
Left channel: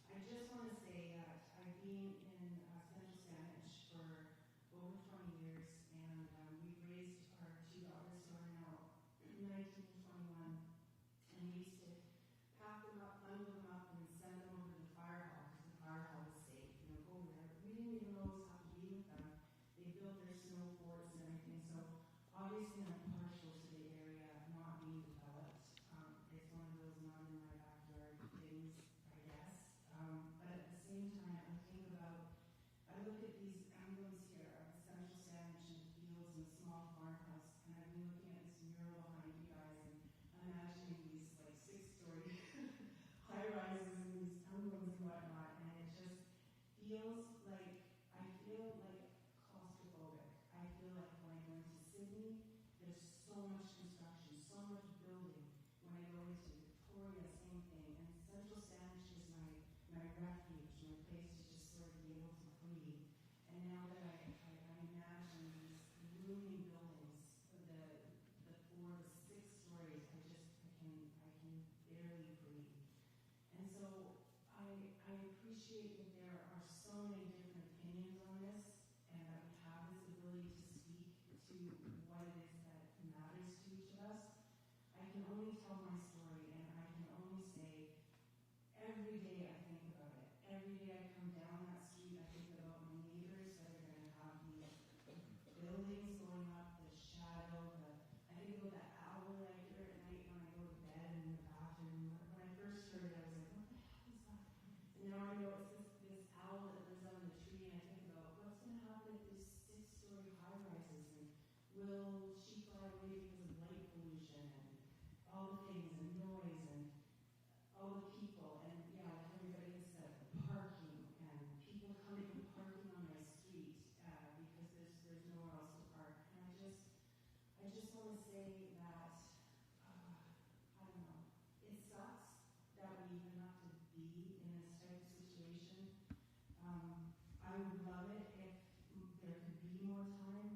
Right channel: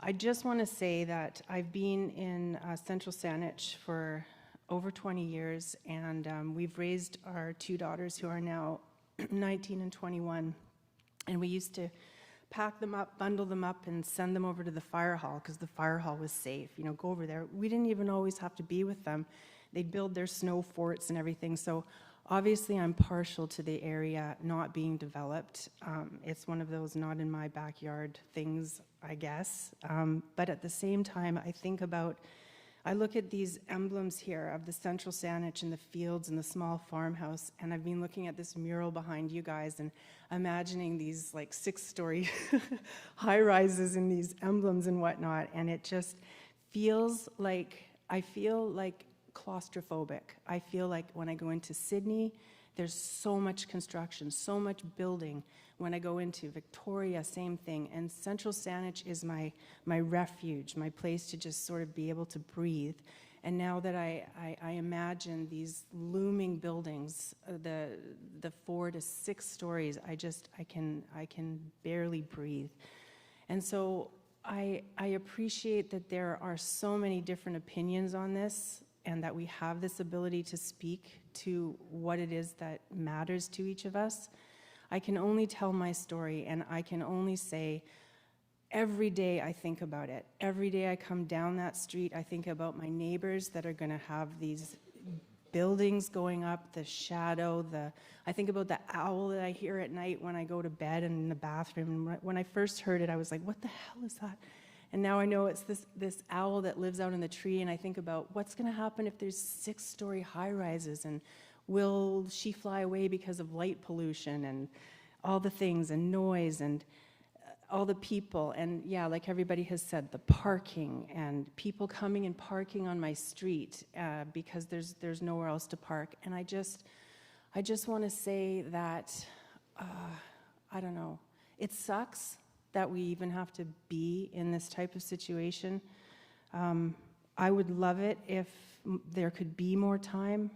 I just want to say that I've been in Central Saanich for over 20 years, and we've raised our 2 daughters who are now 19 and 21. And we used to pack them up, bundle them up, and send them over to the fire hall because the fire hall was safe. Go over there. We didn't even always have to be with them. They'd build their snow forts and everything. So obviously I'm partial to the area not being developed. It's one of those not in my backyard things, I guess. But at the same time, I look at these emblems here of the Central Saanich and the fields and the small farmhouse, and I've been looking at this mural behind you guys and imagining these like 6-story high-rises and these emblems and whatnot, and it just feels like, I feel like claustrophobic. I feel like when I go into Sydney, there's so much construction, so much building. When I go into Victoria, same thing. And Central Saanich is my refuge, my place to just sort of be able to breathe. And now that I imagine these looming buildings, the 4 to 6 stories, I can barely breathe. And so I appreciate that there are so many different opinions on this, and that we have this ability to speak to what it is that matters to each of us. I can only tell my story, and I can only say every day I think about it. Every day I come down that street, I think about my neighbors that are going to have these buildings going up, the shadow, I think about the owl that I hear at night when I go to bed and in the bathroom. And when I first heard it, I was like, what the hell is that? And now I know it's this owl that lives out in the tree, and I think about what's going to happen if there's 6-story high-rises, and will she fly away because of light pollution and all the things and noise and all the people, and yeah, like everybody has said, the parking and people coming and parking on my street because there's nowhere else to park. And I just want to say that I don't know. It sucks that we even have to be in this type of situation. I would love it if there could be more time.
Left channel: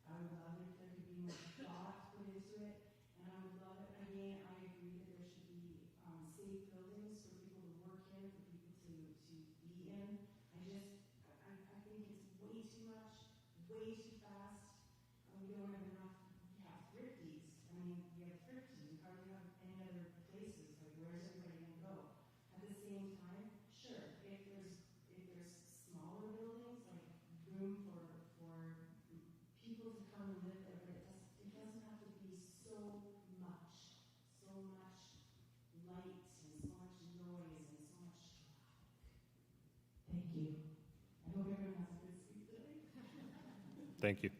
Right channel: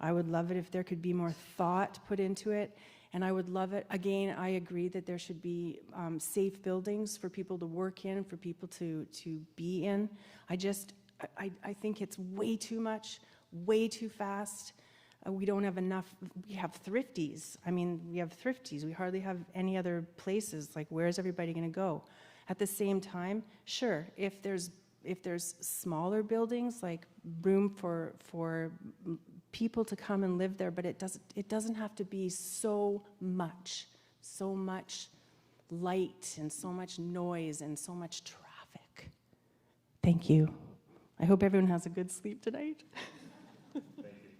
I would love it if there could be more thought put into it. And I would love it, again, I agree that there should be safe buildings for people to work in, for people to be in. I think it's way too much, way too fast. We don't have enough, we have thrifties. I mean, we have thrifties. We hardly have any other places. Like, where's everybody gonna go? At the same time, sure, if there's smaller buildings, like room for people to come and live there, but it doesn't have to be so much light and so much noise and so much traffic. Thank you. I hope everyone has a good sleep tonight. Thank you.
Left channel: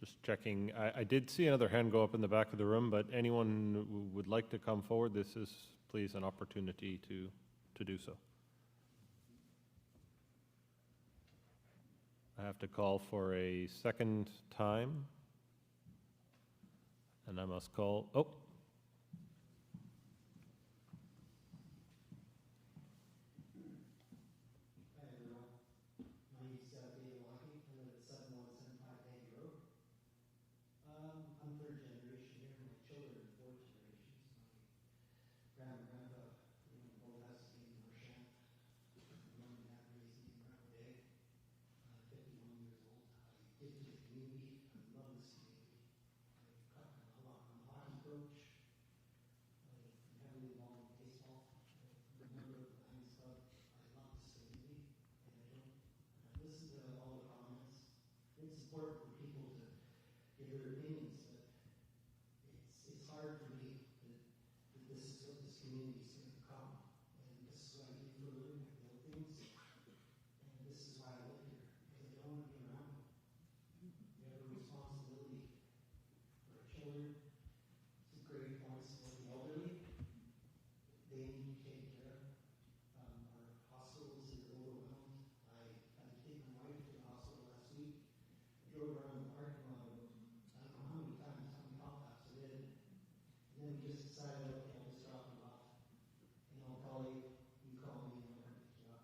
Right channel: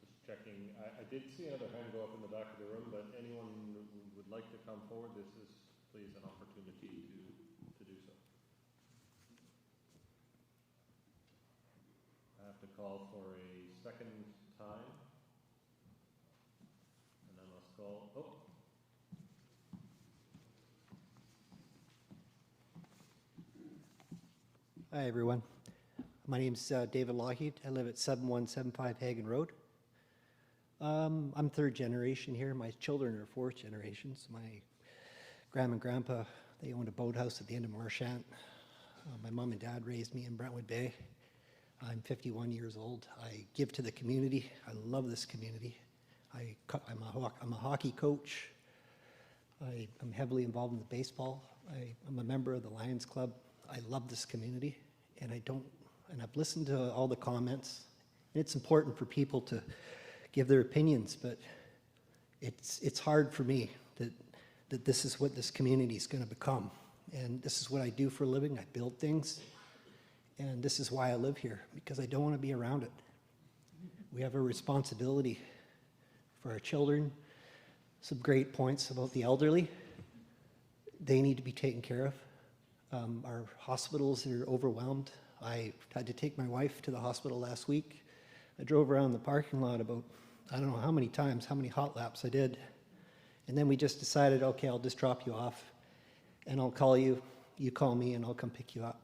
Just checking. I did see another hand go up in the back of the room, but anyone who would like to come forward, this is please an opportunity to do so. I have to call for a second time. And I must call, oh. Hi, everyone. My name's David Lougheed. I live at 7175 Hagen Road. I'm third generation here. My children are fourth generations. My grandma and grandpa, they owned a boathouse at the end of Marchant. My mom and dad raised me in Brentwood Bay. I'm 51 years old. I give to the community. I love this community. I'm a hockey coach. I'm heavily involved in the baseball. I'm a member of the Lions Club. I love this community, and I've listened to all the comments. And it's important for people to give their opinions, but it's hard for me that this is what this community is going to become. And this is what I do for a living. I build things. And this is why I live here, because I don't want to be around it. We have a responsibility for our children. Some great points about the elderly. They need to be taken care of. Our hospitals are overwhelmed. I had to take my wife to the hospital last week. I drove around the parking lot about, I don't know how many times, how many hot laps I did. And then we just decided, okay, I'll just drop you off and I'll call you, you call me, and I'll come pick you up.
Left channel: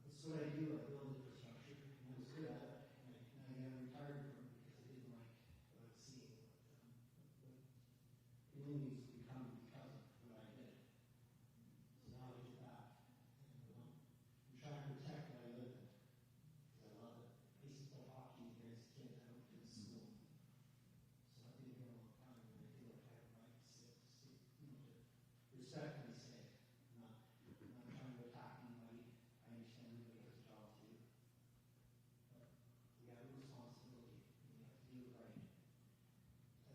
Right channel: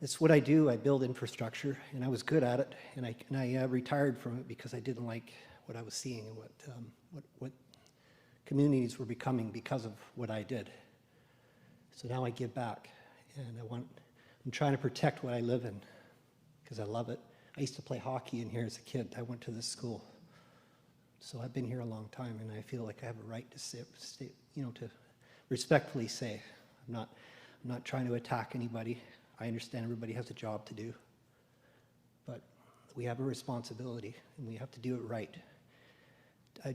It's what I do. I build infrastructure, and I was good at it, and I retired from it because I didn't like what I was seeing and what communities were becoming because of what I did. So now I give back, and I'm trying to protect what I live in because I love it. I used to play hockey in here as a kid. I went to this school. So I've been here a long time, and I feel like I have a right to to respectfully say, I'm not trying to attack anybody. I understand everybody has a job to do, but we have a responsibility, and we have to do it right. A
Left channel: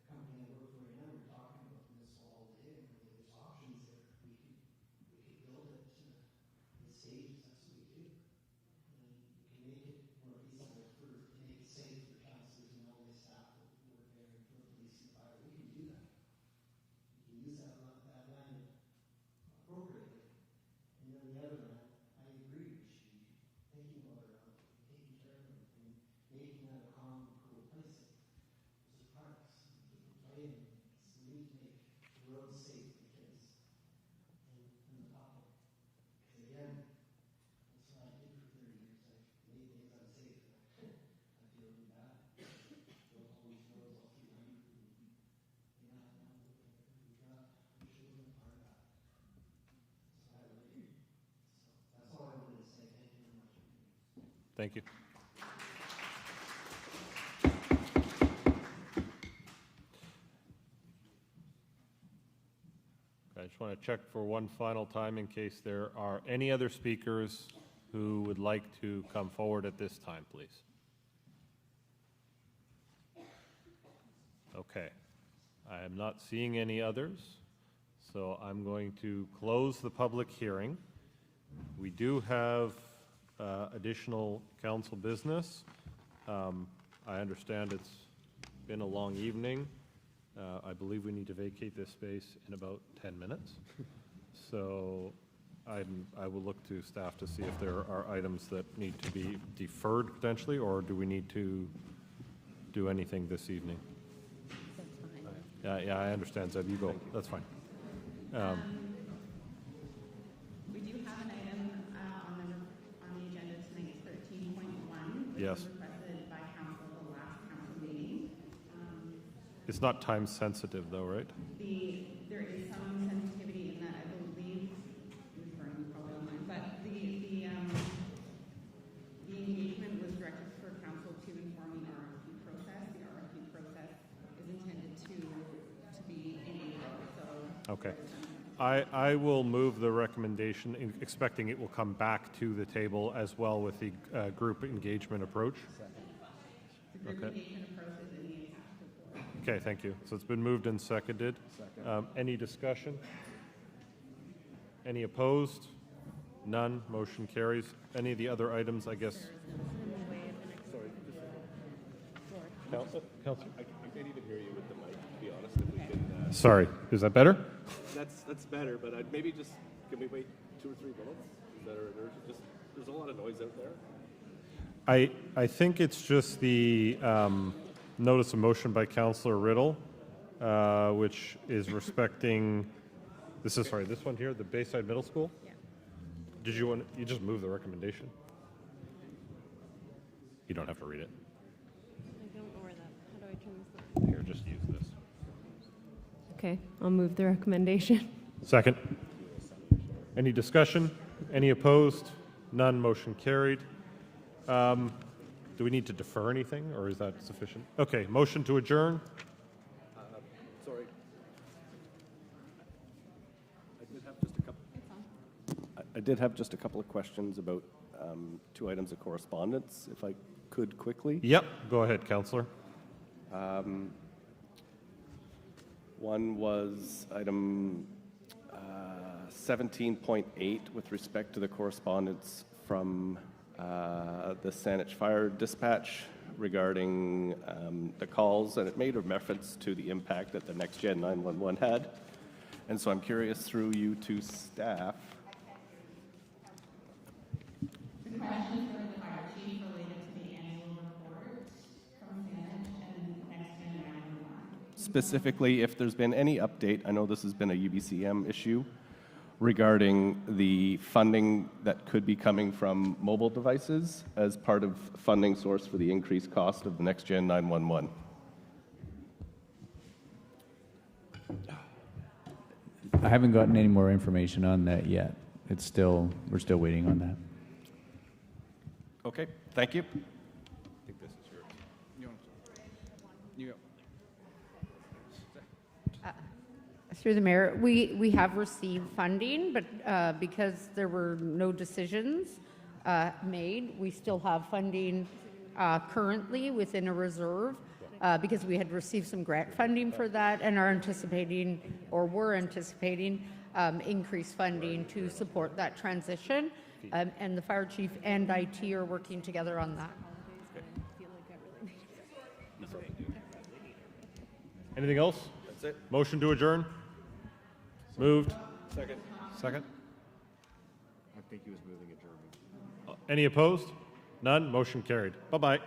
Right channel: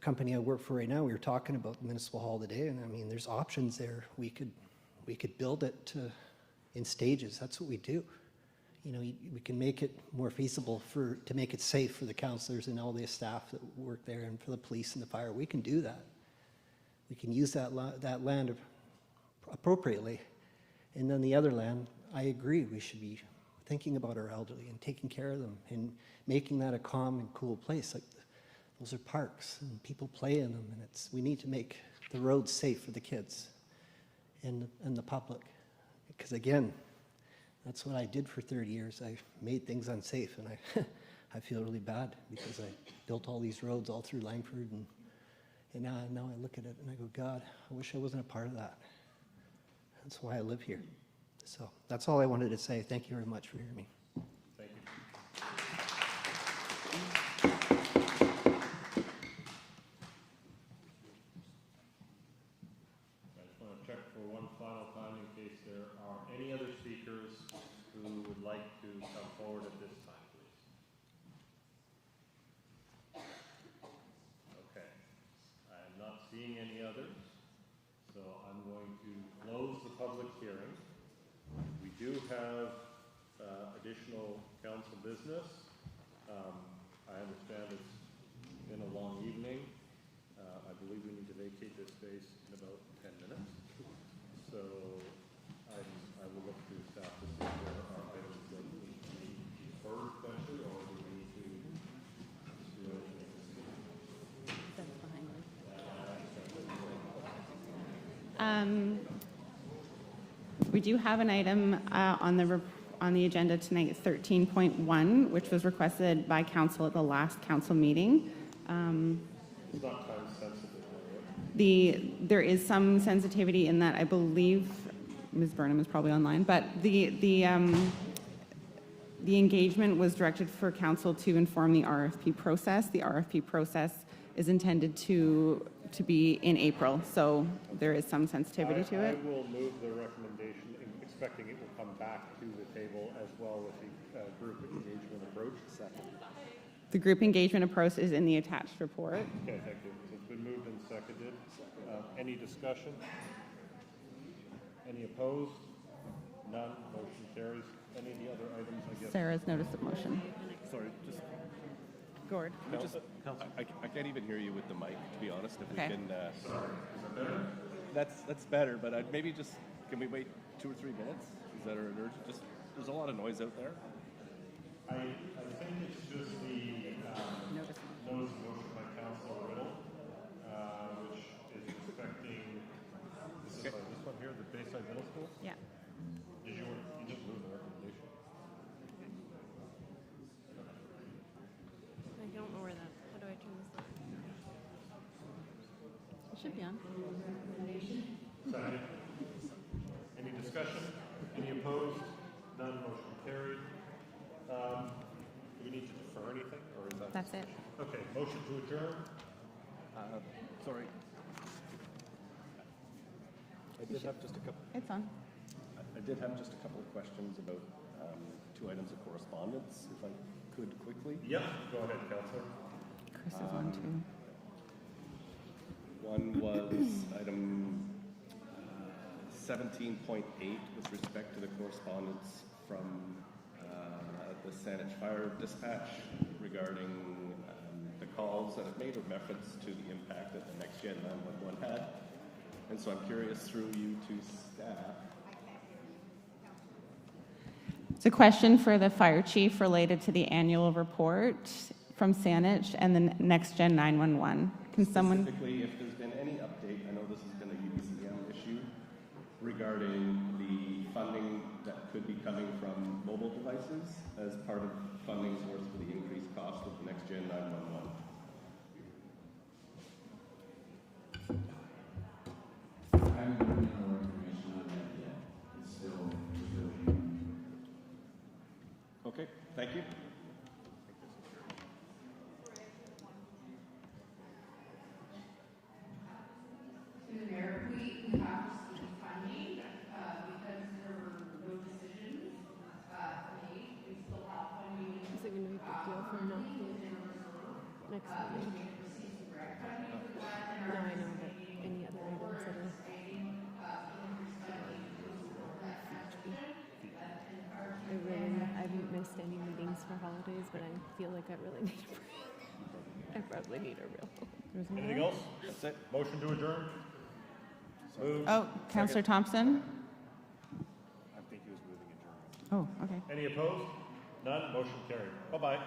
company I work for right now, we were talking about the municipal hall today, and I mean, there's options there. We could build it in stages. That's what we do. You know, we can make it more feasible to make it safe for the councillors and all the staff that work there, and for the police and the fire. We can do that. We can use that land appropriately. And then the other land, I agree, we should be thinking about our elderly and taking care of them and making that a calm and cool place. Like those are parks, and people play in them, and we need to make the roads safe for the kids and the public. Because again, that's what I did for 30 years. I made things unsafe, and I feel really bad because I built all these roads all through Langford, and now I look at it and I go, God, I wish I wasn't a part of that. That's why I live here. So that's all I wanted to say. Thank you very much for hearing me. Thank you. I just want to check for one final time in case there are any other speakers who would like to come forward at this time, please. Okay. I am not seeing any others, so I'm going to close the public hearing. We do have additional council business. I understand it's been a long evening. I believe we need to vacate this space in about 10 minutes. So I will look to staff to see if there are items that need to be deferred potentially, or do we need to do anything this evening. Yeah, I understand, Zed, you go, that's fine. We do have an item on the agenda tonight, 13.1, which Yes. was requested by council at the last council meeting. It's not time sensitive though, right? There is some sensitivity in that, I believe, Ms. Burnham is probably online, but the engagement was directed for council to inform the RFP process. The RFP process is intended to be in April, so there is some sensitivity to I it. will move the recommendation, expecting it will come back to the table as well with the group engagement approach. The group engagement approach is in the attached report. Okay, thank you. So it's been moved and seconded. Any discussion? Any opposed? None. Motion carries. Any of the other items, I guess? Sarah's notice of motion. Sorry, just, Gord. can we just, I can't even hear you with the mic, to be honest. If we Okay. can, Sorry, is that better? That's better, but I'd maybe just, can we wait 2 or 3 minutes? Is that an urgent? Just, there's a lot of noise out there. I think it's just the notice of motion by Councillor Riddle, which is respecting, this one here, the Bayside Middle School? Yeah. Did you just move the recommendation? You don't have to read it. I don't know where that, how do I turn this on? Here, just use this. Okay, I'll move the recommendation. Second. Any discussion? Any opposed? None. Motion carried. Do we need to defer anything, or is that That's it. sufficient? Okay, motion to adjourn. Sorry. I did have just a couple. It's on. I did have just a couple of questions about 2 items of correspondence, if I could quickly. Yep, go ahead, Councillor. One was item 17.8 with respect to the correspondence from the Saanich Fire Dispatch regarding the calls, and it made a reference to the impact that the Next Gen 911 had. And so I'm curious through you to staff. It's a question for the fire chief related to the annual report from Saanich and the Next Gen 911. Can someone- Specifically, if there's been any update, I know this has been a UBCM issue, regarding the funding that could be coming from mobile devices as part of funding source for the increased cost of the Next Gen 911. I haven't gotten any more information on that yet. We're still waiting on that. Okay, thank you. I think this is yours. Through the mayor, we have received funding, but because there were no decisions made, we still have funding currently within a reserve because we had received some grant funding for that and are anticipating, or were anticipating, increased funding to support that transition. And the fire chief and IT are working together on that. Holidays, but I feel like I really need a break. I probably need a real. Anything else? That's it. Motion to adjourn? Moved. Oh, Councillor Thompson? Second. I think he was moving adjournment. Oh, okay. Any opposed? None. Motion carried. Bye-bye.